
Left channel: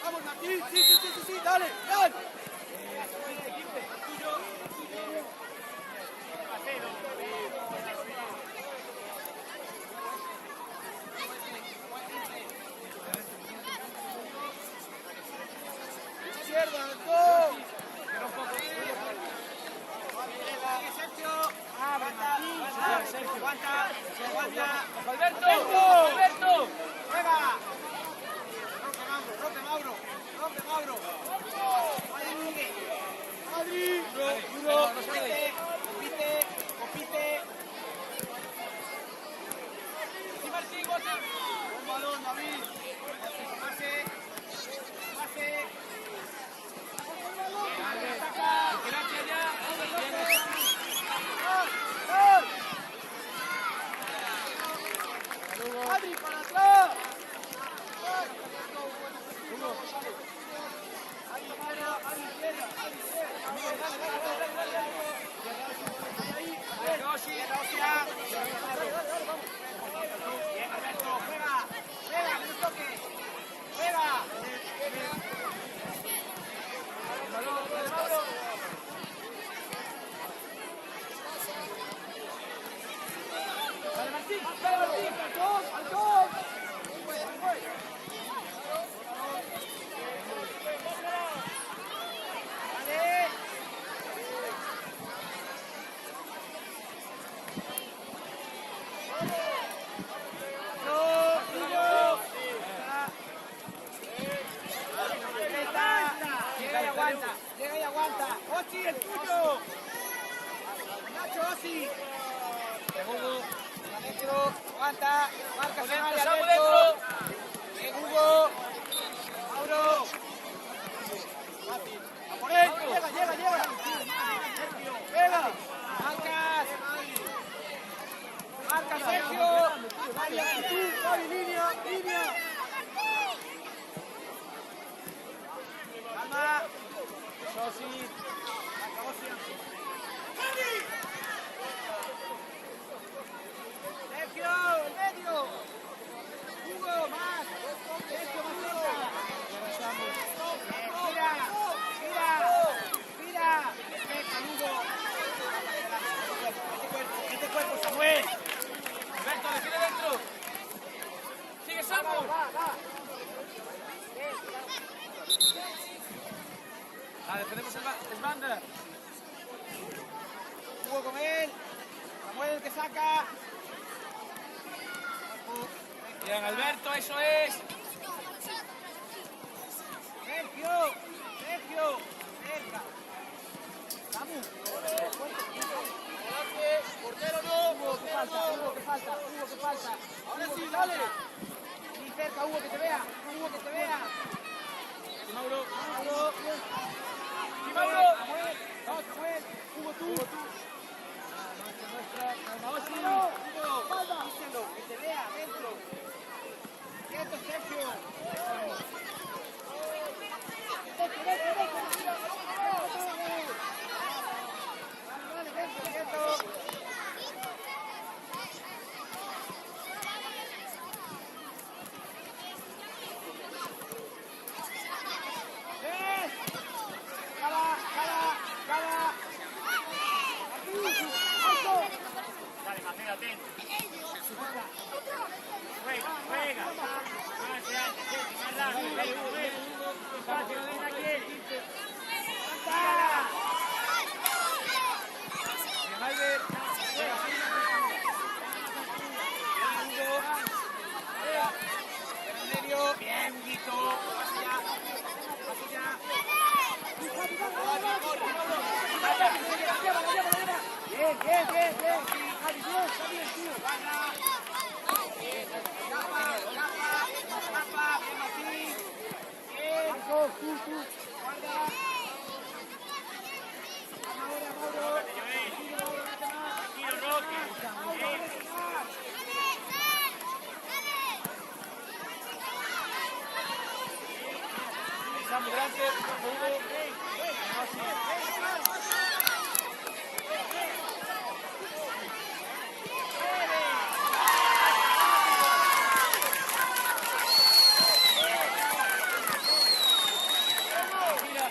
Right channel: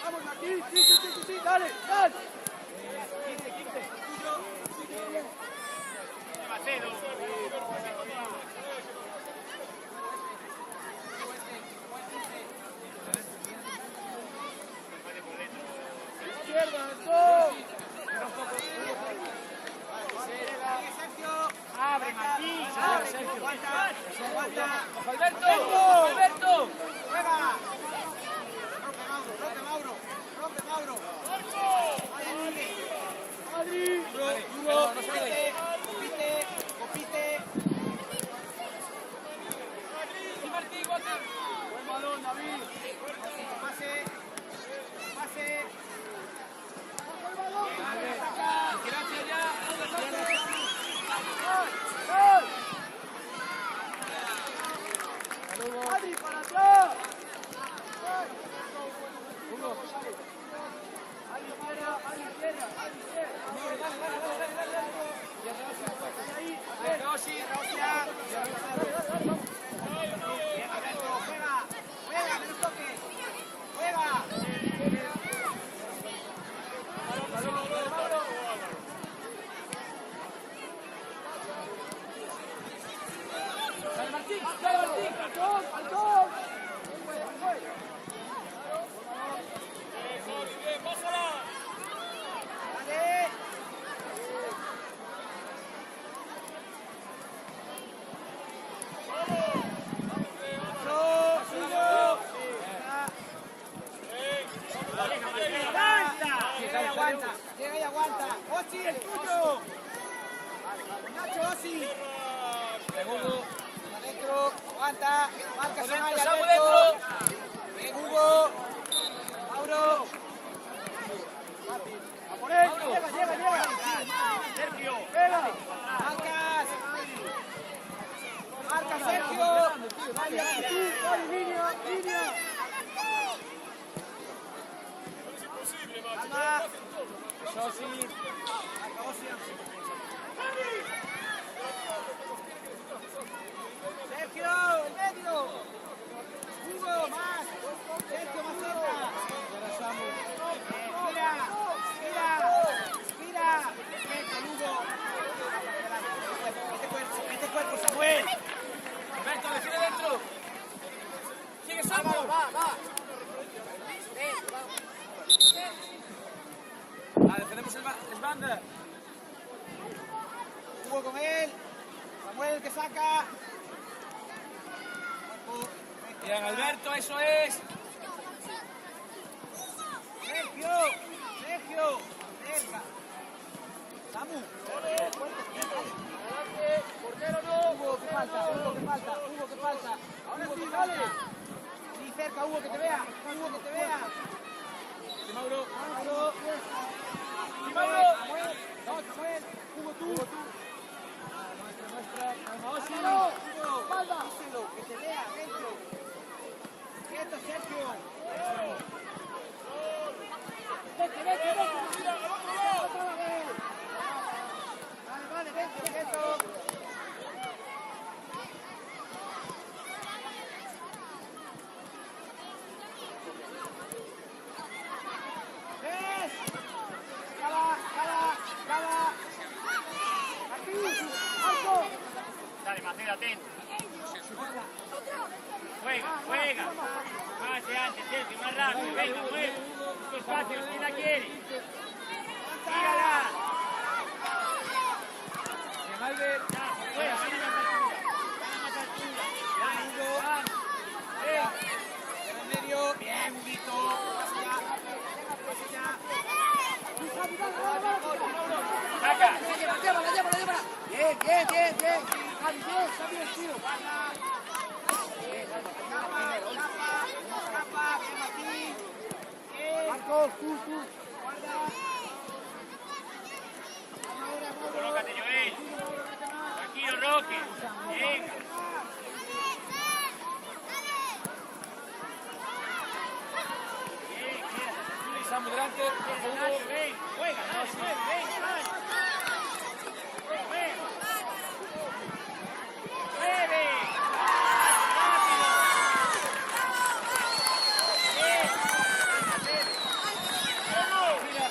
Vamos, Martín. Sí, dale. Izquierda, los dos. Abre, Martín. Sergio. ¡Alberto! Juega. Rompe, Mauro. Adri. Duro. Poquito. ¡Y Martín, guate! Buen balón, David. Pase. ¡Gracias ya! Adri, para atrás. Hugo. Dale Martín. Llega y aguanta. Osi, el tuyo. Con Nacho, Osi. Hugo. Adentro, aguanta. Marca, Samu dentro. Hugo. Mauro. Llega. Marcas. Sergio. Dale, línea. Calma. Sosi. Sergio, el medio. Hugo, más. Sergio, más cerca. Mira. Cerca, Hugo. Este cuerpo, Samuel. Alberto, define dentro. Sigue Samu. Defendemos el banda. Hugo con él. Samuel que saca. Bien, Alberto, eso es. Sergio. Cerca. Samu. Hugo que falta. Y cerca, Hugo que te vea. Y Mauro. Samuel. Hugo tú. Nuestra. Calma, Osi. Que te vea dentro. Dentro, Sergio. Vale, dentro. detente. Juega. Más adelante, más rápido. Ahí, bien. Despacio, no venga aquí. ¡Tírala! Malver. Fuera, medio. Bien, Huguito. Pasa Bien. Adiós, está bien, tío. Marcos, tú. Guarda. Mauro. Tranquilo, Roque. Estamos delante, bajo Hugo. No, sí. Mira,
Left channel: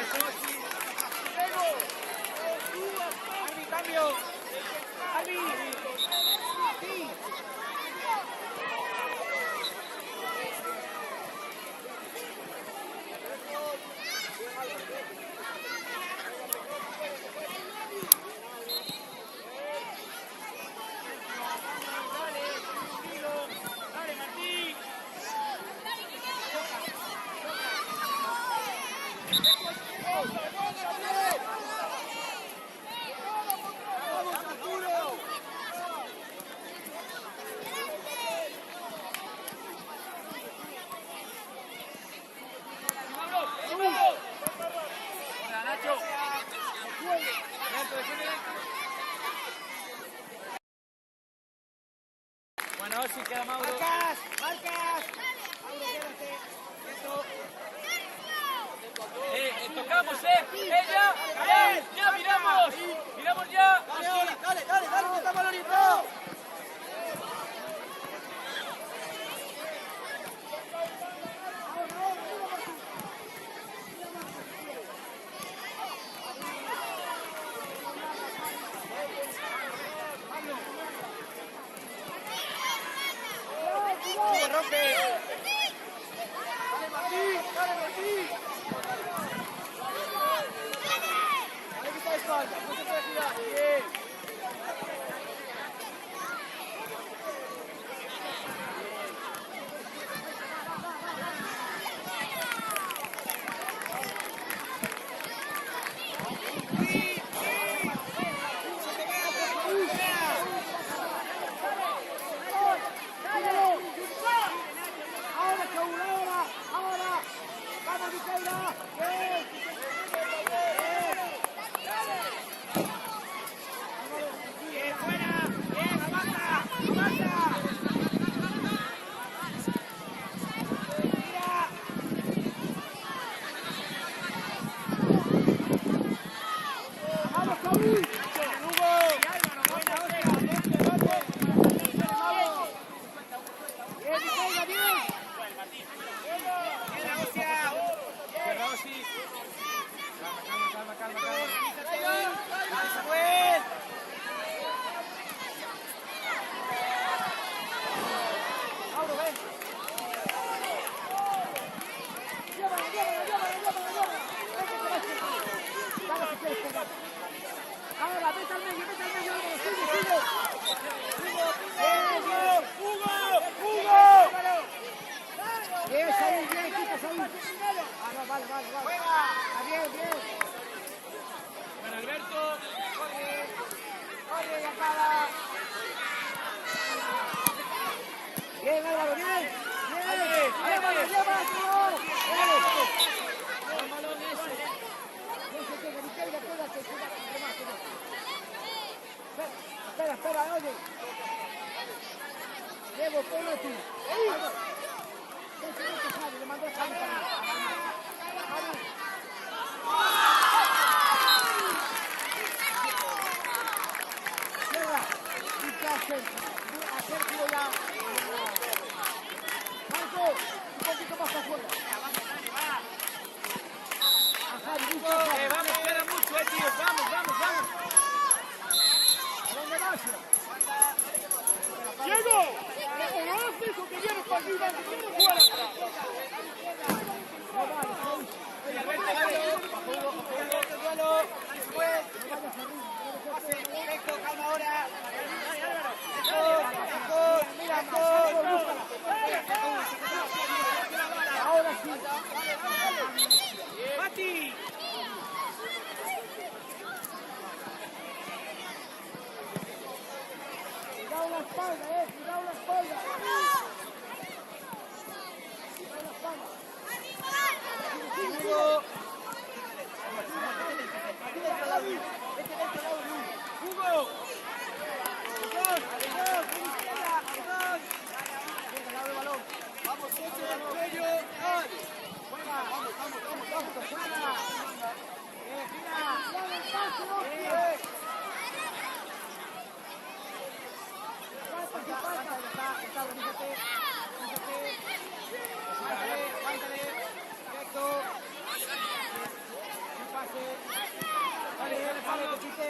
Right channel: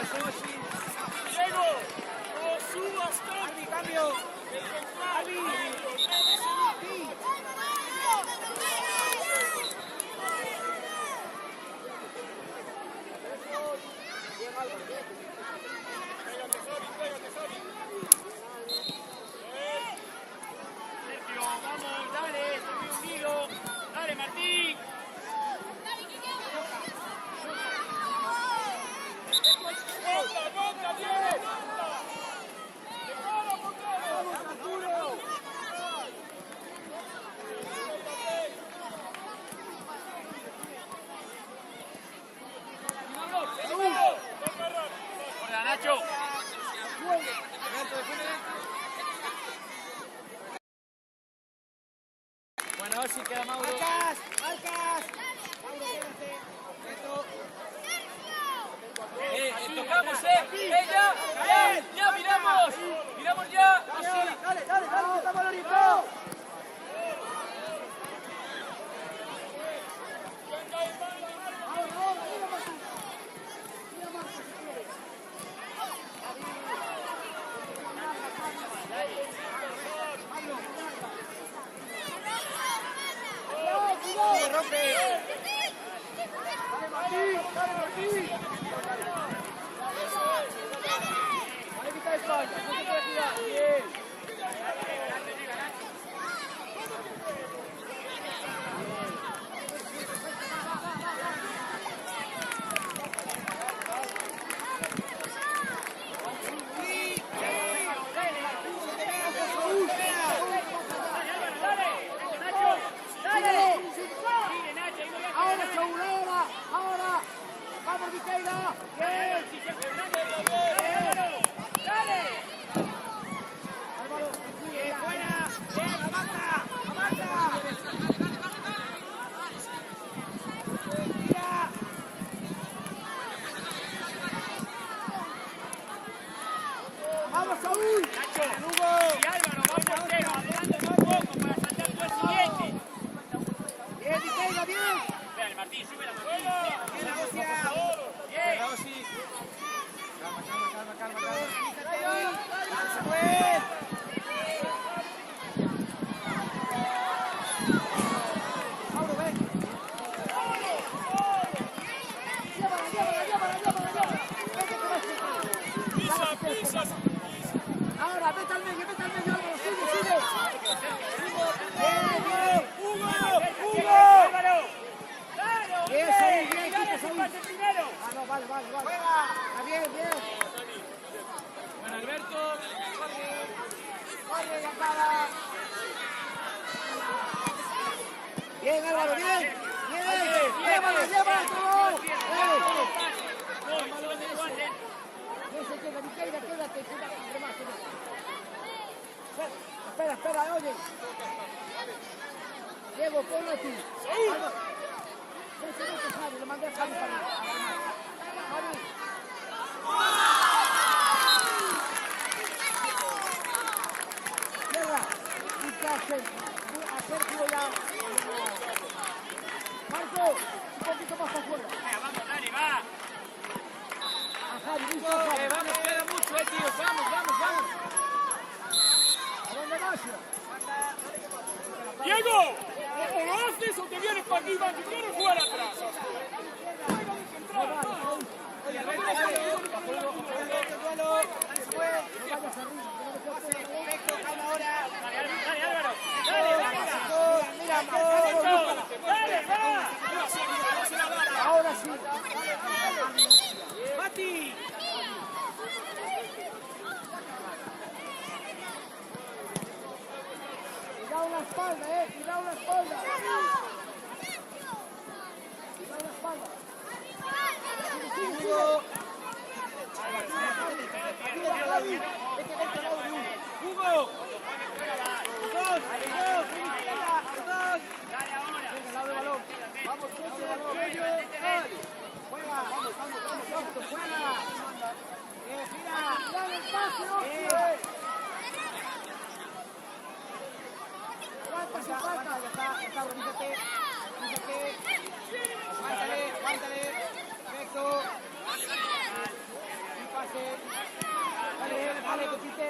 eso es. Cambio. Dale, Martín. Nacho. Bueno, sí queda Mauro. Marcas. Mauro, quédate. Tocamos, ya miramos ya. Dale, quita balonito. Rompe. Dale, Martín. Dale, quita el espalda, no se puede tirar. Bien. Ahora. Vamos, Viqueira. Bien. Álvaro, fuera. Bien, avanza. Vamos, Saúl. Bien, Viqueira, bien. Rossi. Calma. Mauro, ven. Llévala. Vamos si quieres por gata. Ahora, vete al medio, Álvaro, sigue. Hugo. Bien, Saúl, bien, quita Saúl. Ah, no, vale. Está bien. Bueno, Alberto. Corre, la cara. Bien, Álvaro, bien. Llévatelo. Buen balón ese. No se queda, Viqueira, quédate. Remate. Espera, oye. Diego, ponlo tú. Álvaro. Vete, Javi, le mandé a Javi para remate. Javi. Llega. A Sergio ya. Marco, un poquito más afuera. A Javi, listo, Javi. Vamos, espera mucho, tío. Vamos. ¿A dónde vas? Diego, o lo haces o te vienes para aquí, vas a jugar atrás. No vayas, oye, ahora sí. Mati. Cuidado la espalda, cuidado la espalda. Cuidado la espalda. Hugo. Vete dentro al lado de uno. Hugo. Los dos, izquierda, los dos. Venga, al lado del balón. Al lado del balón. Juega. Juega. Gira. Aguanta, ya está, organízate. Aguántale. Perfecto. Un pase. Dale, compite.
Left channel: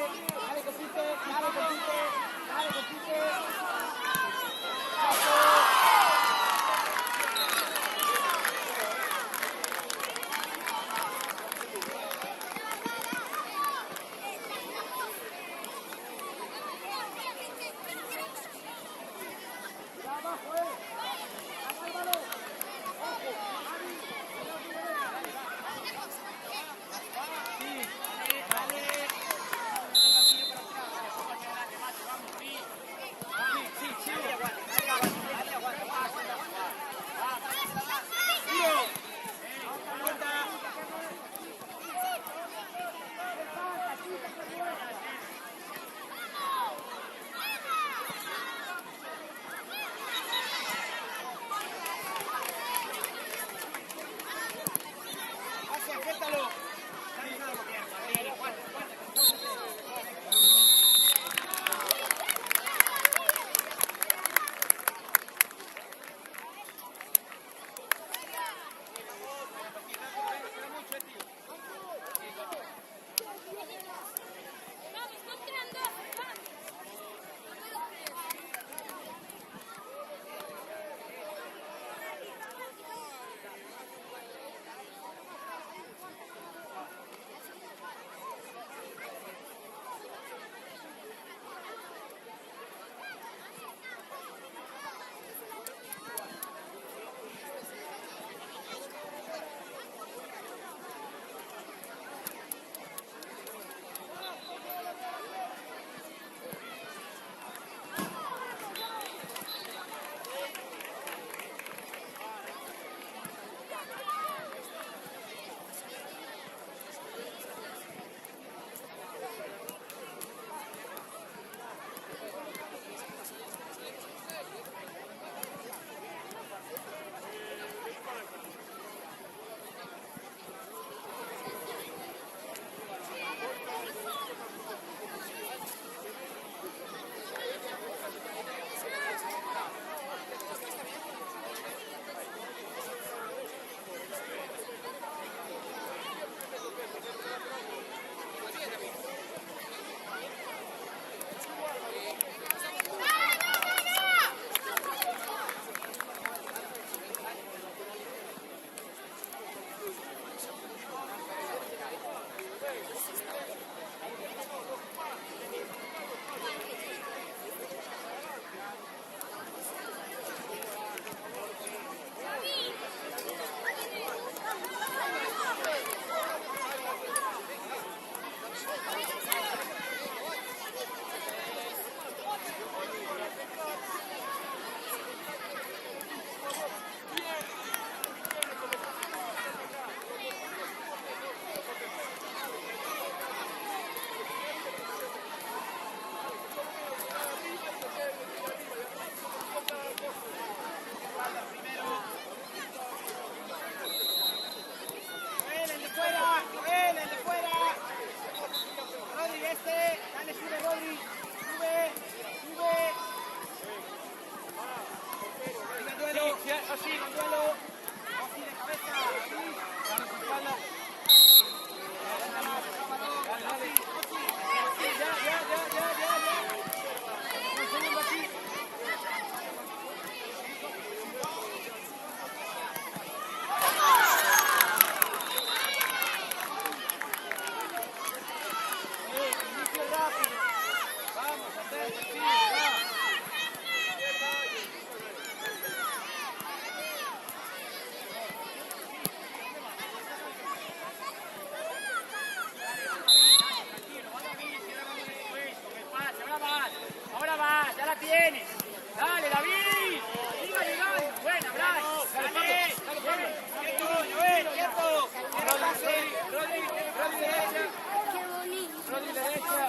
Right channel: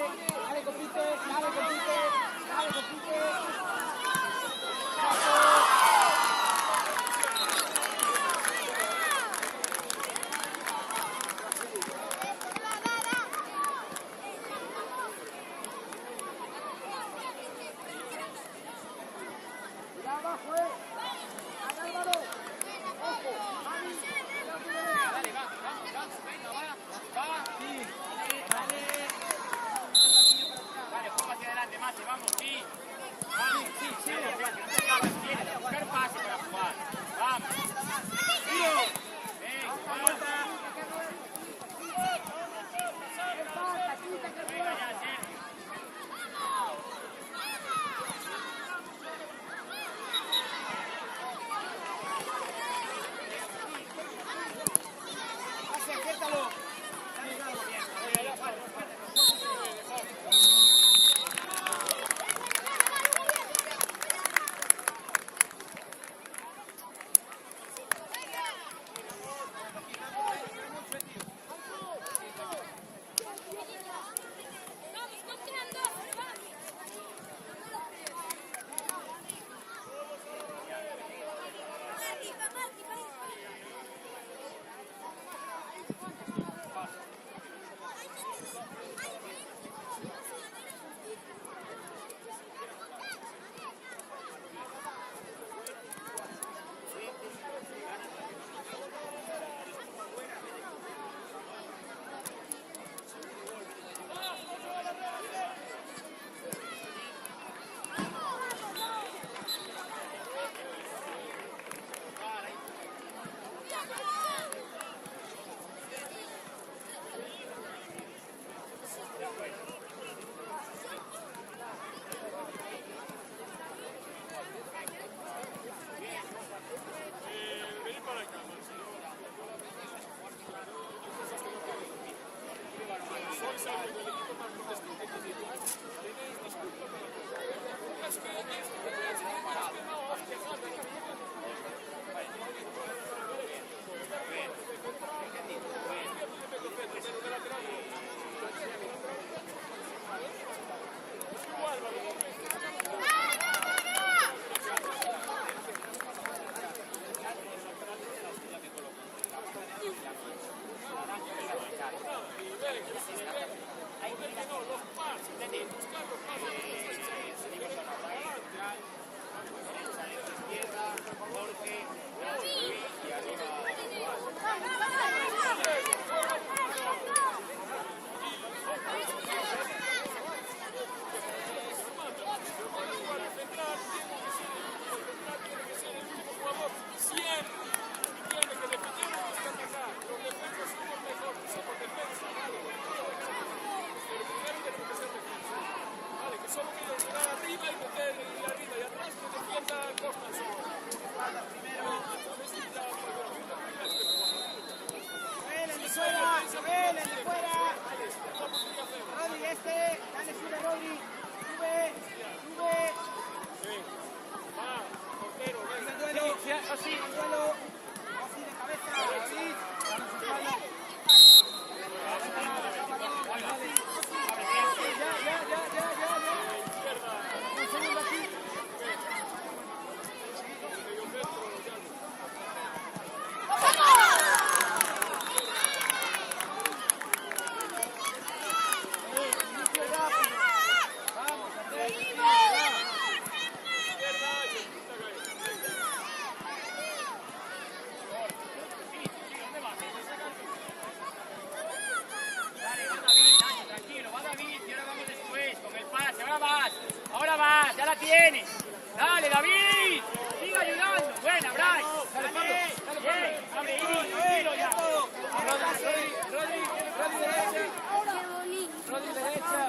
Rodri derecha.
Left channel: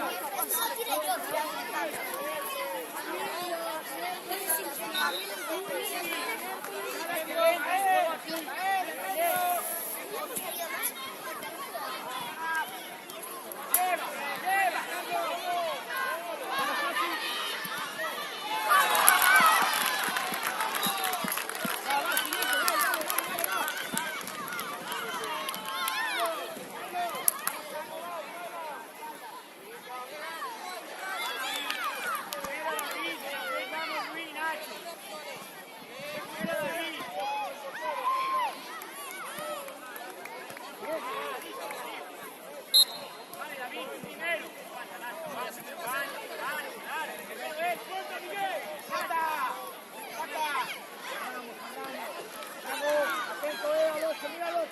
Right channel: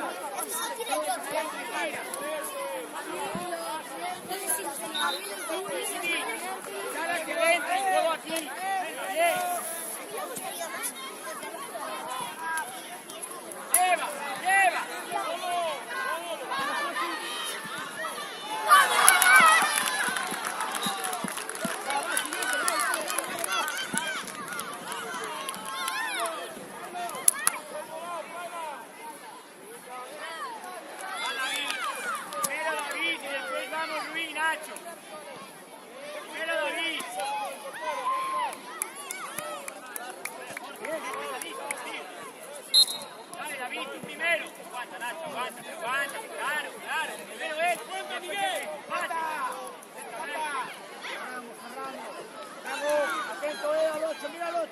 Atento, al 8, mira al 8.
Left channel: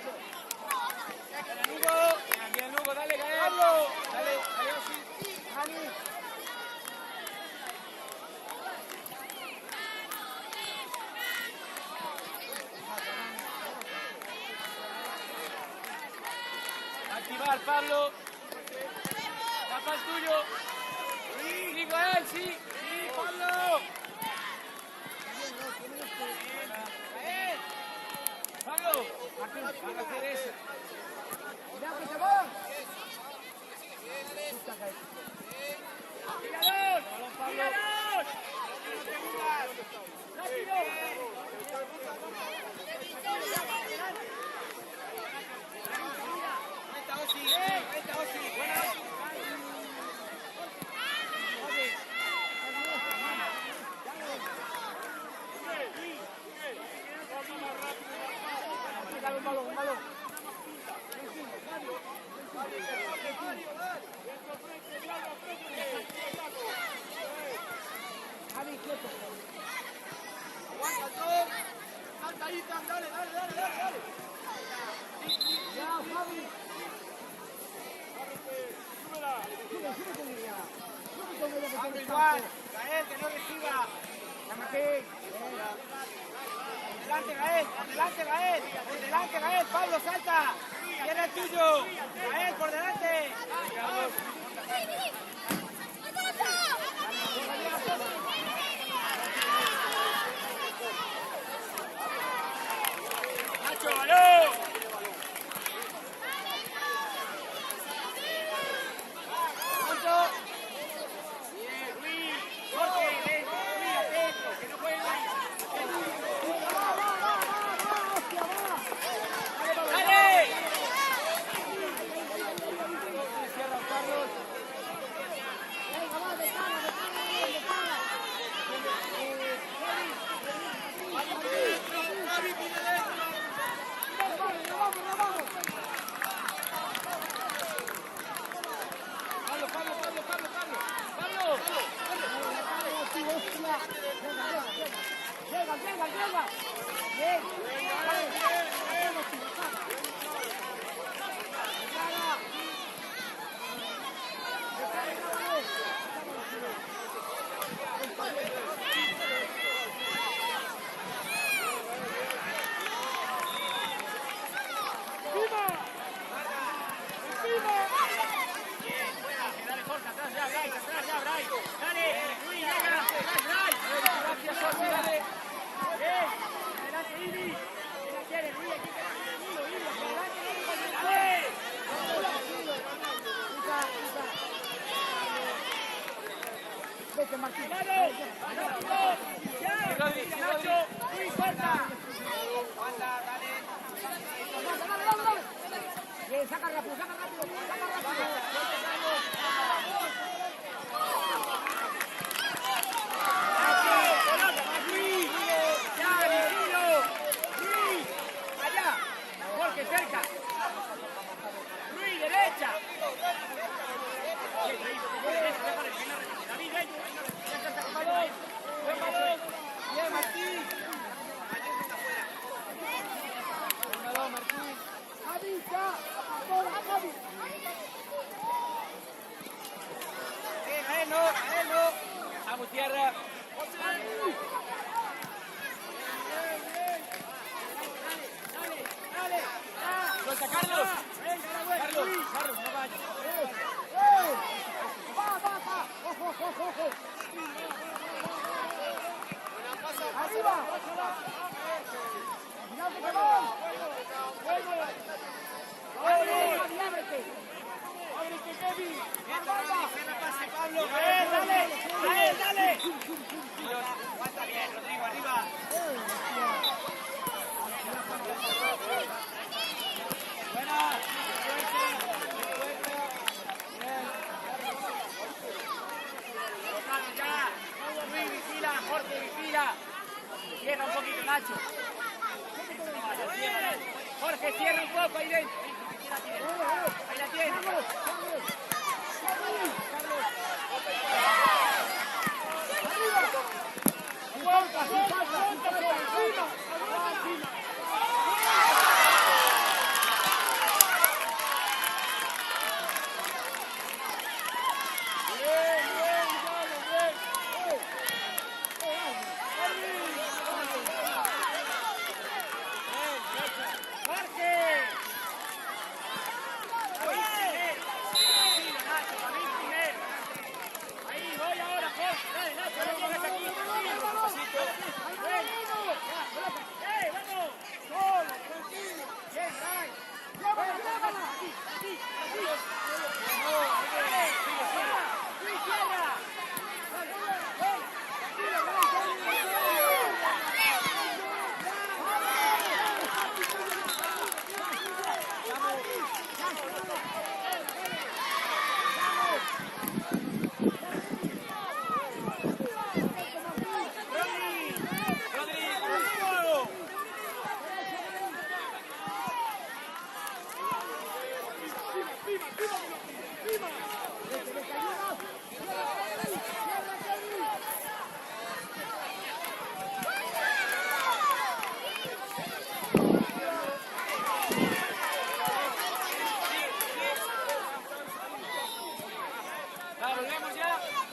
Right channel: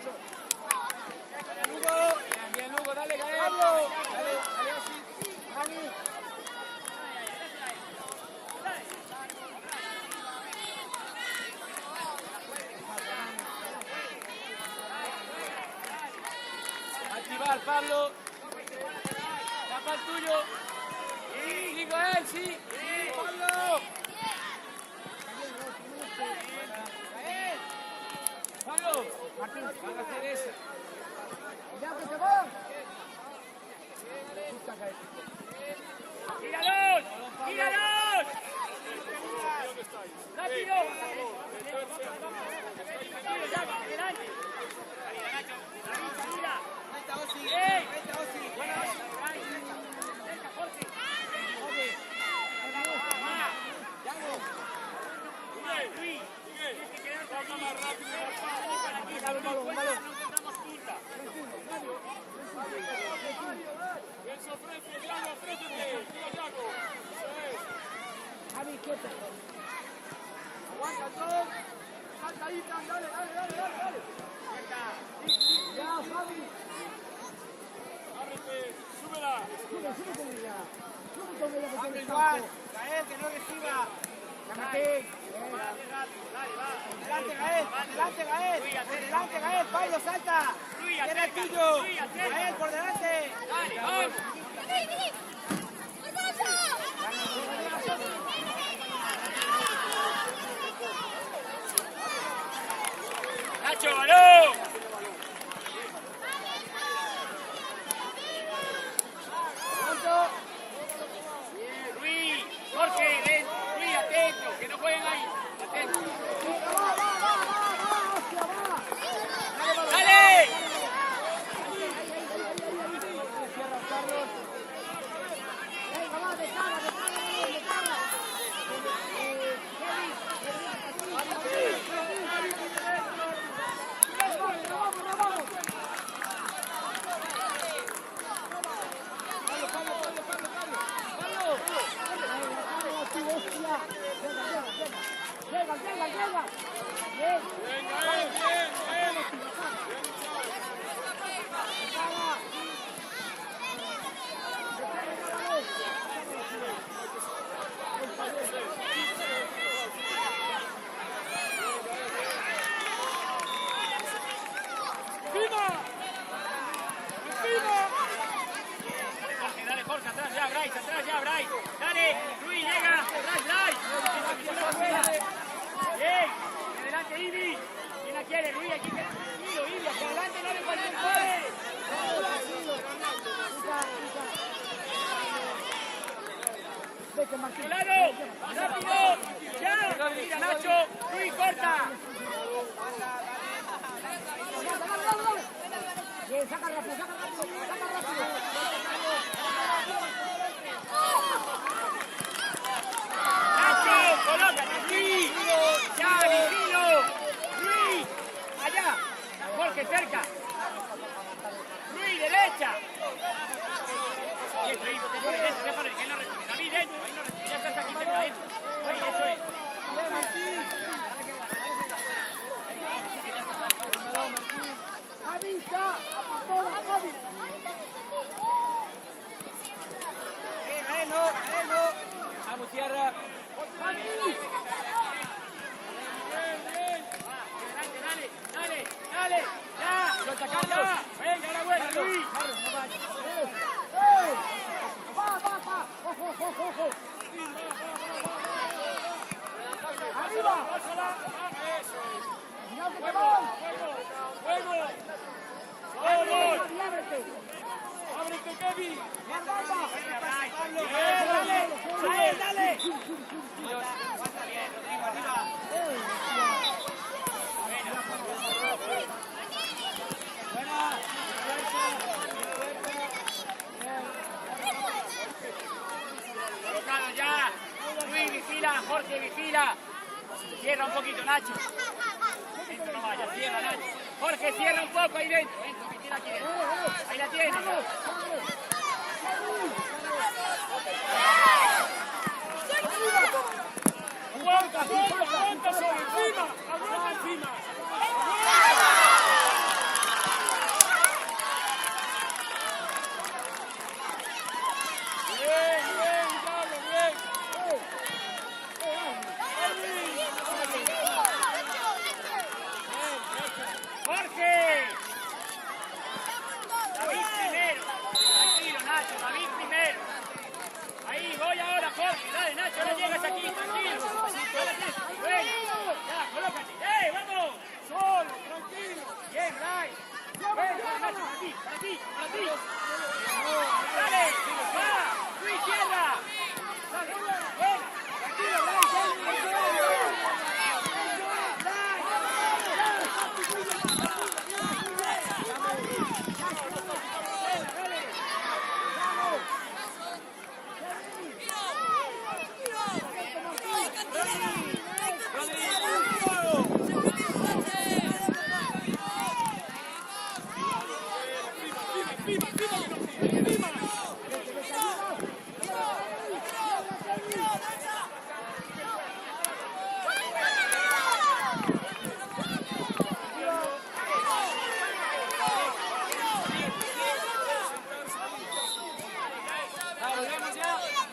Lugo, dale, así. Dani. Activar, Pablo. Tapa el tuyo. Sí, Miguel, sí. Pablo. Pablo, Martín, van a hacer esa. Cuidado que te van. ¡Tíralos! ¡Tíralos! ¡Rápido! Un balón. Javi, quieto. Dale. Ya, Javi. Sube con ella. Sube con ella que tiene el campo. Gael, que no reciba. La metí. Adelante, Gael. Pablo, salta. Viene el tuyo. Gael, por delante. ¡Nacho, balón! Luis, Jorge, ven, Luis, atento, que no jueguen ahí. Atento. ¡Dale! Cierra Carlos. Venga, va, de cara. ¡No vamos! Pablo. Ay, la cara de ti, hostia. Llega. Bien. Jorge, atrás ya, Bryce. Dale, Luis, Lega, Bryce. Bien, adelante, Ibi. ¿Quién la quiere, Luis? Aquí Ibi, hacia adelante, dale, cualquier puede. Vete, Martín. ¡Rápido! ¡Ya! ¡Mira, Nacho! ¡Luis, corta! Dale. Bien, saca rápido. Luis, allá, Jorge, cerca. Luis, derecha. Avisa, Vamos, tierra. Dale. Suelta, Carlos. Venga, la buena, Luis. Carlos, no vayas. Va. Ojo. Arriba. Cuidado que te van. Ábrete. Ábrete, Kevin. Más banda. Dale. Ya. Luis, vigila. Jorge, vigila. Cierra un poquito, Nacho. No vaya, cierra, Nacho. Jorge, cierra un poco ahí dentro. Ahí la tienes. Sin falta. Ahí, voy ahora, Jorge. Dale, Nacho, no llegas aquí. ¡Vamos! ¡Solo, tranquilo! ¡Bien, Lai! ¡Ven, aquí! ¡Luis, cierra! ¡Ven!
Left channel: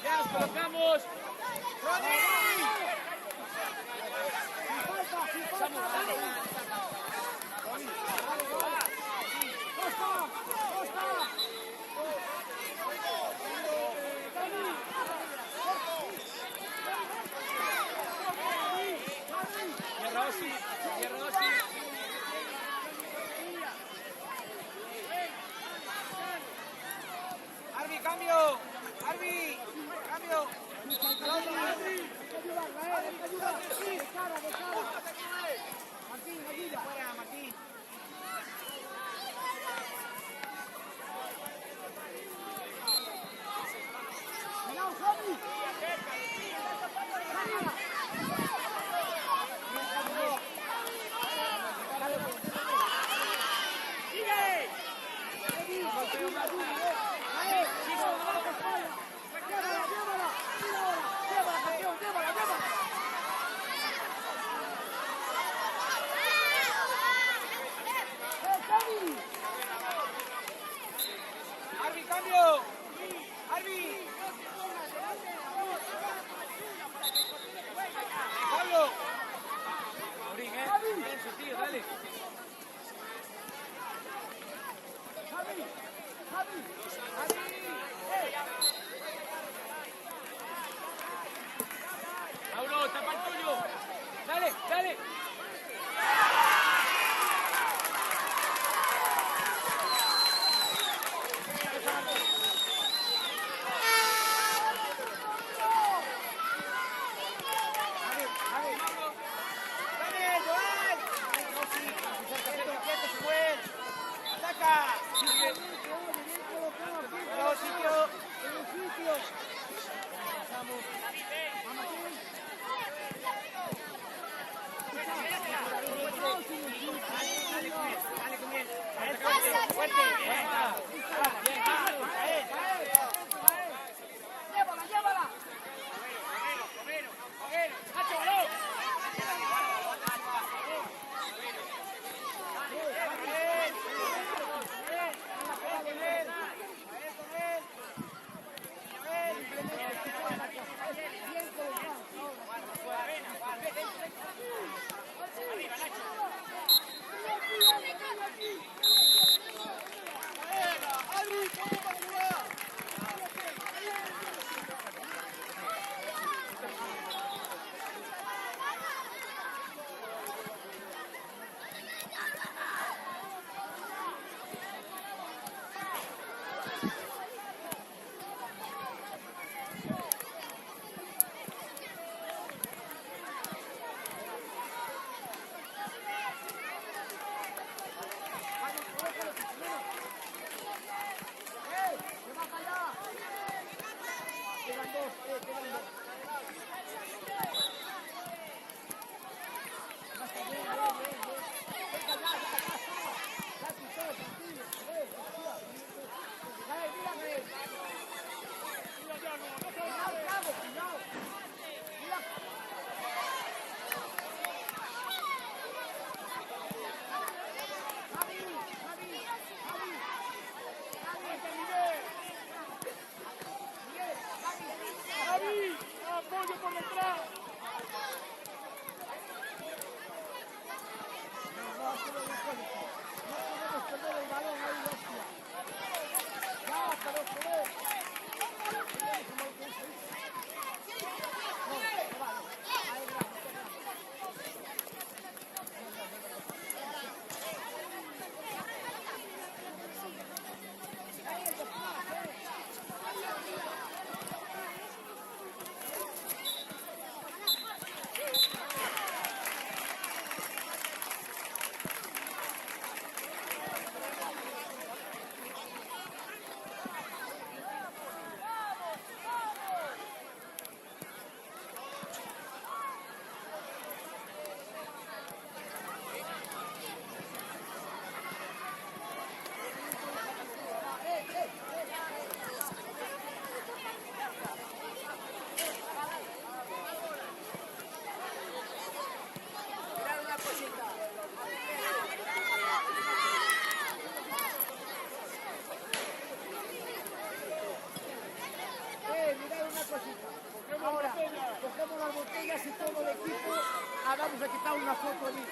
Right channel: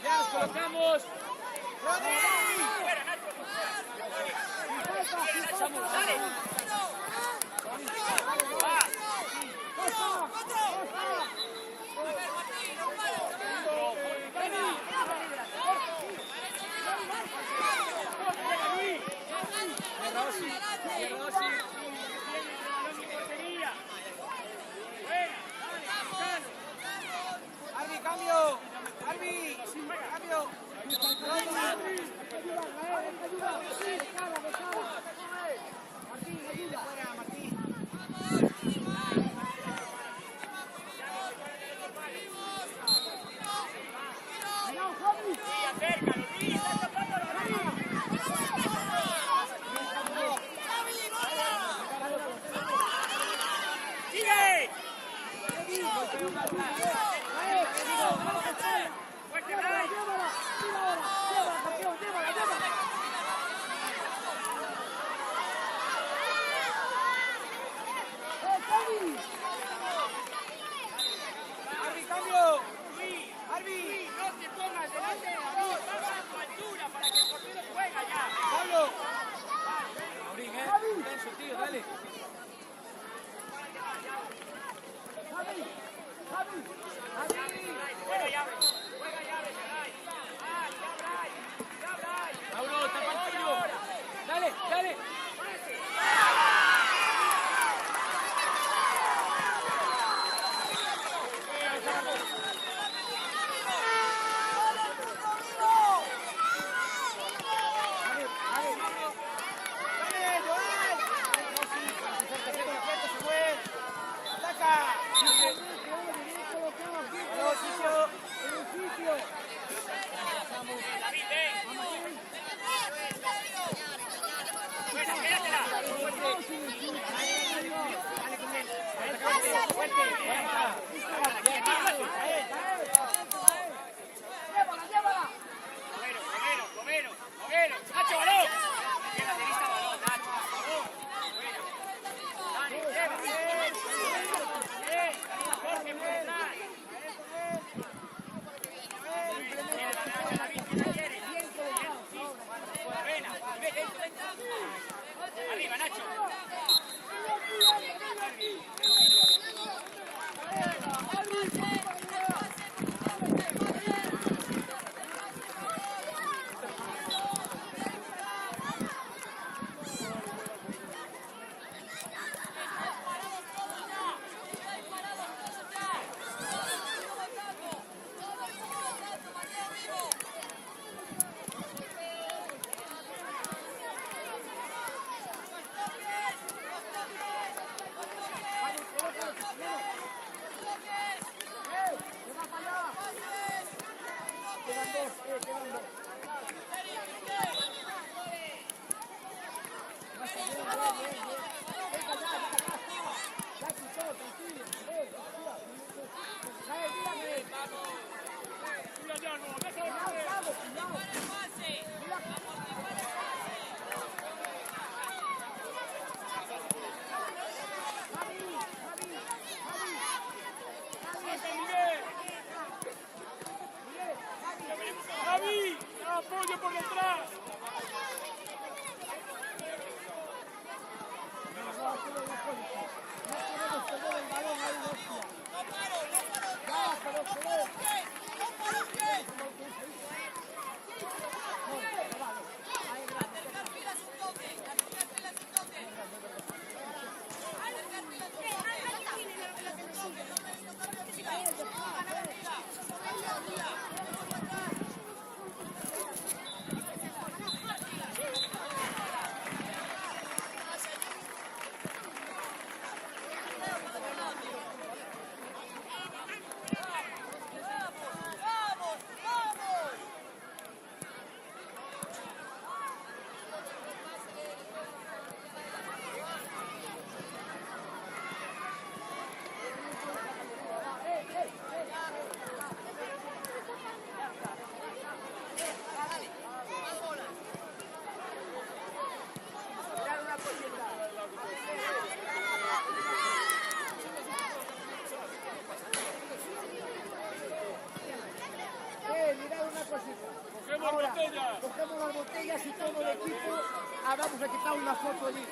Ya nos colocamos. Cambio. Martín, ayuda. Fuera, Martín. Cuidado, Javi. Mauro, tapa el tuyo. Dale. Llévala. Nacho, balón. Arriba, Nacho. Mirad una cosita. Ahora, cogemos las botellas y todo el equipo. Vamos a quitar una foto allí.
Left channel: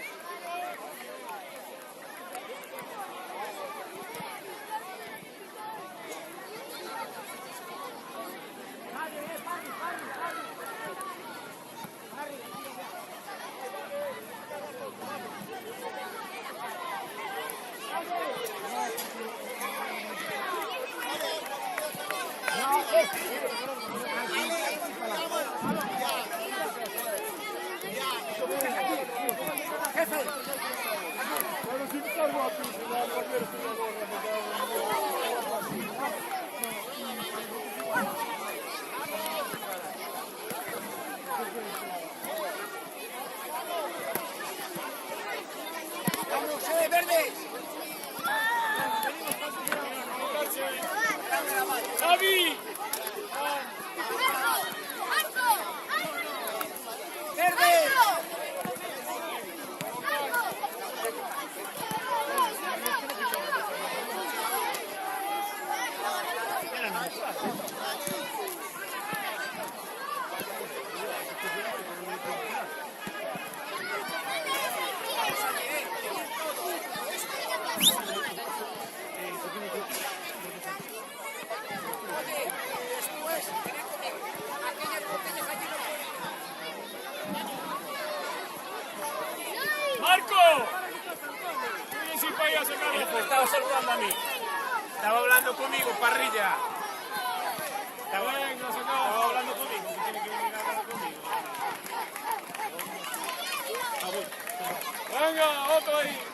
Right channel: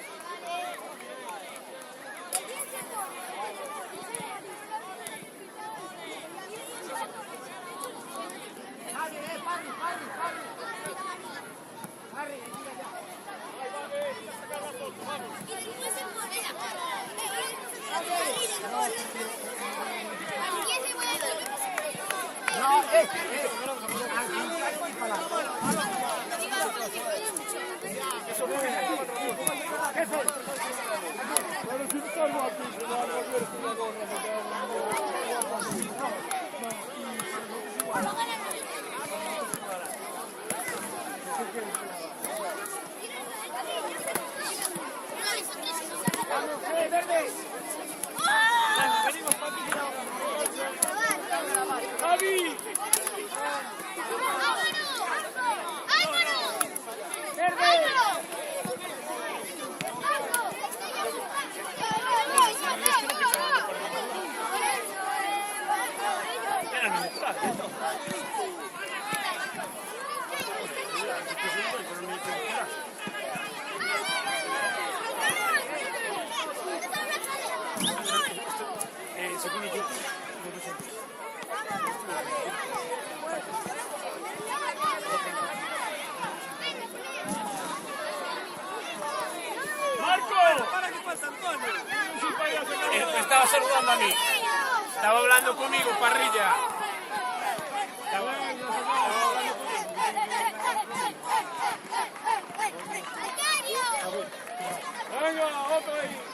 Estaba saludando a mí. Estaba hablando conmigo, parrilla. Estaba hablando conmigo. Venga, otro ahí.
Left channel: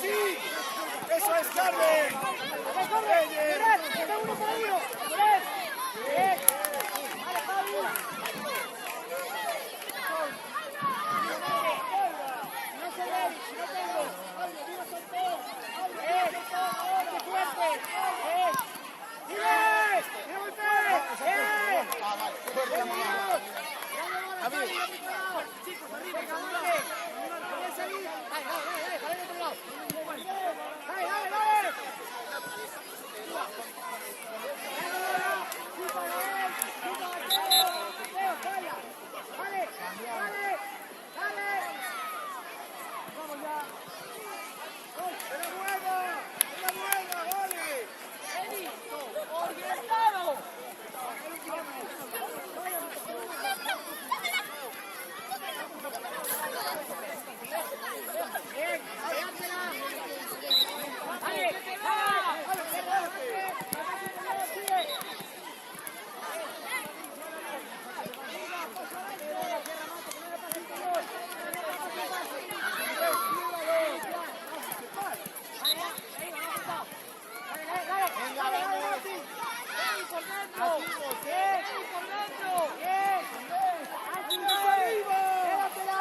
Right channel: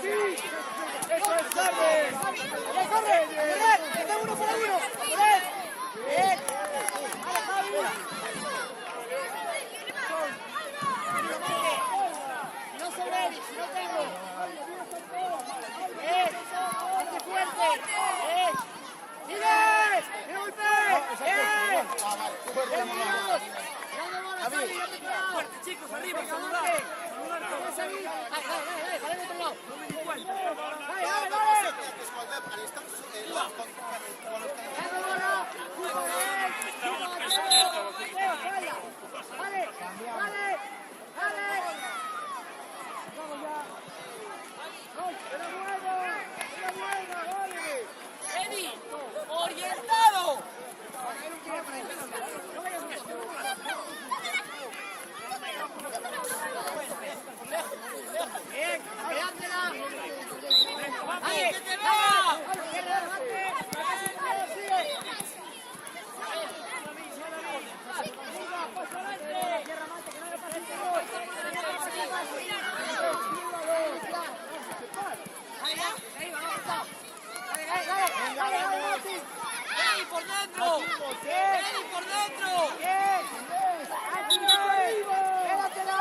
Sí, eso es tarde. ¡Corre, corre! ¡Tengo uno por ahí! ¡Corre! ¡Bien! ¡Vamos, Javi! No se ve, no tengo. ¡Bien! ¡Hazte fuerte! ¡Bien! ¡Sigue! ¡No golpees! ¡Bien! Ah, vale. Chicos, venga, Marte. ¿No puedes salir? Dale, dale, dale, dale, al otro lado. Dale, dale, dale. Dale, bola. Chupa, Gael. Chupa, Mateo. Mateo, falla. Dale, dale, dale. Vamos ya. Eddie, orientado. Venga, vamos. Eddie, por dentro. Activos, Eddie, por dentro. Bien, bien. Llévatela.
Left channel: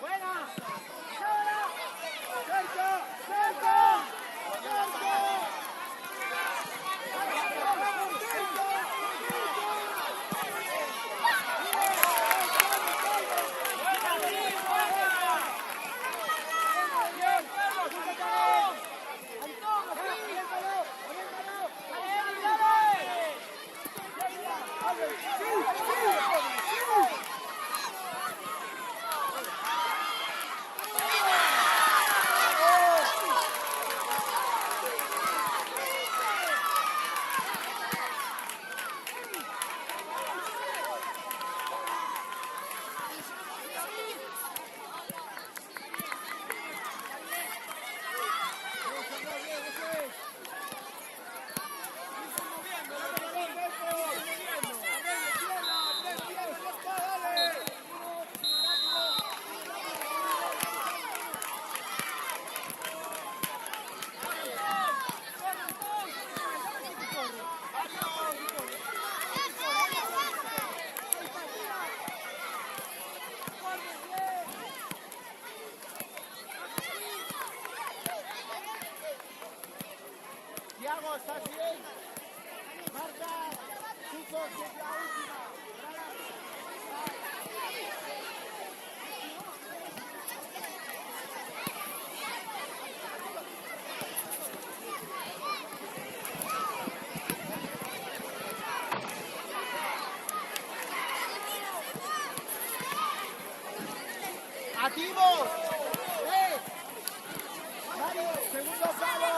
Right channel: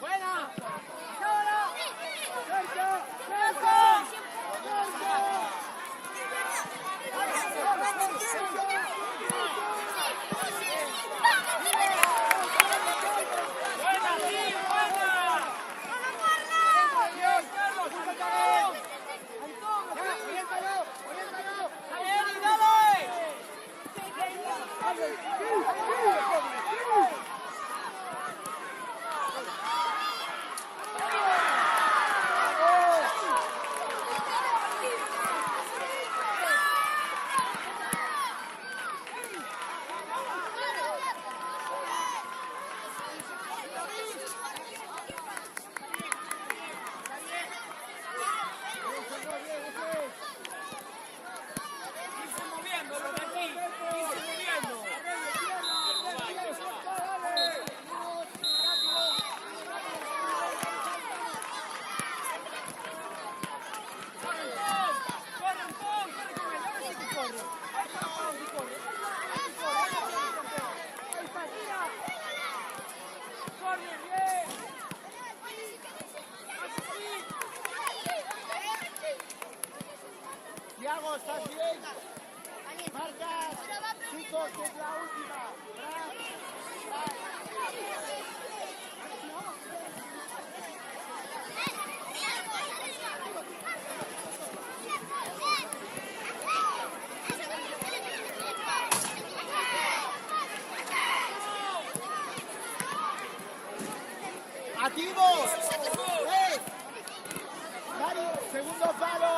Buena. Ahora. Fuerte. Buena, sí, buena. Bien, Carlos, Antón. Antón, oriéntalo, oriéntalo. Dale, Tiago, ¿estás bien? Marca, chicos, que es la última. ¡Activos! Dale, segundo palo.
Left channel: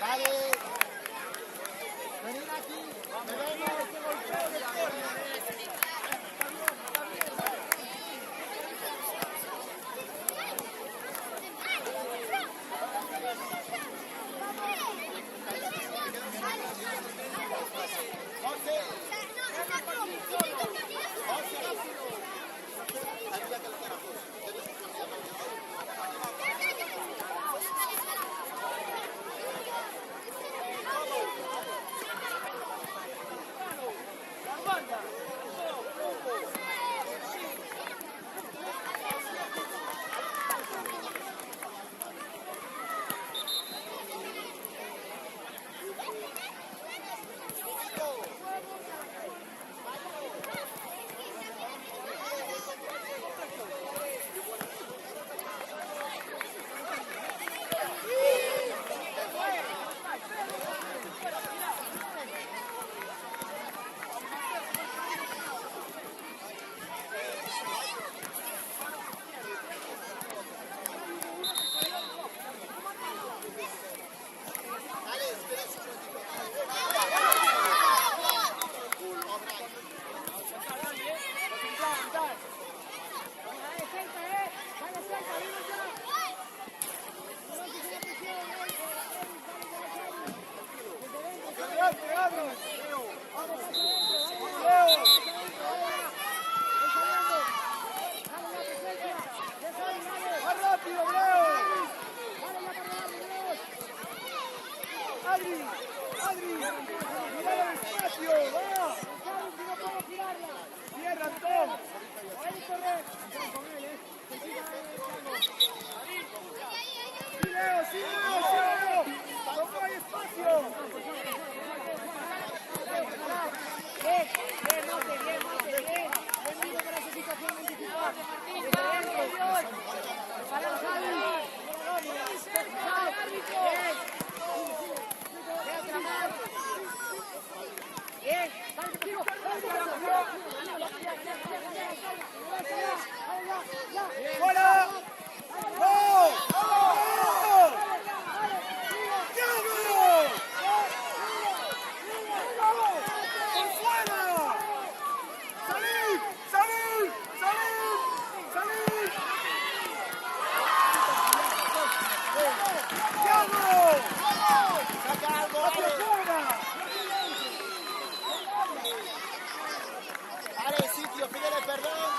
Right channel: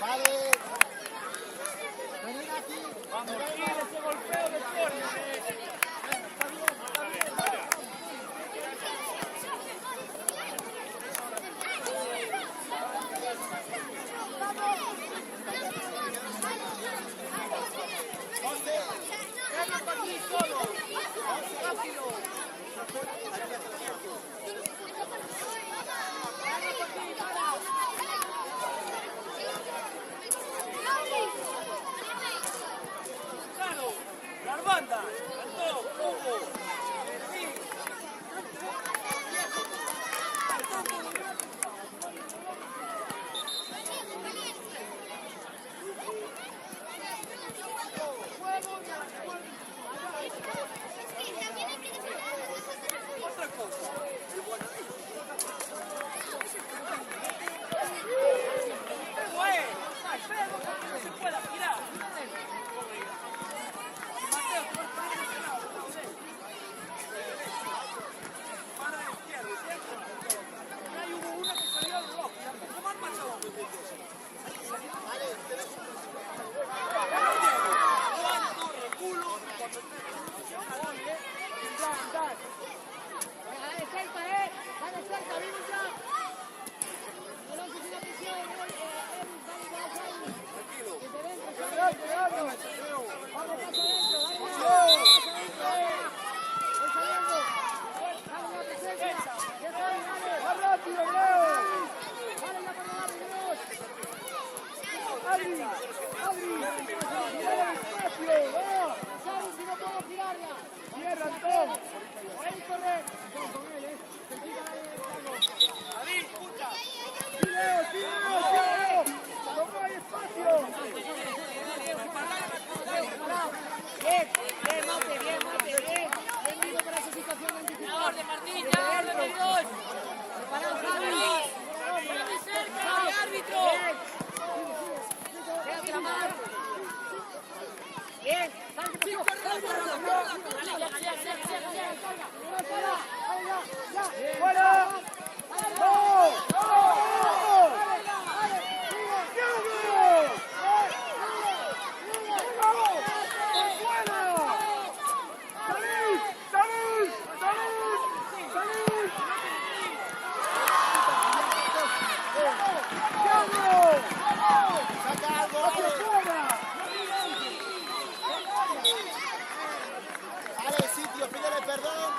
Vale. Venid aquí. Vamos. Ese golpeo de córner. Está bien, está bien. Vamos, pasa adentro, vamos. Bien, sale que pasó, sale que pasó. ¡Fuera! Sitio, pídele perdón.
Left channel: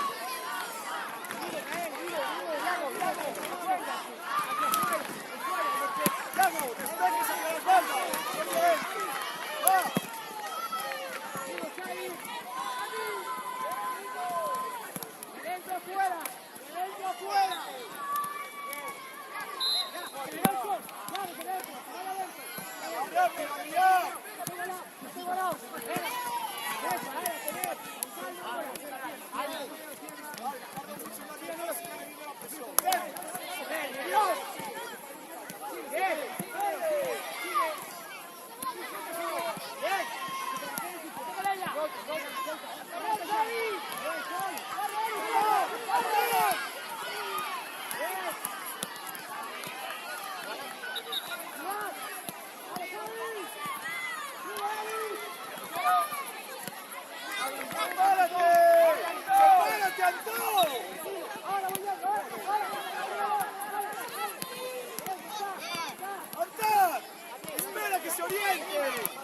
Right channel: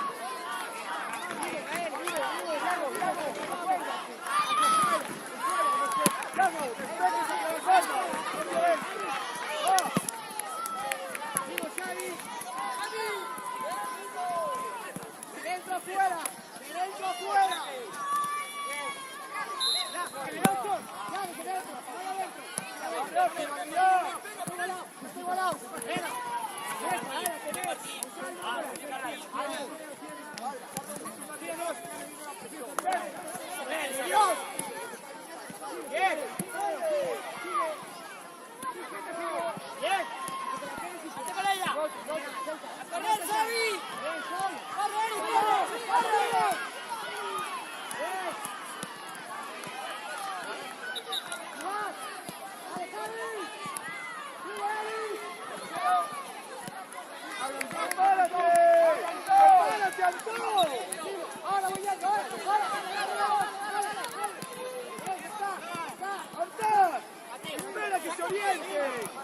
¡Espera que se oriente!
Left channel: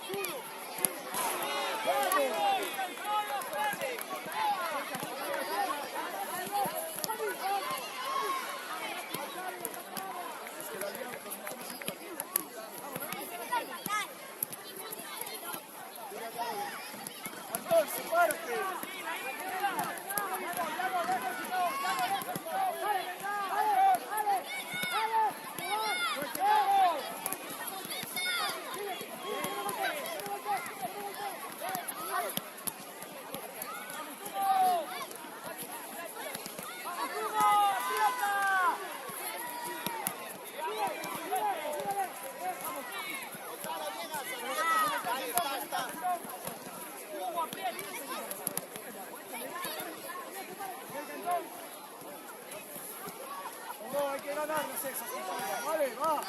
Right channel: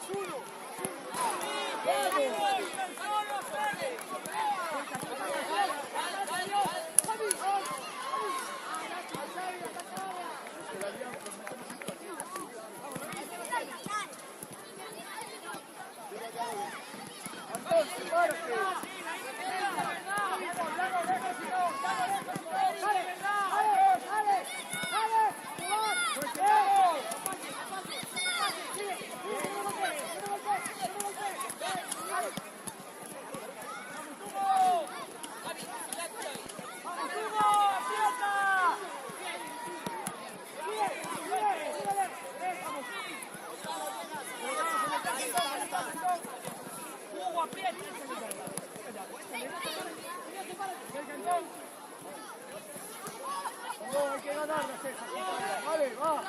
No, hay que ganar las exas. Dale, va.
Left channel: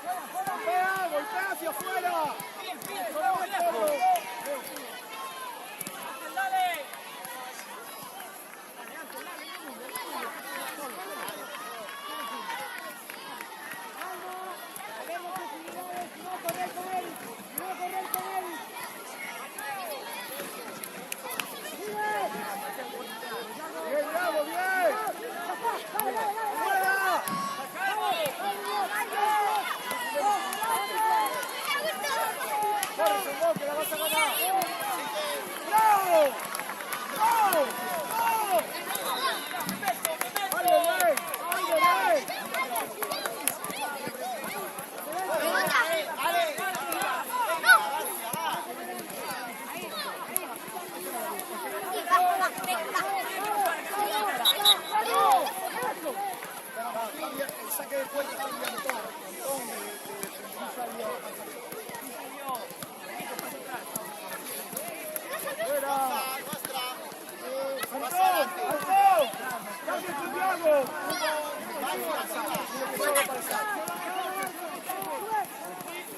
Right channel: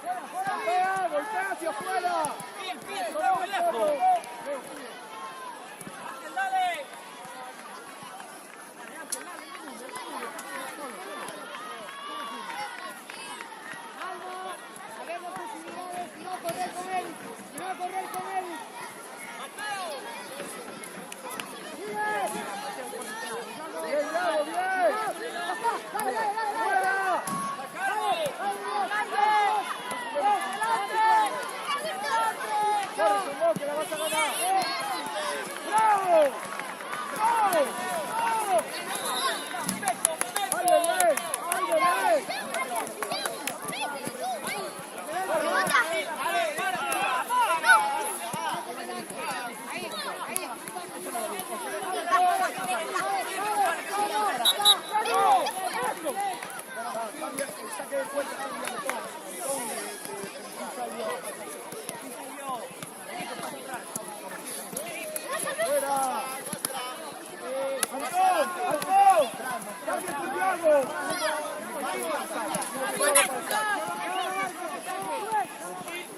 ¡Fuera, fuera! ¡Golpea hacia afuera! ¡Ángel, dale! Calma, a ver las posibilidades, no correr con él, no correr con él. ¡Fuera! ¡Antón! ¡Antón! ¡Cambia tu juego!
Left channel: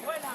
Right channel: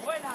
Buena,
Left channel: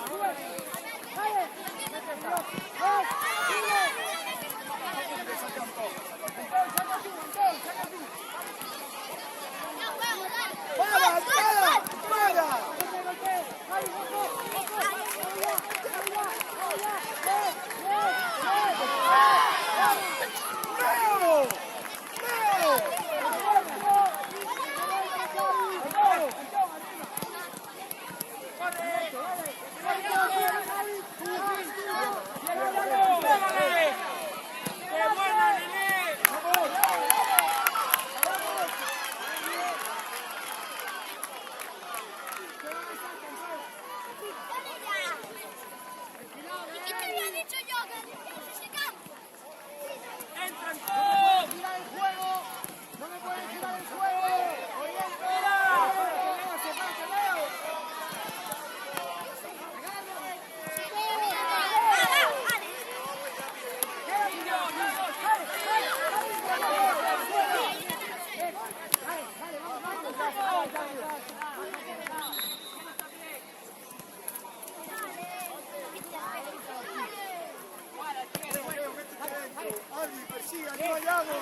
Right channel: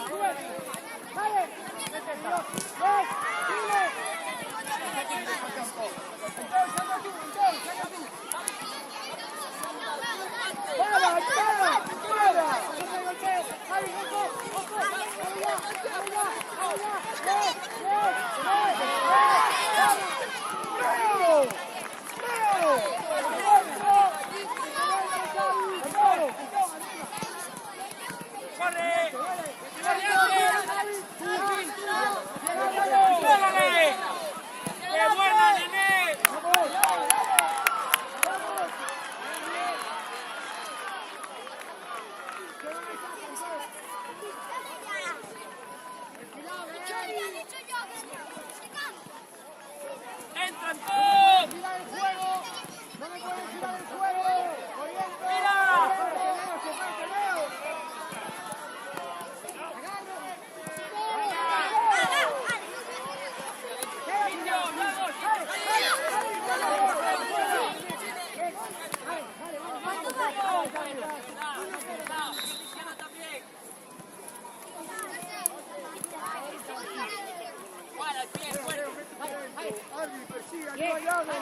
Adri, persigue, anima a Yago.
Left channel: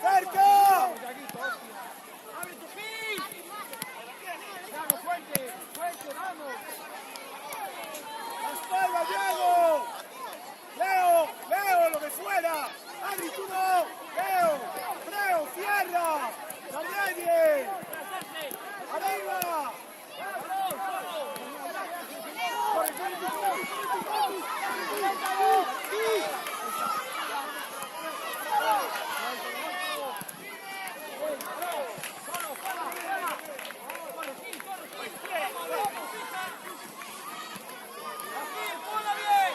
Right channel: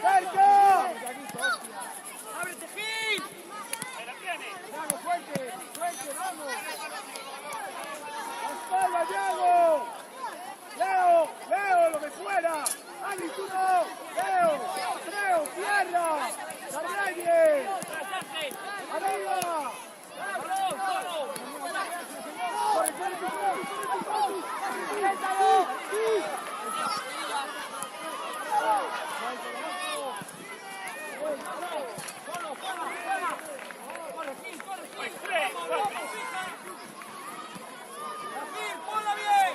¡Cerca! ¡Ábrete, Gil! Yago, fuerte, fuerte, vamos. La espalda, Yago. Leo, lo que fuera. Adri, tú no. Leo, tierra. Guardián. Arriba. ¡Balón, solo! ¡Solo, juega! ¡Corre, Gil! ¡Vamos, fija! ¡Gil, ponla bien!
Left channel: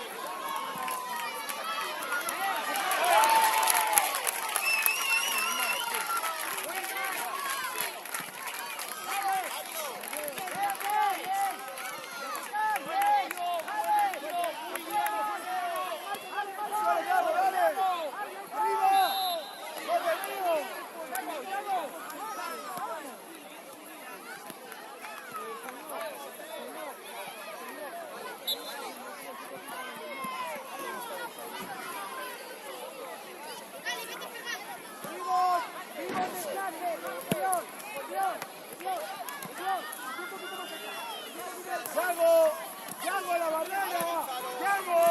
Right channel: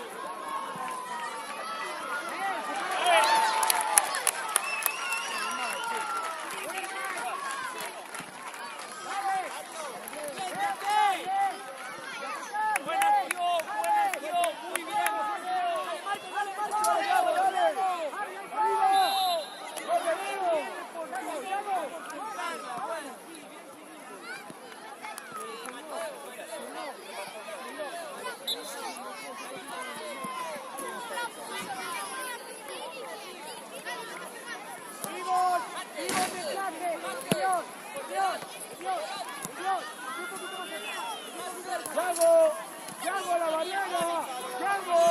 ¡Yago a la Mariana! ¡Yago!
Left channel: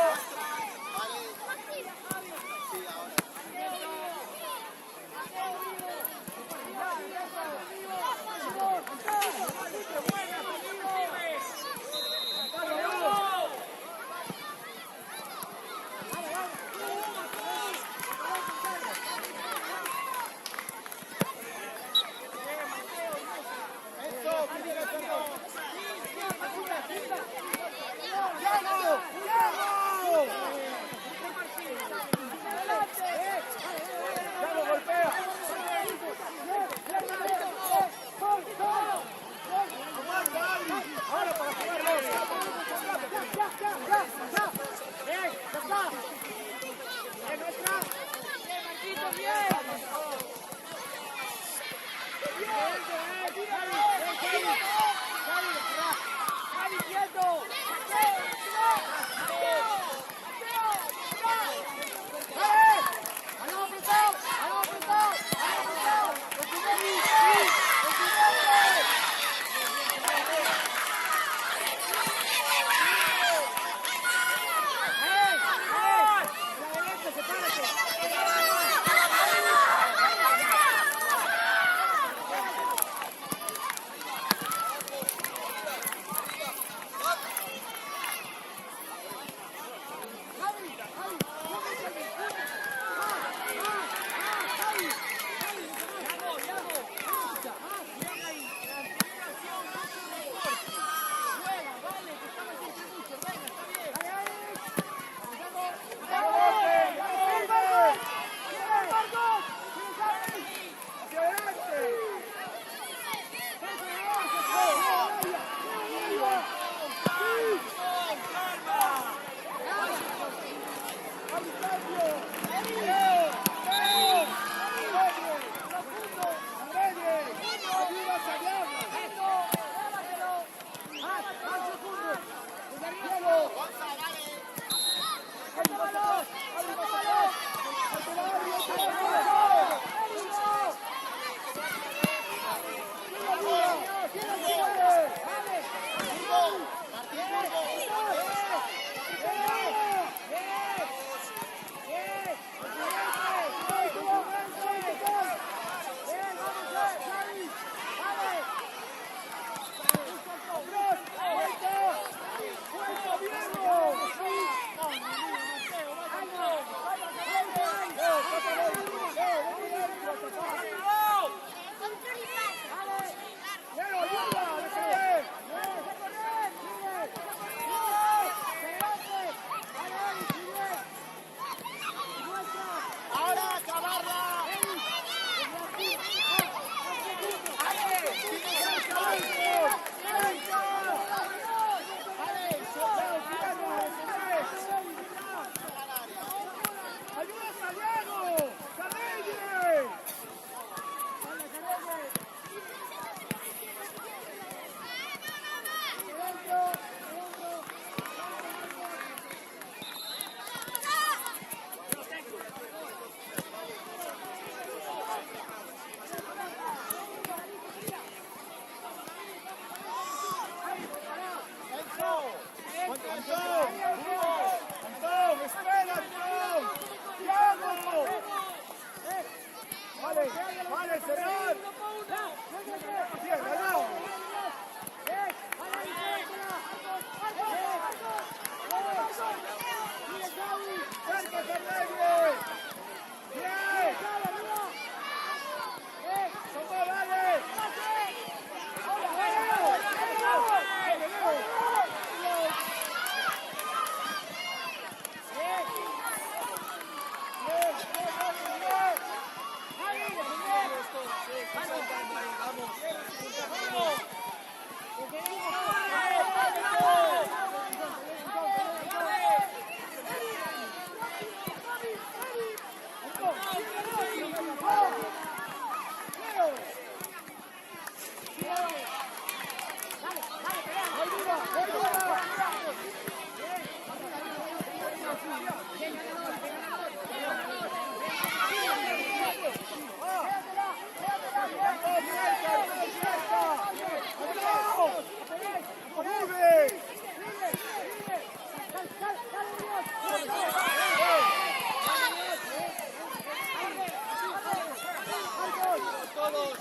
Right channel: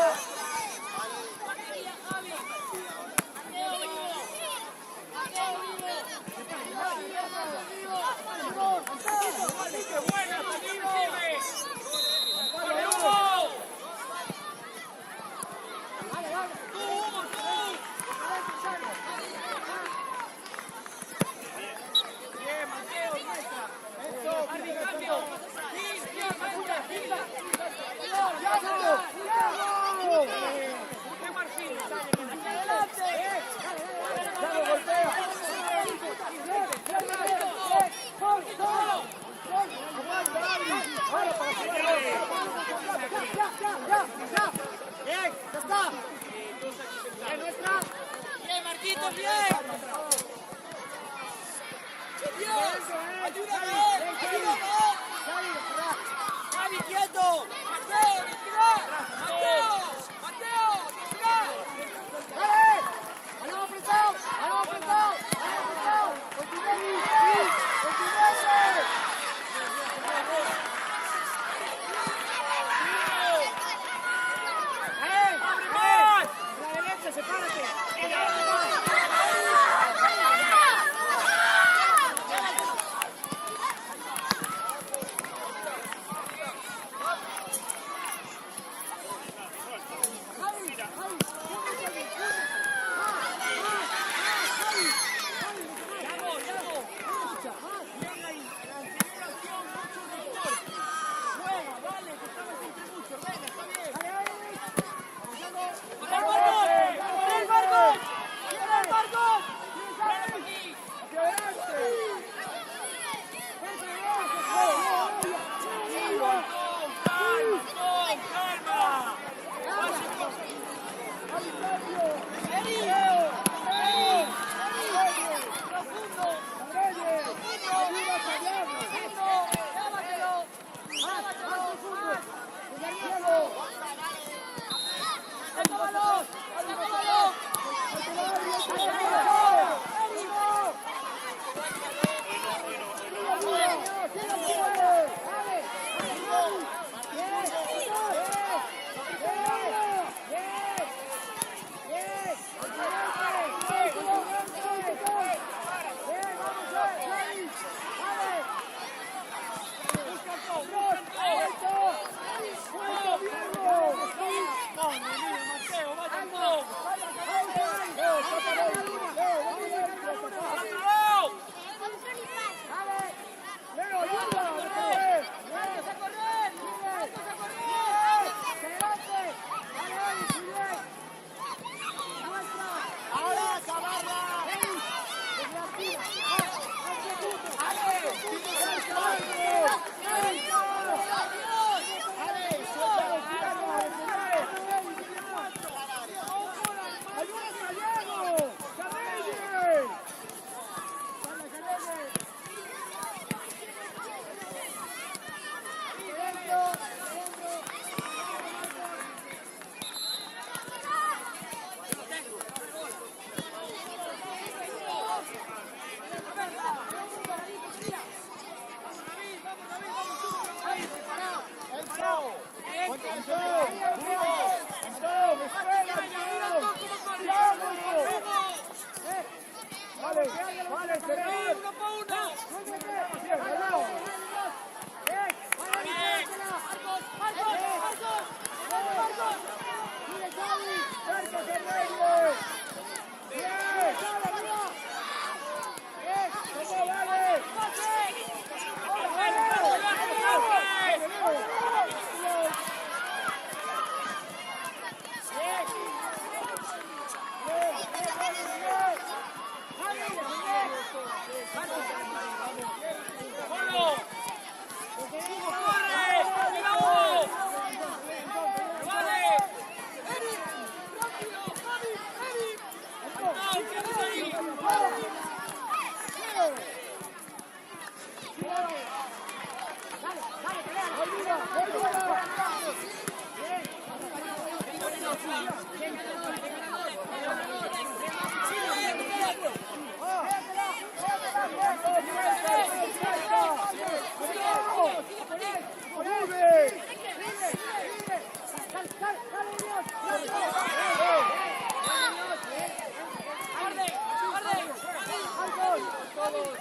Vamos,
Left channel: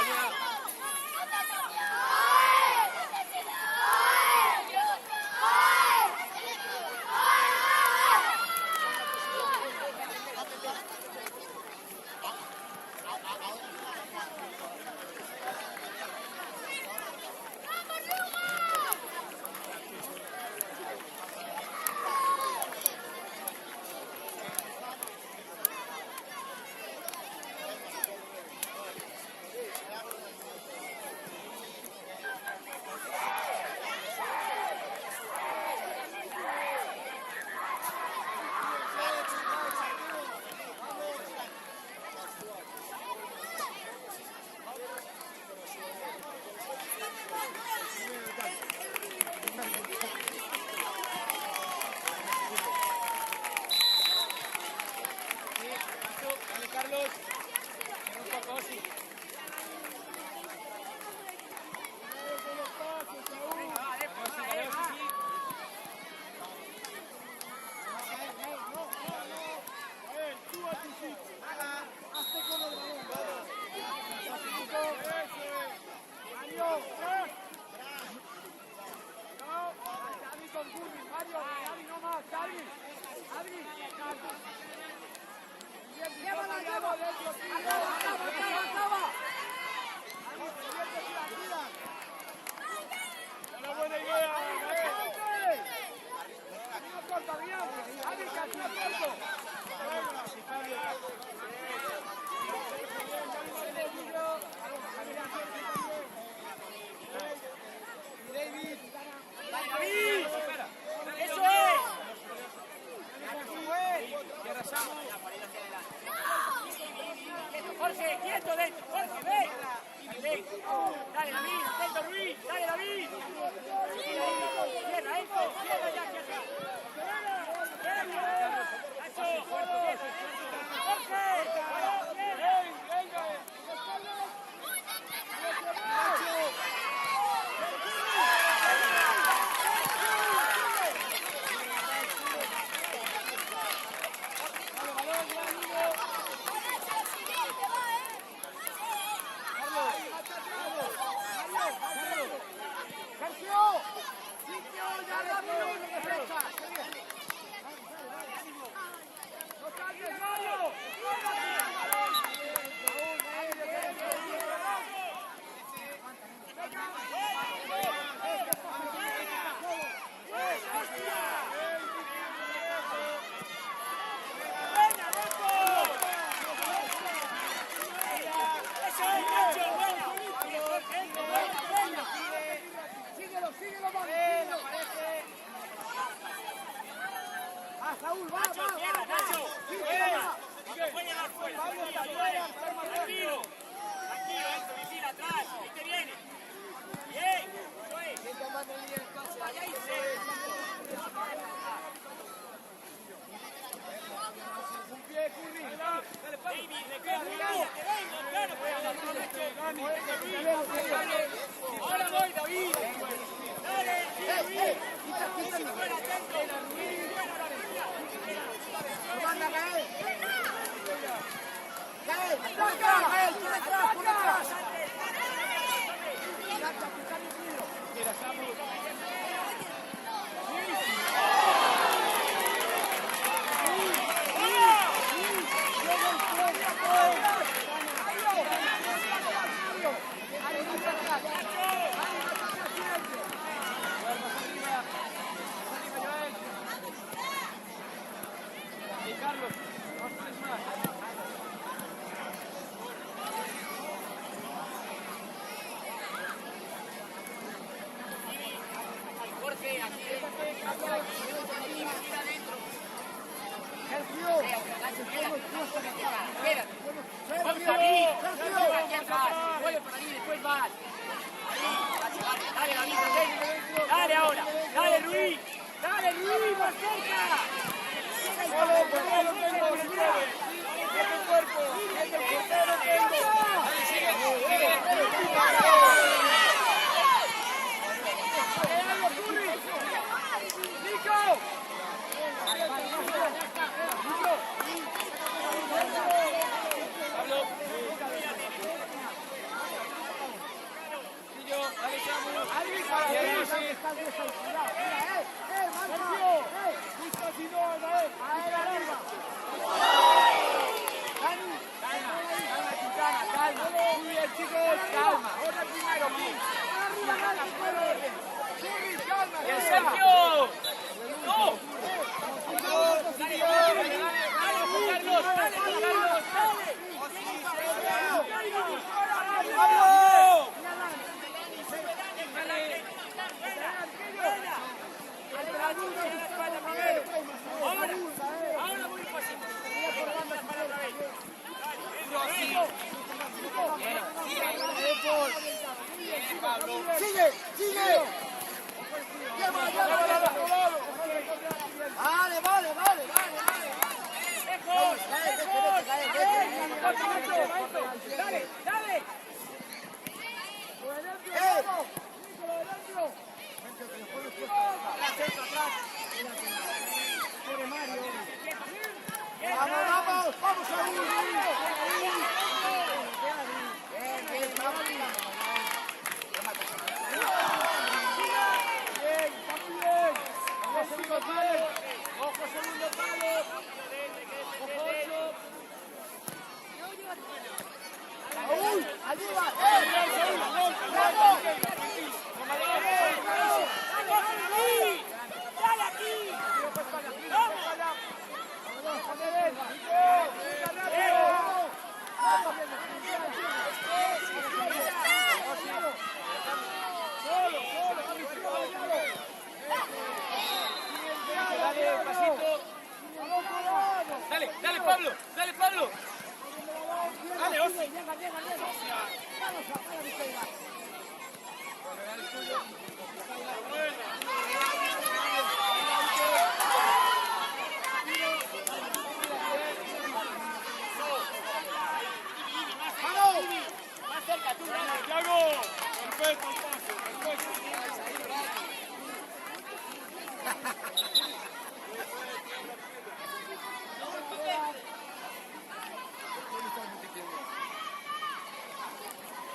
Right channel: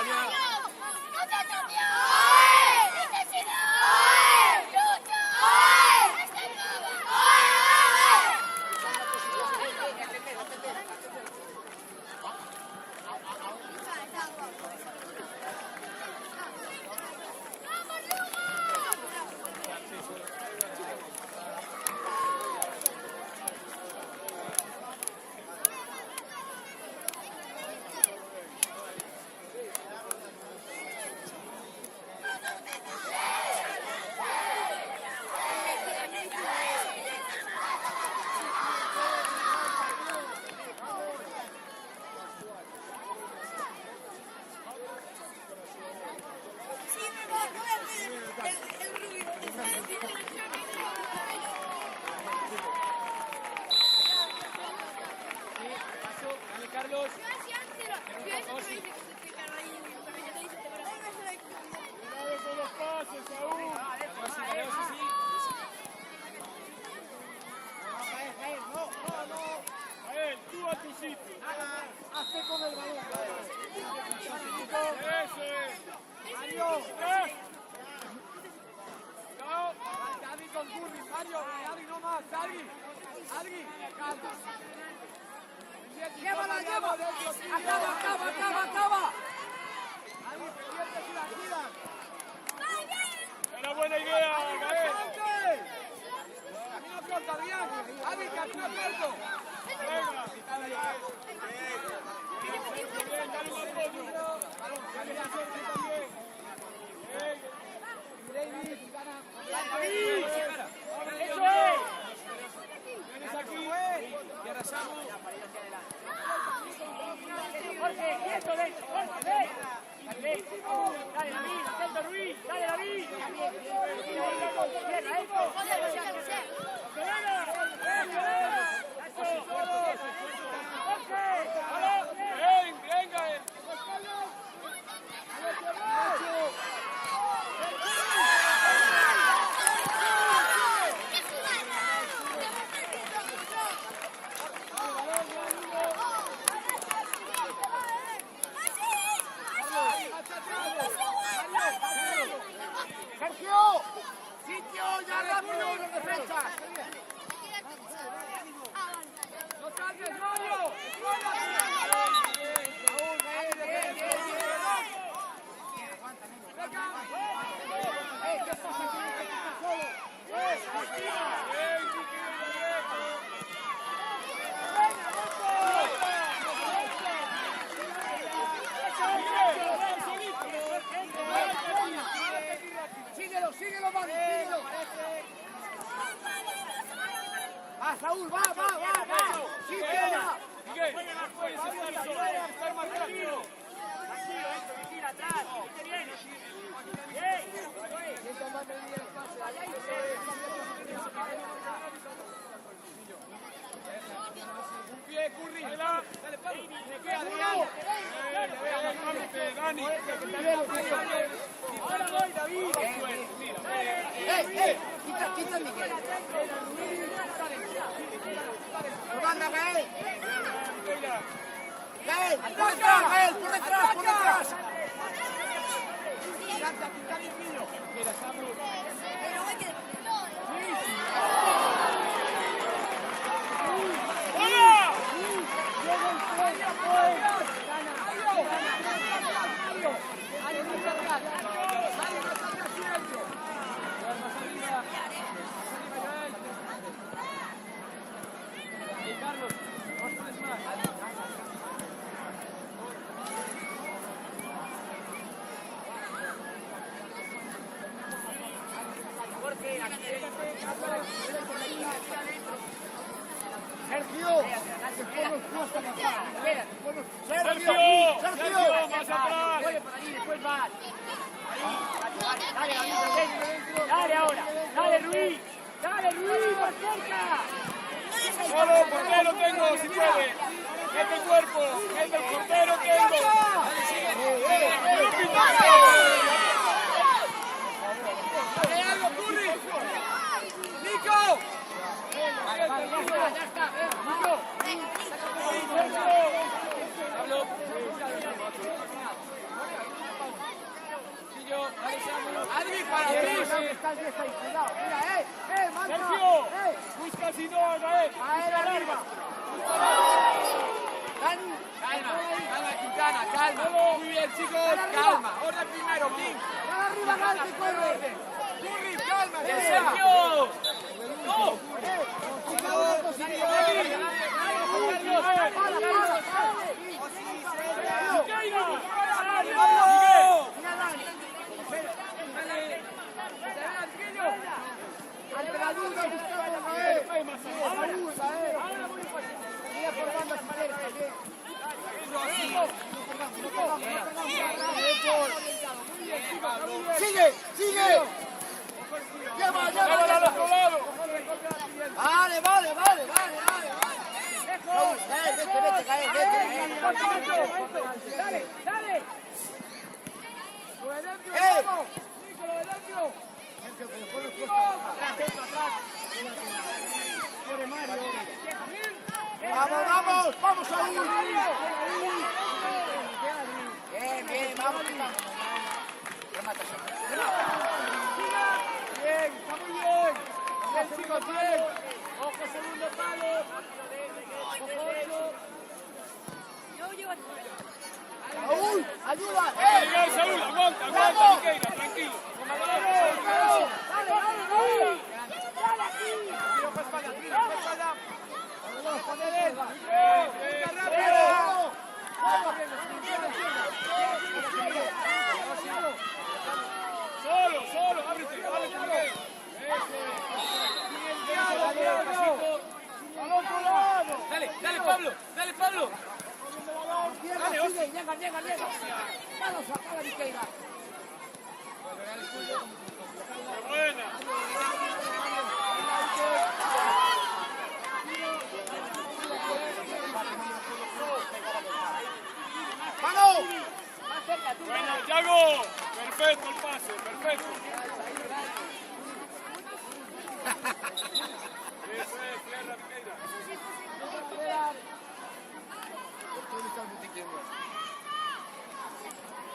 caña. Dale, Carlos. Un poco así. Tú a tu sitio. Hazte con el balón. Dani con Curry, Mario, Dani no más, Dani. Adri, calma. Llévala, llévala. Acaba. Adri, tira. Una buena idea, Gael. Una corta, Adrián. Adri, casi corto. ¡Eso es! Jorge, quieto, dentro. Jorge, ven. Dale, David, intenta Ruiz. Dale, David. Cierra, esto. Sergio, sitio, ya rápido, de defensa. No saltes, Mario. Síguelo, Manu, síguelo. Va, Saúl, va. Sí, va. Vamos, hasta afuera, toma rápido. Vigila atrás, ¿viste bien? Un pie, Curry. Dale, Pablo. Quítame. Anda, Gael. Por detrás. Mira, Samuel. Carlos, no puedes más. Sergio, después nos cuesta bajar. Sergio, más atrás. Después vas. Dale ahora. Dale, Ruiz. Más corta. Solo portero tengo, si puede. Mete el cuerpo, mete el portero tengo. Nico. ahí, cuidado, mira, marca, Sergio, fuiste así, no, Gael. arriba. Dani, Calma, Quintana, calma. Muy bien, chicos, calma. Orden primero, please. arriba, Dani, Con orden. Curry, calma, que sea. El último, Sigue, sigue. Lleva. Vale. Quiere Mario. Vamos ahí. Bien, vamos. Bien, está muy bien. Ojo, segundo palo. Ojo, 8. Saúl, ayuda. Saúl, aguanta, tranquilo. Dale, Pablo. ¡Vamos! Bueno, Thiago, perfecto el pase, perfecto.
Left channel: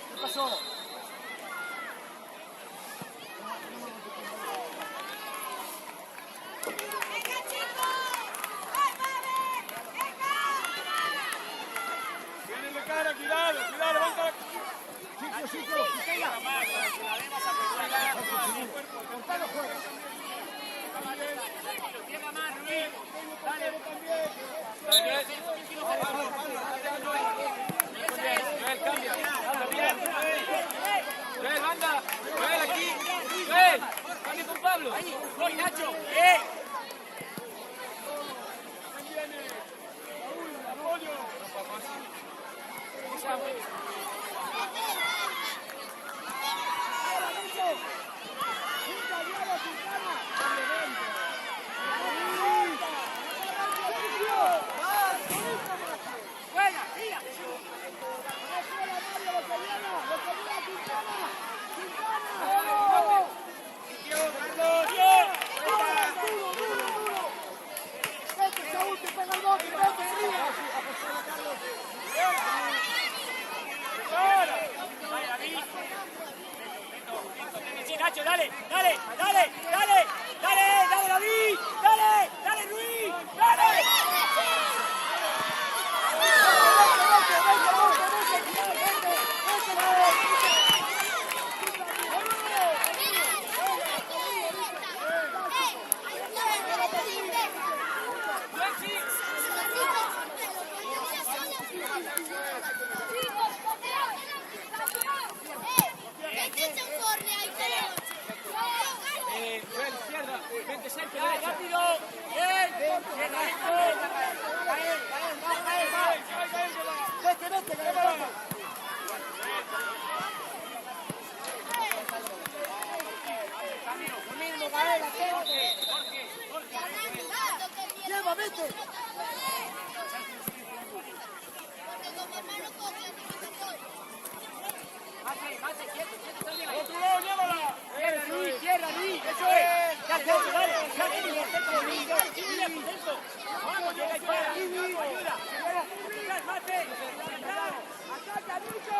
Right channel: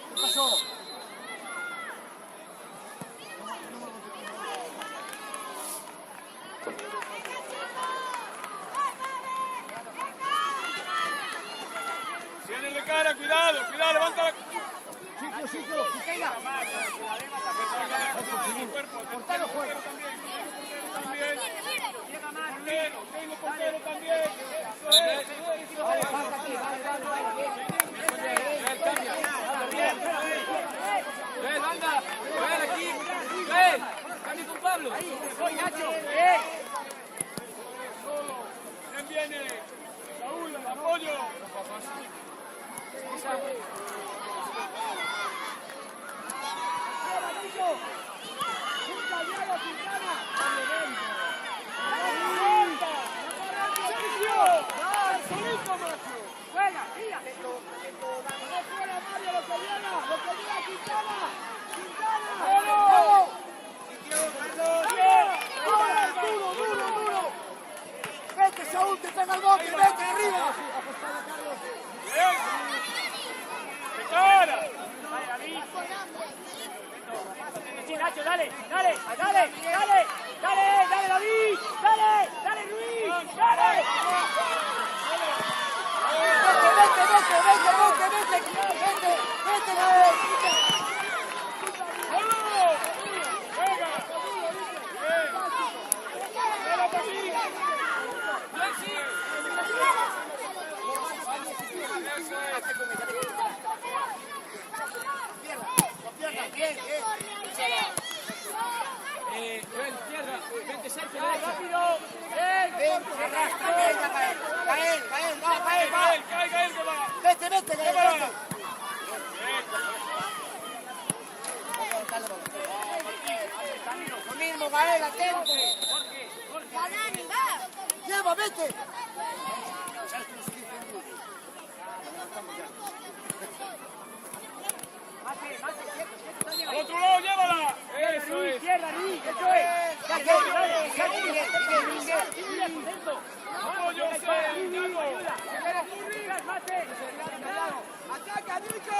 ¿Qué pasó? Viene de cara, cuidado, levanta la... Sitio, que caiga. Cortado juega. Tengo portero también. Dale con Pablo. También viene Saúl, apoyo. Vete, Saúl, que pega el bote, vete arriba. Sí, Nacho, dale, David, dale, Luis, dale. Lleva, vete. Al otro lado, llévala. Eso es. Cierra, Luis, eso es. Apoyo, ¡Ataca, Lucho!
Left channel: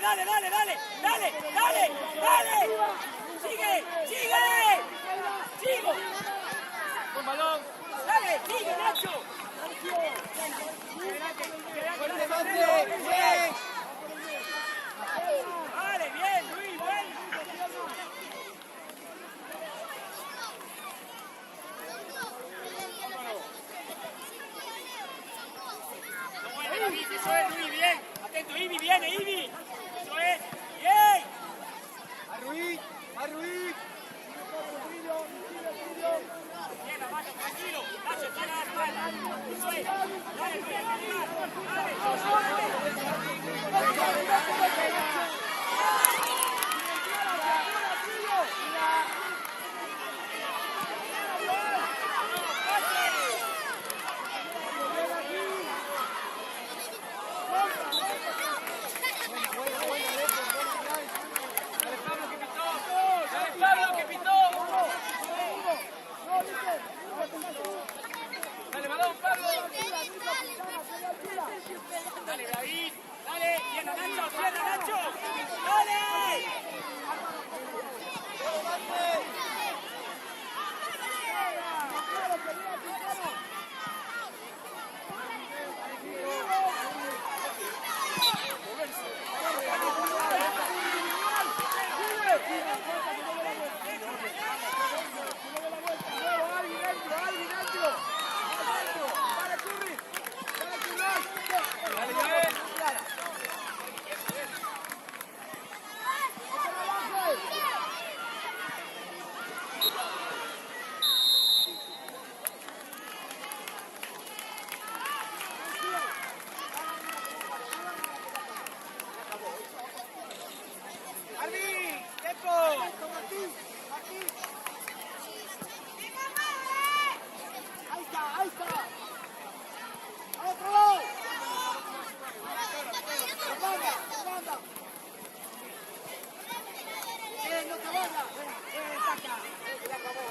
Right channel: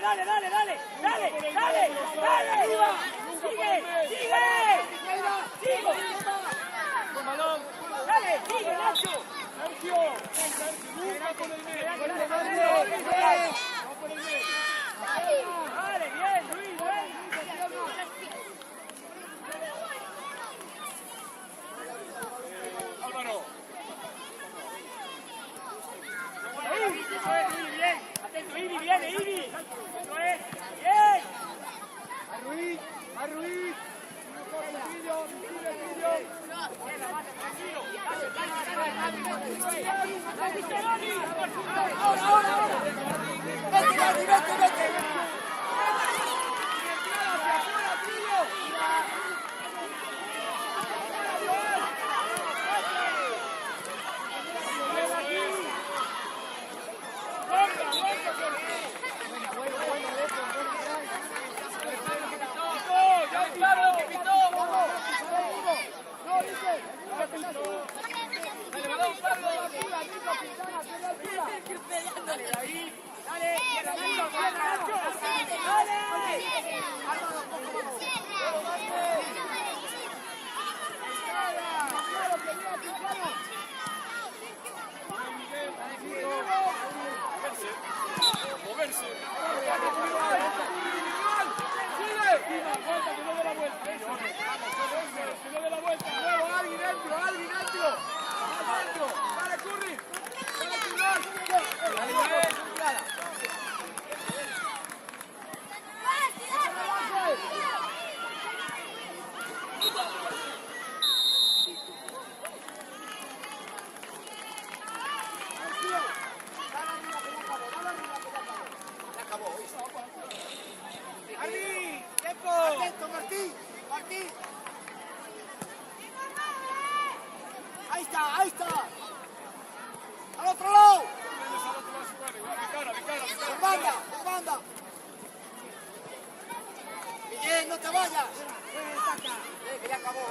dale, dale, dale, dale, dale, dale, dale. Sigue, sigue. Sigue. Con balón. Dale, sigue, Nacho. Dale, bien, bien, bien. Ibi, bien. Atento, Ibi, viene, Ibi. Bien. Ruiz. Ahí está. Al otro lado. Banda. Bien, no te vayas. Ya acabó,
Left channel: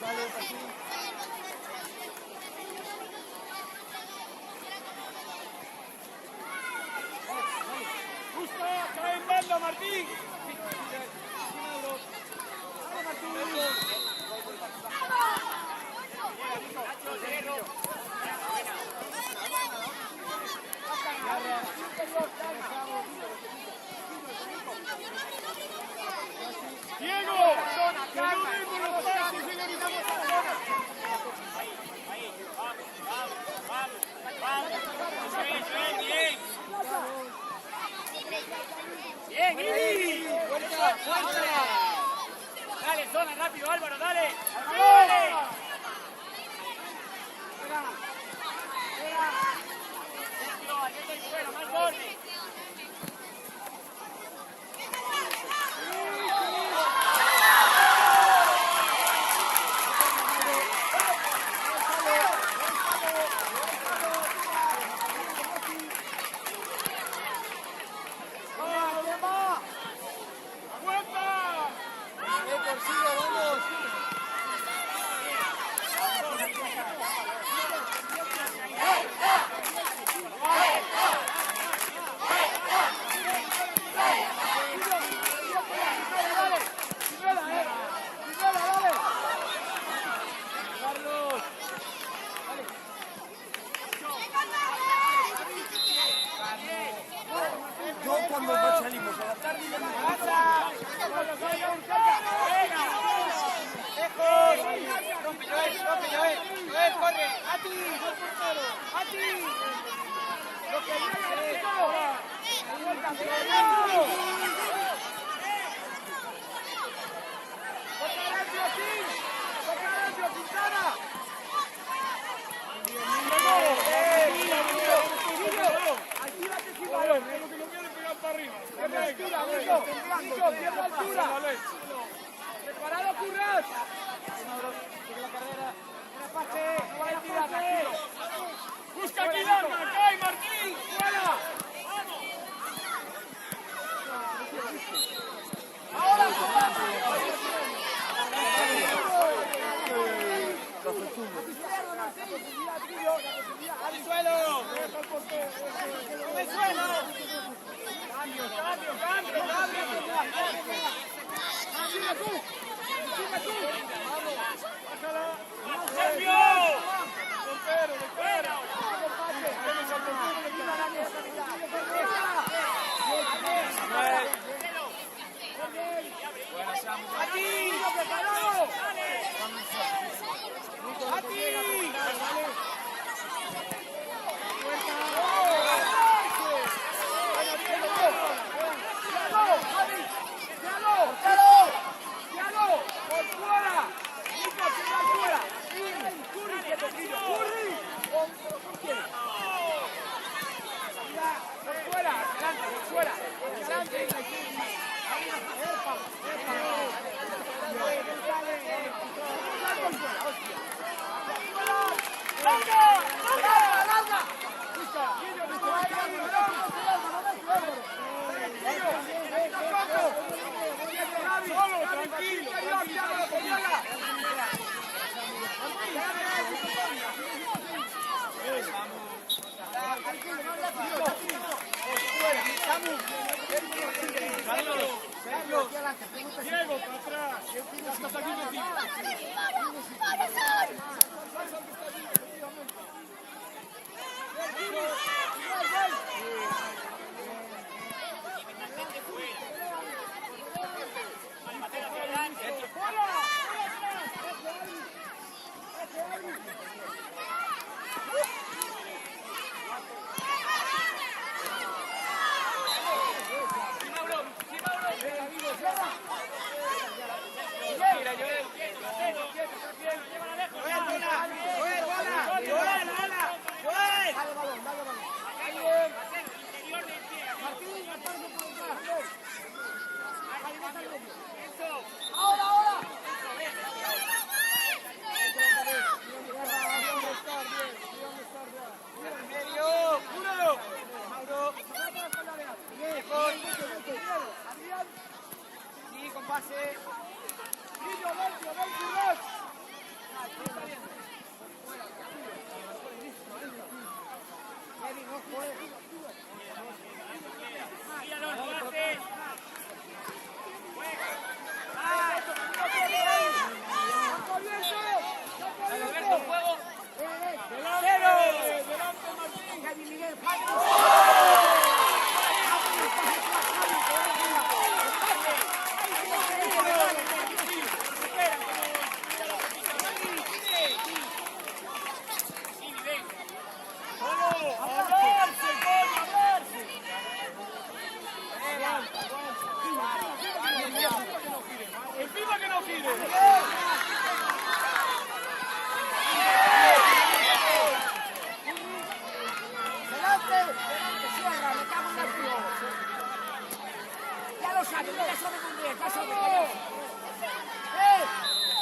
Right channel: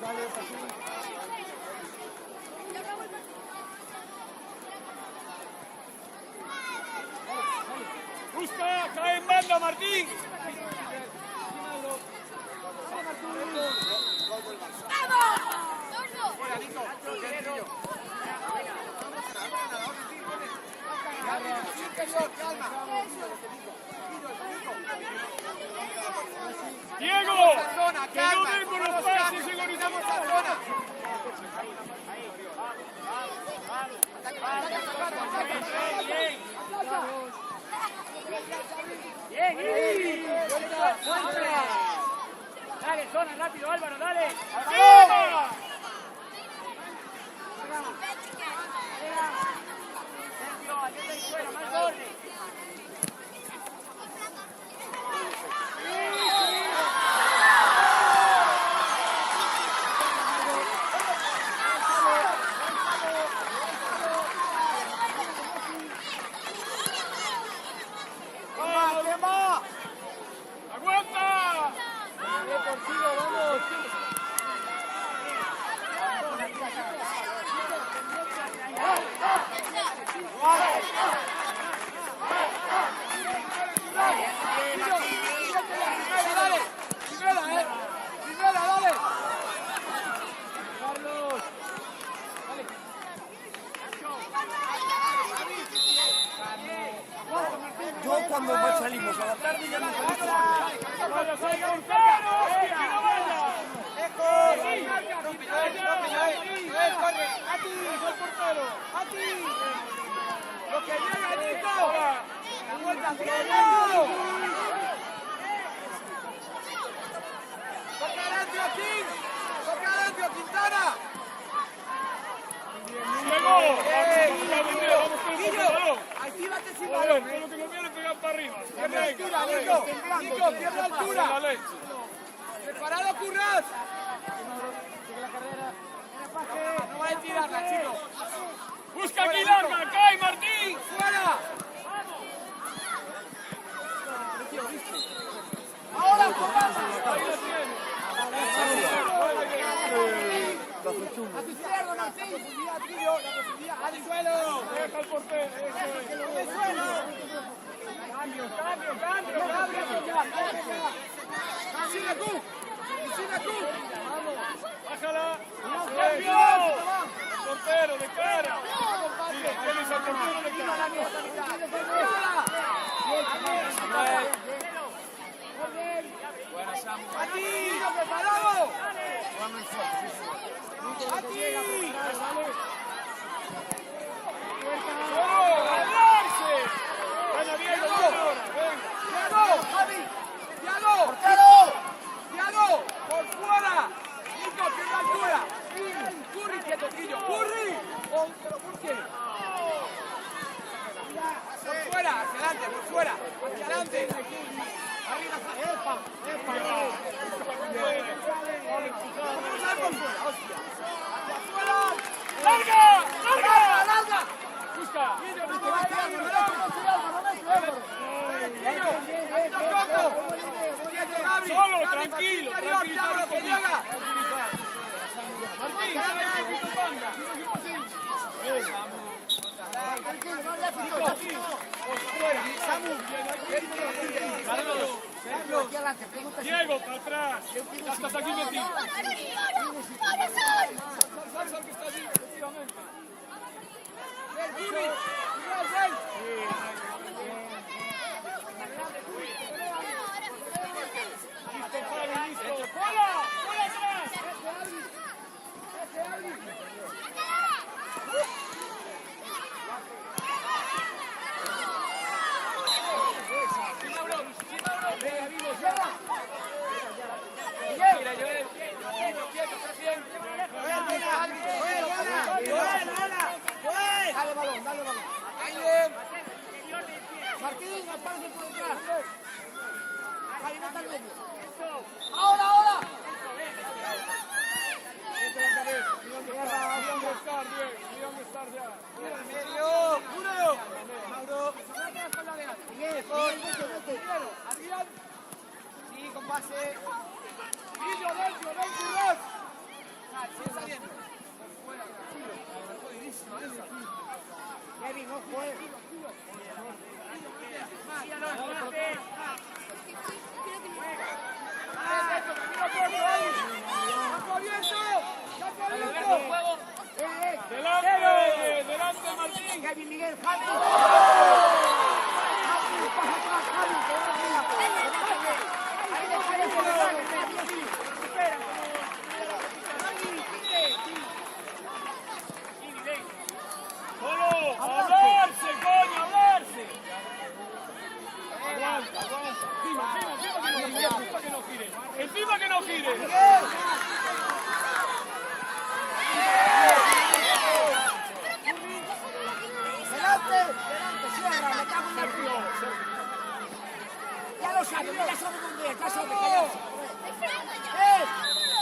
Dale, Paquín. Tranquilo, Martín. Diego, que no den con los pases y organizamos la zona. Bien, Gris. Dale, zona, rápido, Álvaro, dale. Yo cuando salimos a la tarde ya no ¡Preparado, Curras! ¡Busca aquí el arma! ¡Cae, Martín! ¡Fuera! ¡Ahora, comanda! Cambio. ¡Sigue tú! ¡Bájala! ¡Cambio! ¡Lo espera! ¡Aquí! ¡Preparado! Nico, que llega, preparado, ¿vale? ¡Tiago! ¡Por fuera! ¡Nico, tiene altura! ¡Curry, que te pido! ¡Curry! ¿Pero por qué? ¡Por fuera! ¡Adelante, por fuera! ¡Adelante! ¡Ahí una ¡Epa! ¡Hostia! ¡Larga! Solo, tranquilo. Diego, para atrás. Estás aquí metido. Dale balón. Martín, apárate por detrás. Ahí, vete al medio. ¡Ahora! En medio, ¡Juro! Mauro. Adrián. Y con pase. No juegues. Javi! Javi, pasa atrás, Javi, que va arriba. ¡Solo! ¡A verse, coño, a verse! Aguanta. ¡Encima que no gire! Delante, cierra, me cago en la flor. Ya lo sabe muy bien, ya sabe, callarse.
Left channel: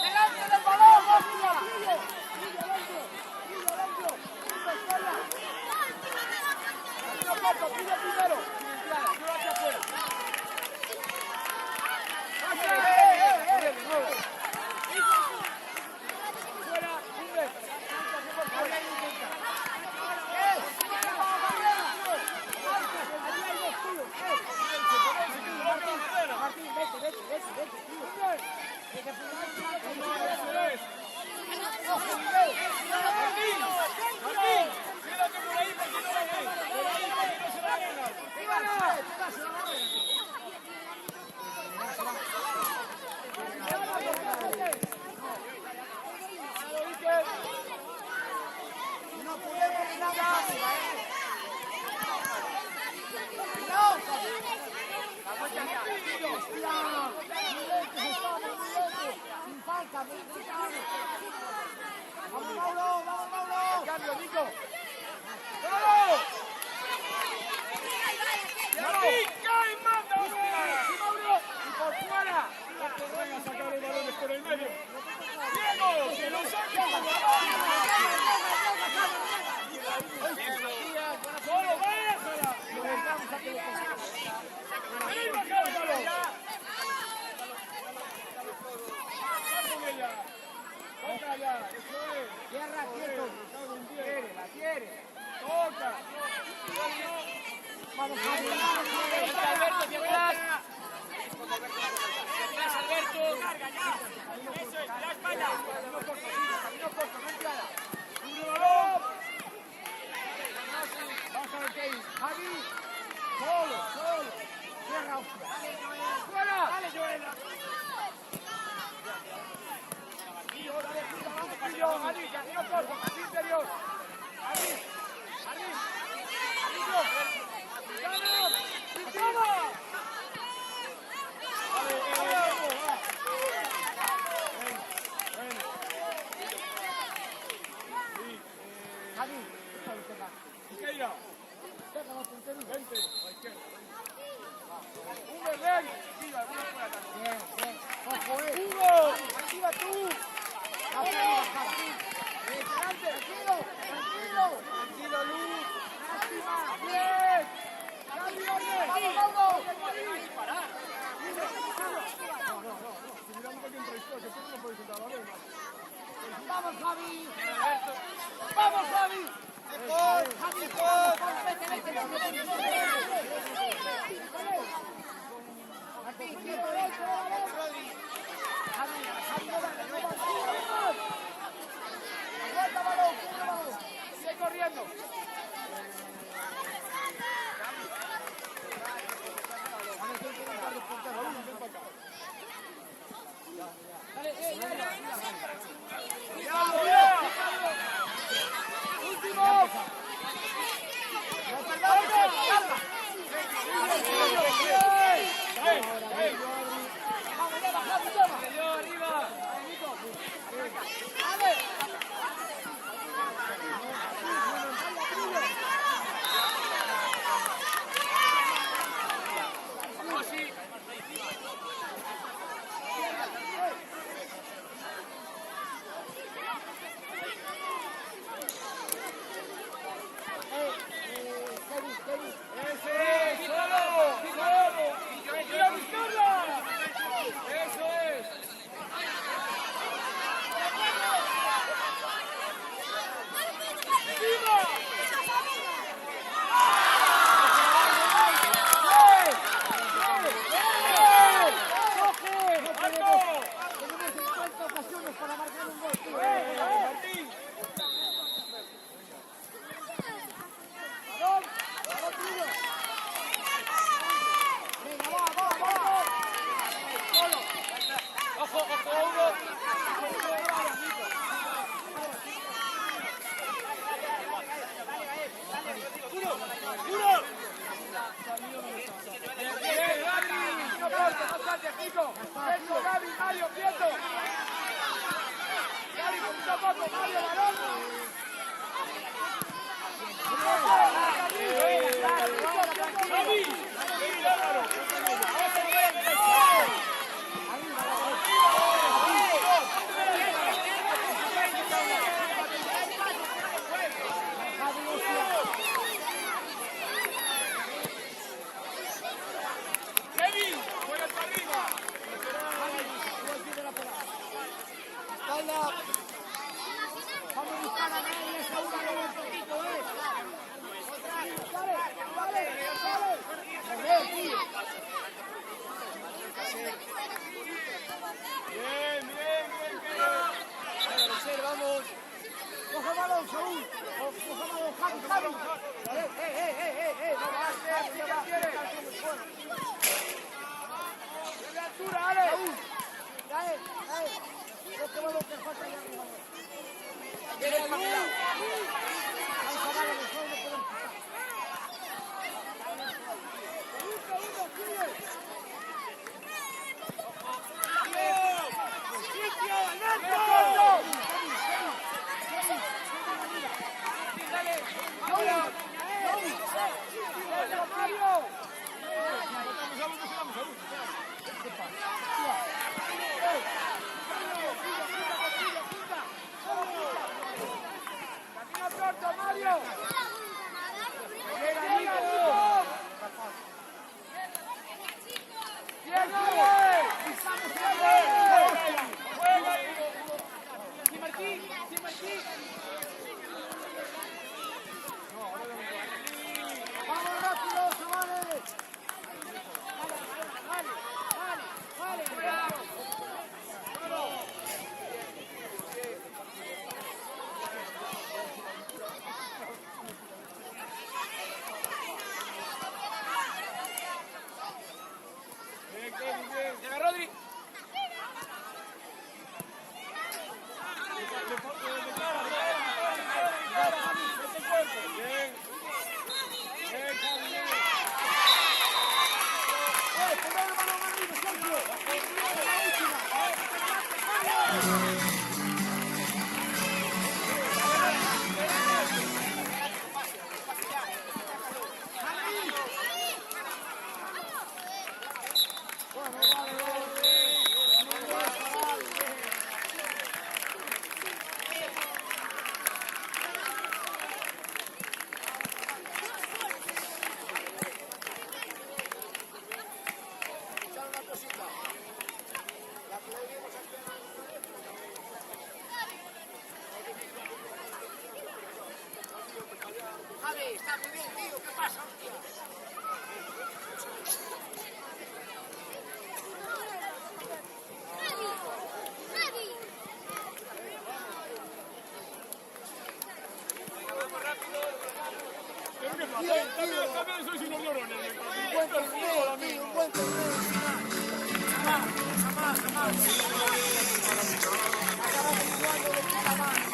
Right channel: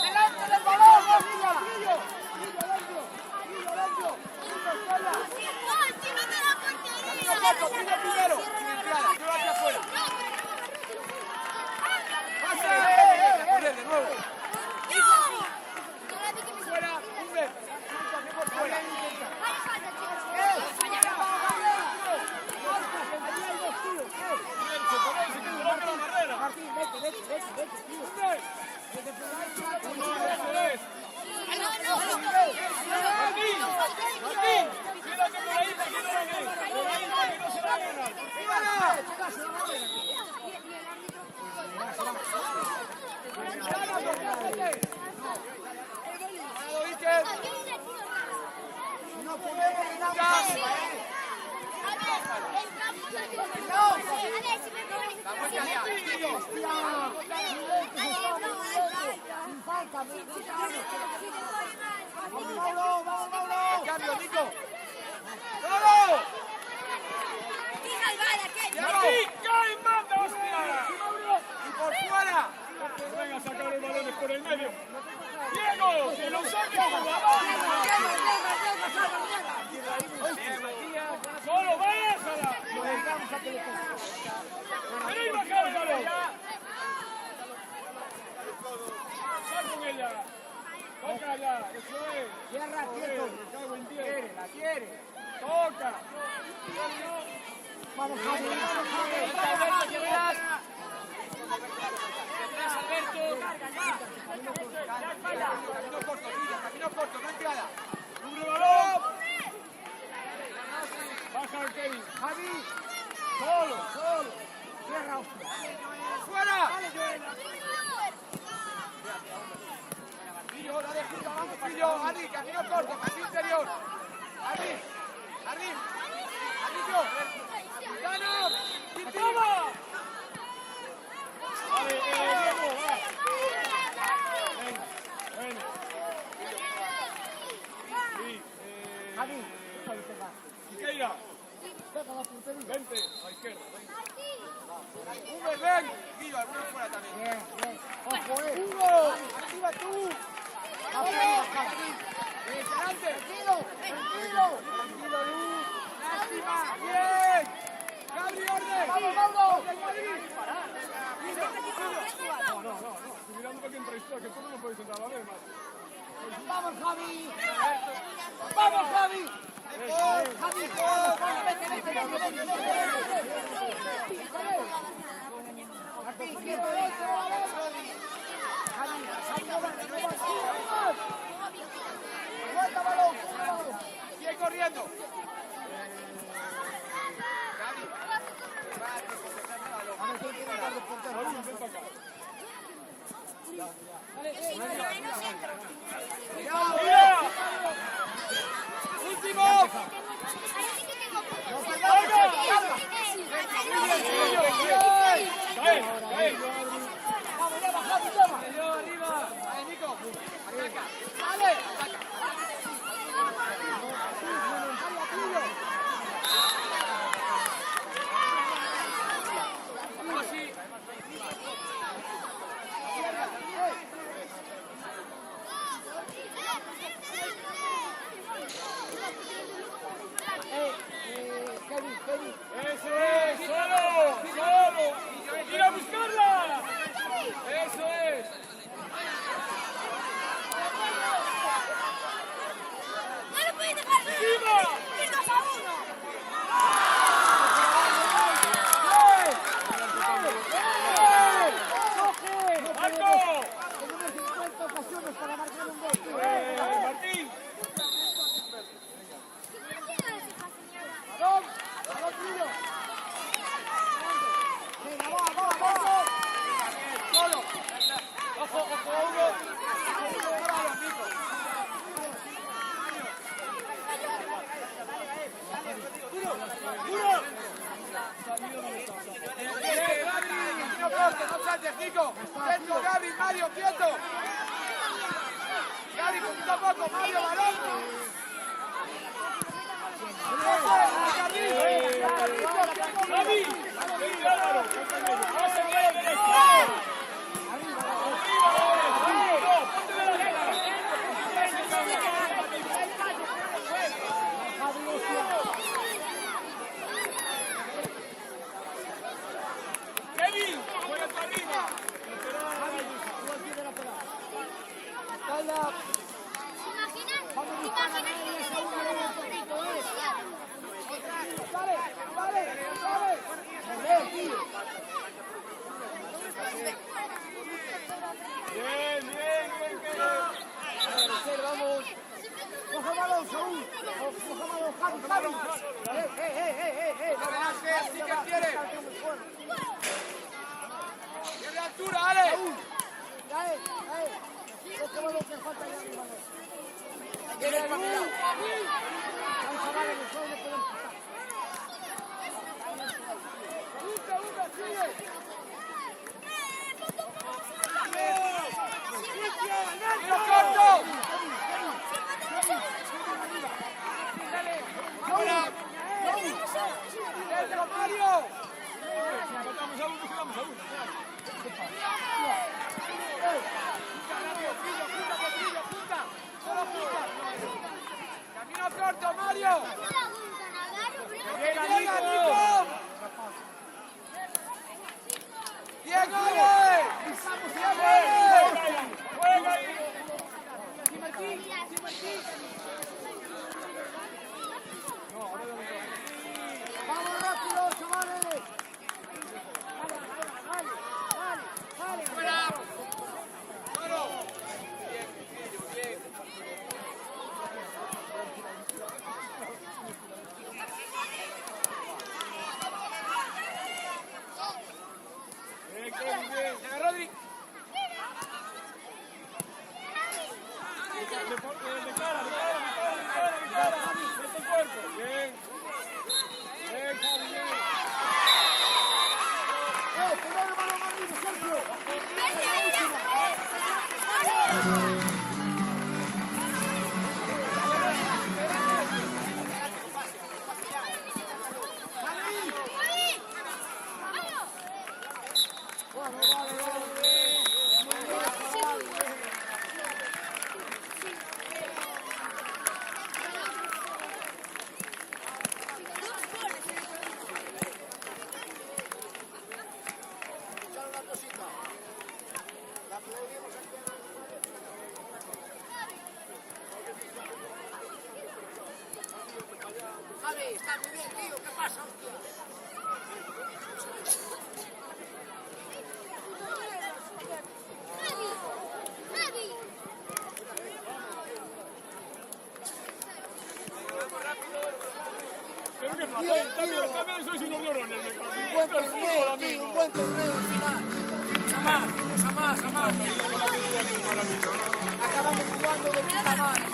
Delante del balón, hostia. Martín, vete, tío. Martín, quédate por ahí para que no la den. Por ahí para que no se la hagan algo. No podemos quedarnos arriba, ¡No! ¡Hostia! Muy lentos estamos, muy lentos. Sin falta, me gritamos. ¡Vamos, Mauro! ¡Cambio, Nico! ¡Bravo! Martín, cae, manda, hostia. ¡Y por fuera! Venga a sacar los balones por el medio. Diego, que lo saque por la mano. Solo, bájala. Vení, baja el balón. Sal con ella. Bájala, eso es. Tierra, quieto. La quiere. Toca. Vamos, Javi. Cubre el balón. Baja el Kevin. Javi. Solo. Tierra, hostia. ¡Fuera! Vale, Diego, va. Venga, bueno. Sí, Javi, déjalo pegar. Siqueira, Pega la puntería. vente, a la izquierda. Hugo, ven. Viva, ven fuera también. Bien. Ojo, Hugo. Arriba tú. Arriba, Javi. Tranquilo. Tranquilo, Luis. Bien. Vamos, Mauro. No. Si miramos para que entra esto, que tú no puedes entrar a la vez, más. Vamos, Javi. Javi, vete. Martín, quieto, Javi, no va. Aguanta, balón, cubre balón. Sigue corriendo. A ver, ¿quién quiere entrar de portero? Ven para acá. ¡No perdamos! ¡Carga! ¡Vamos, lleva, Javi, lleva! Arriba. Nico. Nico. Quieto, Gaby, Mario, quieto. Gaby, poquito a poco, Mario, balón. Gaby, vení Álvaro, ponte medio. Vas a seguir a la derecha. Arriba a la derecha. No, ponte de la derecha. Kevin, juega tú arriba. Vamos a buscar a nadie, asegúrale un poquito, Vale. Correr, tío. Bien, Vamos. Coge el balón, Saúl. Coge el balón, Javi. No vale. Tiene altura, Ale. Saúl. Coge el balón que falta allá arriba. Hay que ver para mi lado. Hay chavales que solo no pueden pisar. Si empatamos a uno, quedamos a uno. Camino corto, Mario. Llega Nico. Diego. Juega ahí. ¡Vamos rápido, chavales! Bien. Toma, Rodri. De cara. Mete el cuerpo. Bien, Javi, bien. ¡Poner el balón arriba, Sergio! ¡Es la última! Bueno, vale. Muy bien, Javi. Javi, está muy bien, tío. ¿Qué pasa, hostia? Pero qué pasa, también sois unos llorones. Un buen torneo, tío, un buen torneo al final. Jamás. Acabamos jugando de puta madre.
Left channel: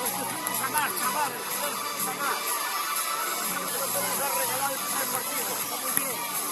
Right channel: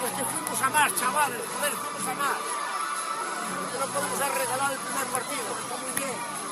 Es que fuimos a más, chavales, joder, fuimos a más. No lo podemos haber regalado el primer partido, está muy bien.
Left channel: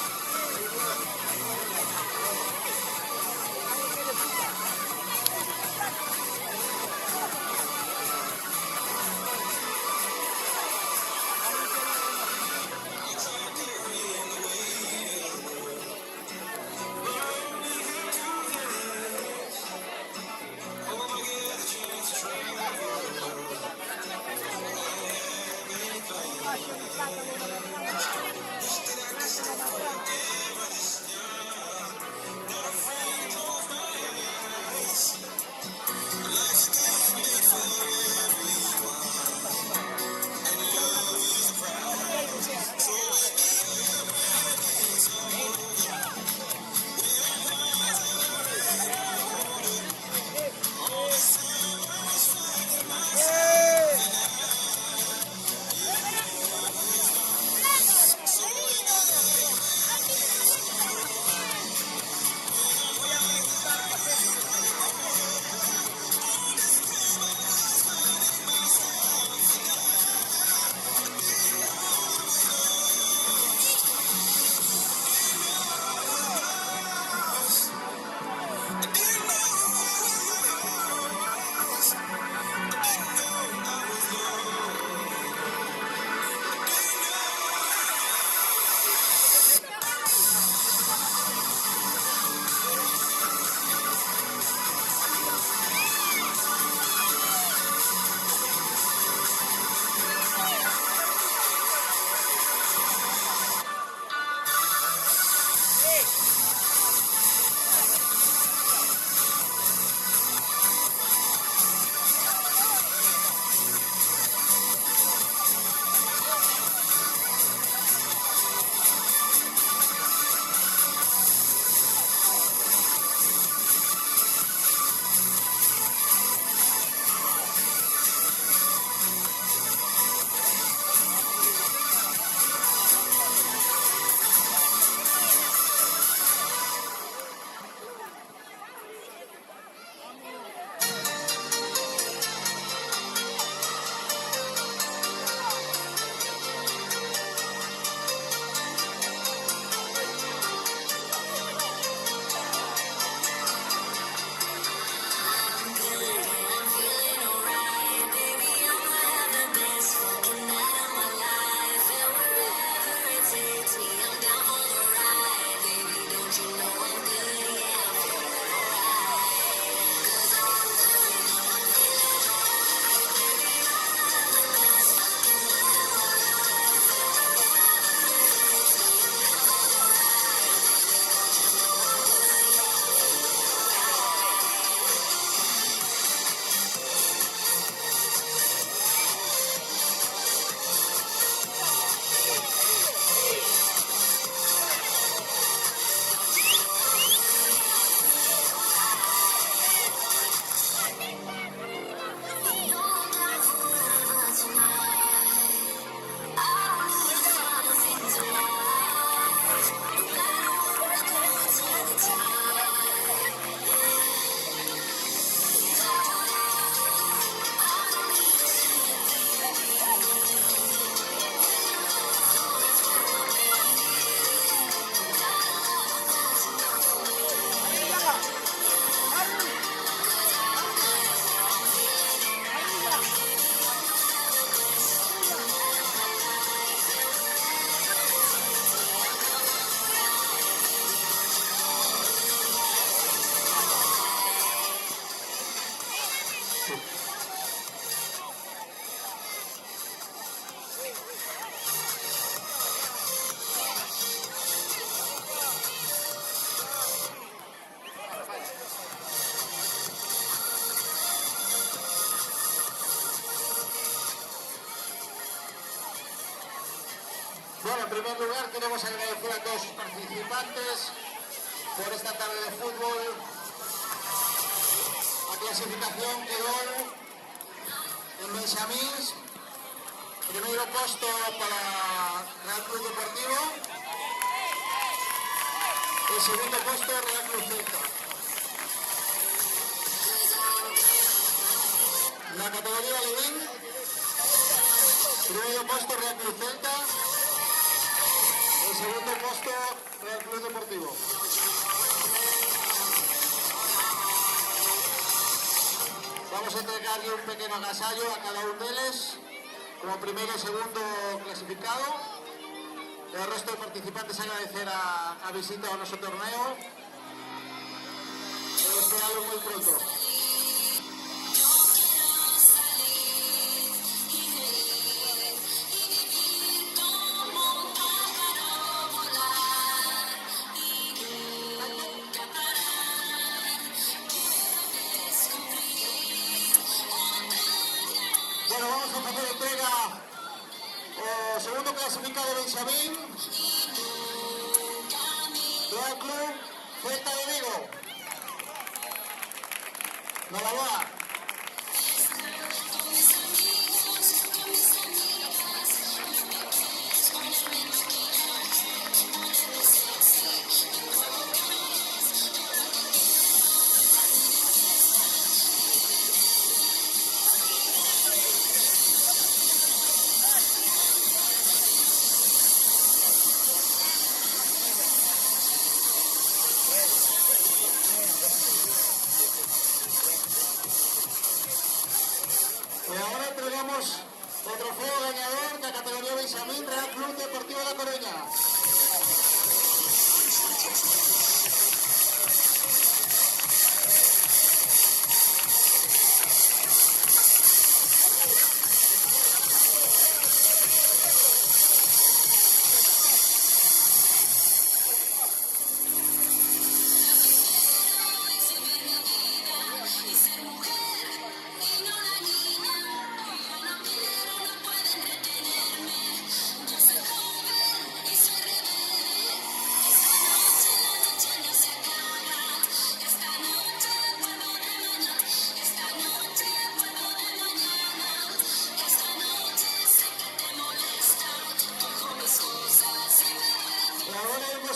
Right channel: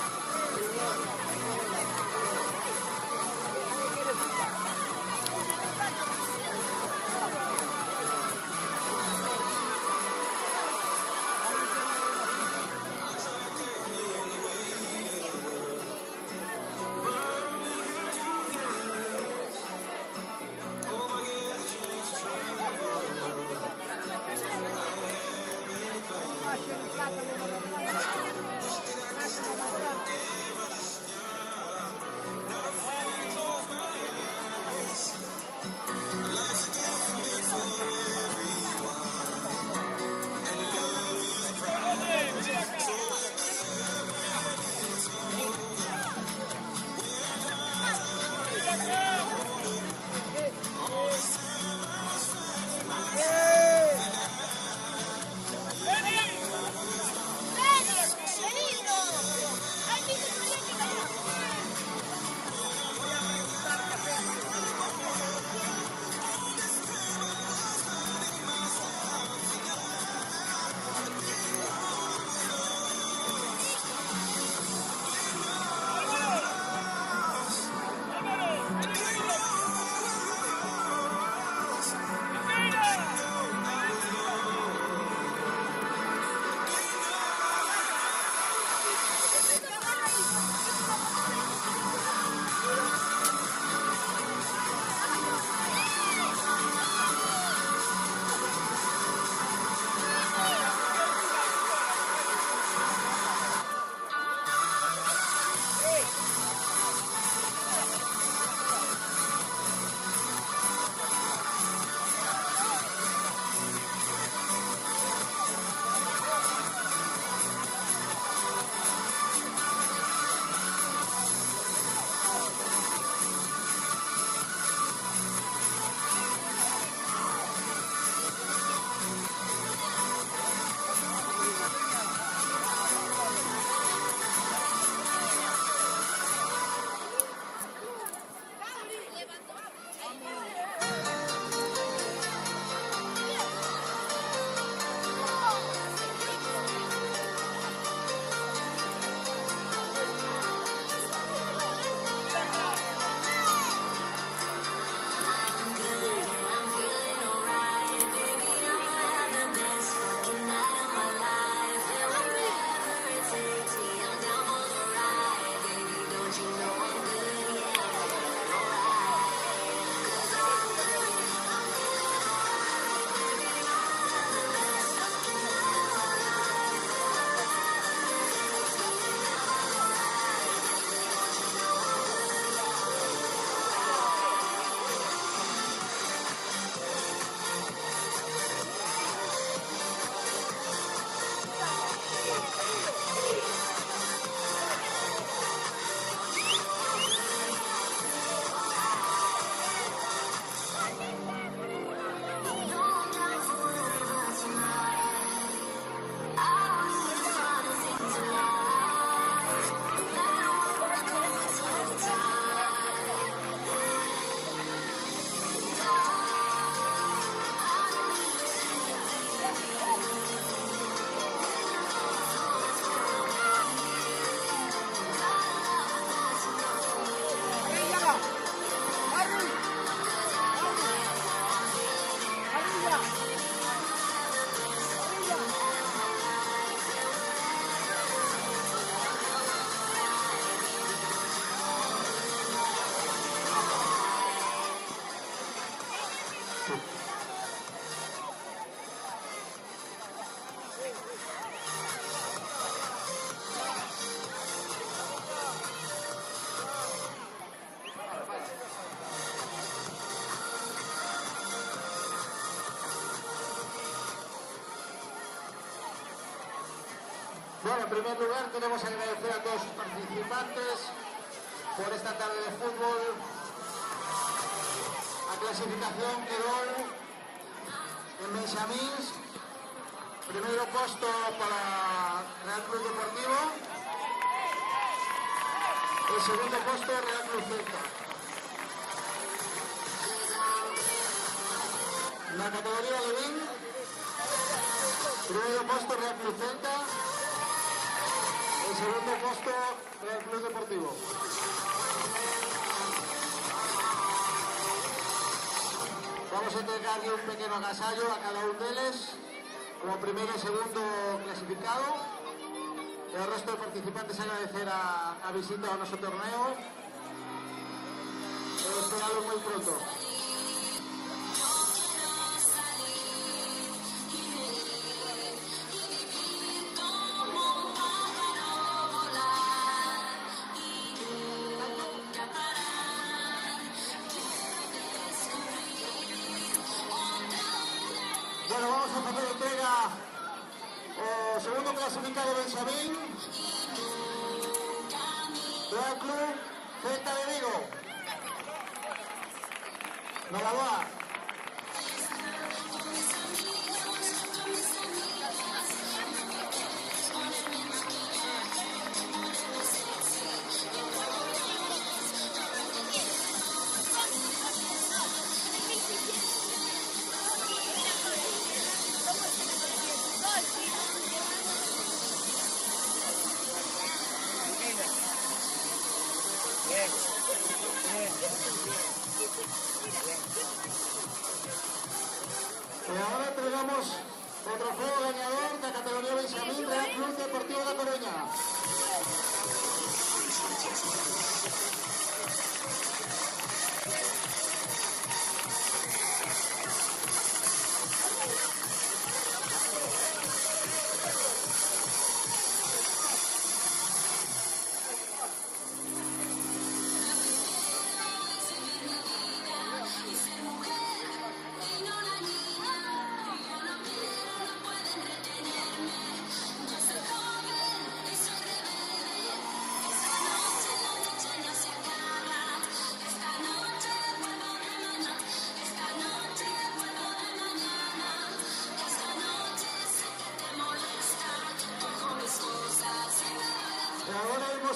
Bueno, en primer lugar queremos agradecer a todos sus participantes por esta tarde de fútbol. La clasificación quedó en Benjamín, primero puesto para Real Club Deportivo, el segundo puesto Real Club Celta. En la categoría de Levin, Celta. El segundo puesto, Real Club Deportivo. Vamos a entregarle un pequeño agasallo a cada uno de ellos, como primero y segundo clasificado. El resto de participantes agradecer a visita a nuestro torneo. Esperarlo muy pronto. Bueno, vamos a hacer la entrega. Segundo clasificado Benjamín. Real Club Celta de Vigo. Enhorabuena. Y ahora tenemos el trofeo ganador de categoría Benjamín Real Club Deportivo La Coruña.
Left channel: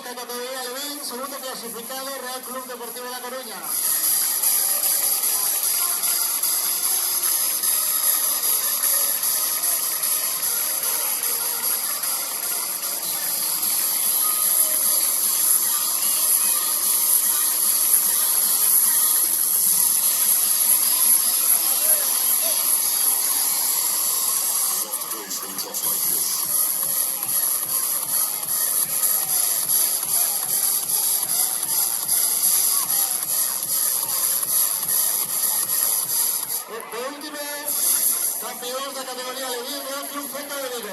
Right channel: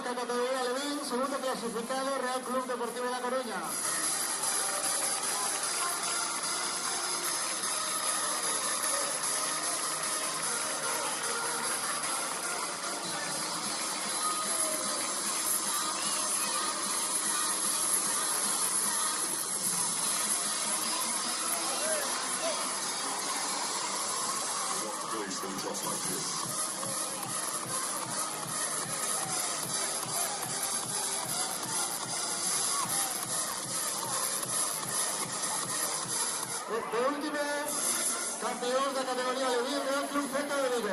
Categoría de Ben, segundo clasificado, Real Club Deportivo La Coruña. El último campeón de categoría de Vigo, Real Club Celta de Vigo.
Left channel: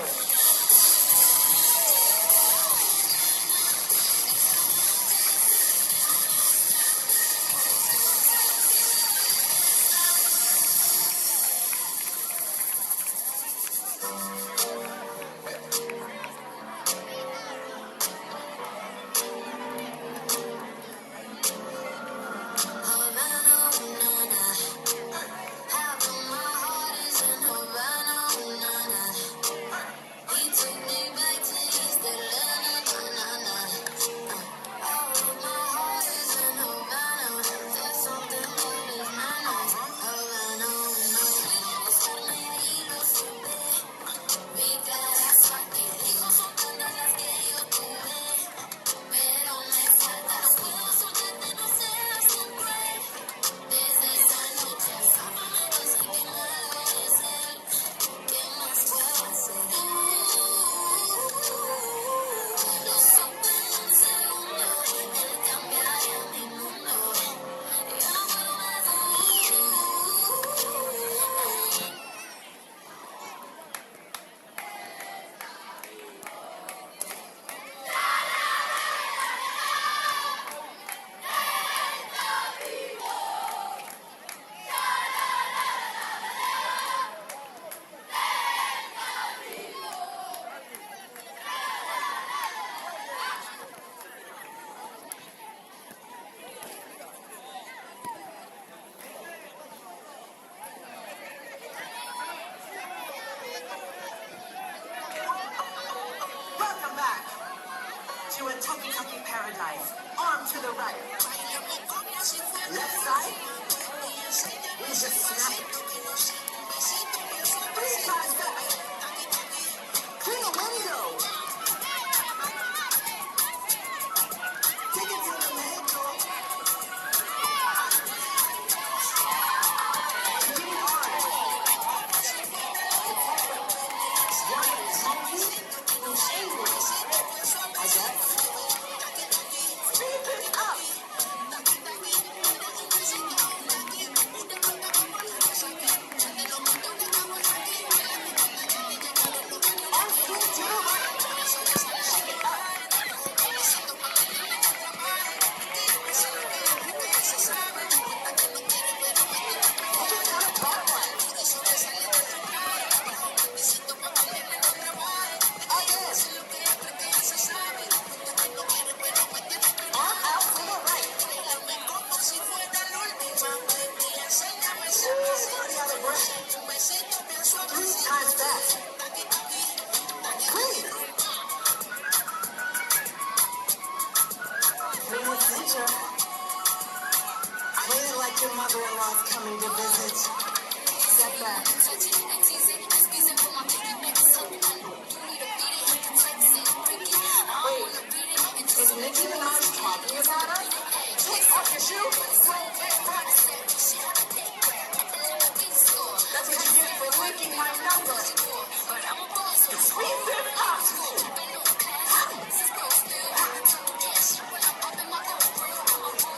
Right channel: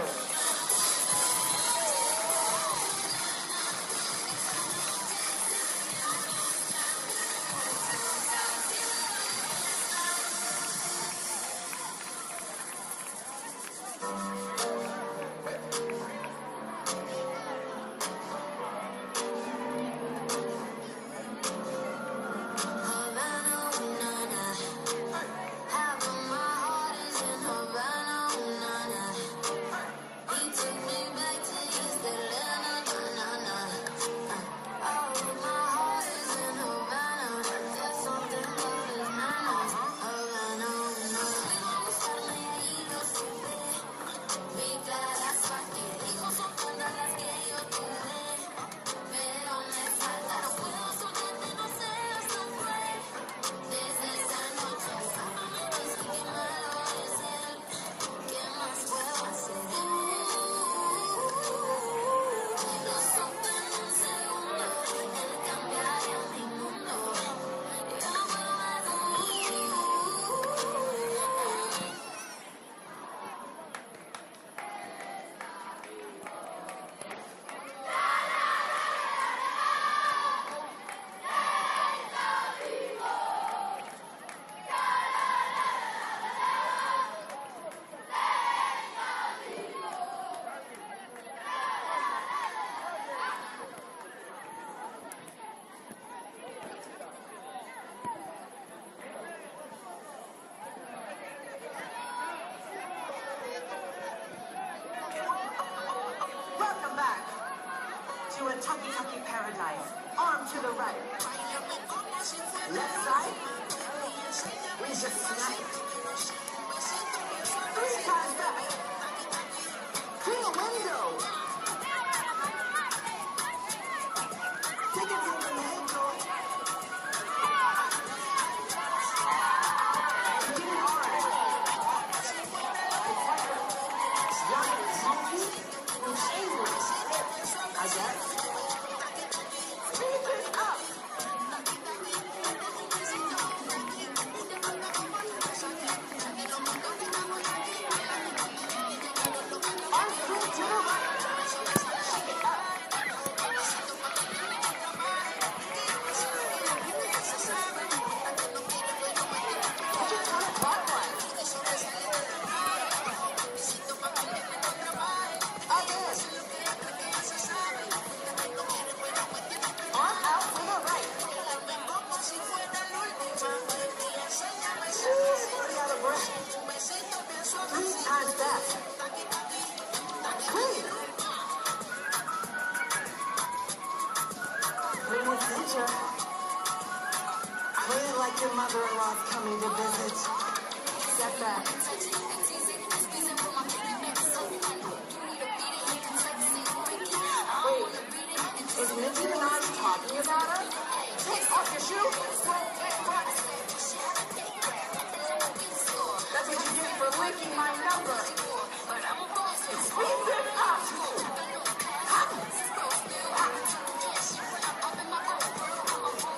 your mother-in-law coming to visit. Sit back. Wait, is Nicki Minaj talking about her? Is she? That's what you get for leaking my number.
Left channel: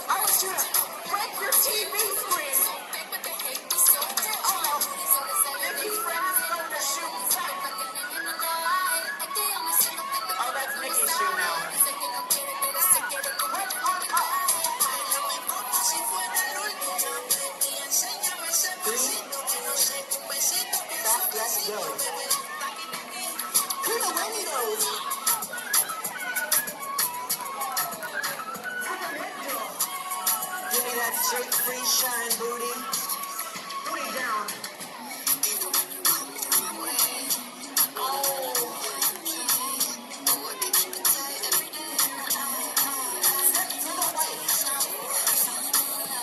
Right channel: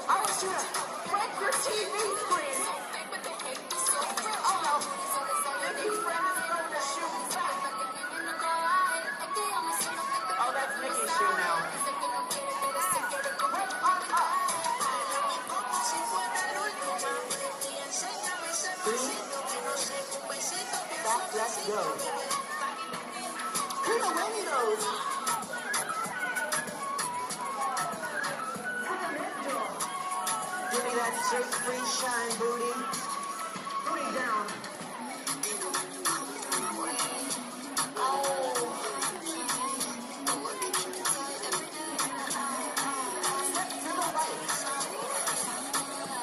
I should break your TV screen. If you transfer the shoes. Oh, that's Nicki's shoe now. Let's go. Give me that straight free shine, booty. Booty down.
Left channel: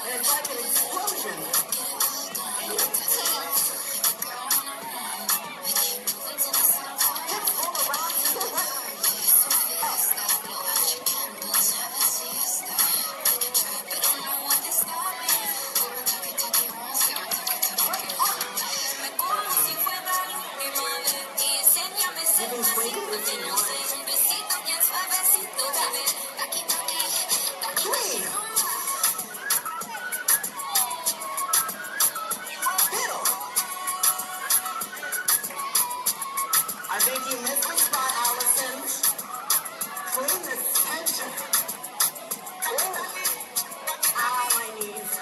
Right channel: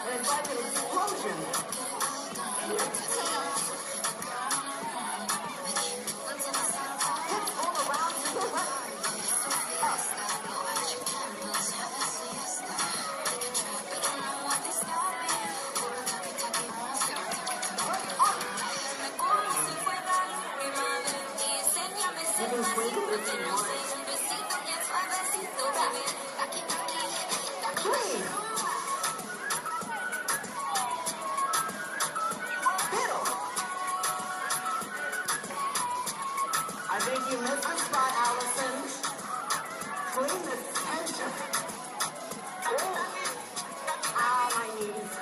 And it's like an explosion. I think you missed the spot, Allison. Clean the center. Good. Ow, my knees.